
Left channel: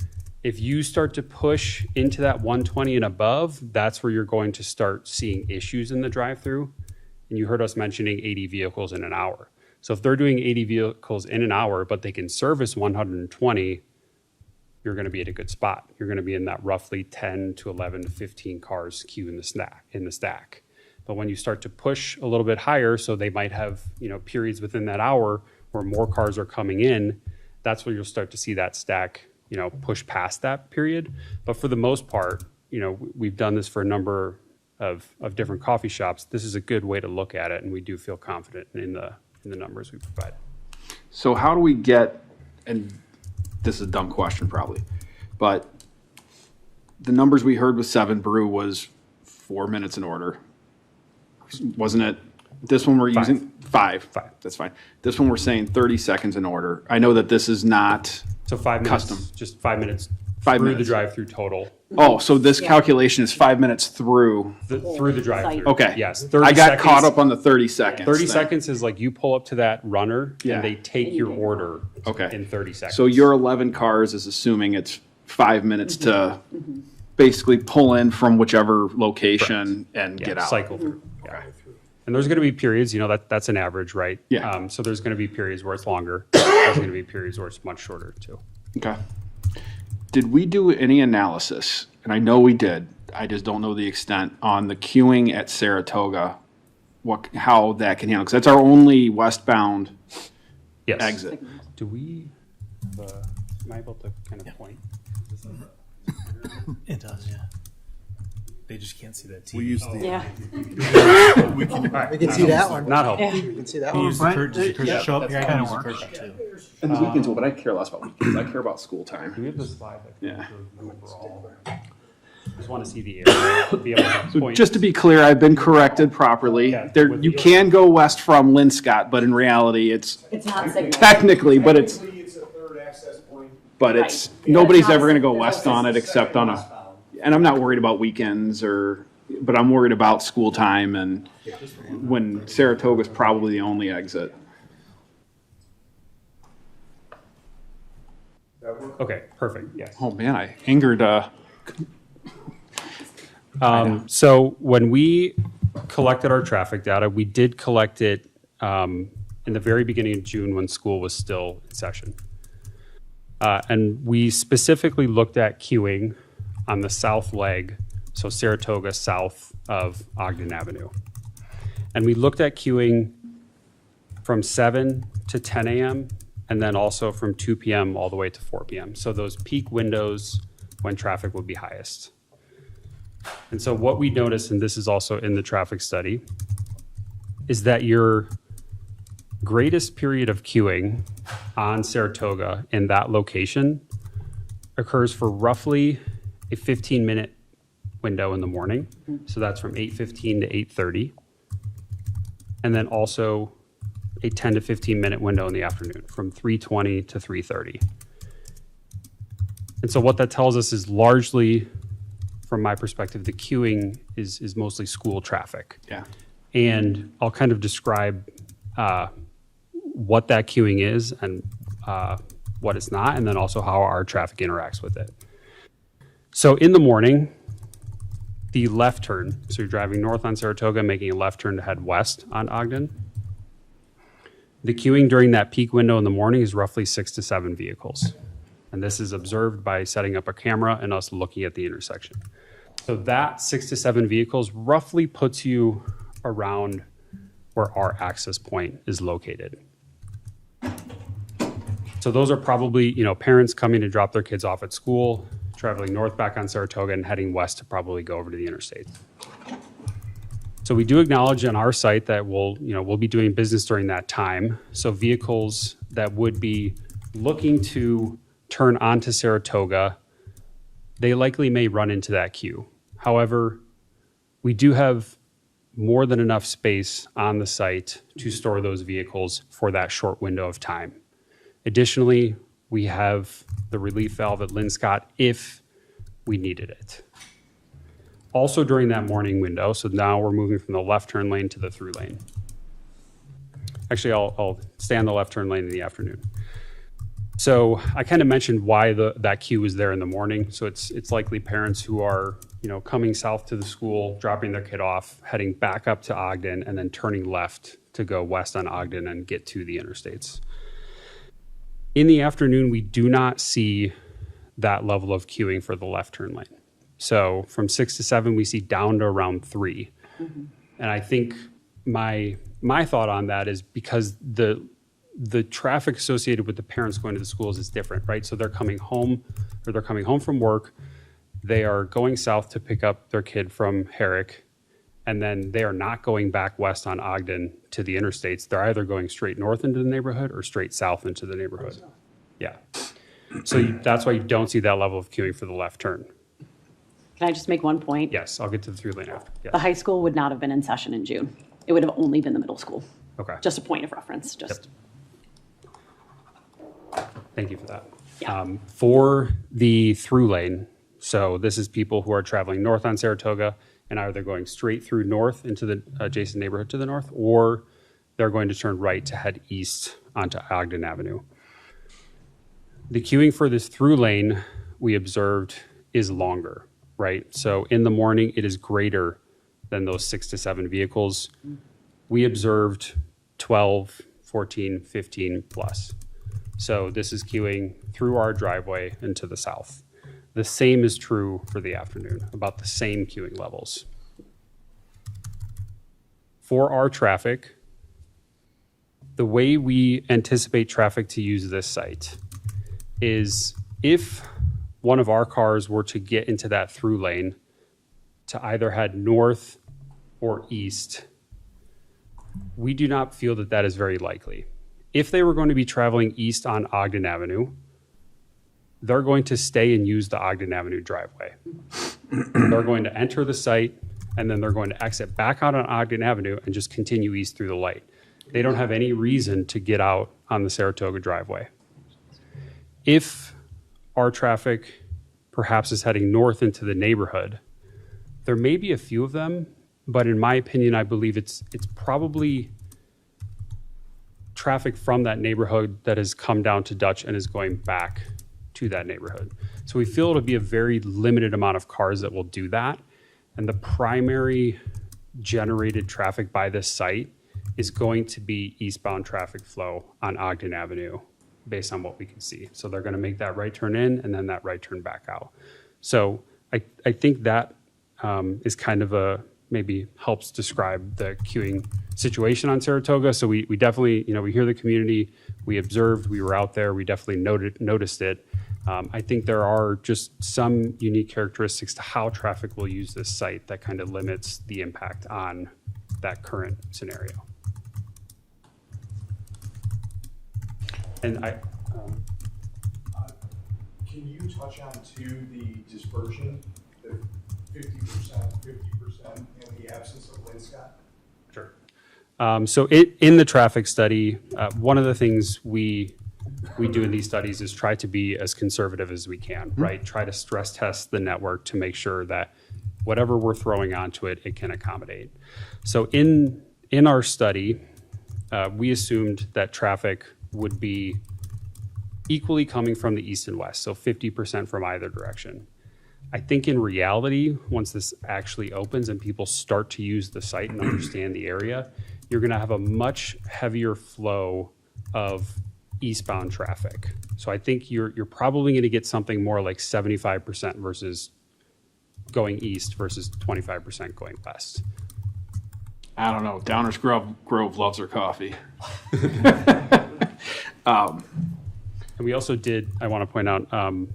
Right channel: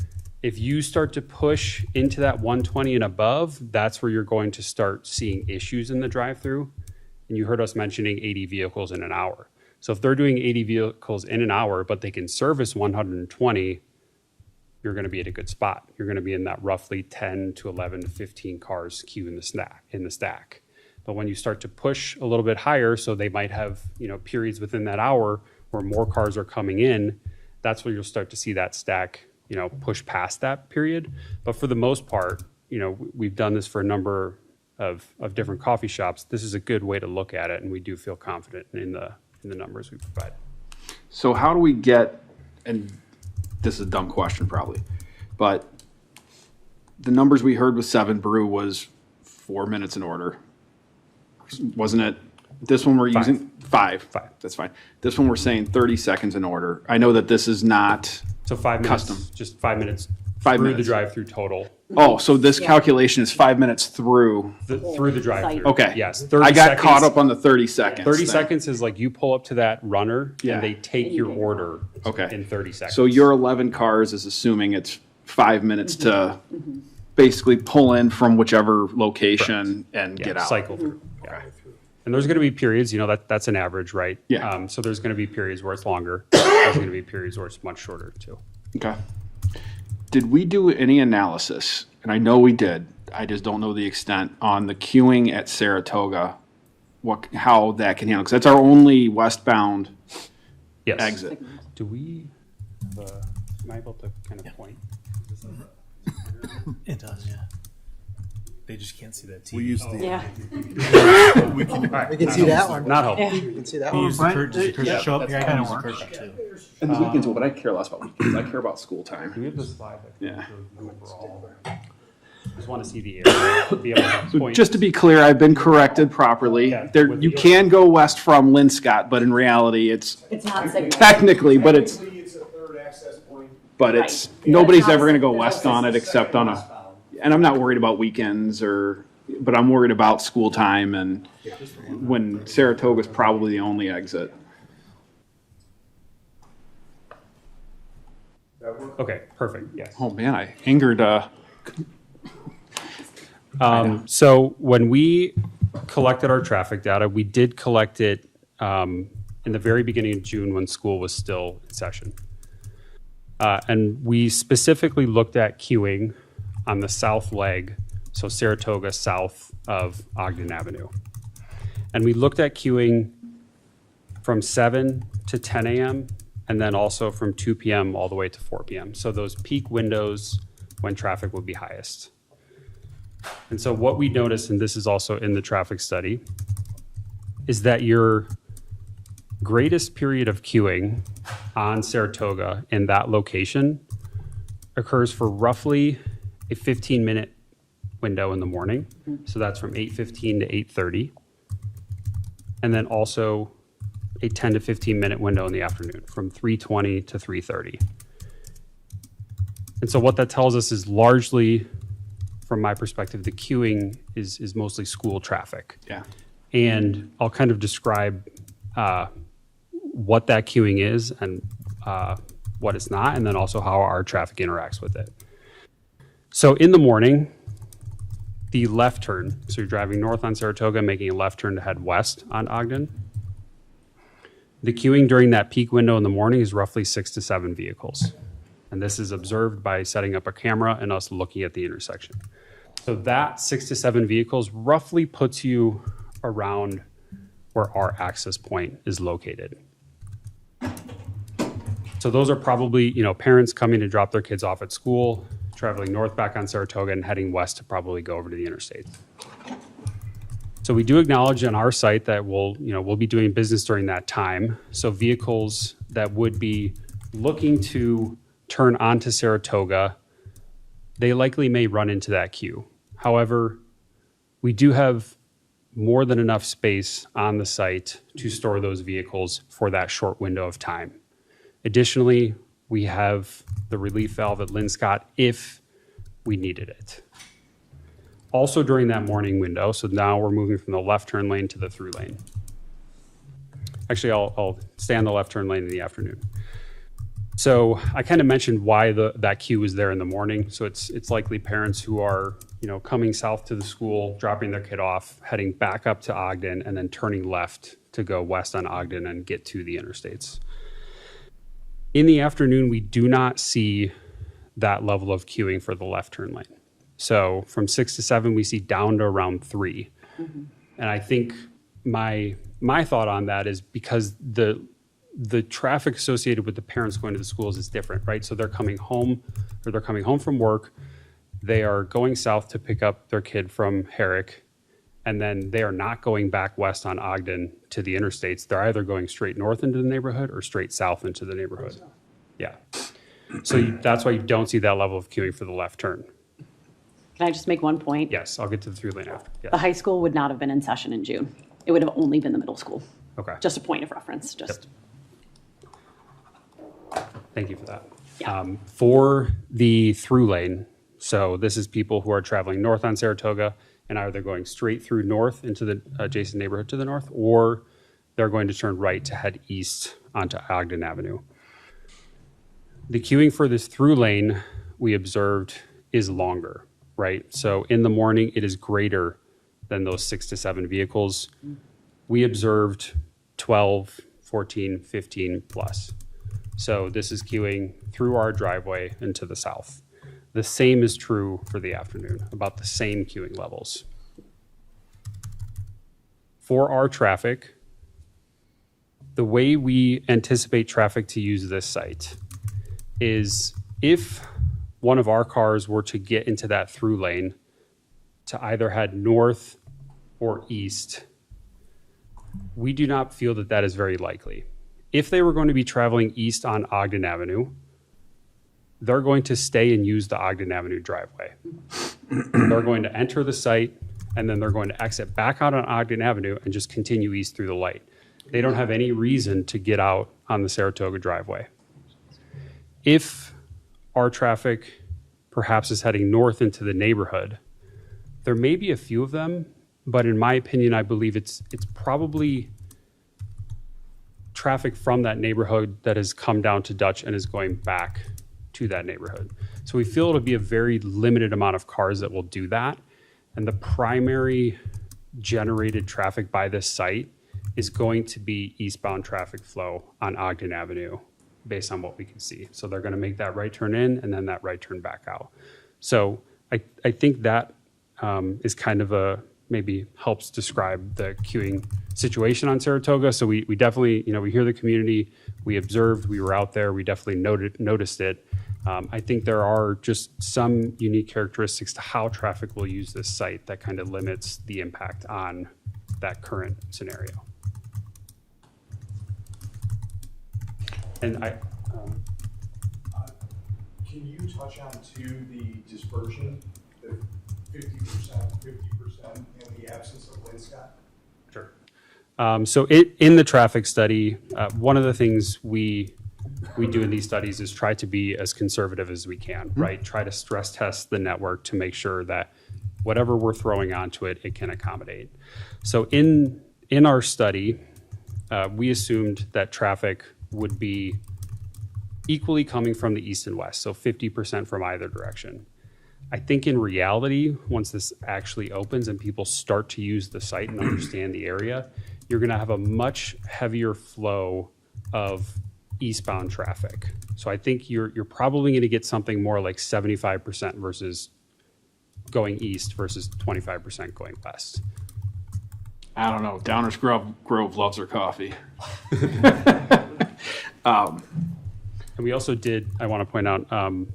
if you start to push into that 120 and above, that's where you're going to start seeing issues in the drive-through. And you heard us mentioning 80 vehicles in an hour. So if they're doing 80 vehicles in an hour, but they can service 120, you're going to be at a good spot. You're going to be in that roughly 10 to 11 to 15 cars queue in the stack. But when you start to push a little bit higher, so they might have, periods within that hour where more cars are coming in, that's where you'll start to see that stack, push past that period. But for the most part, we've done this for a number of different coffee shops. This is a good way to look at it, and we do feel confident in the numbers we provide. So how do we get, and this is a dumb question probably, but the numbers we heard with 7 Brew was 4 minutes in order. Wasn't it? This one we're using 5. That's fine. This one we're saying 30 seconds in order. I know that this is not so 5 minutes, custom. Just 5 minutes. 5 through minutes. The drive-through total. Oh, so this calculation is 5 minutes through the drive-through. Okay. Yes. 30 I got seconds, caught up on the 30 seconds. 30 thing. seconds is like you pull up to that runner and they take your order in 30 seconds. So your 11 cars is assuming it's 5 minutes to basically pull in from whichever location and get out. Cycle through. Yeah. And there's going to be periods, that's an average, right? Yeah. So there's going to be periods where it's longer. There's going to be periods where it's much shorter too. Okay. Did we do any analysis? And I know we did. I just don't know the extent on the queuing at Saratoga, how that can handle, because that's our only westbound exit. Do we, am I able to kind of point? It does, yeah. They just can't see that TV. We use the. Yeah. We can see that one. Not helpful. We can see that We one. use the curtain. Does the curtain show up? That Yeah, kind of I use the works. curtain too. And the weekends, but I care less about weekends. I care about school time. Do we have this slide? Yeah. Overall. I just want to see the area. Be able to So point. just to be clear, I've been corrected properly. There, you can go west from Linscott, but in reality, it's not safe. technically, but it's Right. nobody's ever going to go west on it except on a. And I'm not worried about weekends but I'm worried about school time and when Saratoga's probably the only exit. Okay, perfect. Yes. Oh man, I angered. So when we collected our traffic data, we did collect it in the very beginning of June when school was still in session. And we specifically looked at queuing on the south leg, so Saratoga south of Ogden Avenue. And we looked at queuing from 7 to 10 a.m. and then also from 2 p.m. all the way to 4 p.m. So those peak windows when traffic would be highest. And so what we noticed, and this is also in the traffic study, is that your greatest period of queuing on Saratoga in that location occurs for roughly a 15-minute window in the morning. So that's from 8:15 to 8:30. And then also a 10 to 15-minute window in the afternoon from 3:20 to 3:30. And so what that tells us is largely, from my perspective, the queuing is mostly school traffic. Yeah. And I'll kind of describe what that queuing is and what it's not, and then also how our traffic interacts with it. So in the morning, the left turn, so you're driving north on Saratoga, making a left turn to head west on Ogden. The queuing during that peak window in the morning is roughly 6 to 7 vehicles. And this is observed by setting up a camera and us looking at the intersection. So that 6 to 7 vehicles roughly puts you around where our access point is located. So those are probably, parents coming to drop their kids off at school, traveling north back on Saratoga and heading west to probably go over to the interstate. So we do acknowledge on our site that we'll be doing business during that time. So vehicles that would be looking to turn onto Saratoga, they likely may run into that queue. However, we do have more than enough space on the site to store those vehicles for that short window of time. Additionally, we have the relief valve at Linscott if we needed it. Also during that morning window, so now we're moving from the left turn lane to the through lane. Actually, I'll stay on the left turn lane in the afternoon. So I kind of mentioned why that queue was there in the morning. So it's likely parents who are, coming south to the school, dropping their kid off, heading back up to Ogden, and then turning left to go west on Ogden and get to the interstates. In the afternoon, we do not see that level of queuing for the left turn lane. So from 6 to 7, we see down to around 3. And I think my thought on that is because the traffic associated with the parents going to the schools is different, right? So they're coming home from work. They are going south to pick up their kid from Herrick, and then they are not going back west on Ogden to the interstates. They're either going straight north into the neighborhood or straight south into the neighborhood. Yeah. So that's why you don't see that level of queuing for the left turn. Can I just make one point? Yes, I'll get to the through lane after. Yes. The high school would not have been in session in June. It would have only been the middle school. Okay. Just a point of reference, just. Thank you for that. Yeah. For the through lane, so this is people who are traveling north on Saratoga and either going straight through north into the adjacent neighborhood to the north, or they're going to turn right to head east onto Ogden Avenue. The queuing for this through lane we observed is longer, right? So in the morning, it is greater than those 6 to 7 vehicles. We observed 12, 14, 15 plus. So this is queuing through our driveway and to the south. The same is true for the afternoon, about the same queuing levels. For our traffic, the way we anticipate traffic to use this site is if one of our cars were to get into that through lane to either head north or east, we do not feel that that is very likely. If they were going to be traveling east on Ogden Avenue, they're going to stay and use the Ogden Avenue driveway. They're going to enter the site, and then they're going to exit back out on Ogden Avenue and just continue east through the light. They don't have any reason to get out on the Saratoga driveway. If our traffic perhaps is heading north into the neighborhood, there may be a few of them, but in my opinion, I believe it's probably traffic from that neighborhood that has come down to Dutch and is going back to that neighborhood. So we feel it'll be a very limited amount of cars that will do that. And the primary generated traffic by this site is going to be eastbound traffic flow on Ogden Avenue based on what we can see. So they're going to make that right turn in and then that right turn back out. So I think that is kind of maybe helps describe the queuing situation on Saratoga. So we definitely, we hear the community, we observed, we were out there, we definitely noticed it. I think there are just some unique characteristics to how traffic will use this site that kind of limits the impact on that current scenario. And can you touch on the dispersion, the 50%, 50% in the absence of Linscott? Sure. So in the traffic study, one of the things we do in these studies is try to be as conservative as we can, right? Try to stress test the network to make sure that whatever we're throwing onto it, it can accommodate. So in our study, we assumed that traffic would be equally coming from the east and west, so 50% from either direction. I think in reality, once this actually opens and people start to use the site and understand the area, you're going to have a much heavier flow of eastbound traffic. So I think you're probably going to get something more like 75% versus going east versus 25% going west. I don't know. Downers Grove loves their coffee. And we also did, I want to point out,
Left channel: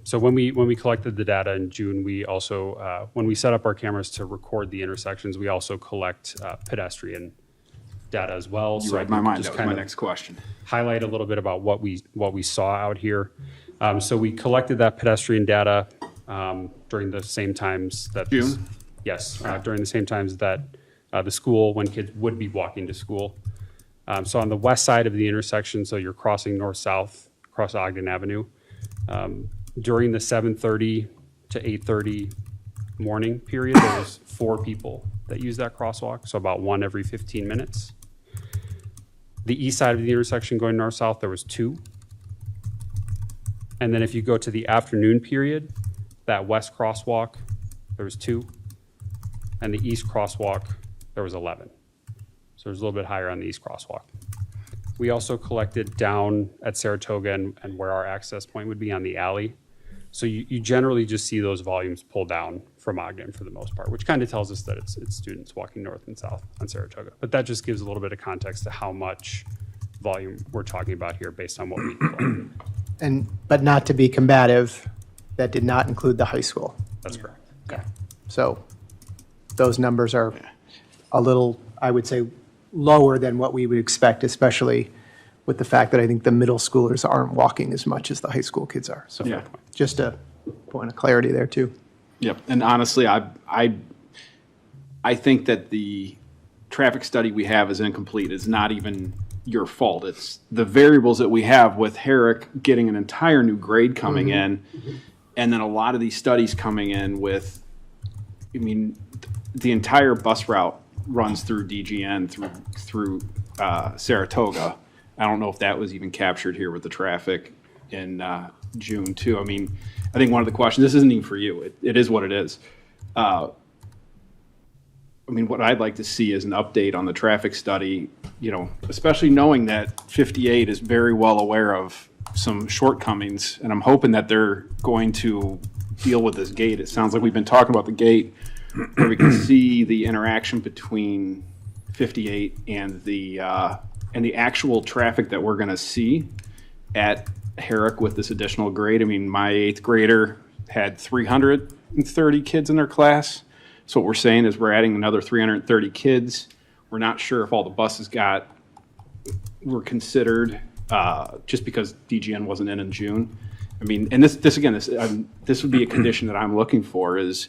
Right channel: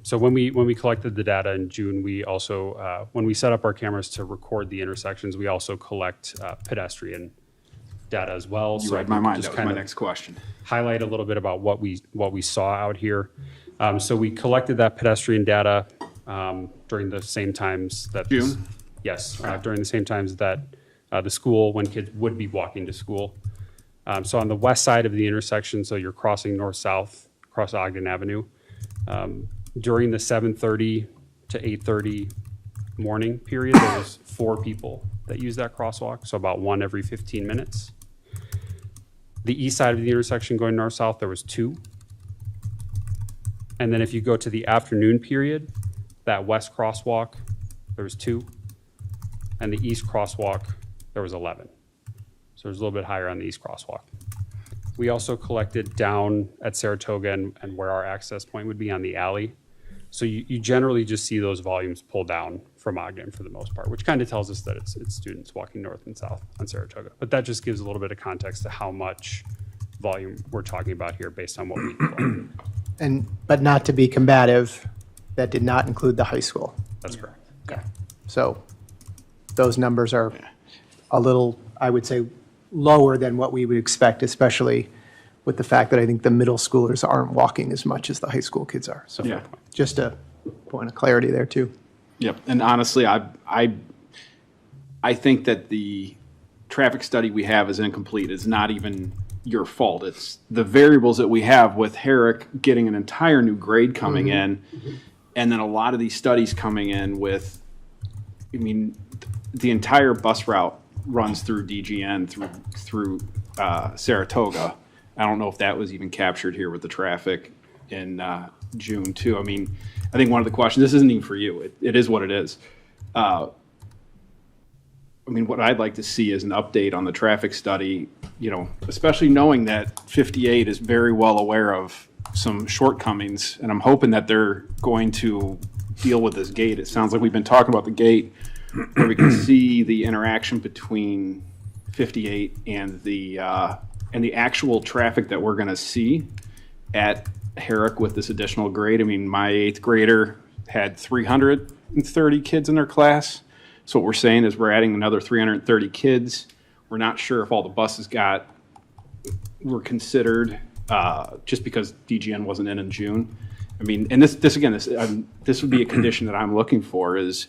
so when we collected the data in June, we also, when we set up our cameras to record the intersections, we also collect pedestrian data as well. You so read my mind. just That was kind my of next question. highlight a little bit about what we saw out here. So we collected that pedestrian data during the same times that June? Yes, during the same times that the school, when kids would be walking to school. So on the west side of the intersection, so you're crossing north-south across Ogden Avenue, during the 7:30 to 8:30 morning period, there was 4 people that used that crosswalk, so about 1 every 15 minutes. The east side of the intersection going north-south, there was 2. And then if you go to the afternoon period, that west crosswalk, there was 2. And the east crosswalk, there was 11. So it was a little bit higher on the east crosswalk. We also collected down at Saratoga and where our access point would be on the alley. So you generally just see those volumes pull down from Ogden for the most part, which kind of tells us that it's students walking north and south on Saratoga. But that just gives a little bit of context to how much volume we're talking about here based on what we collect. But not to be combative, that did not include the high school. That's correct. Okay. So those numbers are a little, I would say, lower than what we would expect, especially with the fact that I think the middle schoolers aren't walking as much as the high school kids are. So Yeah. just a point of clarity there too. Yep. And honestly, I think that the traffic study we have is incomplete. It's not even your fault. It's the variables that we have with Herrick getting an entire new grade coming in, and then a lot of these studies coming in with, I mean, the entire bus route runs through DGN through Saratoga. I don't know if that was even captured here with the traffic in June too. I mean, I think one of the questions, this isn't even for you. It is what it is. I mean, what I'd like to see is an update on the traffic study, you know, especially knowing that 58 is very well aware of some shortcomings, and I'm hoping that they're going to deal with this gate. It sounds like we've been talking about the gate, where we can see the interaction between 58 and the actual traffic that we're going to see at Herrick with this additional grade. I mean, my 8th grader had 330 kids in their class. So what we're saying is we're adding another 330 kids. We're not sure if all the buses were considered just because DGN wasn't in June. I mean, and this would be a condition that I'm looking for. Is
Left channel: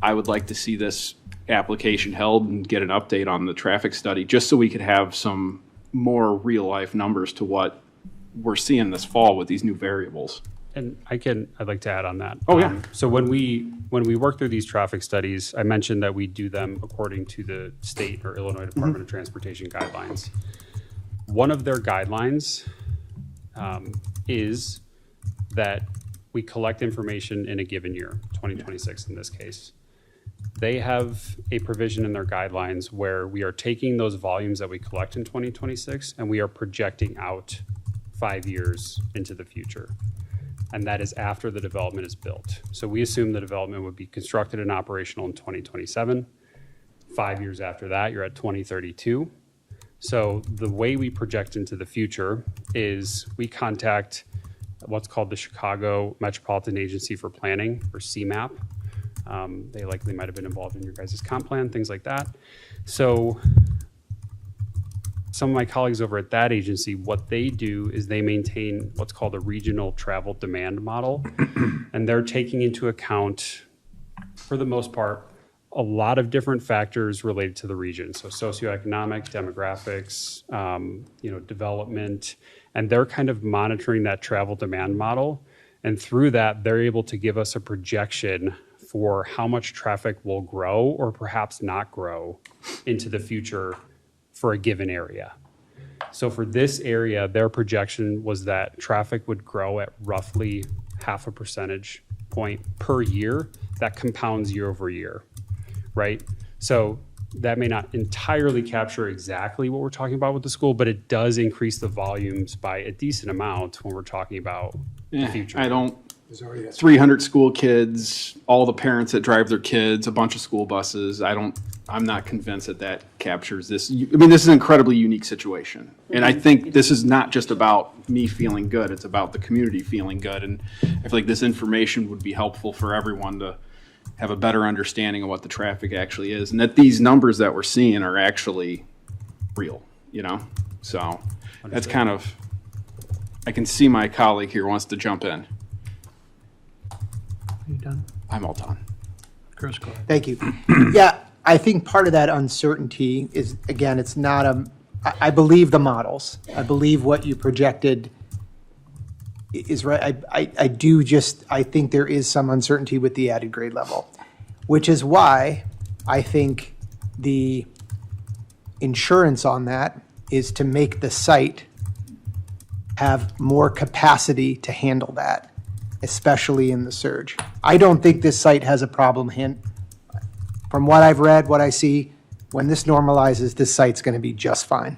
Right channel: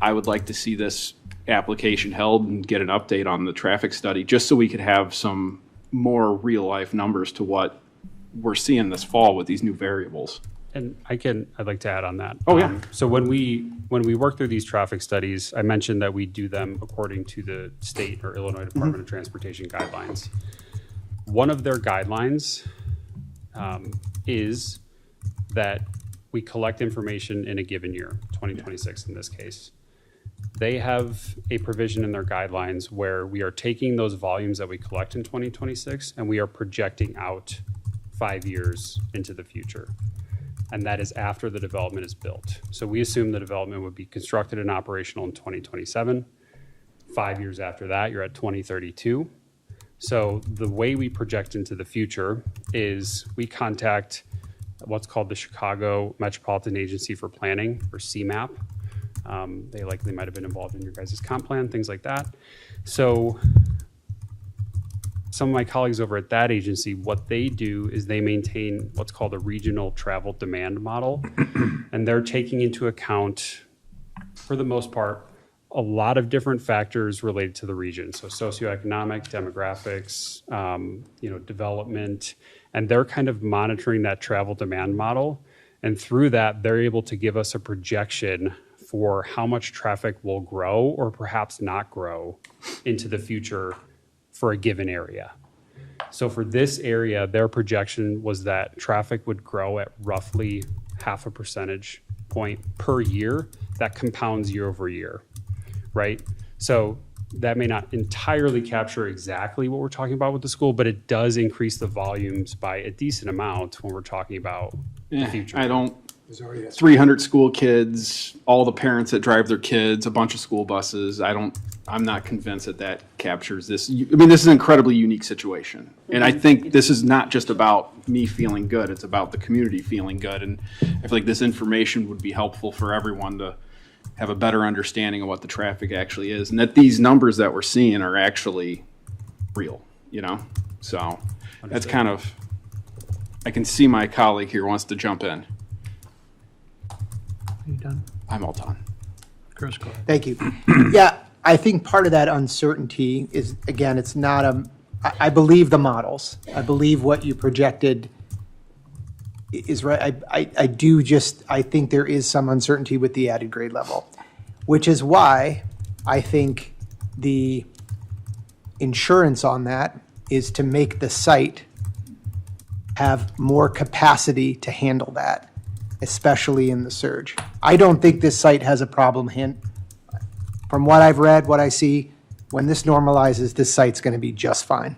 I would like to see this application held and get an update on the traffic study, just so we could have some more real life numbers to what we're seeing this fall with these new variables. And I'd like to add on that. Oh, yeah. So when we work through these traffic studies, I mentioned that we do them according to the state or Illinois Department of Transportation guidelines. One of their guidelines is that we collect information in a given year, 2026 in this case. They have a provision in their guidelines where we are taking those volumes that we collect in 2026 and we are projecting out 5 years into the future. And that is after the development is built. So we assume the development would be constructed and operational in 2027. 5 years after that, you're at 2032. So the way we project into the future is we contact what's called the Chicago Metropolitan Agency for Planning, or CMAP. They likely might have been involved in your guys' comp plan, things like that. So some of my colleagues over at that agency, what they do is they maintain what's called a regional travel demand model. And they're taking into account, for the most part, a lot of different factors related to the region. So socioeconomic, demographics, development, and they're kind of monitoring that travel demand model. And through that, they're able to give us a projection for how much traffic will grow or perhaps not grow into the future for a given area. So for this area, their projection was that traffic would grow at roughly 0.5 percentage point per year. That compounds year over year, right? So that may not entirely capture exactly what we're talking about with the school, but it does increase the volumes by a decent amount when we're talking about the future. 300 school kids, all the parents that drive their kids, a bunch of school buses. I'm not convinced that captures this. I mean, this is an incredibly unique situation. And I think this is not just about me feeling good. It's about the community feeling good. And I feel like this information would be helpful for everyone to have a better understanding of what the traffic actually is, and that these numbers that we're seeing are actually real, So that's kind of, I can see my colleague here wants to jump in. You done? I'm all done. Chris, go ahead. Thank you. Yeah, I think part of that uncertainty is, again, it's not I believe the models. I believe what you projected is right. I think there is some uncertainty with the added grade level, which is why I think the insurance on that is to make the site have more capacity to handle that, especially in the surge. I don't think this site has a problem. From what I've read, what I see, when this normalizes, this site's going to be just fine.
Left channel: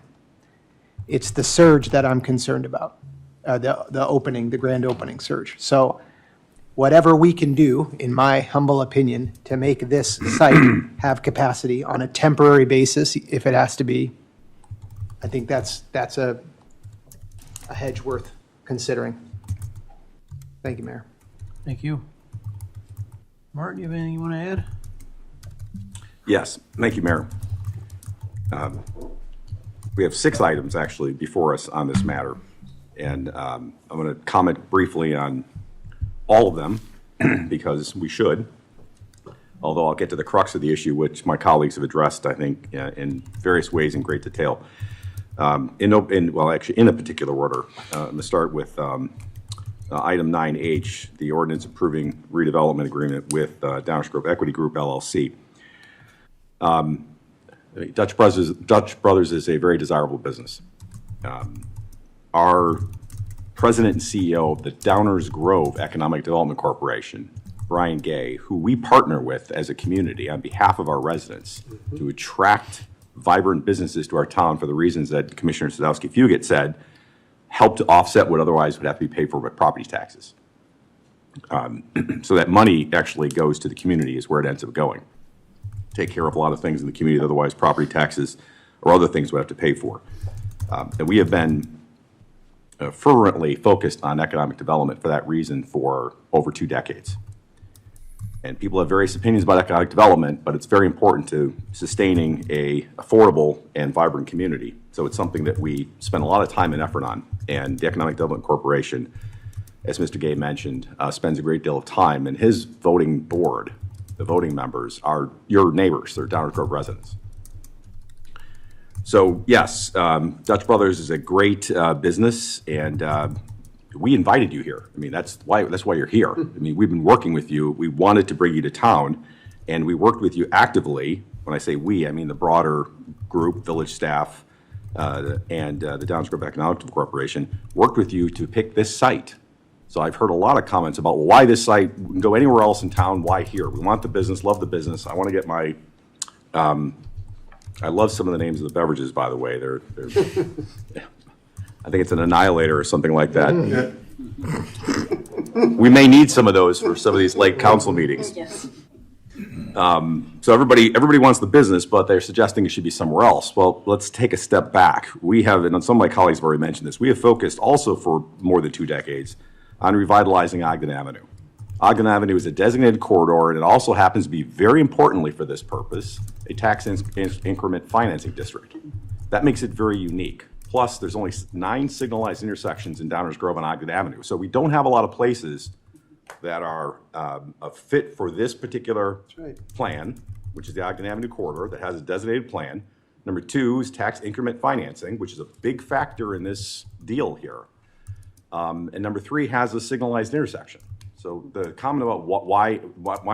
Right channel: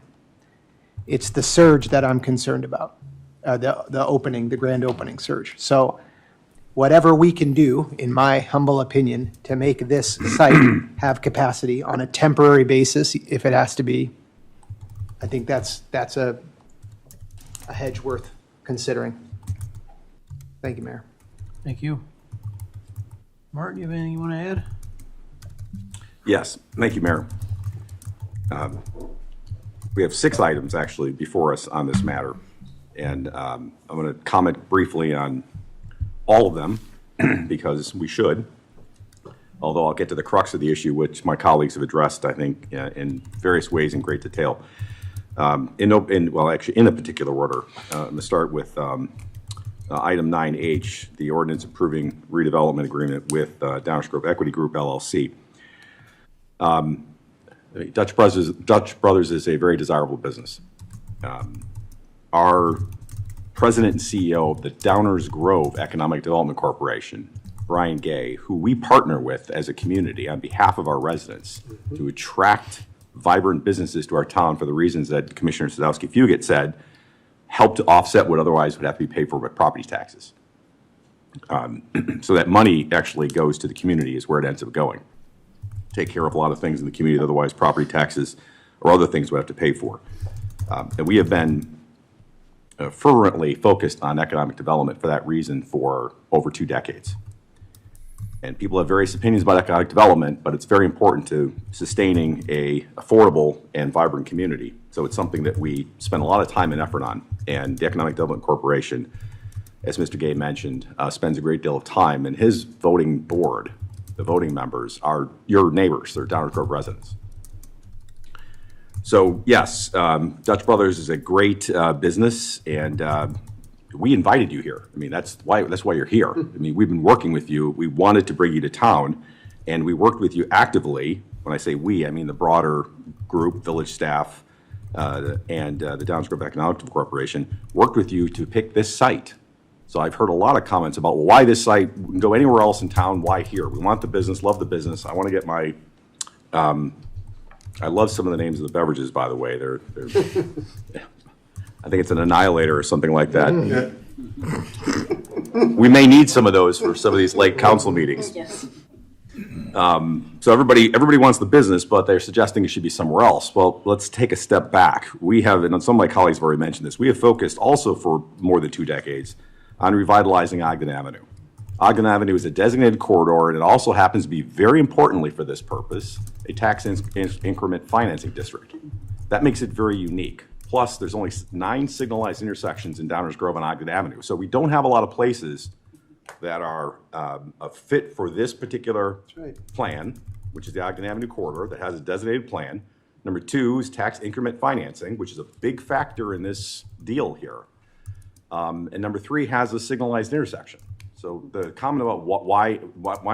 It's the surge that I'm concerned about, the grand opening surge. So whatever we can do, in my humble opinion, to make this site have capacity on a temporary basis, if it has to be, I think that's a hedge worth considering. Thank you, Mayor. Thank you. Martin, you have anything you want to add? Yes, thank you, Mayor. We have 6 items actually before us on this matter, and I'm going to comment briefly on all of them because we should, although I'll get to the crux of the issue, which my colleagues have addressed, I think, in various ways in great detail. In a particular order, I'm going to start with item 9H, the ordinance approving redevelopment agreement with Downers Grove Equity Group, LLC. Dutch Brothers is a very desirable business. Our president and CEO of the Downers Grove Economic Development Corporation, Brian Gay, who we partner with as a community on behalf of our residents to attract vibrant businesses to our town for the reasons that Commissioner Sadowski-Fugit said, help to offset what otherwise would have to be paid for with property taxes. So that money actually goes to the community is where it ends up going. Take care of a lot of things in the community, otherwise property taxes or other things we have to pay for. And we have been fervently focused on economic development for that reason for over 2 decades. And people have various opinions about economic development, but it's very important to sustaining a affordable and vibrant community. So it's something that we spend a lot of time and effort on. And the Economic Development Corporation, as Mr. Gay mentioned, spends a great deal of time, and his voting board, the voting members, are your neighbors. They're Downers Grove residents. So yes, Dutch Brothers is a great business, and we invited you here. I mean, that's why you're here. I mean, we've been working with you. We wanted to bring you to town, and we worked with you actively. When I say we, I mean the broader group, village staff, and the Downers Grove Economic Corporation worked with you to pick this site. So I've heard a lot of comments about why this site, we can go anywhere else in town, why here? We want the business, love the business. I want to get my, I love some of the names of the beverages, by the way. They're I think it's an Annihilator or something like that. We may need some of those for some of these late council meetings. Yes. So everybody wants the business, but they're suggesting it should be somewhere else. Well, let's take a step back. We have, and some of my colleagues have already mentioned this, we have focused also for more than 2 decades on revitalizing Ogden Avenue. Ogden Avenue is a designated corridor, and it also happens to be, very importantly for this purpose, a tax increment financing district. That makes it very unique. Plus, there's only 9 signalized intersections in Downers Grove and Ogden Avenue. So we don't have a lot of places that are a fit for this particular plan, which is the Ogden Avenue corridor that has a designated plan. Number 2 is tax increment financing, which is a big factor in this deal here. And number 3 has a signalized intersection. So the comment about why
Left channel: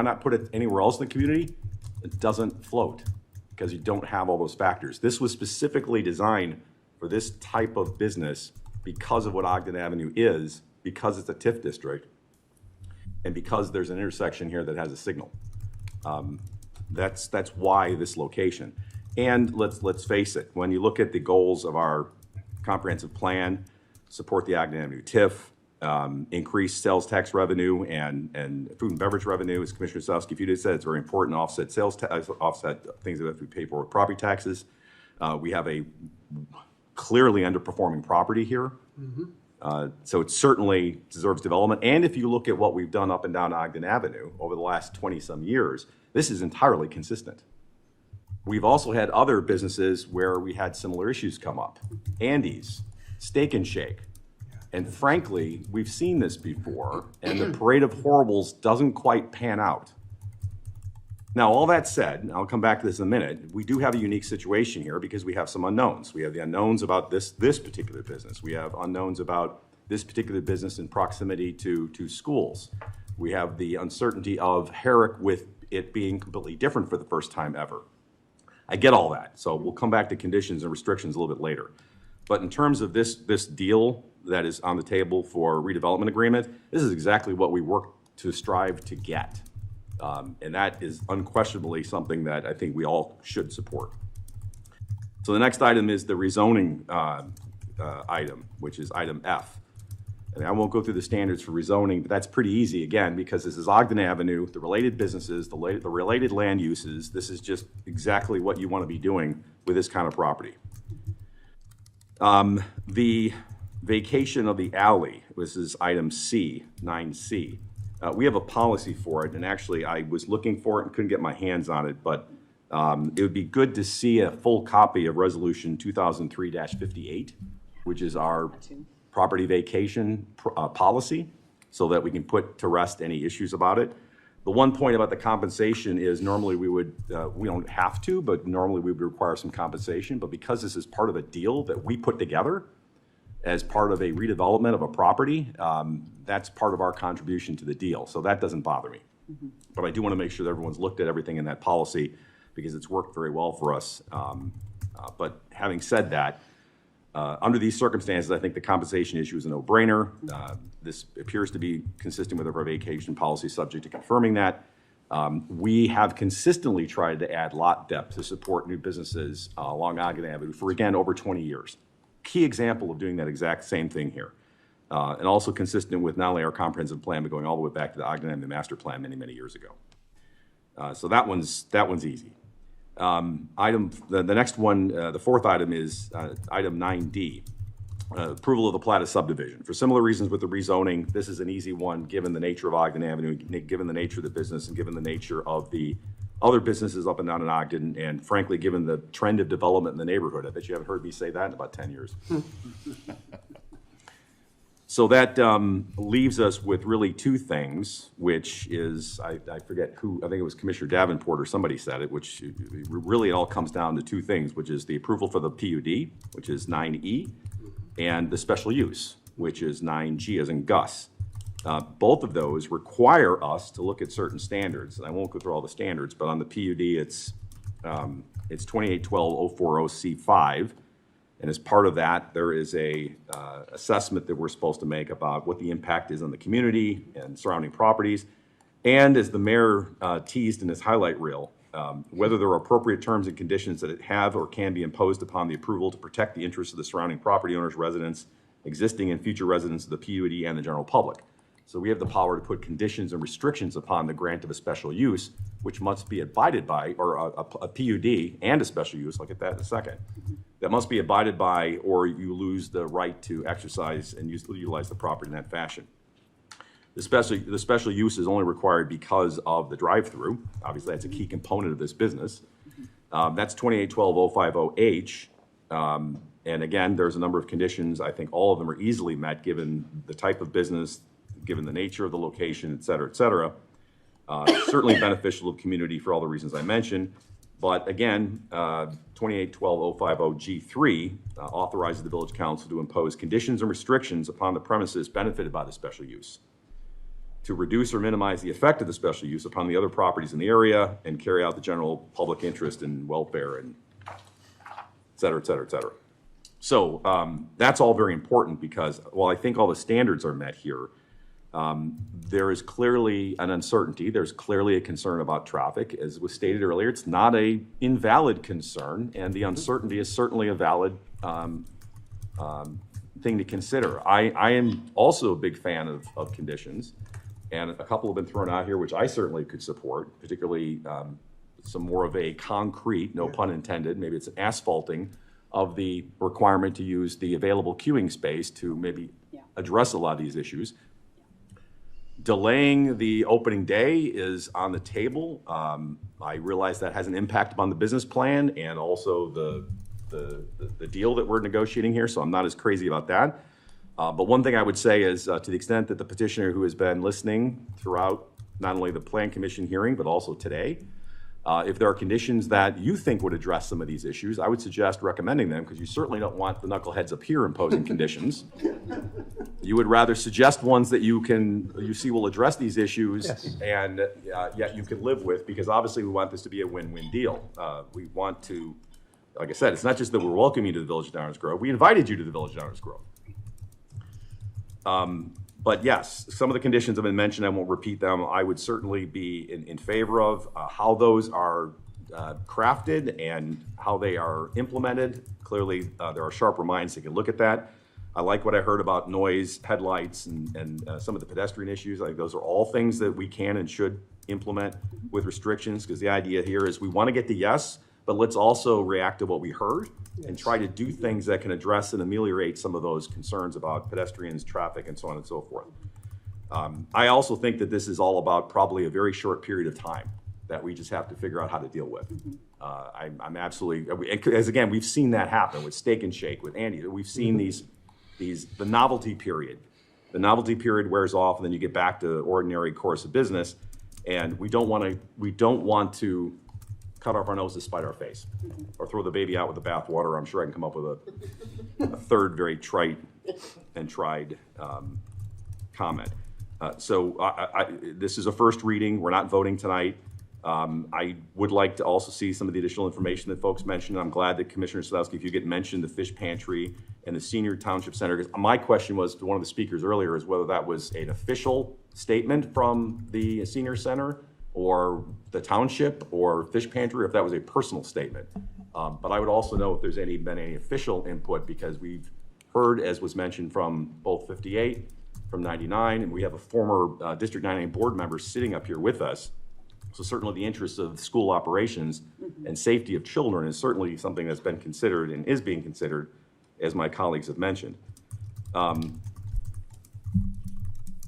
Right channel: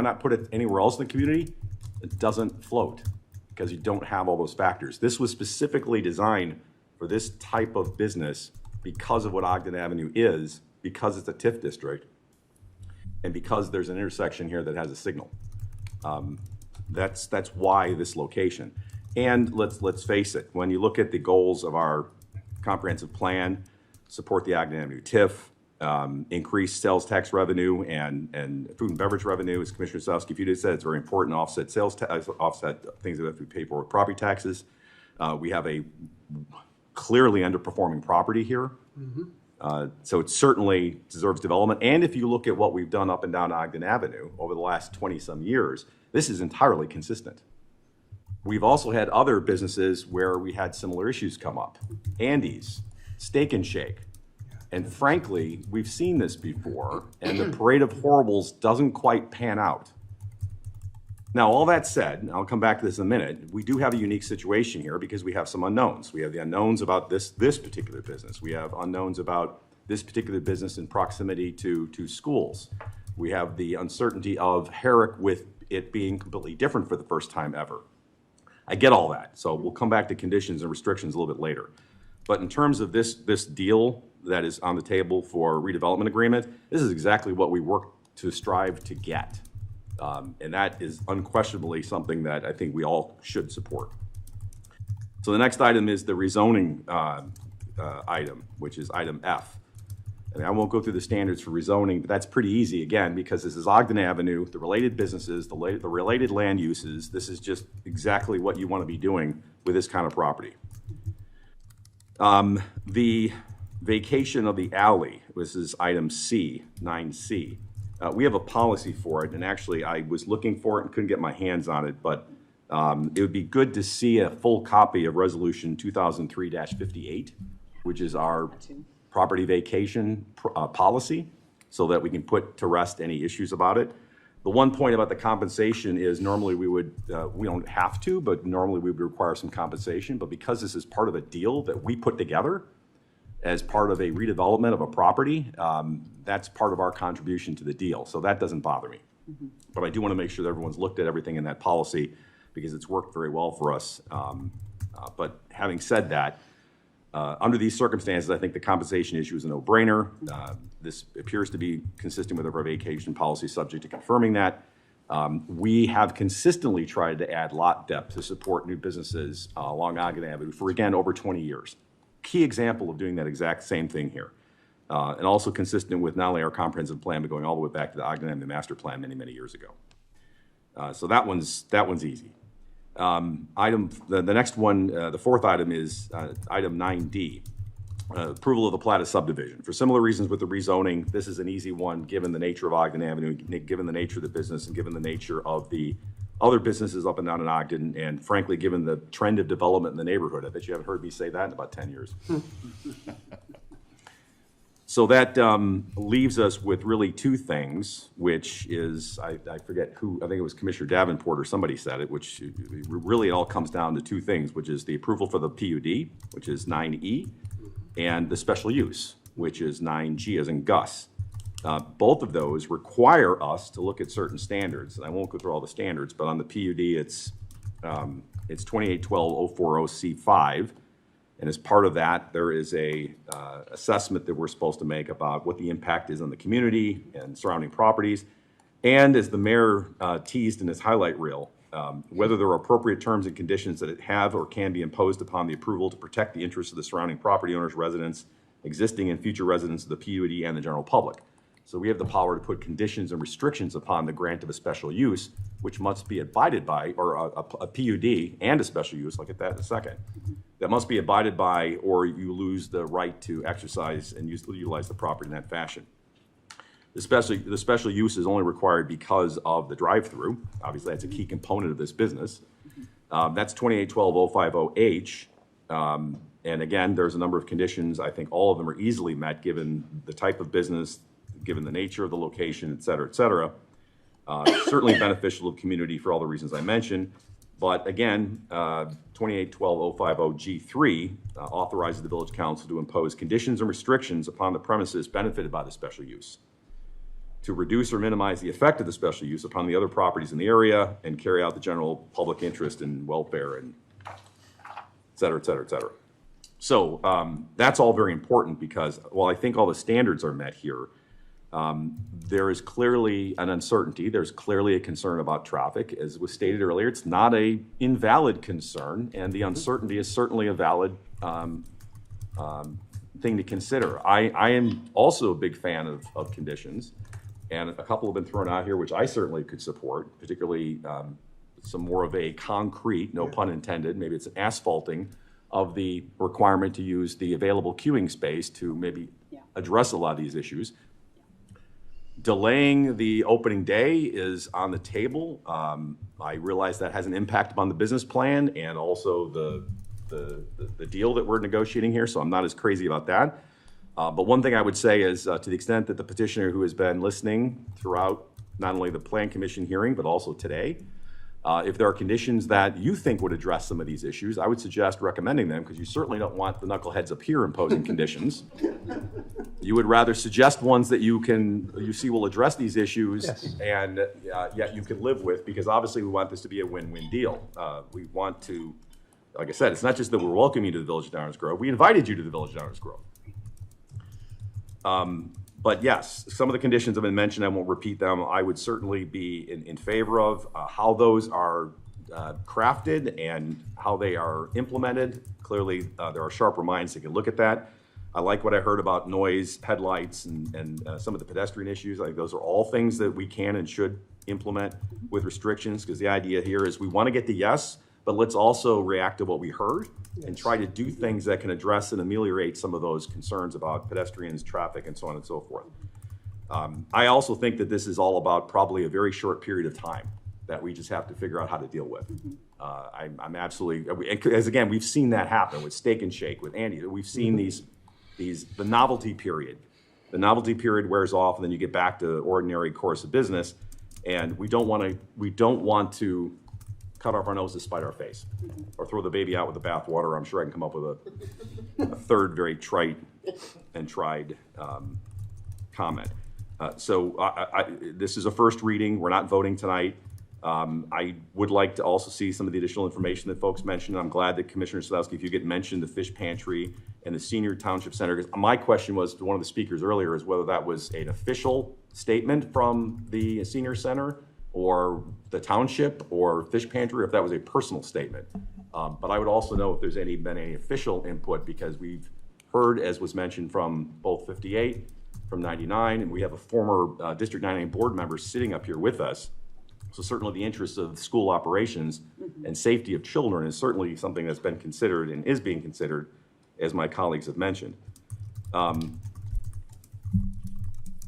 not put it anywhere else in the community, it doesn't float because you don't have all those factors. This was specifically designed for this type of business because of what Ogden Avenue is, because it's a TIF district, and because there's an intersection here that has a signal. That's why this location. And let's face it, when you look at the goals of our comprehensive plan, support the Ogden Avenue TIF, increase sales tax revenue and food and beverage revenue, as Commissioner Sadowski said, it's very important to offset offset things that have to be paid for with property taxes. We have a clearly underperforming property here. So it certainly deserves development. And if you look at what we've done up and down Ogden Avenue over the last 20 some years, this is entirely consistent. We've also had other businesses where we had similar issues come up. Andy's, Steak and Shake. And frankly, we've seen this before, and the parade of horribles doesn't quite pan out. Now, all that said, and I'll come back to this in a minute, we do have a unique situation here because we have some unknowns. We have the unknowns about this particular business. We have unknowns about this particular business in proximity to schools. We have the uncertainty of Herrick with it being completely different for the first time ever. I get all that. So we'll come back to conditions and restrictions a little bit later. But in terms of this deal that is on the table for redevelopment agreement, this is exactly what we work to strive to get. And that is unquestionably something that I think we all should support. So the next item is the rezoning item, which is item F. And I won't go through the standards for rezoning, but that's pretty easy, again, because this is Ogden Avenue, the related businesses, the related land uses. This is just exactly what you want to be doing with this kind of property. The vacation of the alley, this is item C, 9C. We have a policy for it, and actually I was looking for it and couldn't get my hands on it, but it would be good to see a full copy of Resolution 2003-58, which is our property vacation policy, so that we can put to rest any issues about it. The one point about the compensation is normally we don't have to, but normally we would require some compensation. But because this is part of a deal that we put together as part of a redevelopment of a property, that's part of our contribution to the deal. So that doesn't bother me. But I do want to make sure that everyone's looked at everything in that policy because it's worked very well for us. But having said that, under these circumstances, I think the compensation issue is a no-brainer. This appears to be consistent with our vacation policy, subject to confirming that. We have consistently tried to add lot depth to support new businesses along Ogden Avenue for, again, over 20 years. Key example of doing that exact same thing here. And also consistent with not only our comprehensive plan, but going all the way back to the Ogden Avenue Master Plan many, many years ago. So that one's easy. The next one, the fourth item is item 9D, approval of the plat of subdivision. For similar reasons with the rezoning, this is an easy one given the nature of Ogden Avenue, given the nature of the business, and given the nature of the other businesses up and down in Ogden, and frankly, given the trend of development in the neighborhood. I bet you haven't heard me say that in about 10 years. So that leaves us with really two things, which is, I forget who, I think it was Commissioner Davenport or somebody said it, which really it all comes down to two things, which is the approval for the PUD, which is 9E, and the special use, which is 9G as in Gus. Both of those require us to look at certain standards. And I won't go through all the standards, but on the PUD, it's 2812-040C5. And as part of that, there is a assessment that we're supposed to make about what the impact is on the community and surrounding properties. And as the mayor teased in his highlight reel, whether there are appropriate terms and conditions that have or can be imposed upon the approval to protect the interests of the surrounding property owners, residents, existing and future residents of the PUD and the general public. So we have the power to put conditions and restrictions upon the grant of a special use, which must be abided by, or a PUD and a special use, look at that in a second, that must be abided by, or you lose the right to exercise and utilize the property in that fashion. The special use is only required because of the drive-through. Obviously, that's a key component of this business. That's 2812-050H. And again, there's a number of conditions. I think all of them are easily met given the type of business, given the nature of the location, et cetera, et cetera. Certainly beneficial to the community for all the reasons I mentioned. But again, 2812-050G3 authorizes the village council to impose conditions and restrictions upon the premises benefited by the special use, to reduce or minimize the effect of the special use upon the other properties in the area and carry out the general public interest and welfare and et cetera, et cetera, et cetera. So that's all very important because while I think all the standards are met here, there is clearly an uncertainty. There's clearly a concern about traffic. As was stated earlier, it's not an invalid concern, and the uncertainty is certainly a valid thing to consider. I am also a big fan of conditions, and a couple have been thrown out here, which I certainly could support, particularly some more of a concrete, no pun intended, maybe it's asphalting of the requirement to use the available queuing space to maybe address a lot of these issues. Delaying the opening day is on the table. I realize that has an impact upon the business plan and also the deal that we're negotiating here, so I'm not as crazy about that. But one thing I would say is to the extent that the petitioner who has been listening throughout not only the Plan Commission hearing, but also today, If there are conditions that you think would address some of these issues, I would suggest recommending them, because you certainly don't want the knuckleheads up here imposing conditions. You would rather suggest ones that you see will address these issues, Yes. and yet you could live with, because obviously we want this to be a win-win deal. We want to, like I said, it's not just that we're welcoming you to the Village of Downers Grove. We invited you to the Village of Downers Grove. But yes, some of the conditions have been mentioned. I won't repeat them. I would certainly be in favor of how those are crafted and how they are implemented. Clearly, there are sharper minds that can look at that. I like what I heard about noise, headlights, and some of the pedestrian issues. I think those are all things that we can and should implement with restrictions, because the idea here is we want to get the yes, but let's also react to what we heard and try to do things that can address and ameliorate some of those concerns about pedestrians, traffic, and so on and so forth. I also think that this is all about probably a very short period of time that we just have to figure out how to deal with. I'm absolutely, as again, we've seen that happen with Steak and Shake, with Andy. We've seen the novelty period. The novelty period wears off, and then you get back to the ordinary course of business. And we don't want to cut off our nose to spite our face, or throw the baby out with the bathwater. I'm sure I can come up with a third very trite and tried comment. So this is a first reading. We're not voting tonight. I would like to also see some of the additional information that folks mentioned. I'm glad that Commissioner Sadowski, if you could mention the fish pantry and the senior township center. Because my question was to one of the speakers earlier is whether that was an official statement from the senior center or the township or fish pantry, or if that was a personal statement. But I would also know if there's been any official input, because we've heard, as was mentioned, from both 58, from 99, and we have a former District 99 board member sitting up here with us. So certainly the interests of school operations and safety of children is certainly something that's been considered and is being considered, as my colleagues have mentioned.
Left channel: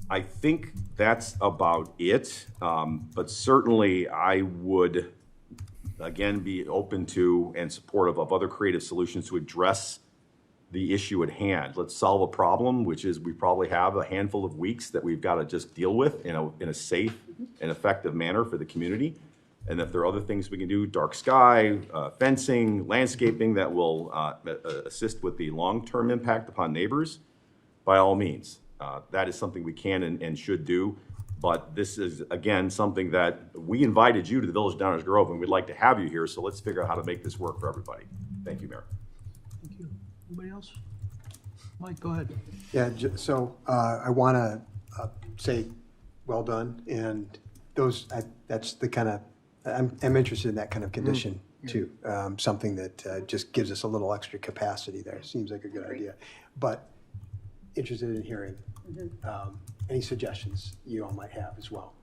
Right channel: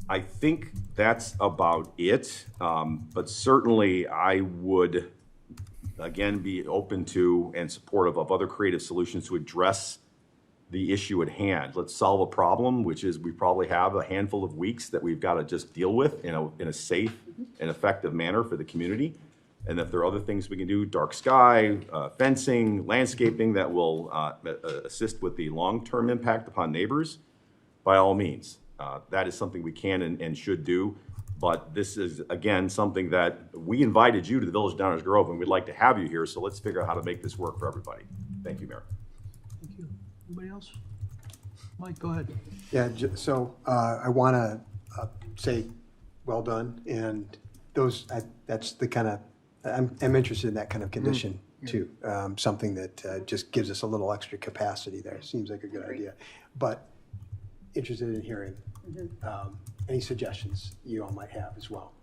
I think that's about it, but certainly I would, again, be open to and supportive of other creative solutions to address the issue at hand. Let's solve a problem, which is we probably have a handful of weeks that we've got to just deal with in a safe and effective manner for the community. And if there are other things we can do, dark sky, fencing, landscaping that will assist with the long-term impact upon neighbors, by all means. That is something we can and should do. But this is, again, something that we invited you to the Village of Downers Grove, and we'd like to have you here. So let's figure out how to make this work for everybody. Thank you, Mayor. Thank you. Anybody else? Mike, go ahead. Yeah, so I want to say well done, and that's the kind of, I'm interested in that kind of condition too. Something that just gives us a little extra capacity there. Seems like a good idea, but interested in hearing any suggestions you all might have as well.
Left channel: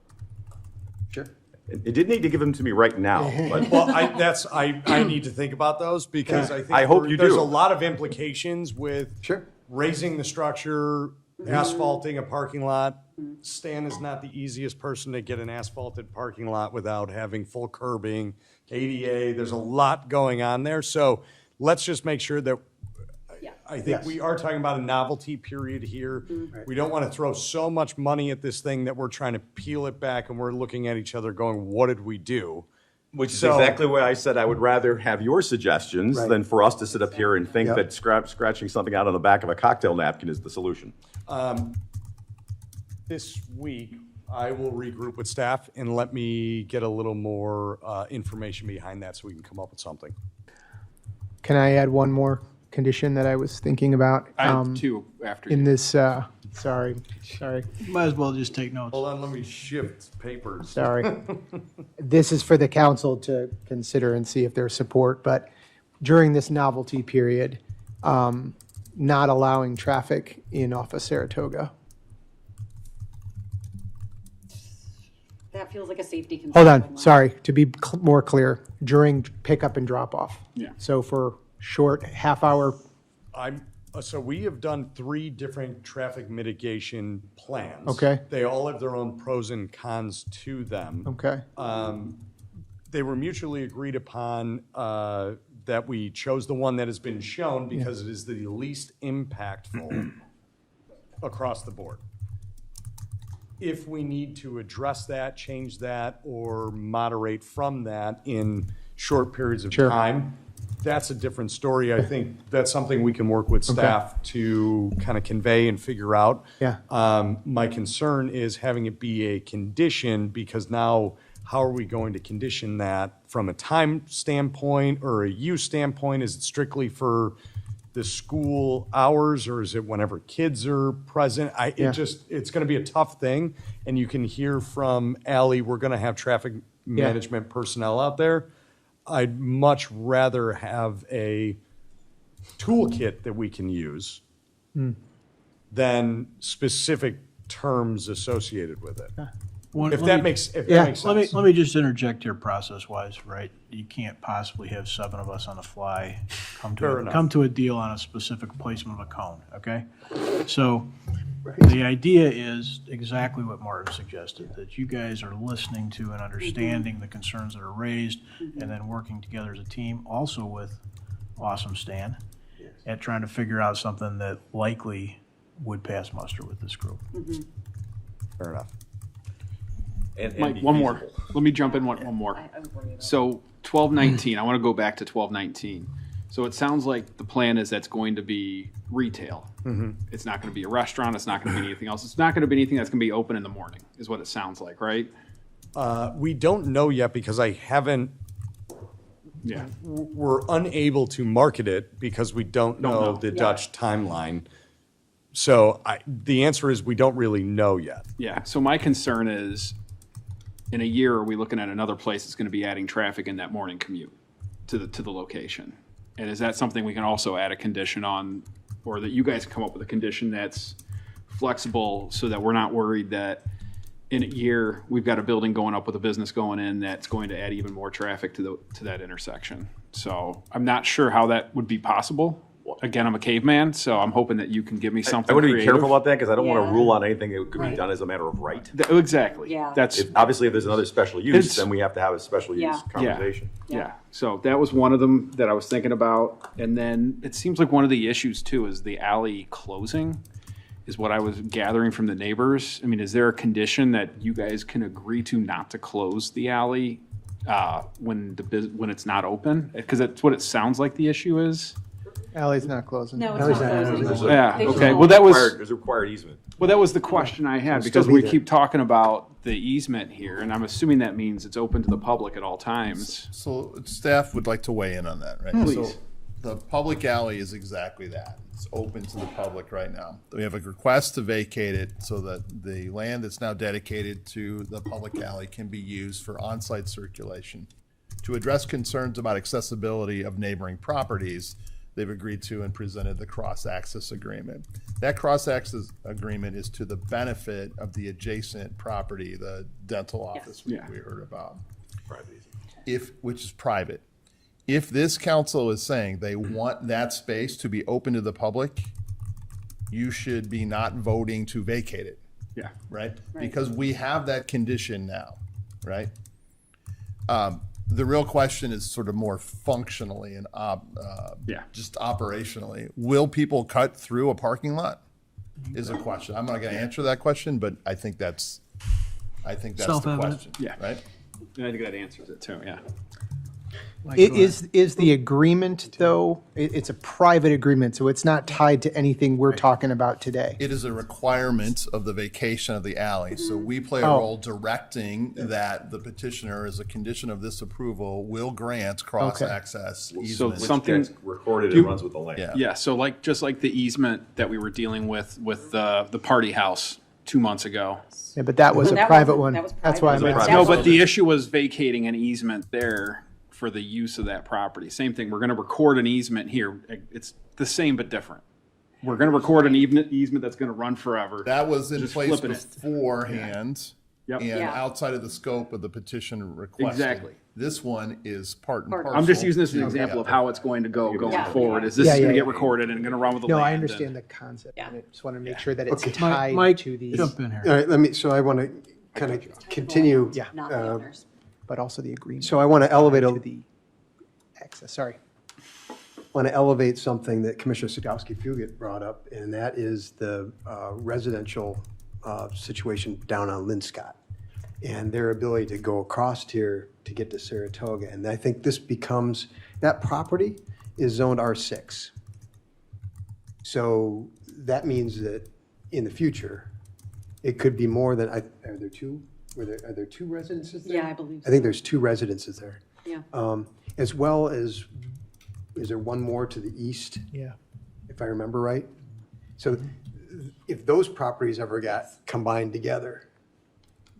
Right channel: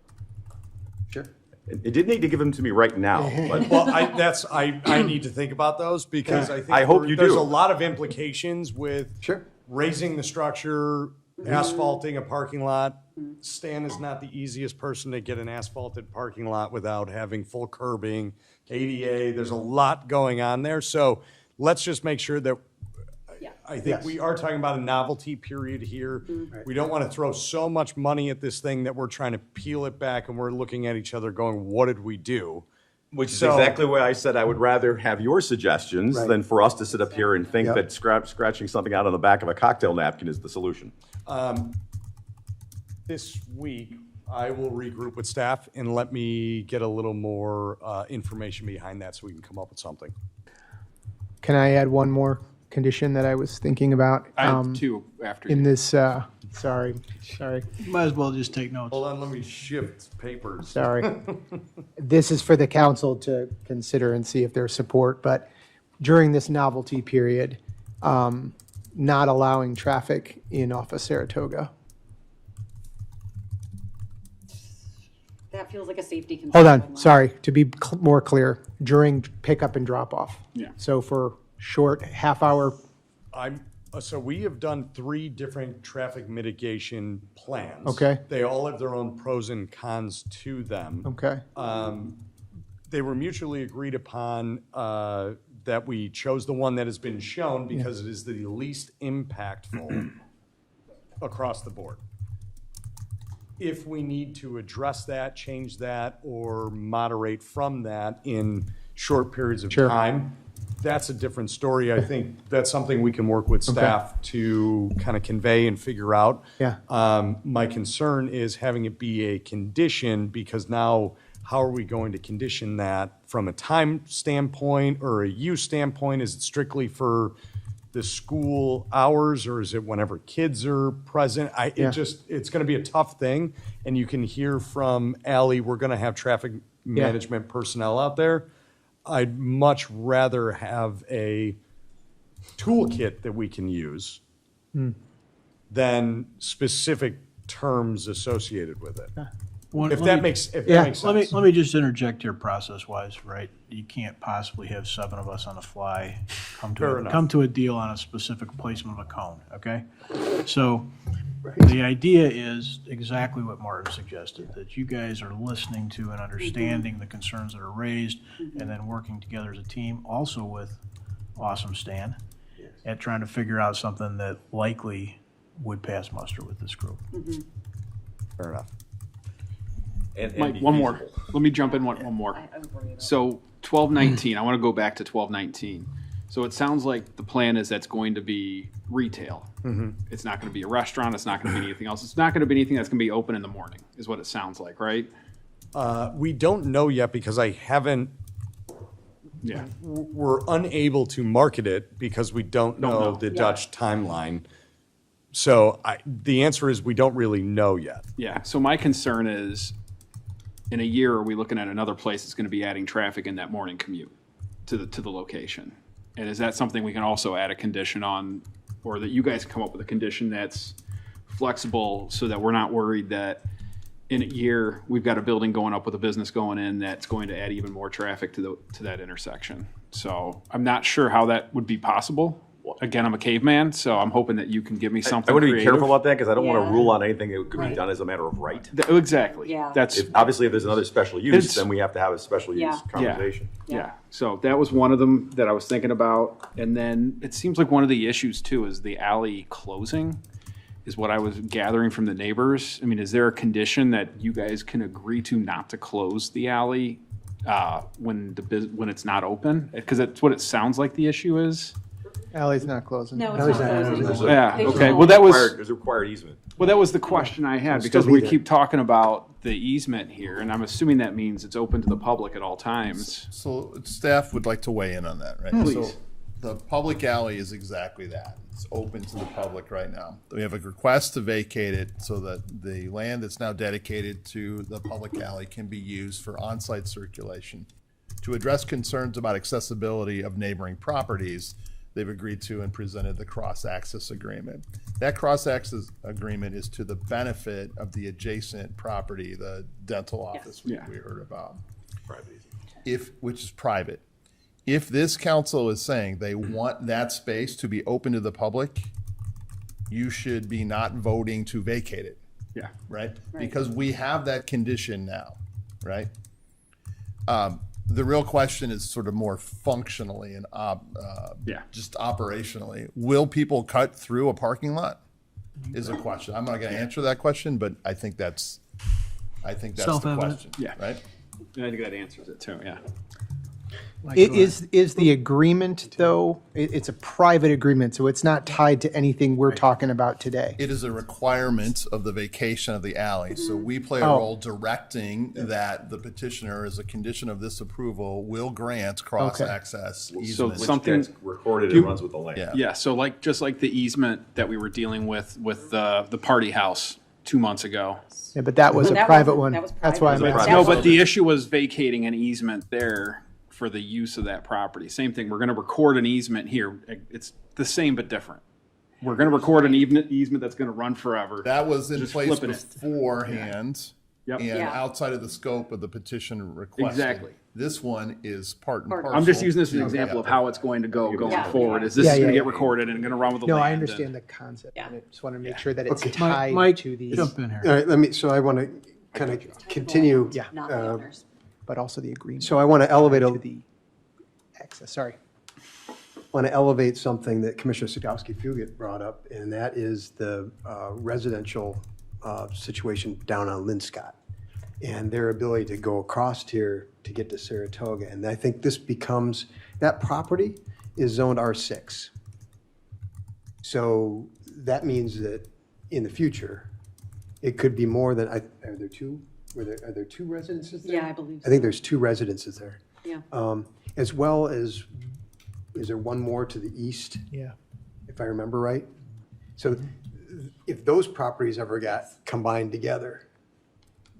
Sure. It didn't need to give them to me right now, but Well, I need to think about those, because I think I hope you there's do. a lot of implications with Sure. raising the structure, asphalting a parking lot. Stan is not the easiest person to get an asphalted parking lot without having full curbing, ADA. There's a lot going on there. So let's just make sure that, I think Yes. we are talking about a novelty period here. We don't want to throw so much money at this thing that we're trying to peel it back and we're looking at each other going, what did we do? Which is So- exactly why I said I would rather have your suggestions than for us to sit up here and think that scratching something out on the back of a cocktail napkin is the solution. This week, I will regroup with staff and let me get a little more information behind that so we can come up with something. Can I add one more condition that I was thinking about? I have two after in you. this, sorry. Might as well just take notes. Hold on, let me shift papers. Sorry. This is for the council to consider and see if there's support, but during this novelty period, not allowing traffic in off of Saratoga. That feels like a safety concern. Hold on, sorry, to be more clear, during pickup and drop off. Yeah. So for short half hour, So we have done 3 different traffic mitigation plans. Okay. They all have their own pros and cons to them. okay, They were mutually agreed upon that we chose the one that has been shown because it is the least impactful across the board. if we need to address that, change that, or moderate from that in short periods of time, that's a different story. I think that's something we can work with staff to kind of convey and figure out. Yeah. My concern is having it be a condition, because now how are we going to condition that from a time standpoint or a use standpoint? Is it strictly for the school hours, or is it whenever kids are present? It's going to be a tough thing. And you can hear from Ally, we're going to have traffic management personnel out there. I'd much rather have a toolkit that we can use than specific terms associated with it. If that makes sense. Let me just interject here process-wise, right? You can't possibly have 7 of us on the fly come to a deal on a specific placement of a cone, okay? So the idea is exactly what Martin suggested, that you guys are listening to and understanding the concerns that are raised, and then working together as a team, also with Awesome Stan, and trying to figure out something that likely would pass muster with this group. Fair enough. Mike, one more. Let me jump in one more. So 1219, I want to go back to 1219. So it sounds like the plan is that's going to be retail. It's not going to be a restaurant. It's not going to be anything else. It's not going to be anything that's going to be open in the morning, is what it sounds like, right? We don't know yet, because I haven't. Yeah. We're unable to market it because we don't know the Dutch timeline. So the answer is we don't really know yet. Yeah. So my concern is, in a year, are we looking at another place that's going to be adding traffic in that morning commute to the location? And is that something we can also add a condition on, or that you guys come up with a condition that's flexible, so that we're not worried that in a year we've got a building going up with a business going in that's going to add even more traffic to that intersection? So I'm not sure how that would be possible. Again, I'm a caveman, so I'm hoping that you can give me something. I want to be creative. careful about that, because I don't want to rule out anything that could be done as a matter of right. Exactly. Yeah. That's Obviously, if there's another special use, then we have to have a special use conversation. Yeah. So that was one of them that I was thinking about. And then it seems like one of the issues too is the alley closing, is what I was gathering from the neighbors. I mean, is there a condition that you guys can agree to not to close the alley when it's not open? Because that's what it sounds like the issue is. Alley's not closing. No, it's not closing. Yeah. Okay. Well, that was There's a required easement. Well, that was the question I had, because we keep talking about the easement here, and I'm assuming that means it's open to the public at all times. So staff would like to weigh in on that, right? Please. So the public alley is exactly that. It's open to the public right now. We have a request to vacate it so that the land that's now dedicated to the public alley can be used for on-site circulation. To address concerns about accessibility of neighboring properties, they've agreed to and presented the cross-access agreement. That cross-access agreement is to the benefit of the adjacent property, the dental office we heard about, which is private. If this council is saying they want that space to be open to the public, you should be not voting to vacate it. Yeah. Right? Because we have that condition now, right? The real question is sort of more functionally and just operationally. Will people cut through a parking lot? Is a question. I'm not going to answer that question, but I think that's the question. Yeah. Right. I think that answers it too. Yeah. Is the agreement, though, it's a private agreement, so it's not tied to anything we're talking about today? It is a requirement of the vacation of the alley. So we play a role directing that the petitioner, as a condition of this approval, will grant cross-access easement. So something recorded and runs with the land. Yeah. So just like the easement that we were dealing with the party house 2 months ago. Yeah, but that was a private one. That's why I'm asking. No, but the issue was vacating an easement there for the use of that property. Same thing. We're going to record an easement here. It's the same but different. We're going to record an easement that's going to run forever. That was in Just place flipping it. beforehand and outside of the scope of the petition request. Exactly. This one is part and parcel. I'm just using this as an example of how it's going to go going forward. Is this going to get recorded and going to run with the No, land? I understand the concept. I just want to make sure that it's tied Mike, to these. jump in here. All right, so I want to kind of continue. But also the agreement. So I want to elevate the access. Sorry. want to elevate something that Commissioner Sadowski-Fugit brought up, and that is the residential situation down on Linscott and their ability to go across here to get to Saratoga. And I think this becomes, that property is zoned R6. So that means that in the future, it could be more than, are there two? Are there two residences there? Yeah, I believe so. I think there's two residences there. Yeah. As well as, is there one more to the east? Yeah. If I remember right. So if those properties ever got combined together,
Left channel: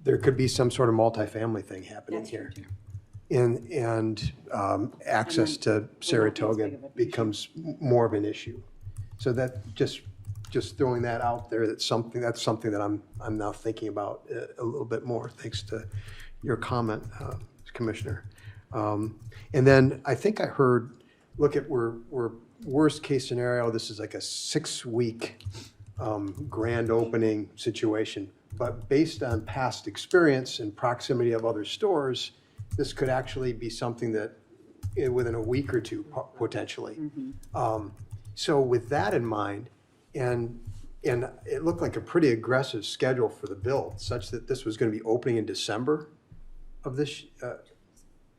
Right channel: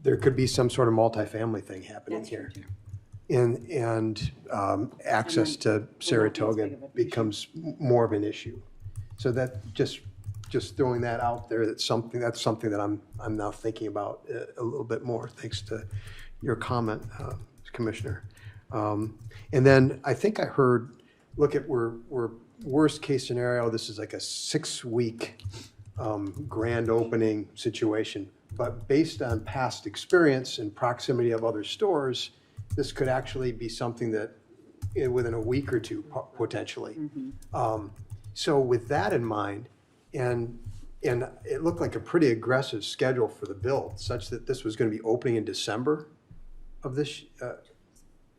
there could be some sort of multifamily thing happening here. And access to Saratoga becomes more of an issue. So that just throwing that out there, that's something that I'm now thinking about a little bit more, thanks to your comment, Commissioner. And then I think I heard, look at we're worst case scenario, this is like a 6-week grand opening situation. But based on past experience and proximity of other stores, this could actually be something that within a week or two potentially. So with that in mind, and it looked like a pretty aggressive schedule for the build, such that this was going to be opening in December of this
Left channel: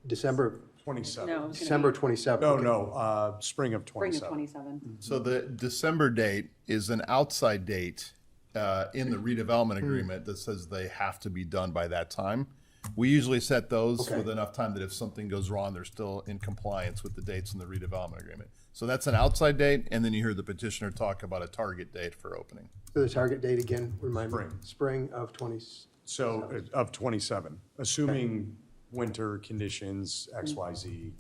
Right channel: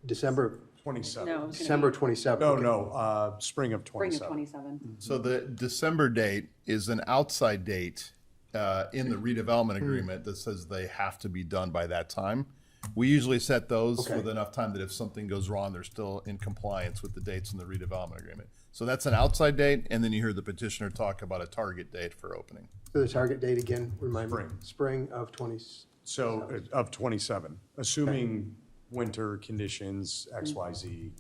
December 27. No, December 27. No, spring of Spring 27. of 27. So the December date is an outside date in the redevelopment agreement that says they have to be done by that time. We usually set those with enough time that if something goes wrong, they're still in compliance with the dates in the redevelopment agreement. So that's an outside date, and then you hear the petitioner talk about a target date for opening. So the target date again, remind me. Spring of 20. So of 27, assuming winter conditions, XYZ,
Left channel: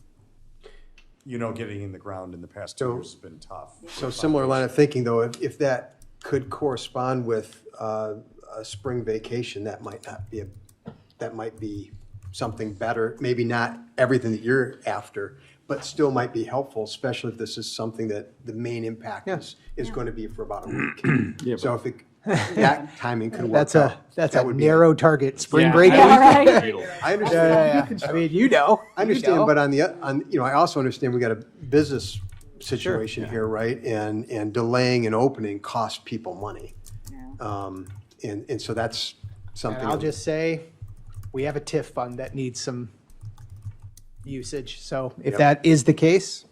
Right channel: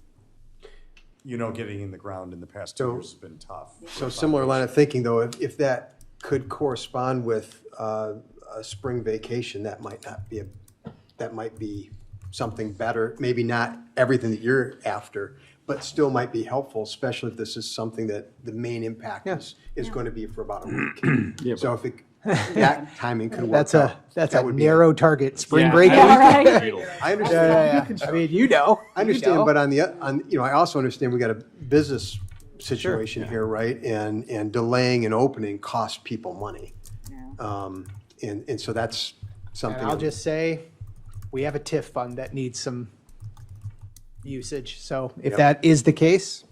getting in the ground in the past 2 years has been tough. So similar line of thinking though, if that could correspond with a spring vacation, that might be something better. Maybe not everything that you're after, but still might be helpful, especially if this is something that the main impact is going to be for about a week. So if that timing could work That's out. that's that a would be narrow target. Spring break. I understand. I mean, I understand, but I also understand we got a business situation here, right? And delaying an opening costs people money. And so that's something. I'll just say, we have a TIF fund that needs some usage. So if that is the case,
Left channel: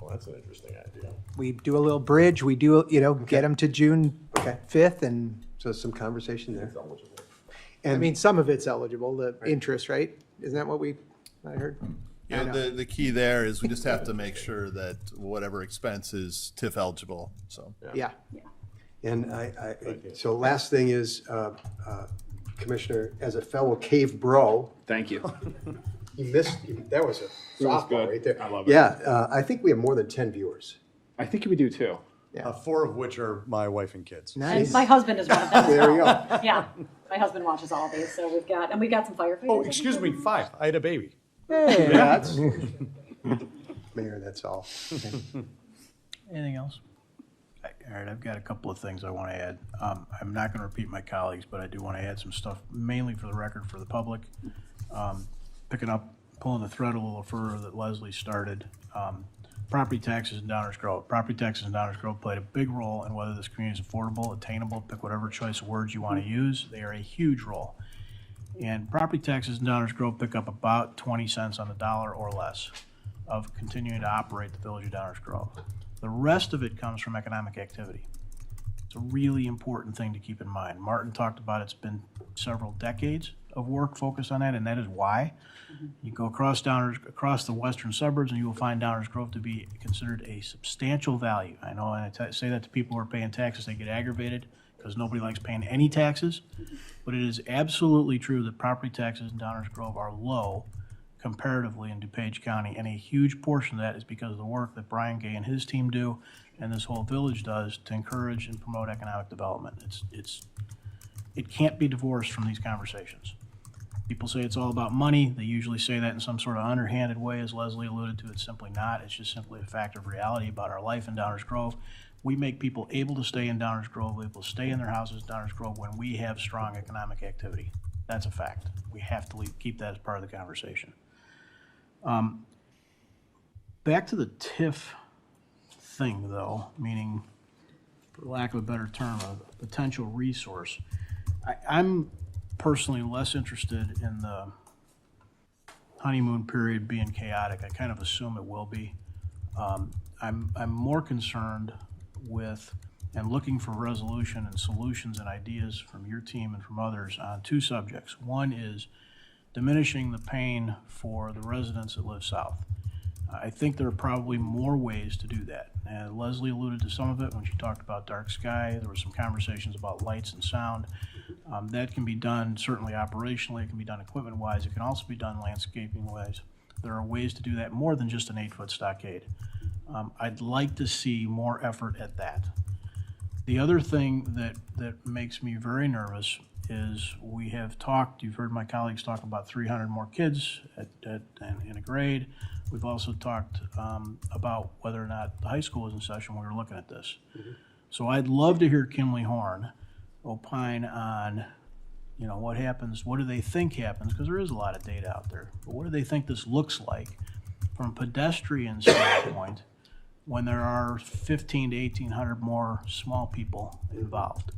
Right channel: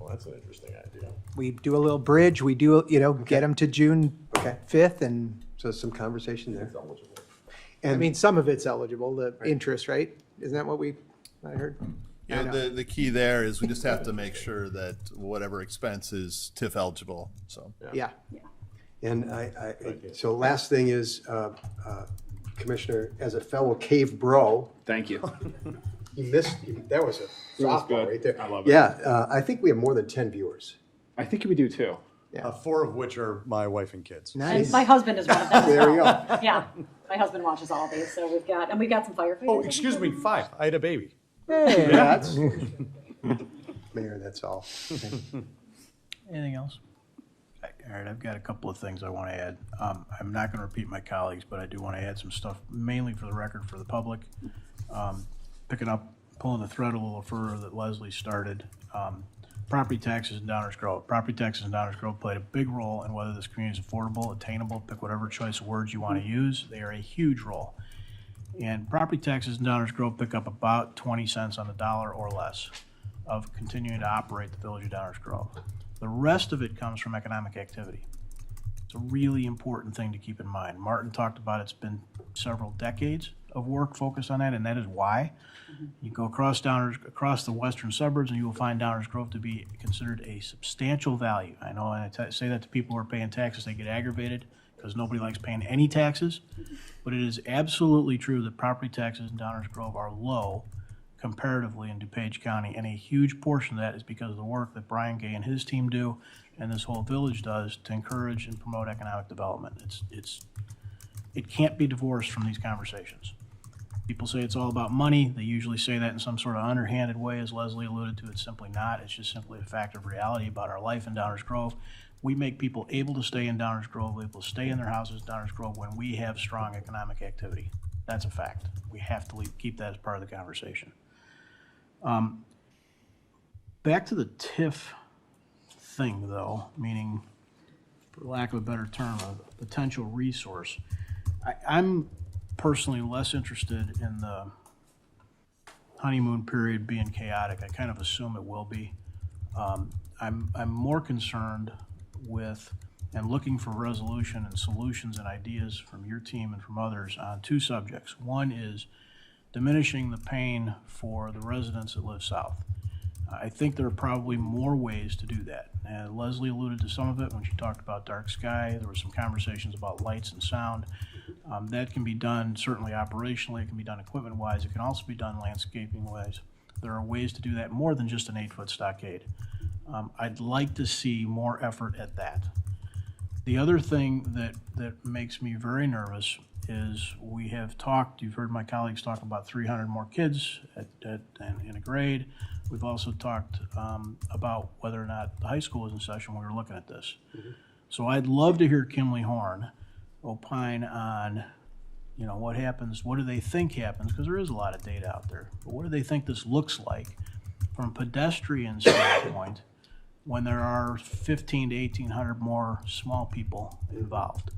Well, that's an interesting idea. we do a little bridge. We do, get them to June 5th, and so some conversation there. And I mean, some of it's eligible. The interest, right? Isn't that what I heard? Yeah, the key there is we just have to make sure that whatever expense is TIF eligible, so. Yeah. And so last thing is, Commissioner, as a fellow cave bro. Thank you. That was a softball good. right there. I love it. Yeah, I think we have more than 10 viewers. I think we do too. Yeah. 4 of which are my wife and kids. And my husband is one of them. There you go. Yeah, my husband watches all these, so we got some firefighters. Oh, excuse me, 5. I had a baby. Hey, that's Mayor, that's all. Anything else? All right, I've got a couple of things I want to add. I'm not going to repeat my colleagues, but I do want to add some stuff, mainly for the record, for the public. Pulling the thread a little further that Leslie started. Property taxes in Downers Grove. Property taxes in Downers Grove play a big role in whether this community is affordable, attainable, pick whatever choice of words you want to use. They are a huge role. And property taxes in Downers Grove pick up about 20 cents on the dollar or less of continuing to operate the village of Downers Grove. The rest of it comes from economic activity. It's a really important thing to keep in mind. Martin talked about it's been several decades of work focused on that, and that is why. You go across the western suburbs, and you will find Downers Grove to be considered a substantial value. I know, and I say that to people who are paying taxes, they get aggravated because nobody likes paying any taxes. But it is absolutely true that property taxes in Downers Grove are low comparatively in DuPage County, and a huge portion of that is because of the work that Brian Gay and his team do, and this whole village does to encourage and promote economic development. It can't be divorced from these conversations. People say it's all about money. They usually say that in some sort of underhanded way, as Leslie alluded to. It's simply not. It's just simply a fact of reality about our life in Downers Grove. We make people able to stay in Downers Grove, able to stay in their houses in Downers Grove when we have strong economic activity. That's a fact. We have to keep that as part of the conversation. Back to the TIF thing, though, meaning for lack of a better term, a potential resource. I'm personally less interested in the honeymoon period being chaotic. I kind of assume it will be. I'm more concerned with and looking for resolution and solutions and ideas from your team and from others on two subjects. One is diminishing the pain for the residents that live south. I think there are probably more ways to do that. And Leslie alluded to some of it when she talked about dark sky. There were some conversations about lights and sound. That can be done certainly operationally. It can be done equipment-wise. It can also be done landscaping-wise. There are ways to do that more than just an 8-foot stockade. I'd like to see more effort at that. The other thing that makes me very nervous is we have talked, you've heard my colleagues talk about 300 more kids in a grade. We've also talked about whether or not the high school is in session when we were looking at this. So I'd love to hear Kimley Horn opine on, what happens, what do they think happens, because there is a lot of data out there, but what do they think this looks like from a pedestrian standpoint when there are 1,500 to 1,800 more small people involved?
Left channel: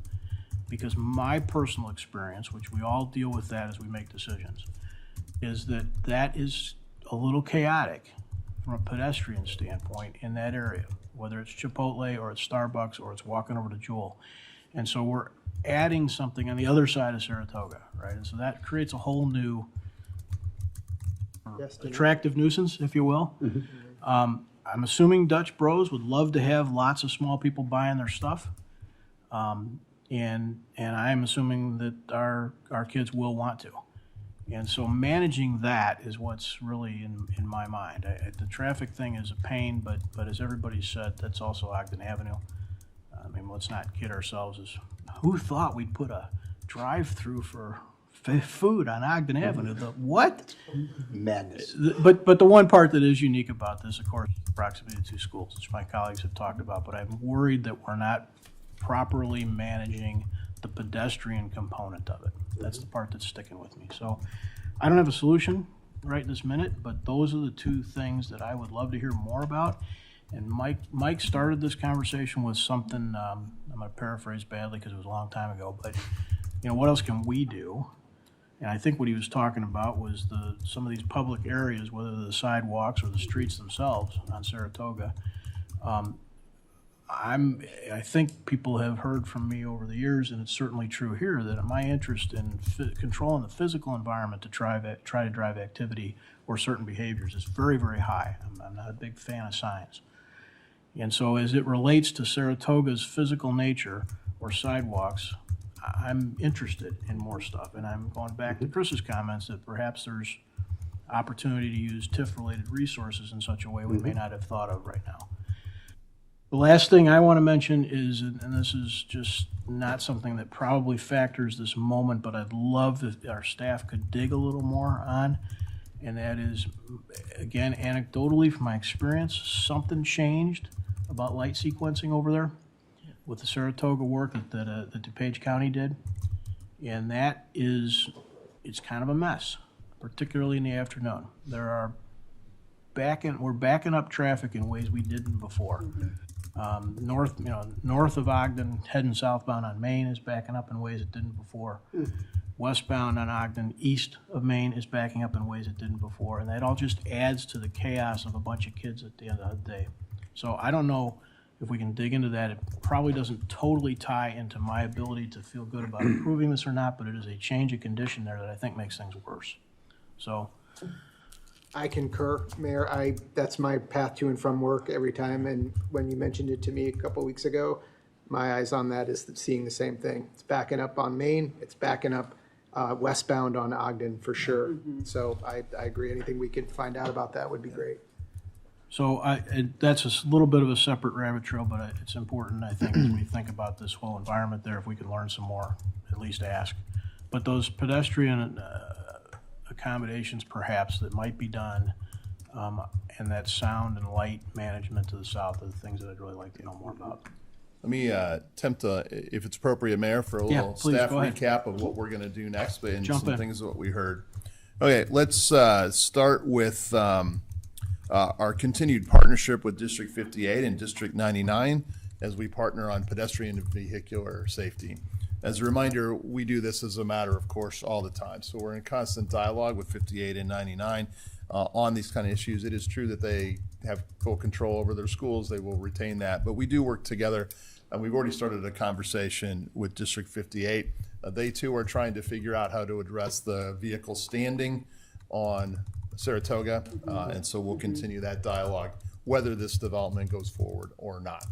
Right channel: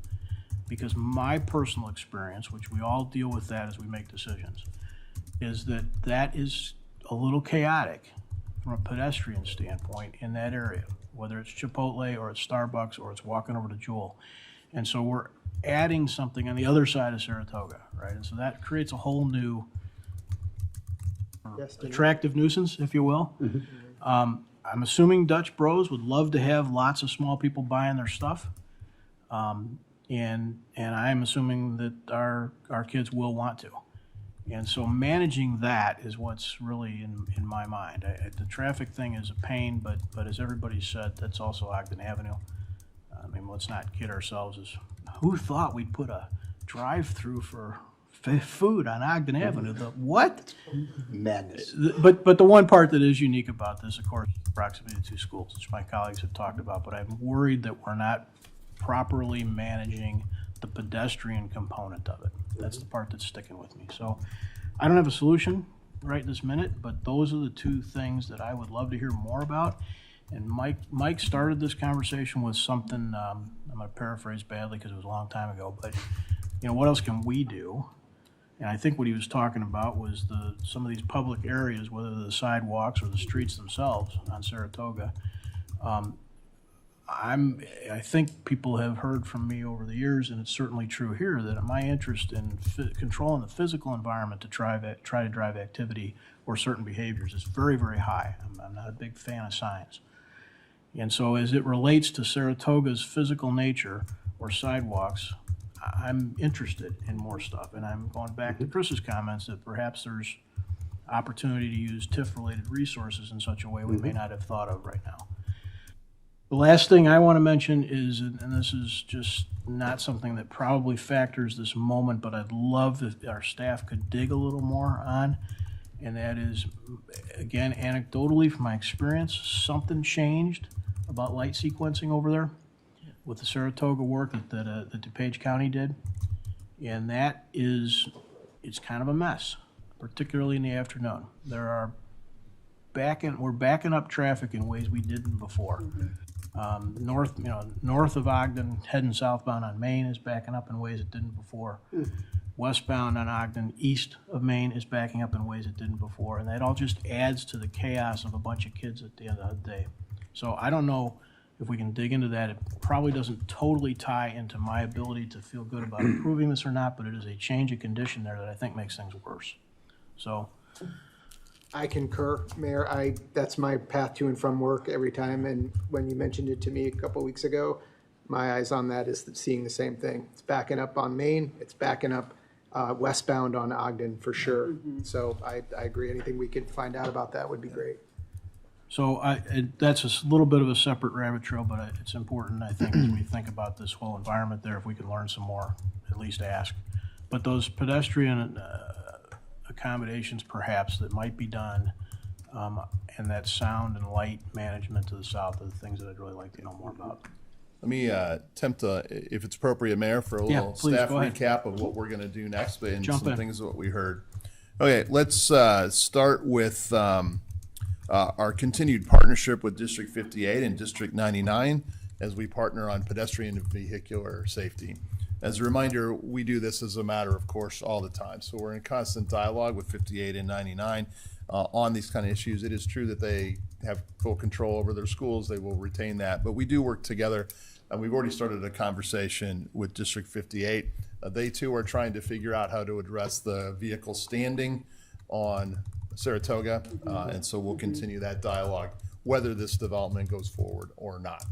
Because my personal experience, which we all deal with that as we make decisions, is that is a little chaotic from a pedestrian standpoint in that area, whether it's Chipotle or it's Starbucks or it's walking over to Jewel. And so we're adding something on the other side of Saratoga, right? And so that creates a whole new attractive nuisance, if you will. I'm assuming Dutch Bros would love to have lots of small people buying their stuff. And I am assuming that our kids will want to. And so managing that is what's really in my mind. The traffic thing is a pain, but as everybody said, that's also Ogden Avenue. I mean, let's not kid ourselves. Who thought we'd put a drive-through for food on Ogden Avenue? What? Madness. But the one part that is unique about this, of course, is proximity to two schools, which my colleagues have talked about. But I'm worried that we're not properly managing the pedestrian component of it. That's the part that's sticking with me. So I don't have a solution right this minute, but those are the two things that I would love to hear more about. And Mike started this conversation with something, I'm going to paraphrase badly because it was a long time ago, but what else can we do? And I think what he was talking about was some of these public areas, whether they're the sidewalks or the streets themselves on Saratoga. I think people have heard from me over the years, and it's certainly true here, that my interest in controlling the physical environment to try to drive activity or certain behaviors is very, very high. I'm not a big fan of science. And so as it relates to Saratoga's physical nature or sidewalks, I'm interested in more stuff. And I'm going back to Chris's comments that perhaps there's opportunity to use TIF-related resources in such a way we may not have thought of right now. The last thing I want to mention is, and this is just not something that probably factors this moment, but I'd love if our staff could dig a little more on, and that is, again, anecdotally from my experience, something changed about light sequencing over there with the Saratoga work that DuPage County did, and it's kind of a mess, particularly in the afternoon. We're backing up traffic in ways we didn't before. North of Ogden, heading southbound on Main is backing up in ways it didn't before. Westbound on Ogden, east of Main is backing up in ways it didn't before, and that all just adds to the chaos of a bunch of kids at the end of the day. So I don't know if we can dig into that. It probably doesn't totally tie into my ability to feel good about improving this or not, but it is a change of condition there that I think makes things worse. So I concur, Mayor. That's my path to and from work every time. And when you mentioned it to me a couple weeks ago, my eyes on that is seeing the same thing. It's backing up on Main. It's backing up westbound on Ogden for sure. So I agree. Anything we could find out about that would be great. So and that's a little bit of a separate rabbit trail, but it's important, I think, as we think about this whole environment there, if we could learn some more, at least ask. But those pedestrian accommodations perhaps that might be done, and that sound and light management to the south are the things that I'd really like to know more about. Let me attempt to, if it's appropriate, Mayor, for a little please, staff go ahead. recap of what we're going to do next, and Jump some in. things of what we heard. Okay, let's start with our continued partnership with District 58 and District 99 as we partner on pedestrian and vehicular safety. As a reminder, we do this as a matter of course all the time. So we're in constant dialogue with 58 and 99 on these kind of issues. It is true that they have full control over their schools. They will retain that. But we do work together. We've already started a conversation with District 58. They too are trying to figure out how to address the vehicle standing on Saratoga. And so we'll continue that dialogue, whether this development goes forward or not.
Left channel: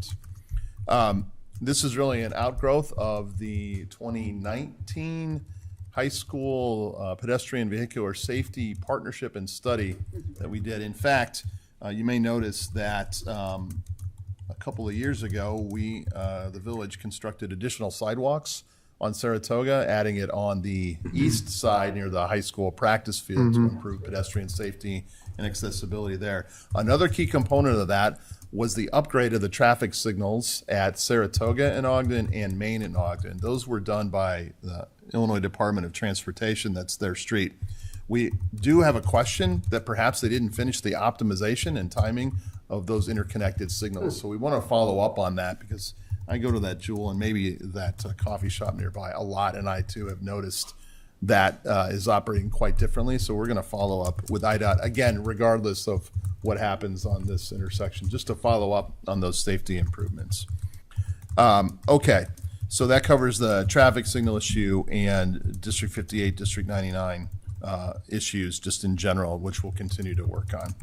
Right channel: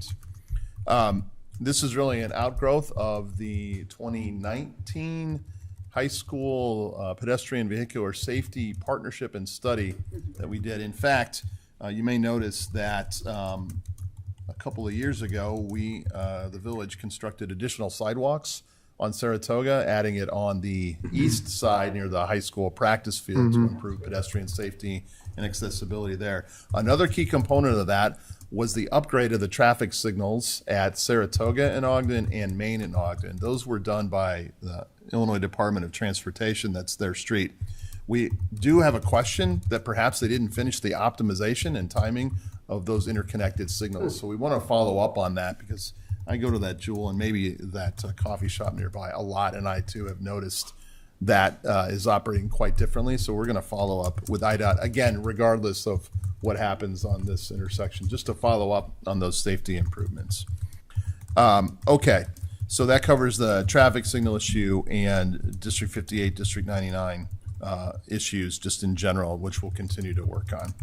This is really an outgrowth of the 2019 high school pedestrian vehicular safety partnership and study that we did. In fact, you may notice that a couple of years ago, the village constructed additional sidewalks on Saratoga, adding it on the east side near the high school practice field to improve pedestrian safety and accessibility there. Another key component of that was the upgrade of the traffic signals at Saratoga and Ogden and Main and Ogden. Those were done by the Illinois Department of Transportation. That's their street. We do have a question that perhaps they didn't finish the optimization and timing of those interconnected signals. So we want to follow up on that, because I go to that Jewel and maybe that coffee shop nearby a lot, and I too have noticed that is operating quite differently. So we're going to follow up with IDOT, again, regardless of what happens on this intersection, just to follow up on those safety improvements. Okay, so that covers the traffic signal issue and District 58, District 99 issues just in general, which we'll continue to work on.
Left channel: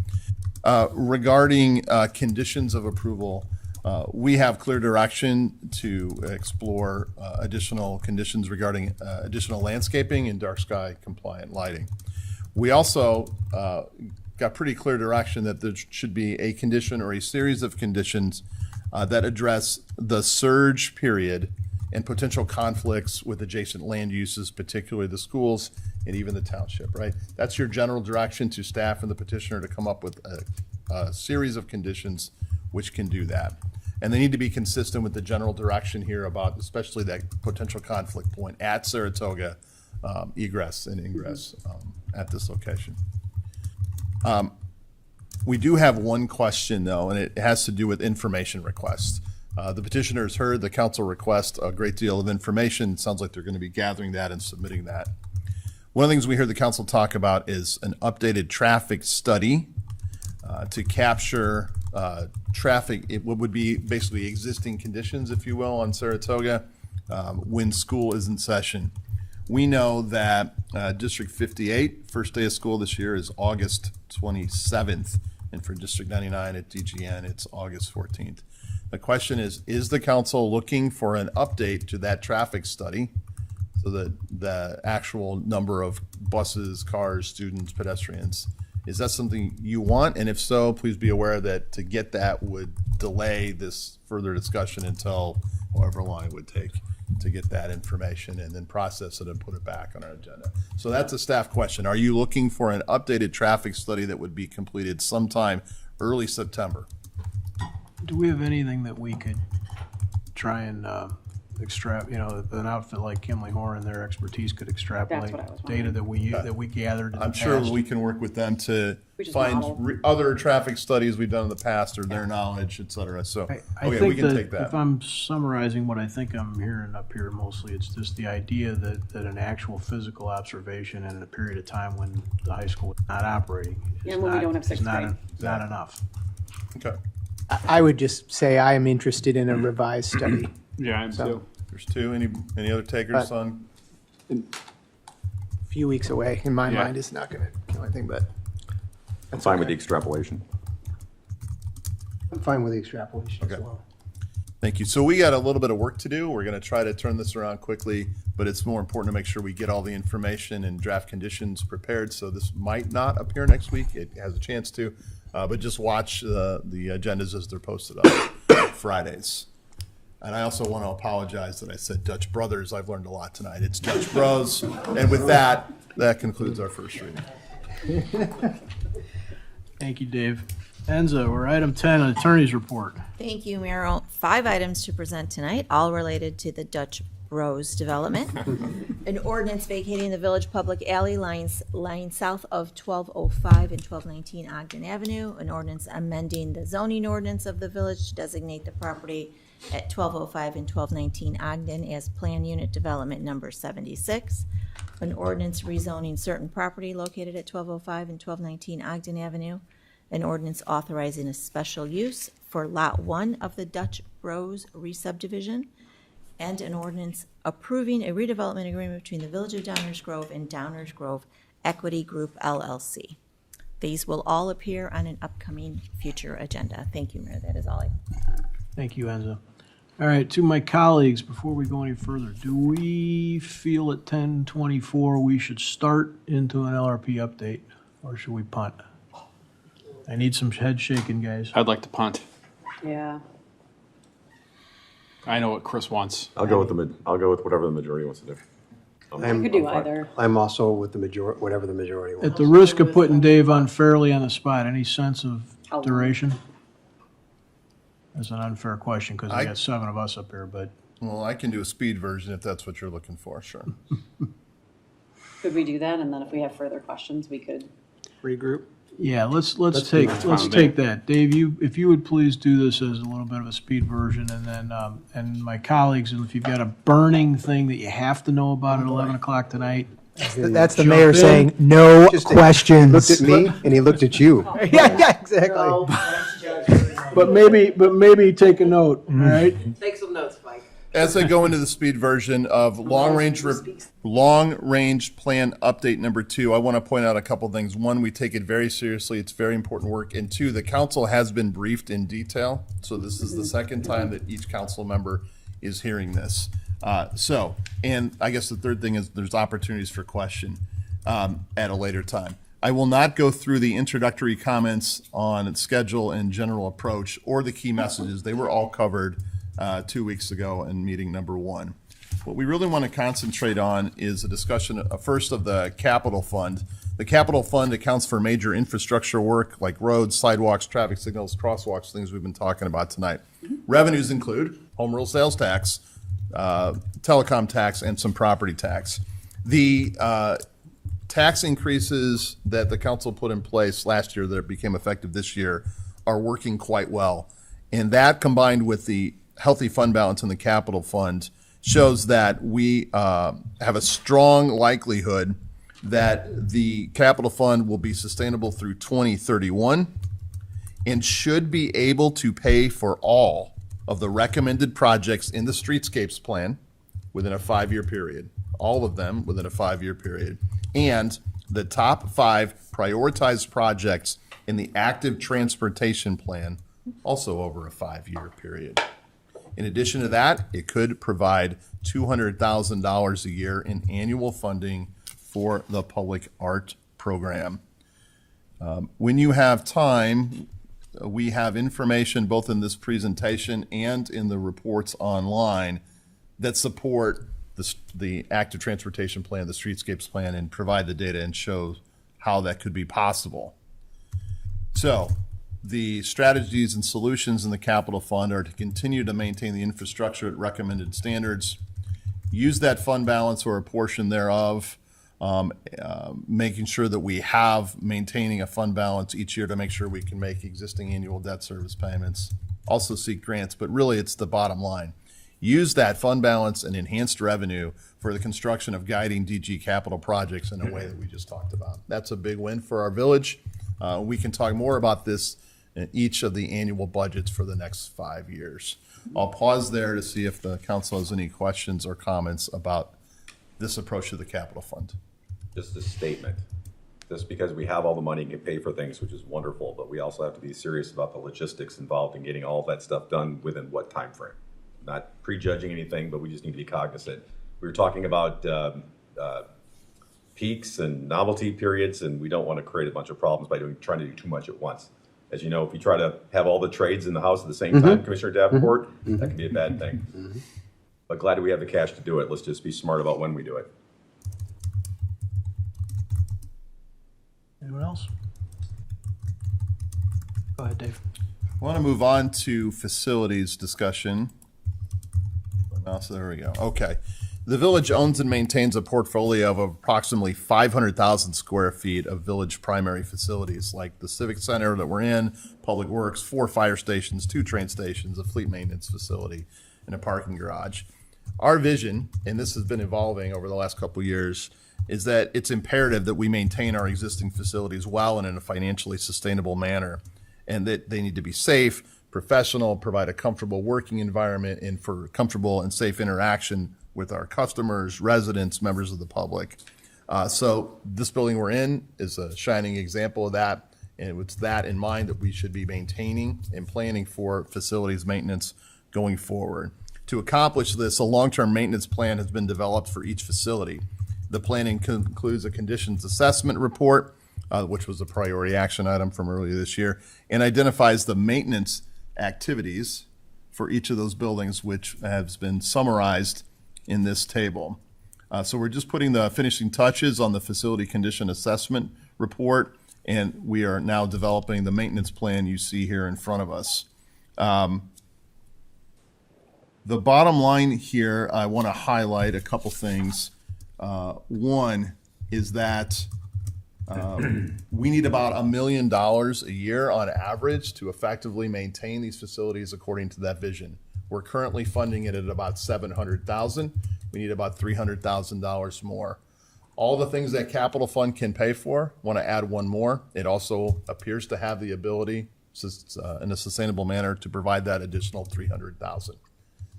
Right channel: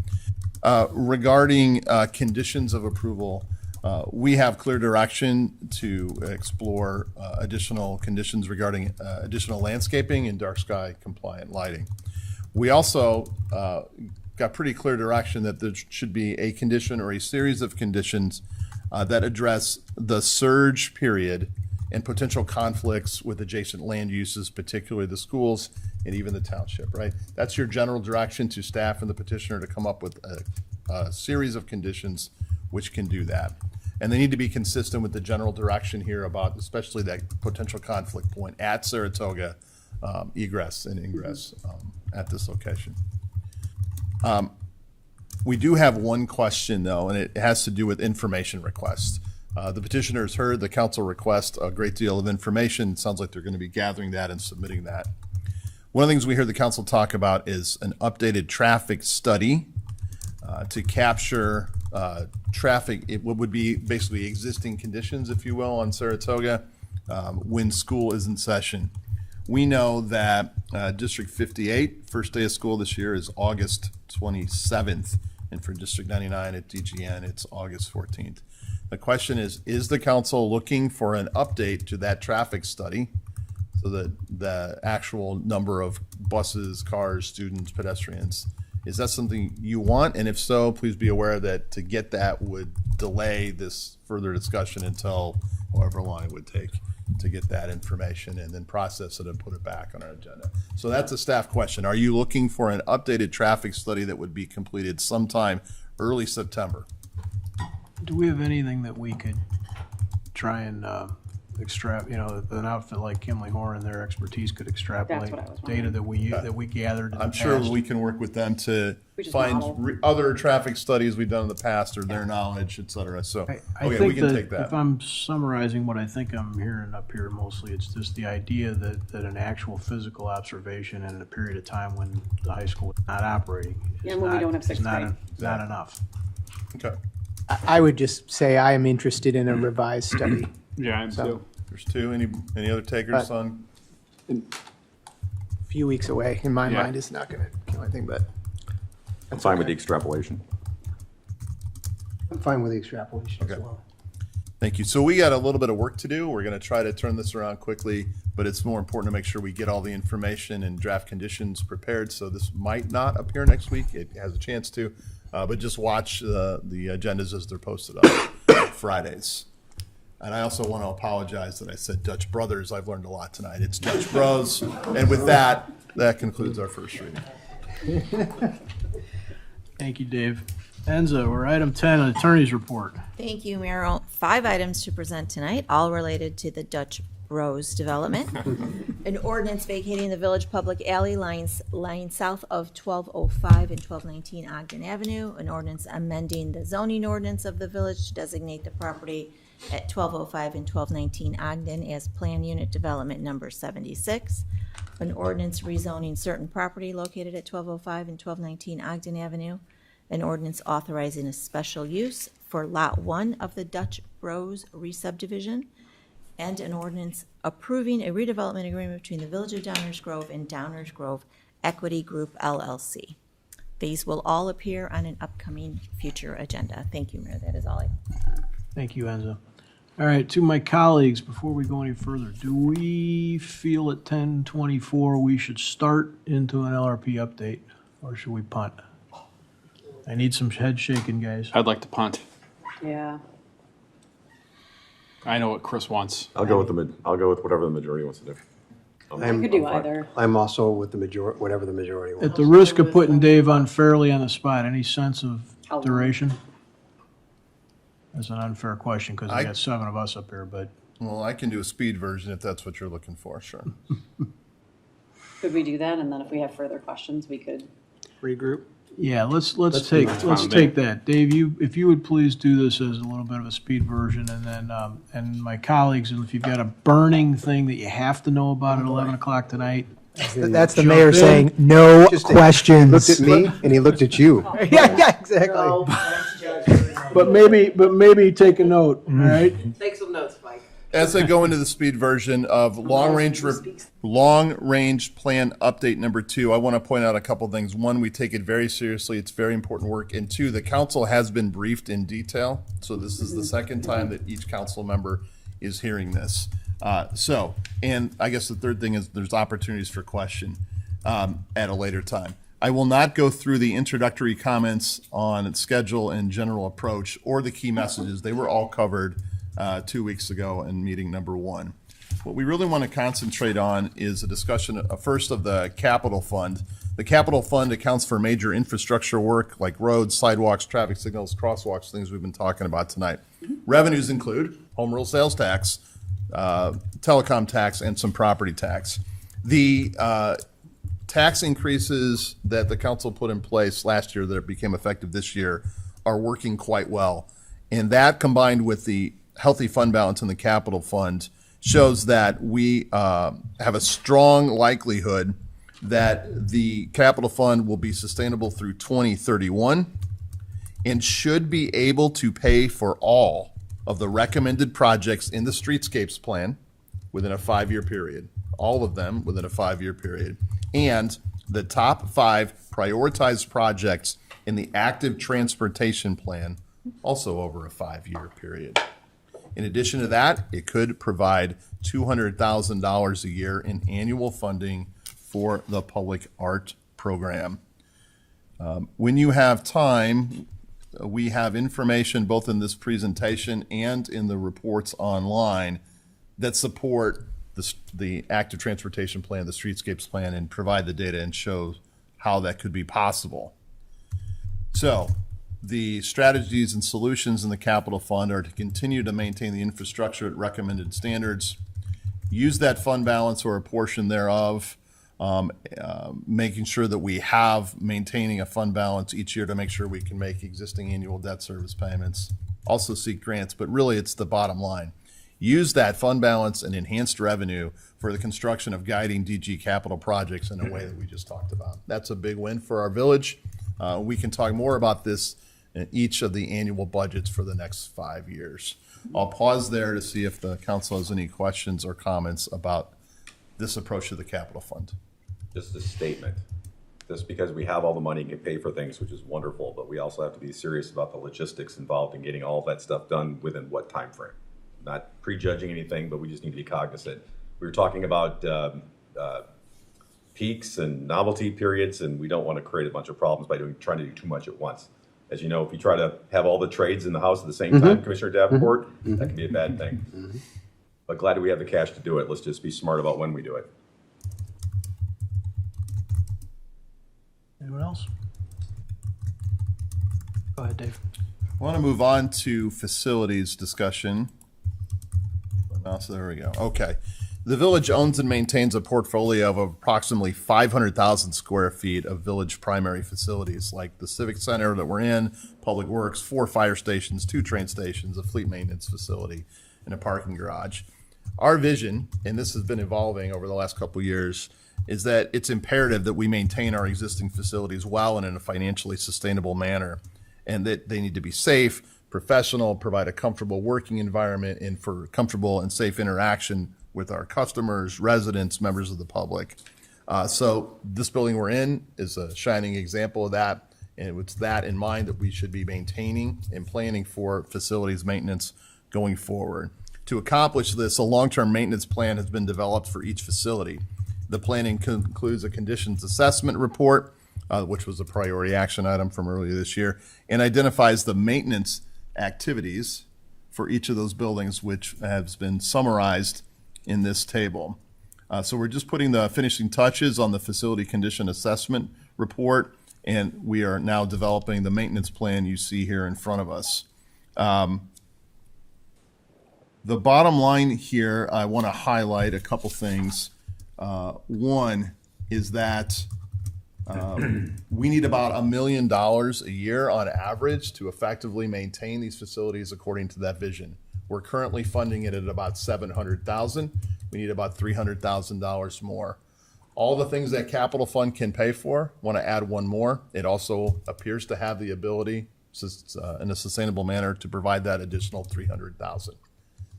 Regarding conditions of approval, we have clear direction to explore additional conditions regarding additional landscaping and dark sky compliant lighting. We also got pretty clear direction that there should be a condition or a series of conditions that address the surge period and potential conflicts with adjacent land uses, particularly the schools and even the township, right? That's your general direction to staff and the petitioner to come up with a series of conditions which can do that. And they need to be consistent with the general direction here about especially that potential conflict point at Saratoga, egress and ingress at this location. We do have one question though, and it has to do with information requests. The petitioners heard the council request a great deal of information. It sounds like they're going to be gathering that and submitting that. One of the things we heard the council talk about is an updated traffic study to capture traffic. It would be basically existing conditions, if you will, on Saratoga when school is in session. We know that District 58, first day of school this year is August 27th. And for District 99 at DGN, it's August 14th. The question is the council looking for an update to that traffic study so that the actual number of buses, cars, students, pedestrians, is that something you want? And if so, please be aware that to get that would delay this further discussion until however long it would take to get that information and then process it and put it back on our agenda. So that's a staff question. Are you looking for an updated traffic study that would be completed sometime early September? Do we have anything that we could try and extract, an outfit like Kimley Horn and their expertise could extrapolate data that we gathered in the I'm sure past? we can work with them to find other traffic studies we've done in the past or their knowledge, et cetera. So, I okay, think we can take that. If I'm summarizing what I think I'm hearing up here mostly, it's just the idea that an actual physical observation in a period of time when the high school is not operating is not enough. Okay. I would just say I am interested in a revised study. Yeah, I am too. There's two. Any other takers on? A few weeks away in my mind is not going to kill anything, but I'm fine with the extrapolation. I'm fine with the extrapolation as well. Thank you. So we got a little bit of work to do. We're going to try to turn this around quickly, but it's more important to make sure we get all the information and draft conditions prepared. So this might not appear next week. It has a chance to, but just watch the agendas as they're posted on Fridays. And I also want to apologize that I said Dutch Brothers. I've learned a lot tonight. It's Dutch Bros. And with that concludes our first reading. Thank you, Dave. Enzo, we're item 10, attorney's report. Thank you, Mayor. 5 items to present tonight, all related to the Dutch Bros development. An ordinance vacating the village public alley lines south of 1205 and 1219 Ogden Avenue. An ordinance amending the zoning ordinance of the village to designate the property at 1205 and 1219 Ogden as Plan Unit Development Number 76. An ordinance rezoning certain property located at 1205 and 1219 Ogden Avenue. An ordinance authorizing a special use for Lot 1 of the Dutch Bros re-subdivision. And an ordinance approving a redevelopment agreement between the Village of Downers Grove and Downers Grove Equity Group LLC. These will all appear on an upcoming future agenda. Thank you, Mayor. That is all I. Thank you, Enza. All right, to my colleagues, before we go any further, do we feel at 10:24 we should start into an LRP update, or should we punt? I need some head shaking, guys. I'd like to punt. Yeah. I know what Chris wants. I'll go with whatever the majority wants to do. I could do either. I'm also with the majority, whatever the majority wants. At the risk of putting Dave unfairly on the spot, any sense of duration? That's an unfair question because we got 7 of us up here, but. Well, I can do a speed version if that's what you're looking for, sure. Could we do that? And then if we have further questions, we could regroup. Yeah, let's take that. Dave, if you would please do this as a little bit of a speed version, and then and my colleagues, if you've got a burning thing that you have to know about at 11 o'clock tonight. That's the mayor saying no questions. He looked at me and he looked at you. yeah, exactly. But maybe take a note, all right? Take some notes, Mike. As I go into the speed version of long range plan update number 2, I want to point out a couple things. One, we take it very seriously. It's very important work. And 2, the council has been briefed in detail. So this is the second time that each council member is hearing this. And I guess the third thing is there's opportunities for question at a later time. I will not go through the introductory comments on schedule and general approach or the key messages. They were all covered 2 weeks ago in meeting number 1. What we really want to concentrate on is a discussion first of the capital fund. The capital fund accounts for major infrastructure work like roads, sidewalks, traffic signals, crosswalks, things we've been talking about tonight. Revenues include home rule sales tax, telecom tax, and some property tax. The tax increases that the council put in place last year that became effective this year are working quite well. And that combined with the healthy fund balance in the capital fund shows that we have a strong likelihood that the capital fund will be sustainable through 2031 and should be able to pay for all of the recommended projects in the streetscapes plan within a 5-year period, all of them within a 5-year period, and the top 5 prioritized projects in the active transportation plan also over a 5-year period. In addition to that, it could provide $200,000 a year in annual funding for the public art program. When you have time, we have information both in this presentation and in the reports online that support the active transportation plan, the streetscapes plan, and provide the data and show how that could be possible. So the strategies and solutions in the capital fund are to continue to maintain the infrastructure at recommended standards, use that fund balance or a portion thereof, making sure that we have maintaining a fund balance each year to make sure we can make existing annual debt service payments, also seek grants, but really it's the bottom line. Use that fund balance and enhanced revenue for the construction of guiding DG capital projects in a way that we just talked about. That's a big win for our village. We can talk more about this in each of the annual budgets for the next 5 years. I'll pause there to see if the council has any questions or comments about this approach to the capital fund. Just a statement. Just because we have all the money and can pay for things, which is wonderful, but we also have to be serious about the logistics involved in getting all that stuff done within what time frame. Not prejudging anything, but we just need to be cognizant. We were talking about peaks and novelty periods, and we don't want to create a bunch of problems by trying to do too much at once. As you know, if you try to have all the trades in the house at the same time, Commissioner Davenport, that can be a bad thing. But glad that we have the cash to do it. Let's just be smart about when we do it. Anyone else? Go ahead, Dave. I want to move on to facilities discussion. So there we go. Okay. The village owns and maintains a portfolio of approximately 500,000 square feet of village primary facilities, like the Civic Center that we're in, Public Works, 4 fire stations, 2 train stations, a fleet maintenance facility, and a parking garage. Our vision, and this has been evolving over the last couple of years, is that it's imperative that we maintain our existing facilities well and in a financially sustainable manner, and that they need to be safe, professional, provide a comfortable working environment, and for comfortable and safe interaction with our customers, residents, members of the public. So this building we're in is a shining example of that, and it's that in mind that we should be maintaining and planning for facilities maintenance going forward. To accomplish this, a long-term maintenance plan has been developed for each facility. The planning includes a conditions assessment report, which was a priority action item from earlier this year, and identifies the maintenance activities for each of those buildings, which has been summarized in this table. So we're just putting the finishing touches on the facility condition assessment report, and we are now developing the maintenance plan you see here in front of us. The bottom line here, I want to highlight a couple things. One is that we need about $1 million a year on average to effectively maintain these facilities according to that vision. We're currently funding it at about $700,000. We need about $300,000 more. All the things that capital fund can pay for, want to add one more. It also appears to have the ability in a sustainable manner to provide that additional $300,000.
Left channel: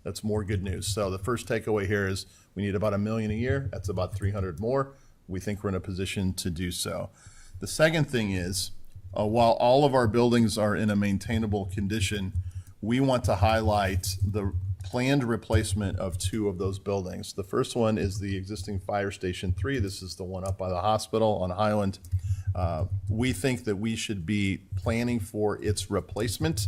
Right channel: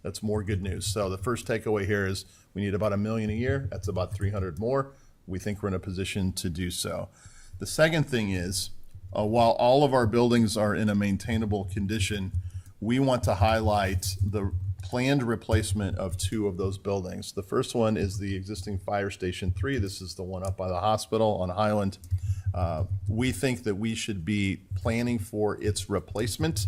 That's more good news. So the first takeaway here is we need about $1 million a year. That's about 300 more. We think we're in a position to do so. The second thing is, while all of our buildings are in a maintainable condition, we want to highlight the planned replacement of 2 of those buildings. The first one is the existing Fire Station 3. This is the one up by the hospital on Highland. We think that we should be planning for its replacement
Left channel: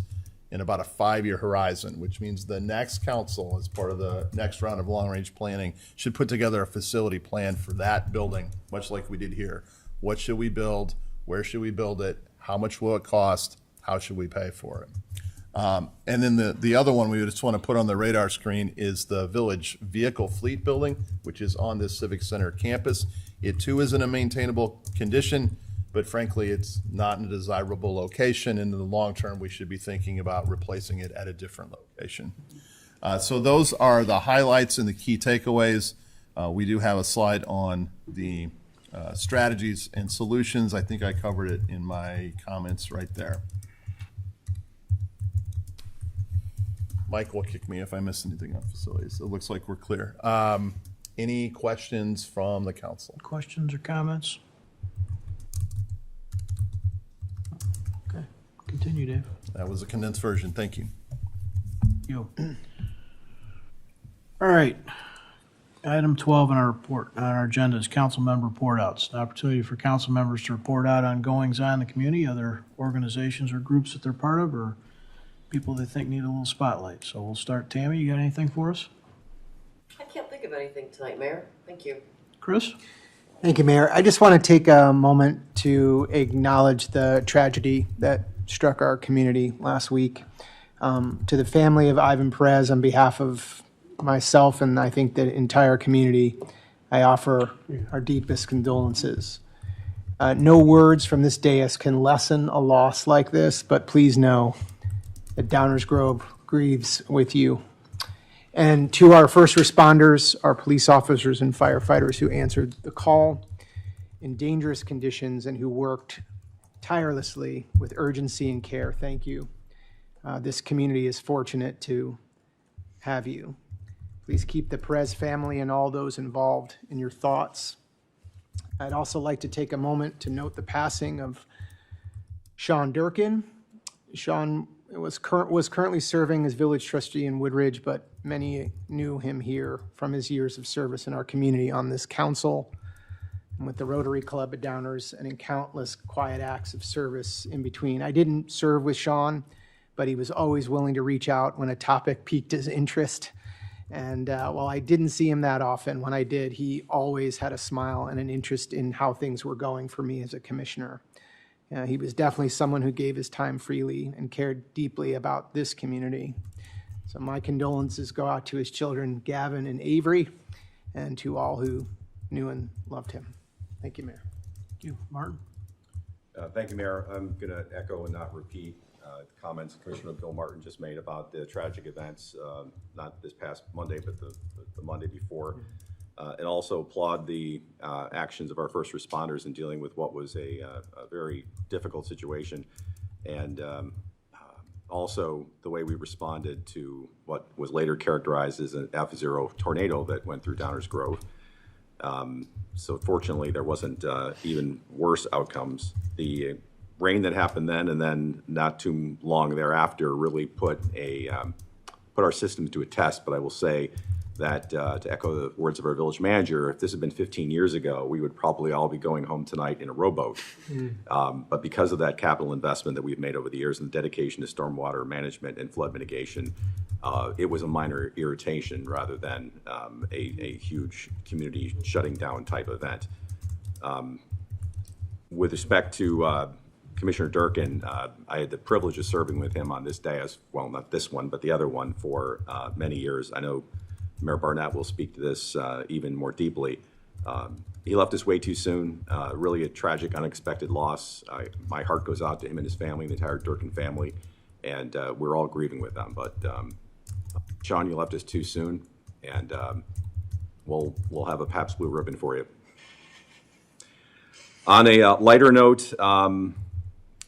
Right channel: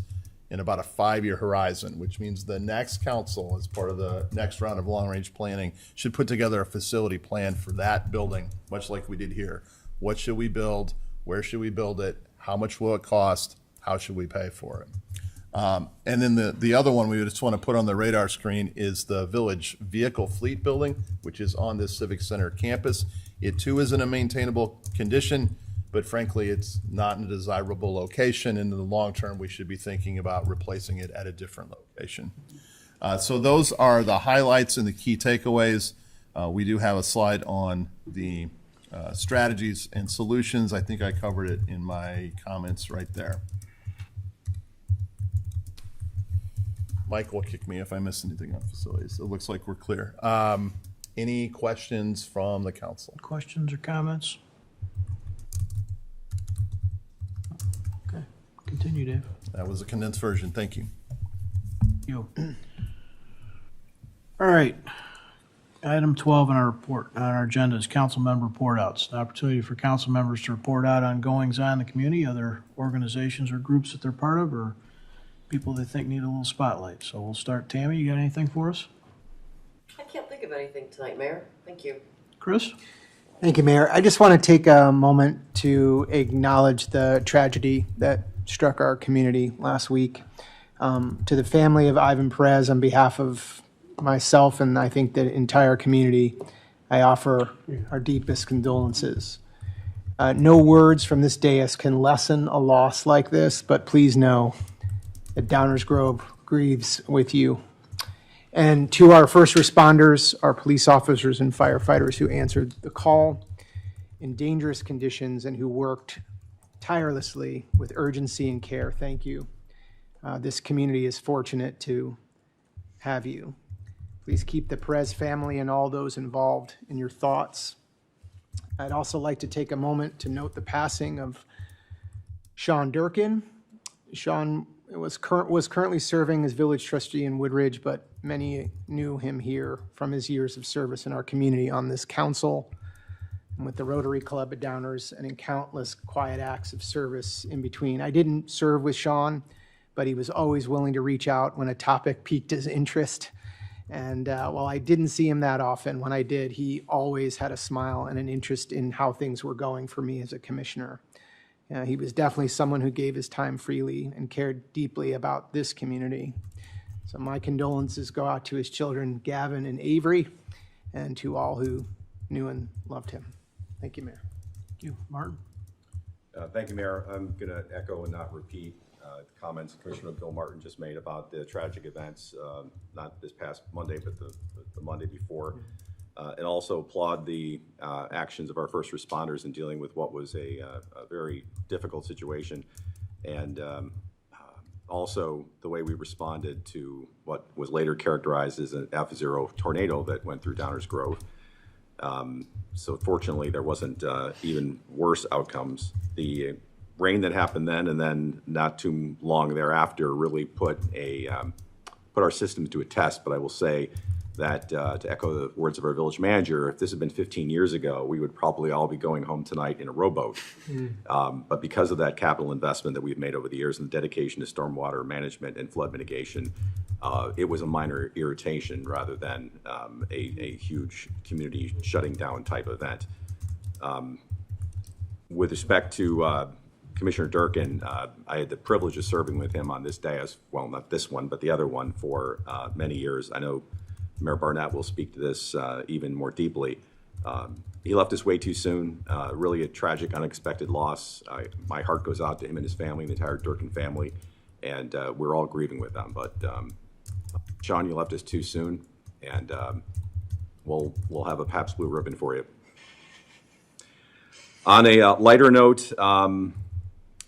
in about a 5-year horizon, which means the next council, as part of the next round of long-range planning, should put together a facility plan for that building, much like we did here. What should we build? Where should we build it? How much will it cost? How should we pay for it? And then the other one we just want to put on the radar screen is the village vehicle fleet building, which is on this Civic Center campus. It too is in a maintainable condition, but frankly, it's not in a desirable location. And in the long term, we should be thinking about replacing it at a different location. So those are the highlights and the key takeaways. We do have a slide on the strategies and solutions. I think I covered it in my comments right there. Mike will kick me if I miss anything on facilities. It looks like we're clear. Any questions from the council? Questions or comments? Okay, continue, Dave. That was a condensed version. Thank you. You. All right. Item 12 on our agenda is council member report outs. An opportunity for council members to report out on goings on in the community, other organizations or groups that they're part of, or people they think need a little spotlight. So we'll start. Tammy, you got anything for us? I can't think of anything tonight, Mayor. Thank you. Chris? Thank you, Mayor. I just want to take a moment to acknowledge the tragedy that struck our community last week. To the family of Ivan Perez, on behalf of myself and I think the entire community, I offer our deepest condolences. No words from this dais can lessen a loss like this, but please know that Downers Grove grieves with you. And to our first responders, our police officers and firefighters who answered the call in dangerous conditions and who worked tirelessly with urgency and care, thank you. This community is fortunate to have you. Please keep the Perez family and all those involved in your thoughts. I'd also like to take a moment to note the passing of Sean Durkin. Sean was currently serving as village trustee in Woodridge, but many knew him here from his years of service in our community on this council and with the Rotary Club at Downers and in countless quiet acts of service in between. I didn't serve with Sean, but he was always willing to reach out when a topic piqued his interest. And while I didn't see him that often, when I did, he always had a smile and an interest in how things were going for me as a commissioner. He was definitely someone who gave his time freely and cared deeply about this community. So my condolences go out to his children, Gavin and Avery, and to all who knew and loved him. Thank you, Mayor. Thank you. Martin? Thank you, Mayor. I'm going to echo and not repeat the comments Commissioner Bill Martin just made about the tragic events, not this past Monday, but the Monday before. And also applaud the actions of our first responders in dealing with what was a very difficult situation. And also the way we responded to what was later characterized as an F0 tornado that went through Downers Grove. So fortunately, there wasn't even worse outcomes. The rain that happened then and then not too long thereafter really put our systems to a test. But I will say that to echo the words of our village manager, if this had been 15 years ago, we would probably all be going home tonight in a rowboat. But because of that capital investment that we've made over the years and the dedication to stormwater management and flood mitigation, it was a minor irritation rather than a huge community shutting down type event. With respect to Commissioner Durkin, I had the privilege of serving with him on this day, as well, not this one, but the other one for many years. I know Mayor Barnett will speak to this even more deeply. He left us way too soon. Really a tragic, unexpected loss. My heart goes out to him and his family, the entire Durkin family, and we're all grieving with them. But Sean, you left us too soon, and we'll have a Pabst Blue Ribbon for you. On a lighter note,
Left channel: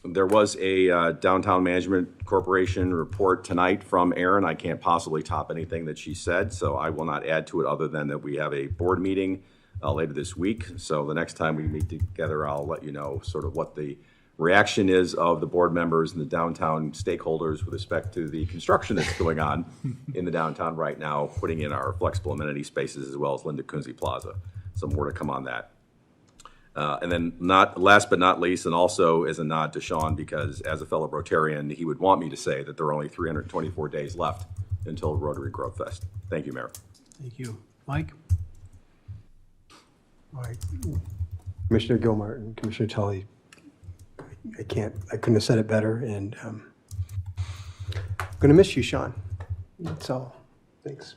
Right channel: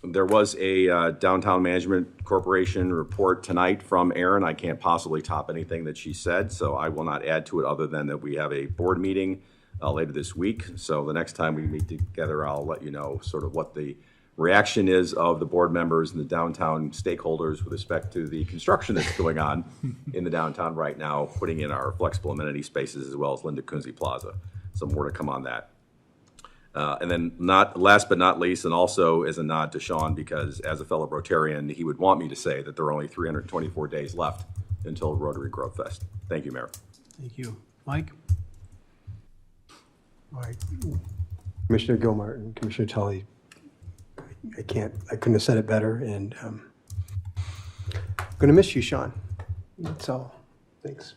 there was a Downtown Management Corporation report tonight from Erin. I can't possibly top anything that she said, so I will not add to it other than that we have a board meeting later this week. So the next time we meet together, I'll let you know sort of what the reaction is of the board members and the downtown stakeholders with respect to the construction that's going on in the downtown right now, putting in our flexible amenity spaces as well as Linda Kunze Plaza. Some more to come on that. And then last but not least, and also as a nod to Sean, because as a fellow Rotarian, he would want me to say that there are only 324 days left until Rotary Grove Fest. Thank you, Mayor. Thank you. Mike? All right. Commissioner Gilmart and Commissioner Tully, I couldn't have said it better, and I'm going to miss you, Sean. That's all. Thanks.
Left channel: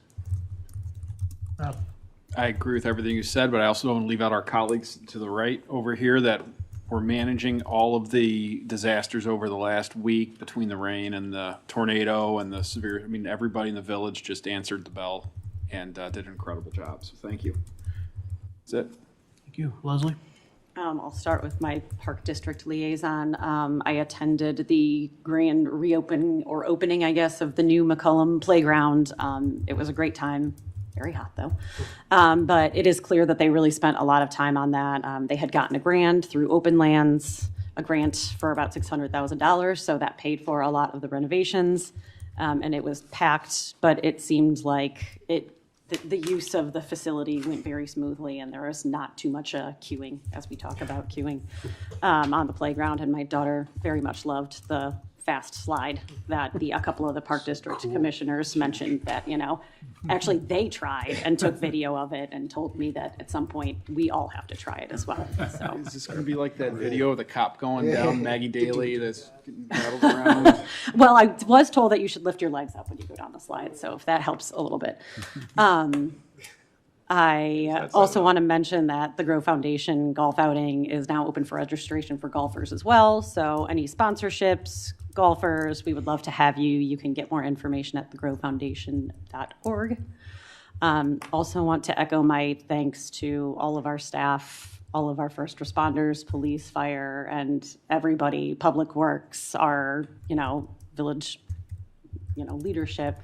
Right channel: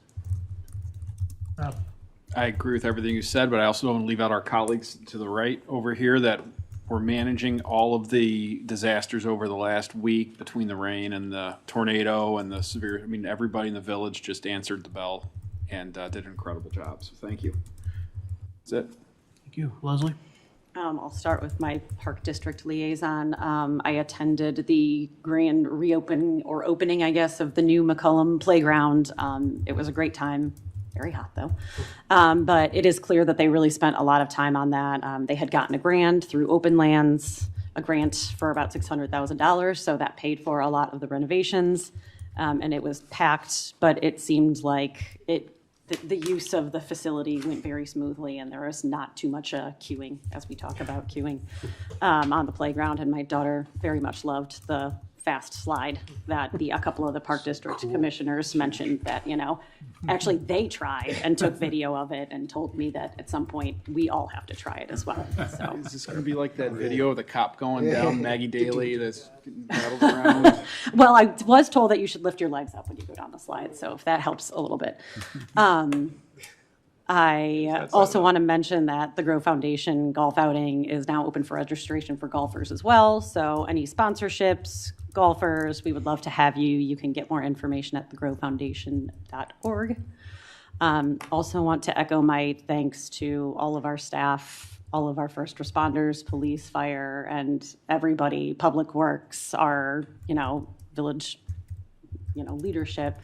I agree with everything you said, but I also want to leave out our colleagues to the right over here that were managing all of the disasters over the last week between the rain and the tornado and the severe. I mean, everybody in the village just answered the bell and did an incredible job. So thank you. That's it. Thank you. Leslie? I'll start with my Park District liaison. I attended the grand opening, I guess, of the new McCullum Playground. It was a great time. Very hot though. But it is clear that they really spent a lot of time on that. They had gotten a grant through Open Lands, a grant for about $600,000. So that paid for a lot of the renovations. And it was packed, but it seemed like the use of the facility went very smoothly, and there was not too much queuing, as we talk about queuing on the playground. And my daughter very much loved the fast slide that a couple of the Park District commissioners mentioned that, actually they tried and took video of it and told me that at some point we all have to try it as well. So is this going to be like that video of the cop going down Maggie Daly that's rattled around? Well, I was told that you should lift your legs up when you go down the slide, so if that helps a little bit. I also want to mention that the Grove Foundation golf outing is now open for registration for golfers as well. So any sponsorships, golfers, we would love to have you. You can get more information at thegrovefoundation.org. Also want to echo my thanks to all of our staff, all of our first responders, police, fire, and everybody, public works, our, village, leadership.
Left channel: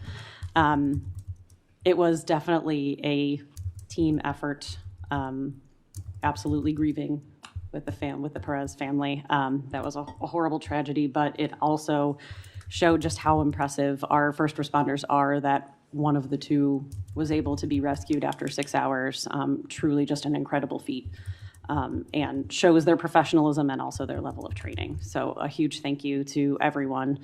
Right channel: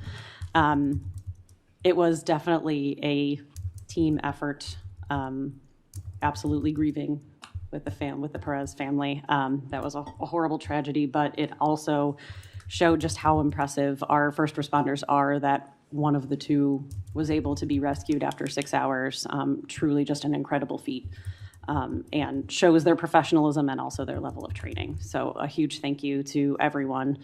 It was definitely a team effort. Absolutely grieving with the Perez family. That was a horrible tragedy, but it also showed just how impressive our first responders are, that one of the two was able to be rescued after 6 hours. Truly just an incredible feat, and shows their professionalism and also their level of training. So a huge thank you to everyone,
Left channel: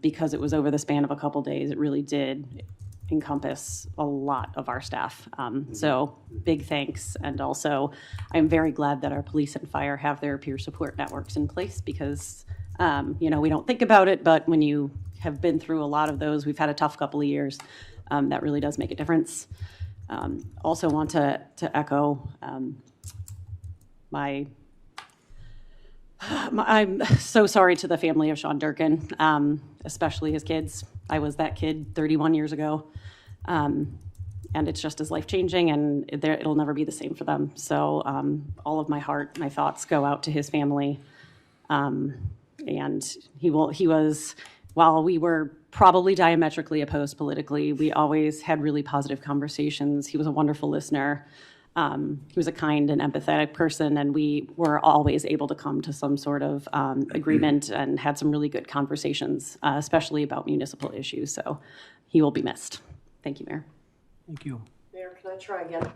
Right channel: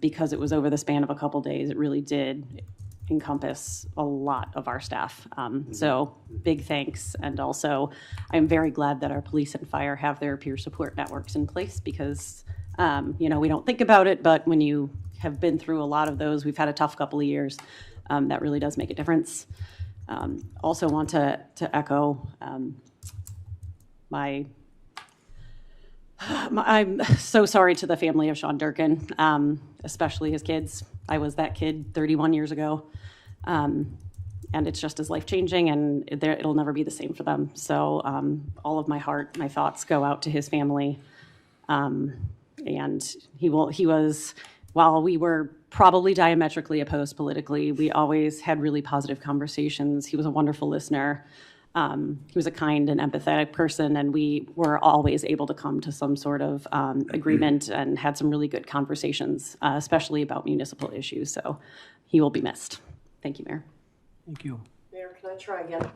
because it was over the span of a couple days. It really did encompass a lot of our staff. So big thanks. And also I'm very glad that our police and fire have their peer support networks in place, because we don't think about it, but when you have been through a lot of those, we've had a tough couple of years, that really does make a difference. Also want to echo I'm so sorry to the family of Sean Durkin, especially his kids. I was that kid 31 years ago. And it's just as life-changing, and it'll never be the same for them. So all of my heart, my thoughts go out to his family. And he was, while we were probably diametrically opposed politically, we always had really positive conversations. He was a wonderful listener. He was a kind and empathetic person, and we were always able to come to some sort of agreement and had some really good conversations, especially about municipal issues. So he will be missed. Thank you, Mayor. Thank you. Mayor, can I try again?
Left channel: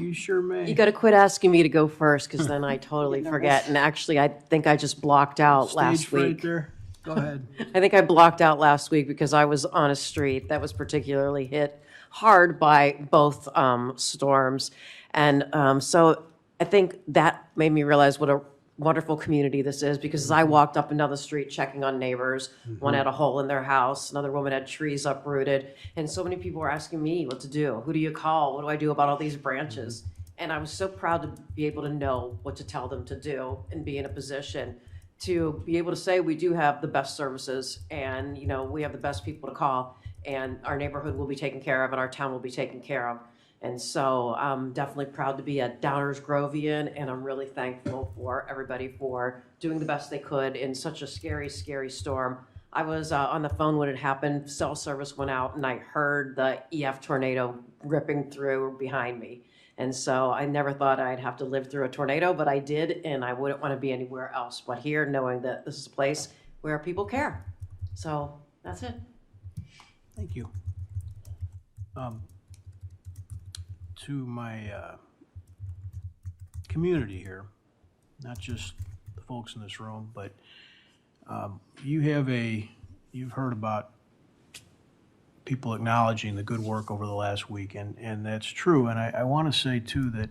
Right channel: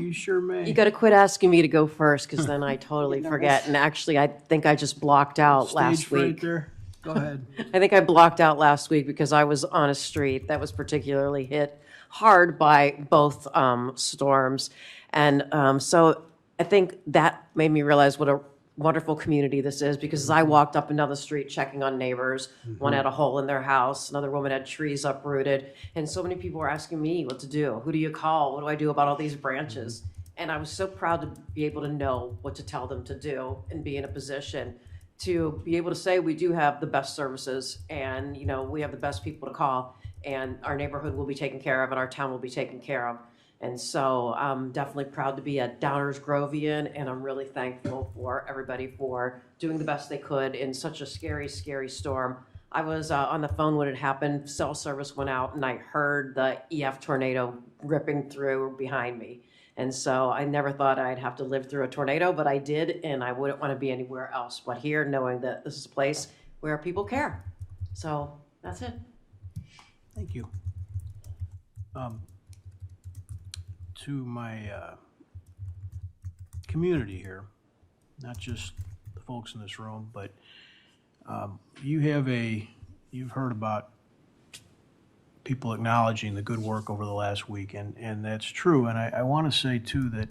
You sure may. You got to quit asking me to go first, because then I totally forget. And actually, I think I just blocked out last Stage fright week. there. Go ahead. I think I blocked out last week because I was on a street that was particularly hit hard by both storms. And so I think that made me realize what a wonderful community this is, because as I walked up and down the street checking on neighbors, one had a hole in their house, another woman had trees uprooted, and so many people were asking me what to do. Who do you call? What do I do about all these branches? And I was so proud to be able to know what to tell them to do and be in a position to be able to say we do have the best services, and we have the best people to call, and our neighborhood will be taken care of and our town will be taken care of. And so I'm definitely proud to be a Downers Grovian, and I'm really thankful for everybody for doing the best they could in such a scary, scary storm. I was on the phone when it happened. Cell service went out, and I heard the EF tornado ripping through behind me. And so I never thought I'd have to live through a tornado, but I did, and I wouldn't want to be anywhere else but here, knowing that this is a place where people care. So that's it. Thank you. To my community here, not just the folks in this room, but you've heard about people acknowledging the good work over the last week, and that's true. And I want to say too that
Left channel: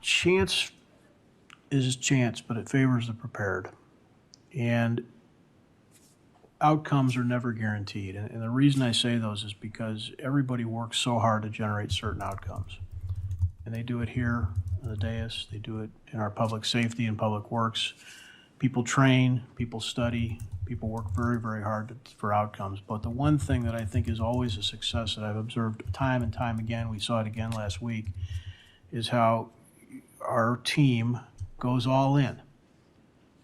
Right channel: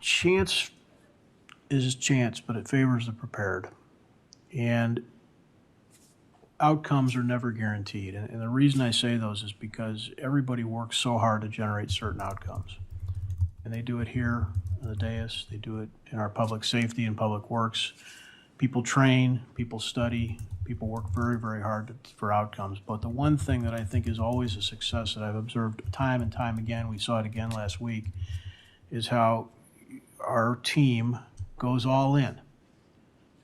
chance is chance, but it favors the prepared. And outcomes are never guaranteed. And the reason I say those is because everybody works so hard to generate certain outcomes. And they do it here on the dais, they do it in our public safety and public works. People train, people study, people work very, very hard for outcomes. But the one thing that I think is always a success that I've observed time and time again, we saw it again last week, is how our team goes all in.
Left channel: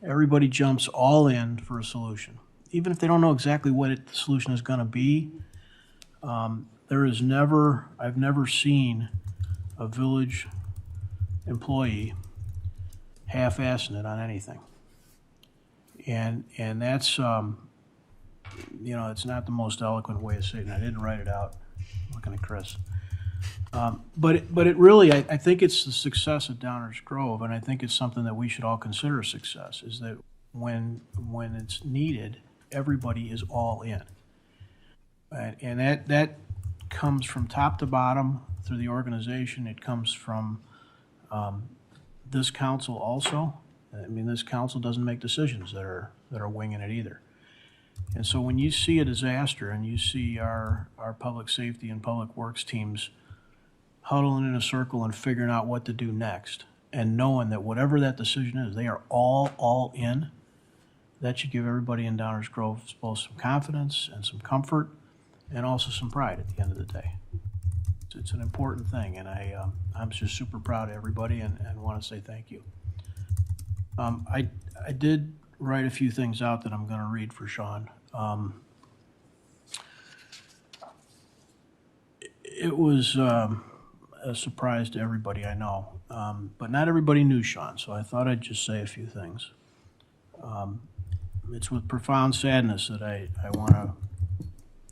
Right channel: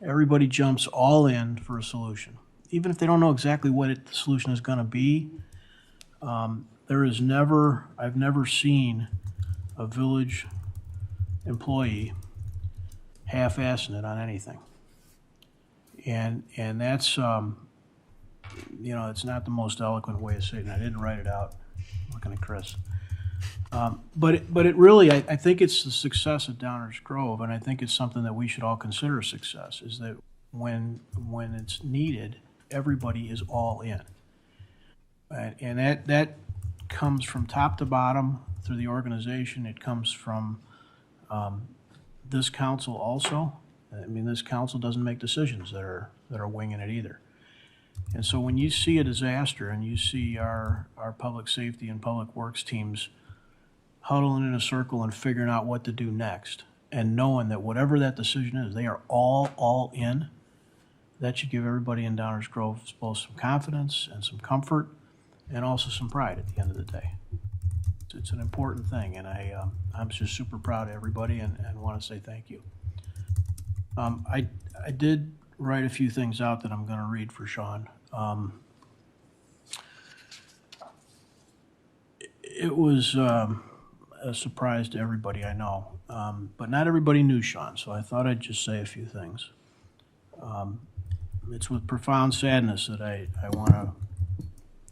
Everybody jumps all in for a solution. Even if they don't know exactly what the solution is going to be, I've never seen a village employee half-assing it on anything. And that's, it's not the most eloquent way of saying it. I didn't write it out. I'm looking at Chris. But it really, I think it's the success of Downers Grove, and I think it's something that we should all consider a success, is that when it's needed, everybody is all in. And that comes from top to bottom through the organization. It comes from this council also. I mean, this council doesn't make decisions that are winging it either. And so when you see a disaster and you see our public safety and public works teams huddling in a circle and figuring out what to do next, and knowing that whatever that decision is, they are all in, that should give everybody in Downers Grove both some confidence and some comfort, and also some pride at the end of the day. It's an important thing, and I'm just super proud of everybody, and want to say thank you. I did write a few things out that I'm going to read for Sean. It was a surprise to everybody, I know, but not everybody knew Sean, so I thought I'd just say a few things. It's with profound sadness that I want to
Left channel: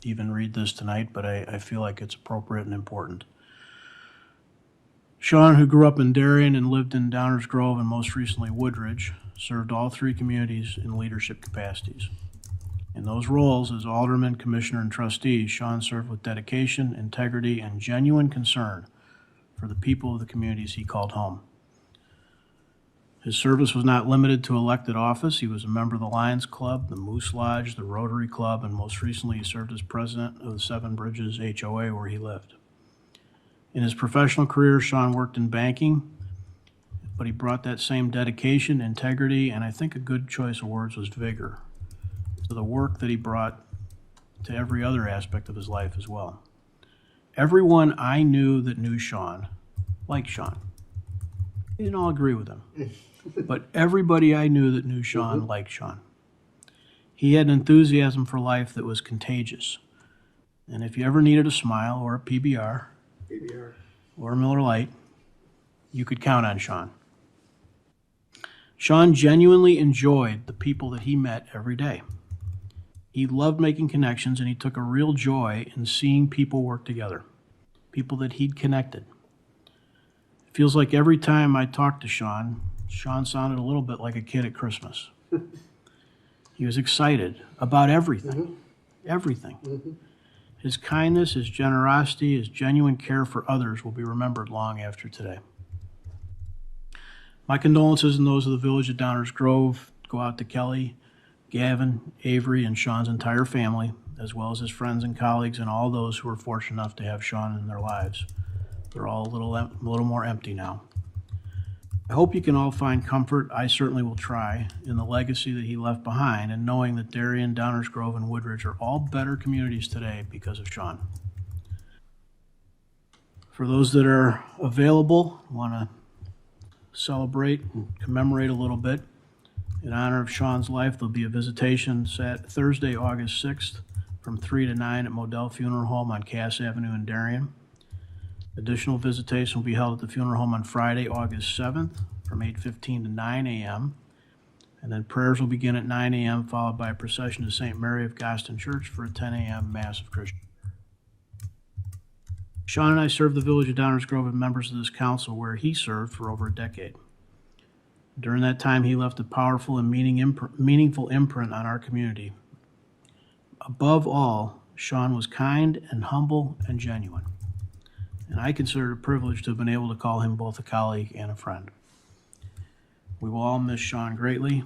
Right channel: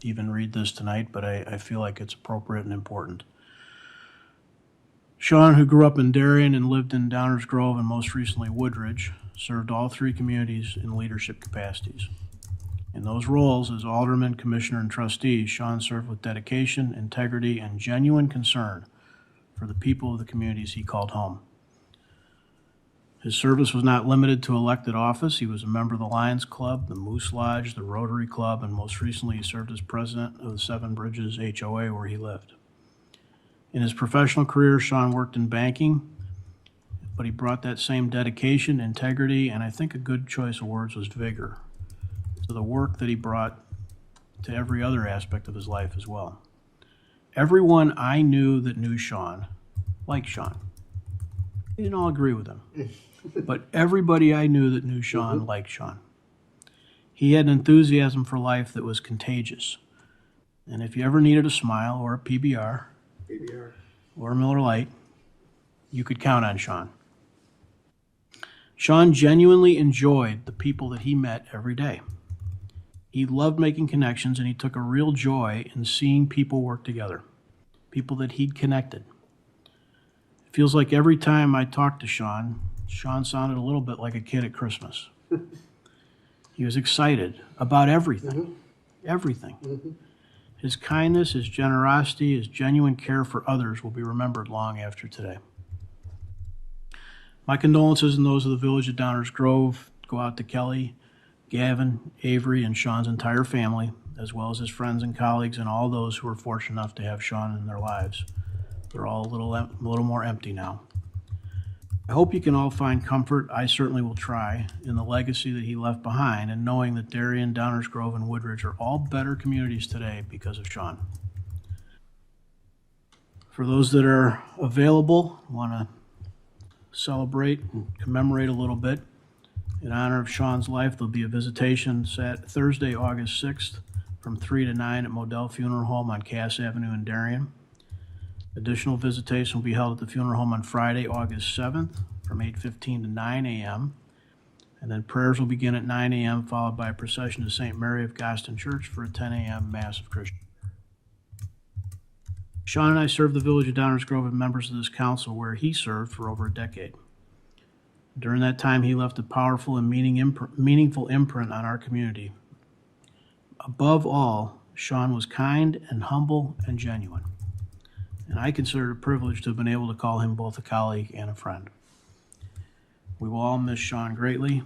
even read this tonight, but I feel like it's appropriate and important. Sean, who grew up in Darien and lived in Downers Grove and most recently Woodridge, served all three communities in leadership capacities. In those roles as alderman, commissioner, and trustee, Sean served with dedication, integrity, and genuine concern for the people of the communities he called home. His service was not limited to elected office. He was a member of the Lions Club, the Moose Lodge, the Rotary Club, and most recently he served as president of the Seven Bridges HOA where he lived. In his professional career, Sean worked in banking, but he brought that same dedication, integrity, and I think a good choice of words was vigor to the work that he brought to every other aspect of his life as well. Everyone I knew that knew Sean liked Sean. They didn't all agree with him, but everybody I knew that knew Sean liked Sean. He had an enthusiasm for life that was contagious. And if you ever needed a smile or a PBR or a Miller Lite, you could count on Sean. Sean genuinely enjoyed the people that he met every day. He loved making connections, and he took a real joy in seeing people work together, people that he'd connected. It feels like every time I talked to Sean, Sean sounded a little bit like a kid at Christmas. He was excited about everything, everything. His kindness, his generosity, his genuine care for others will be remembered long after today. My condolences and those of the village of Downers Grove go out to Kelly, Gavin, Avery, and Sean's entire family, as well as his friends and colleagues and all those who were fortunate enough to have Sean in their lives. They're all a little more empty now. I hope you can all find comfort, I certainly will try, in the legacy that he left behind, and knowing that Darien, Downers Grove, and Woodridge are all better communities today because of Sean. For those that are available, want to celebrate and commemorate a little bit, in honor of Sean's life, there'll be a visitation Thursday, August 6th from 3 to 9 at Modell Funeral Home on Cass Avenue in Darien. Additional visitation will be held at the funeral home on Friday, August 7th from 8:15 to 9 a.m. And then prayers will begin at 9 a.m. followed by a procession to St. Mary of Goston Church for a 10 a.m. Mass of Christian. Sean and I served the village of Downers Grove and members of this council where he served for over a decade. During that time, he left a powerful and meaningful imprint on our community. Above all, Sean was kind and humble and genuine. And I consider it a privilege to have been able to call him both a colleague and a friend. We will all miss Sean greatly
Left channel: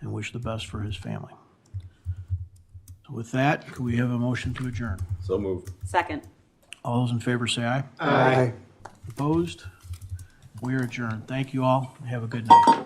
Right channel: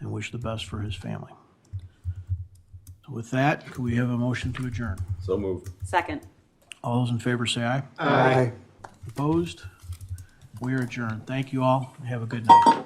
and wish the best for his family. So with that, could we have a motion to adjourn? So moved. Second. All those in favor say aye. Aye. Opposed? We are adjourned. Thank you all. Have a good night.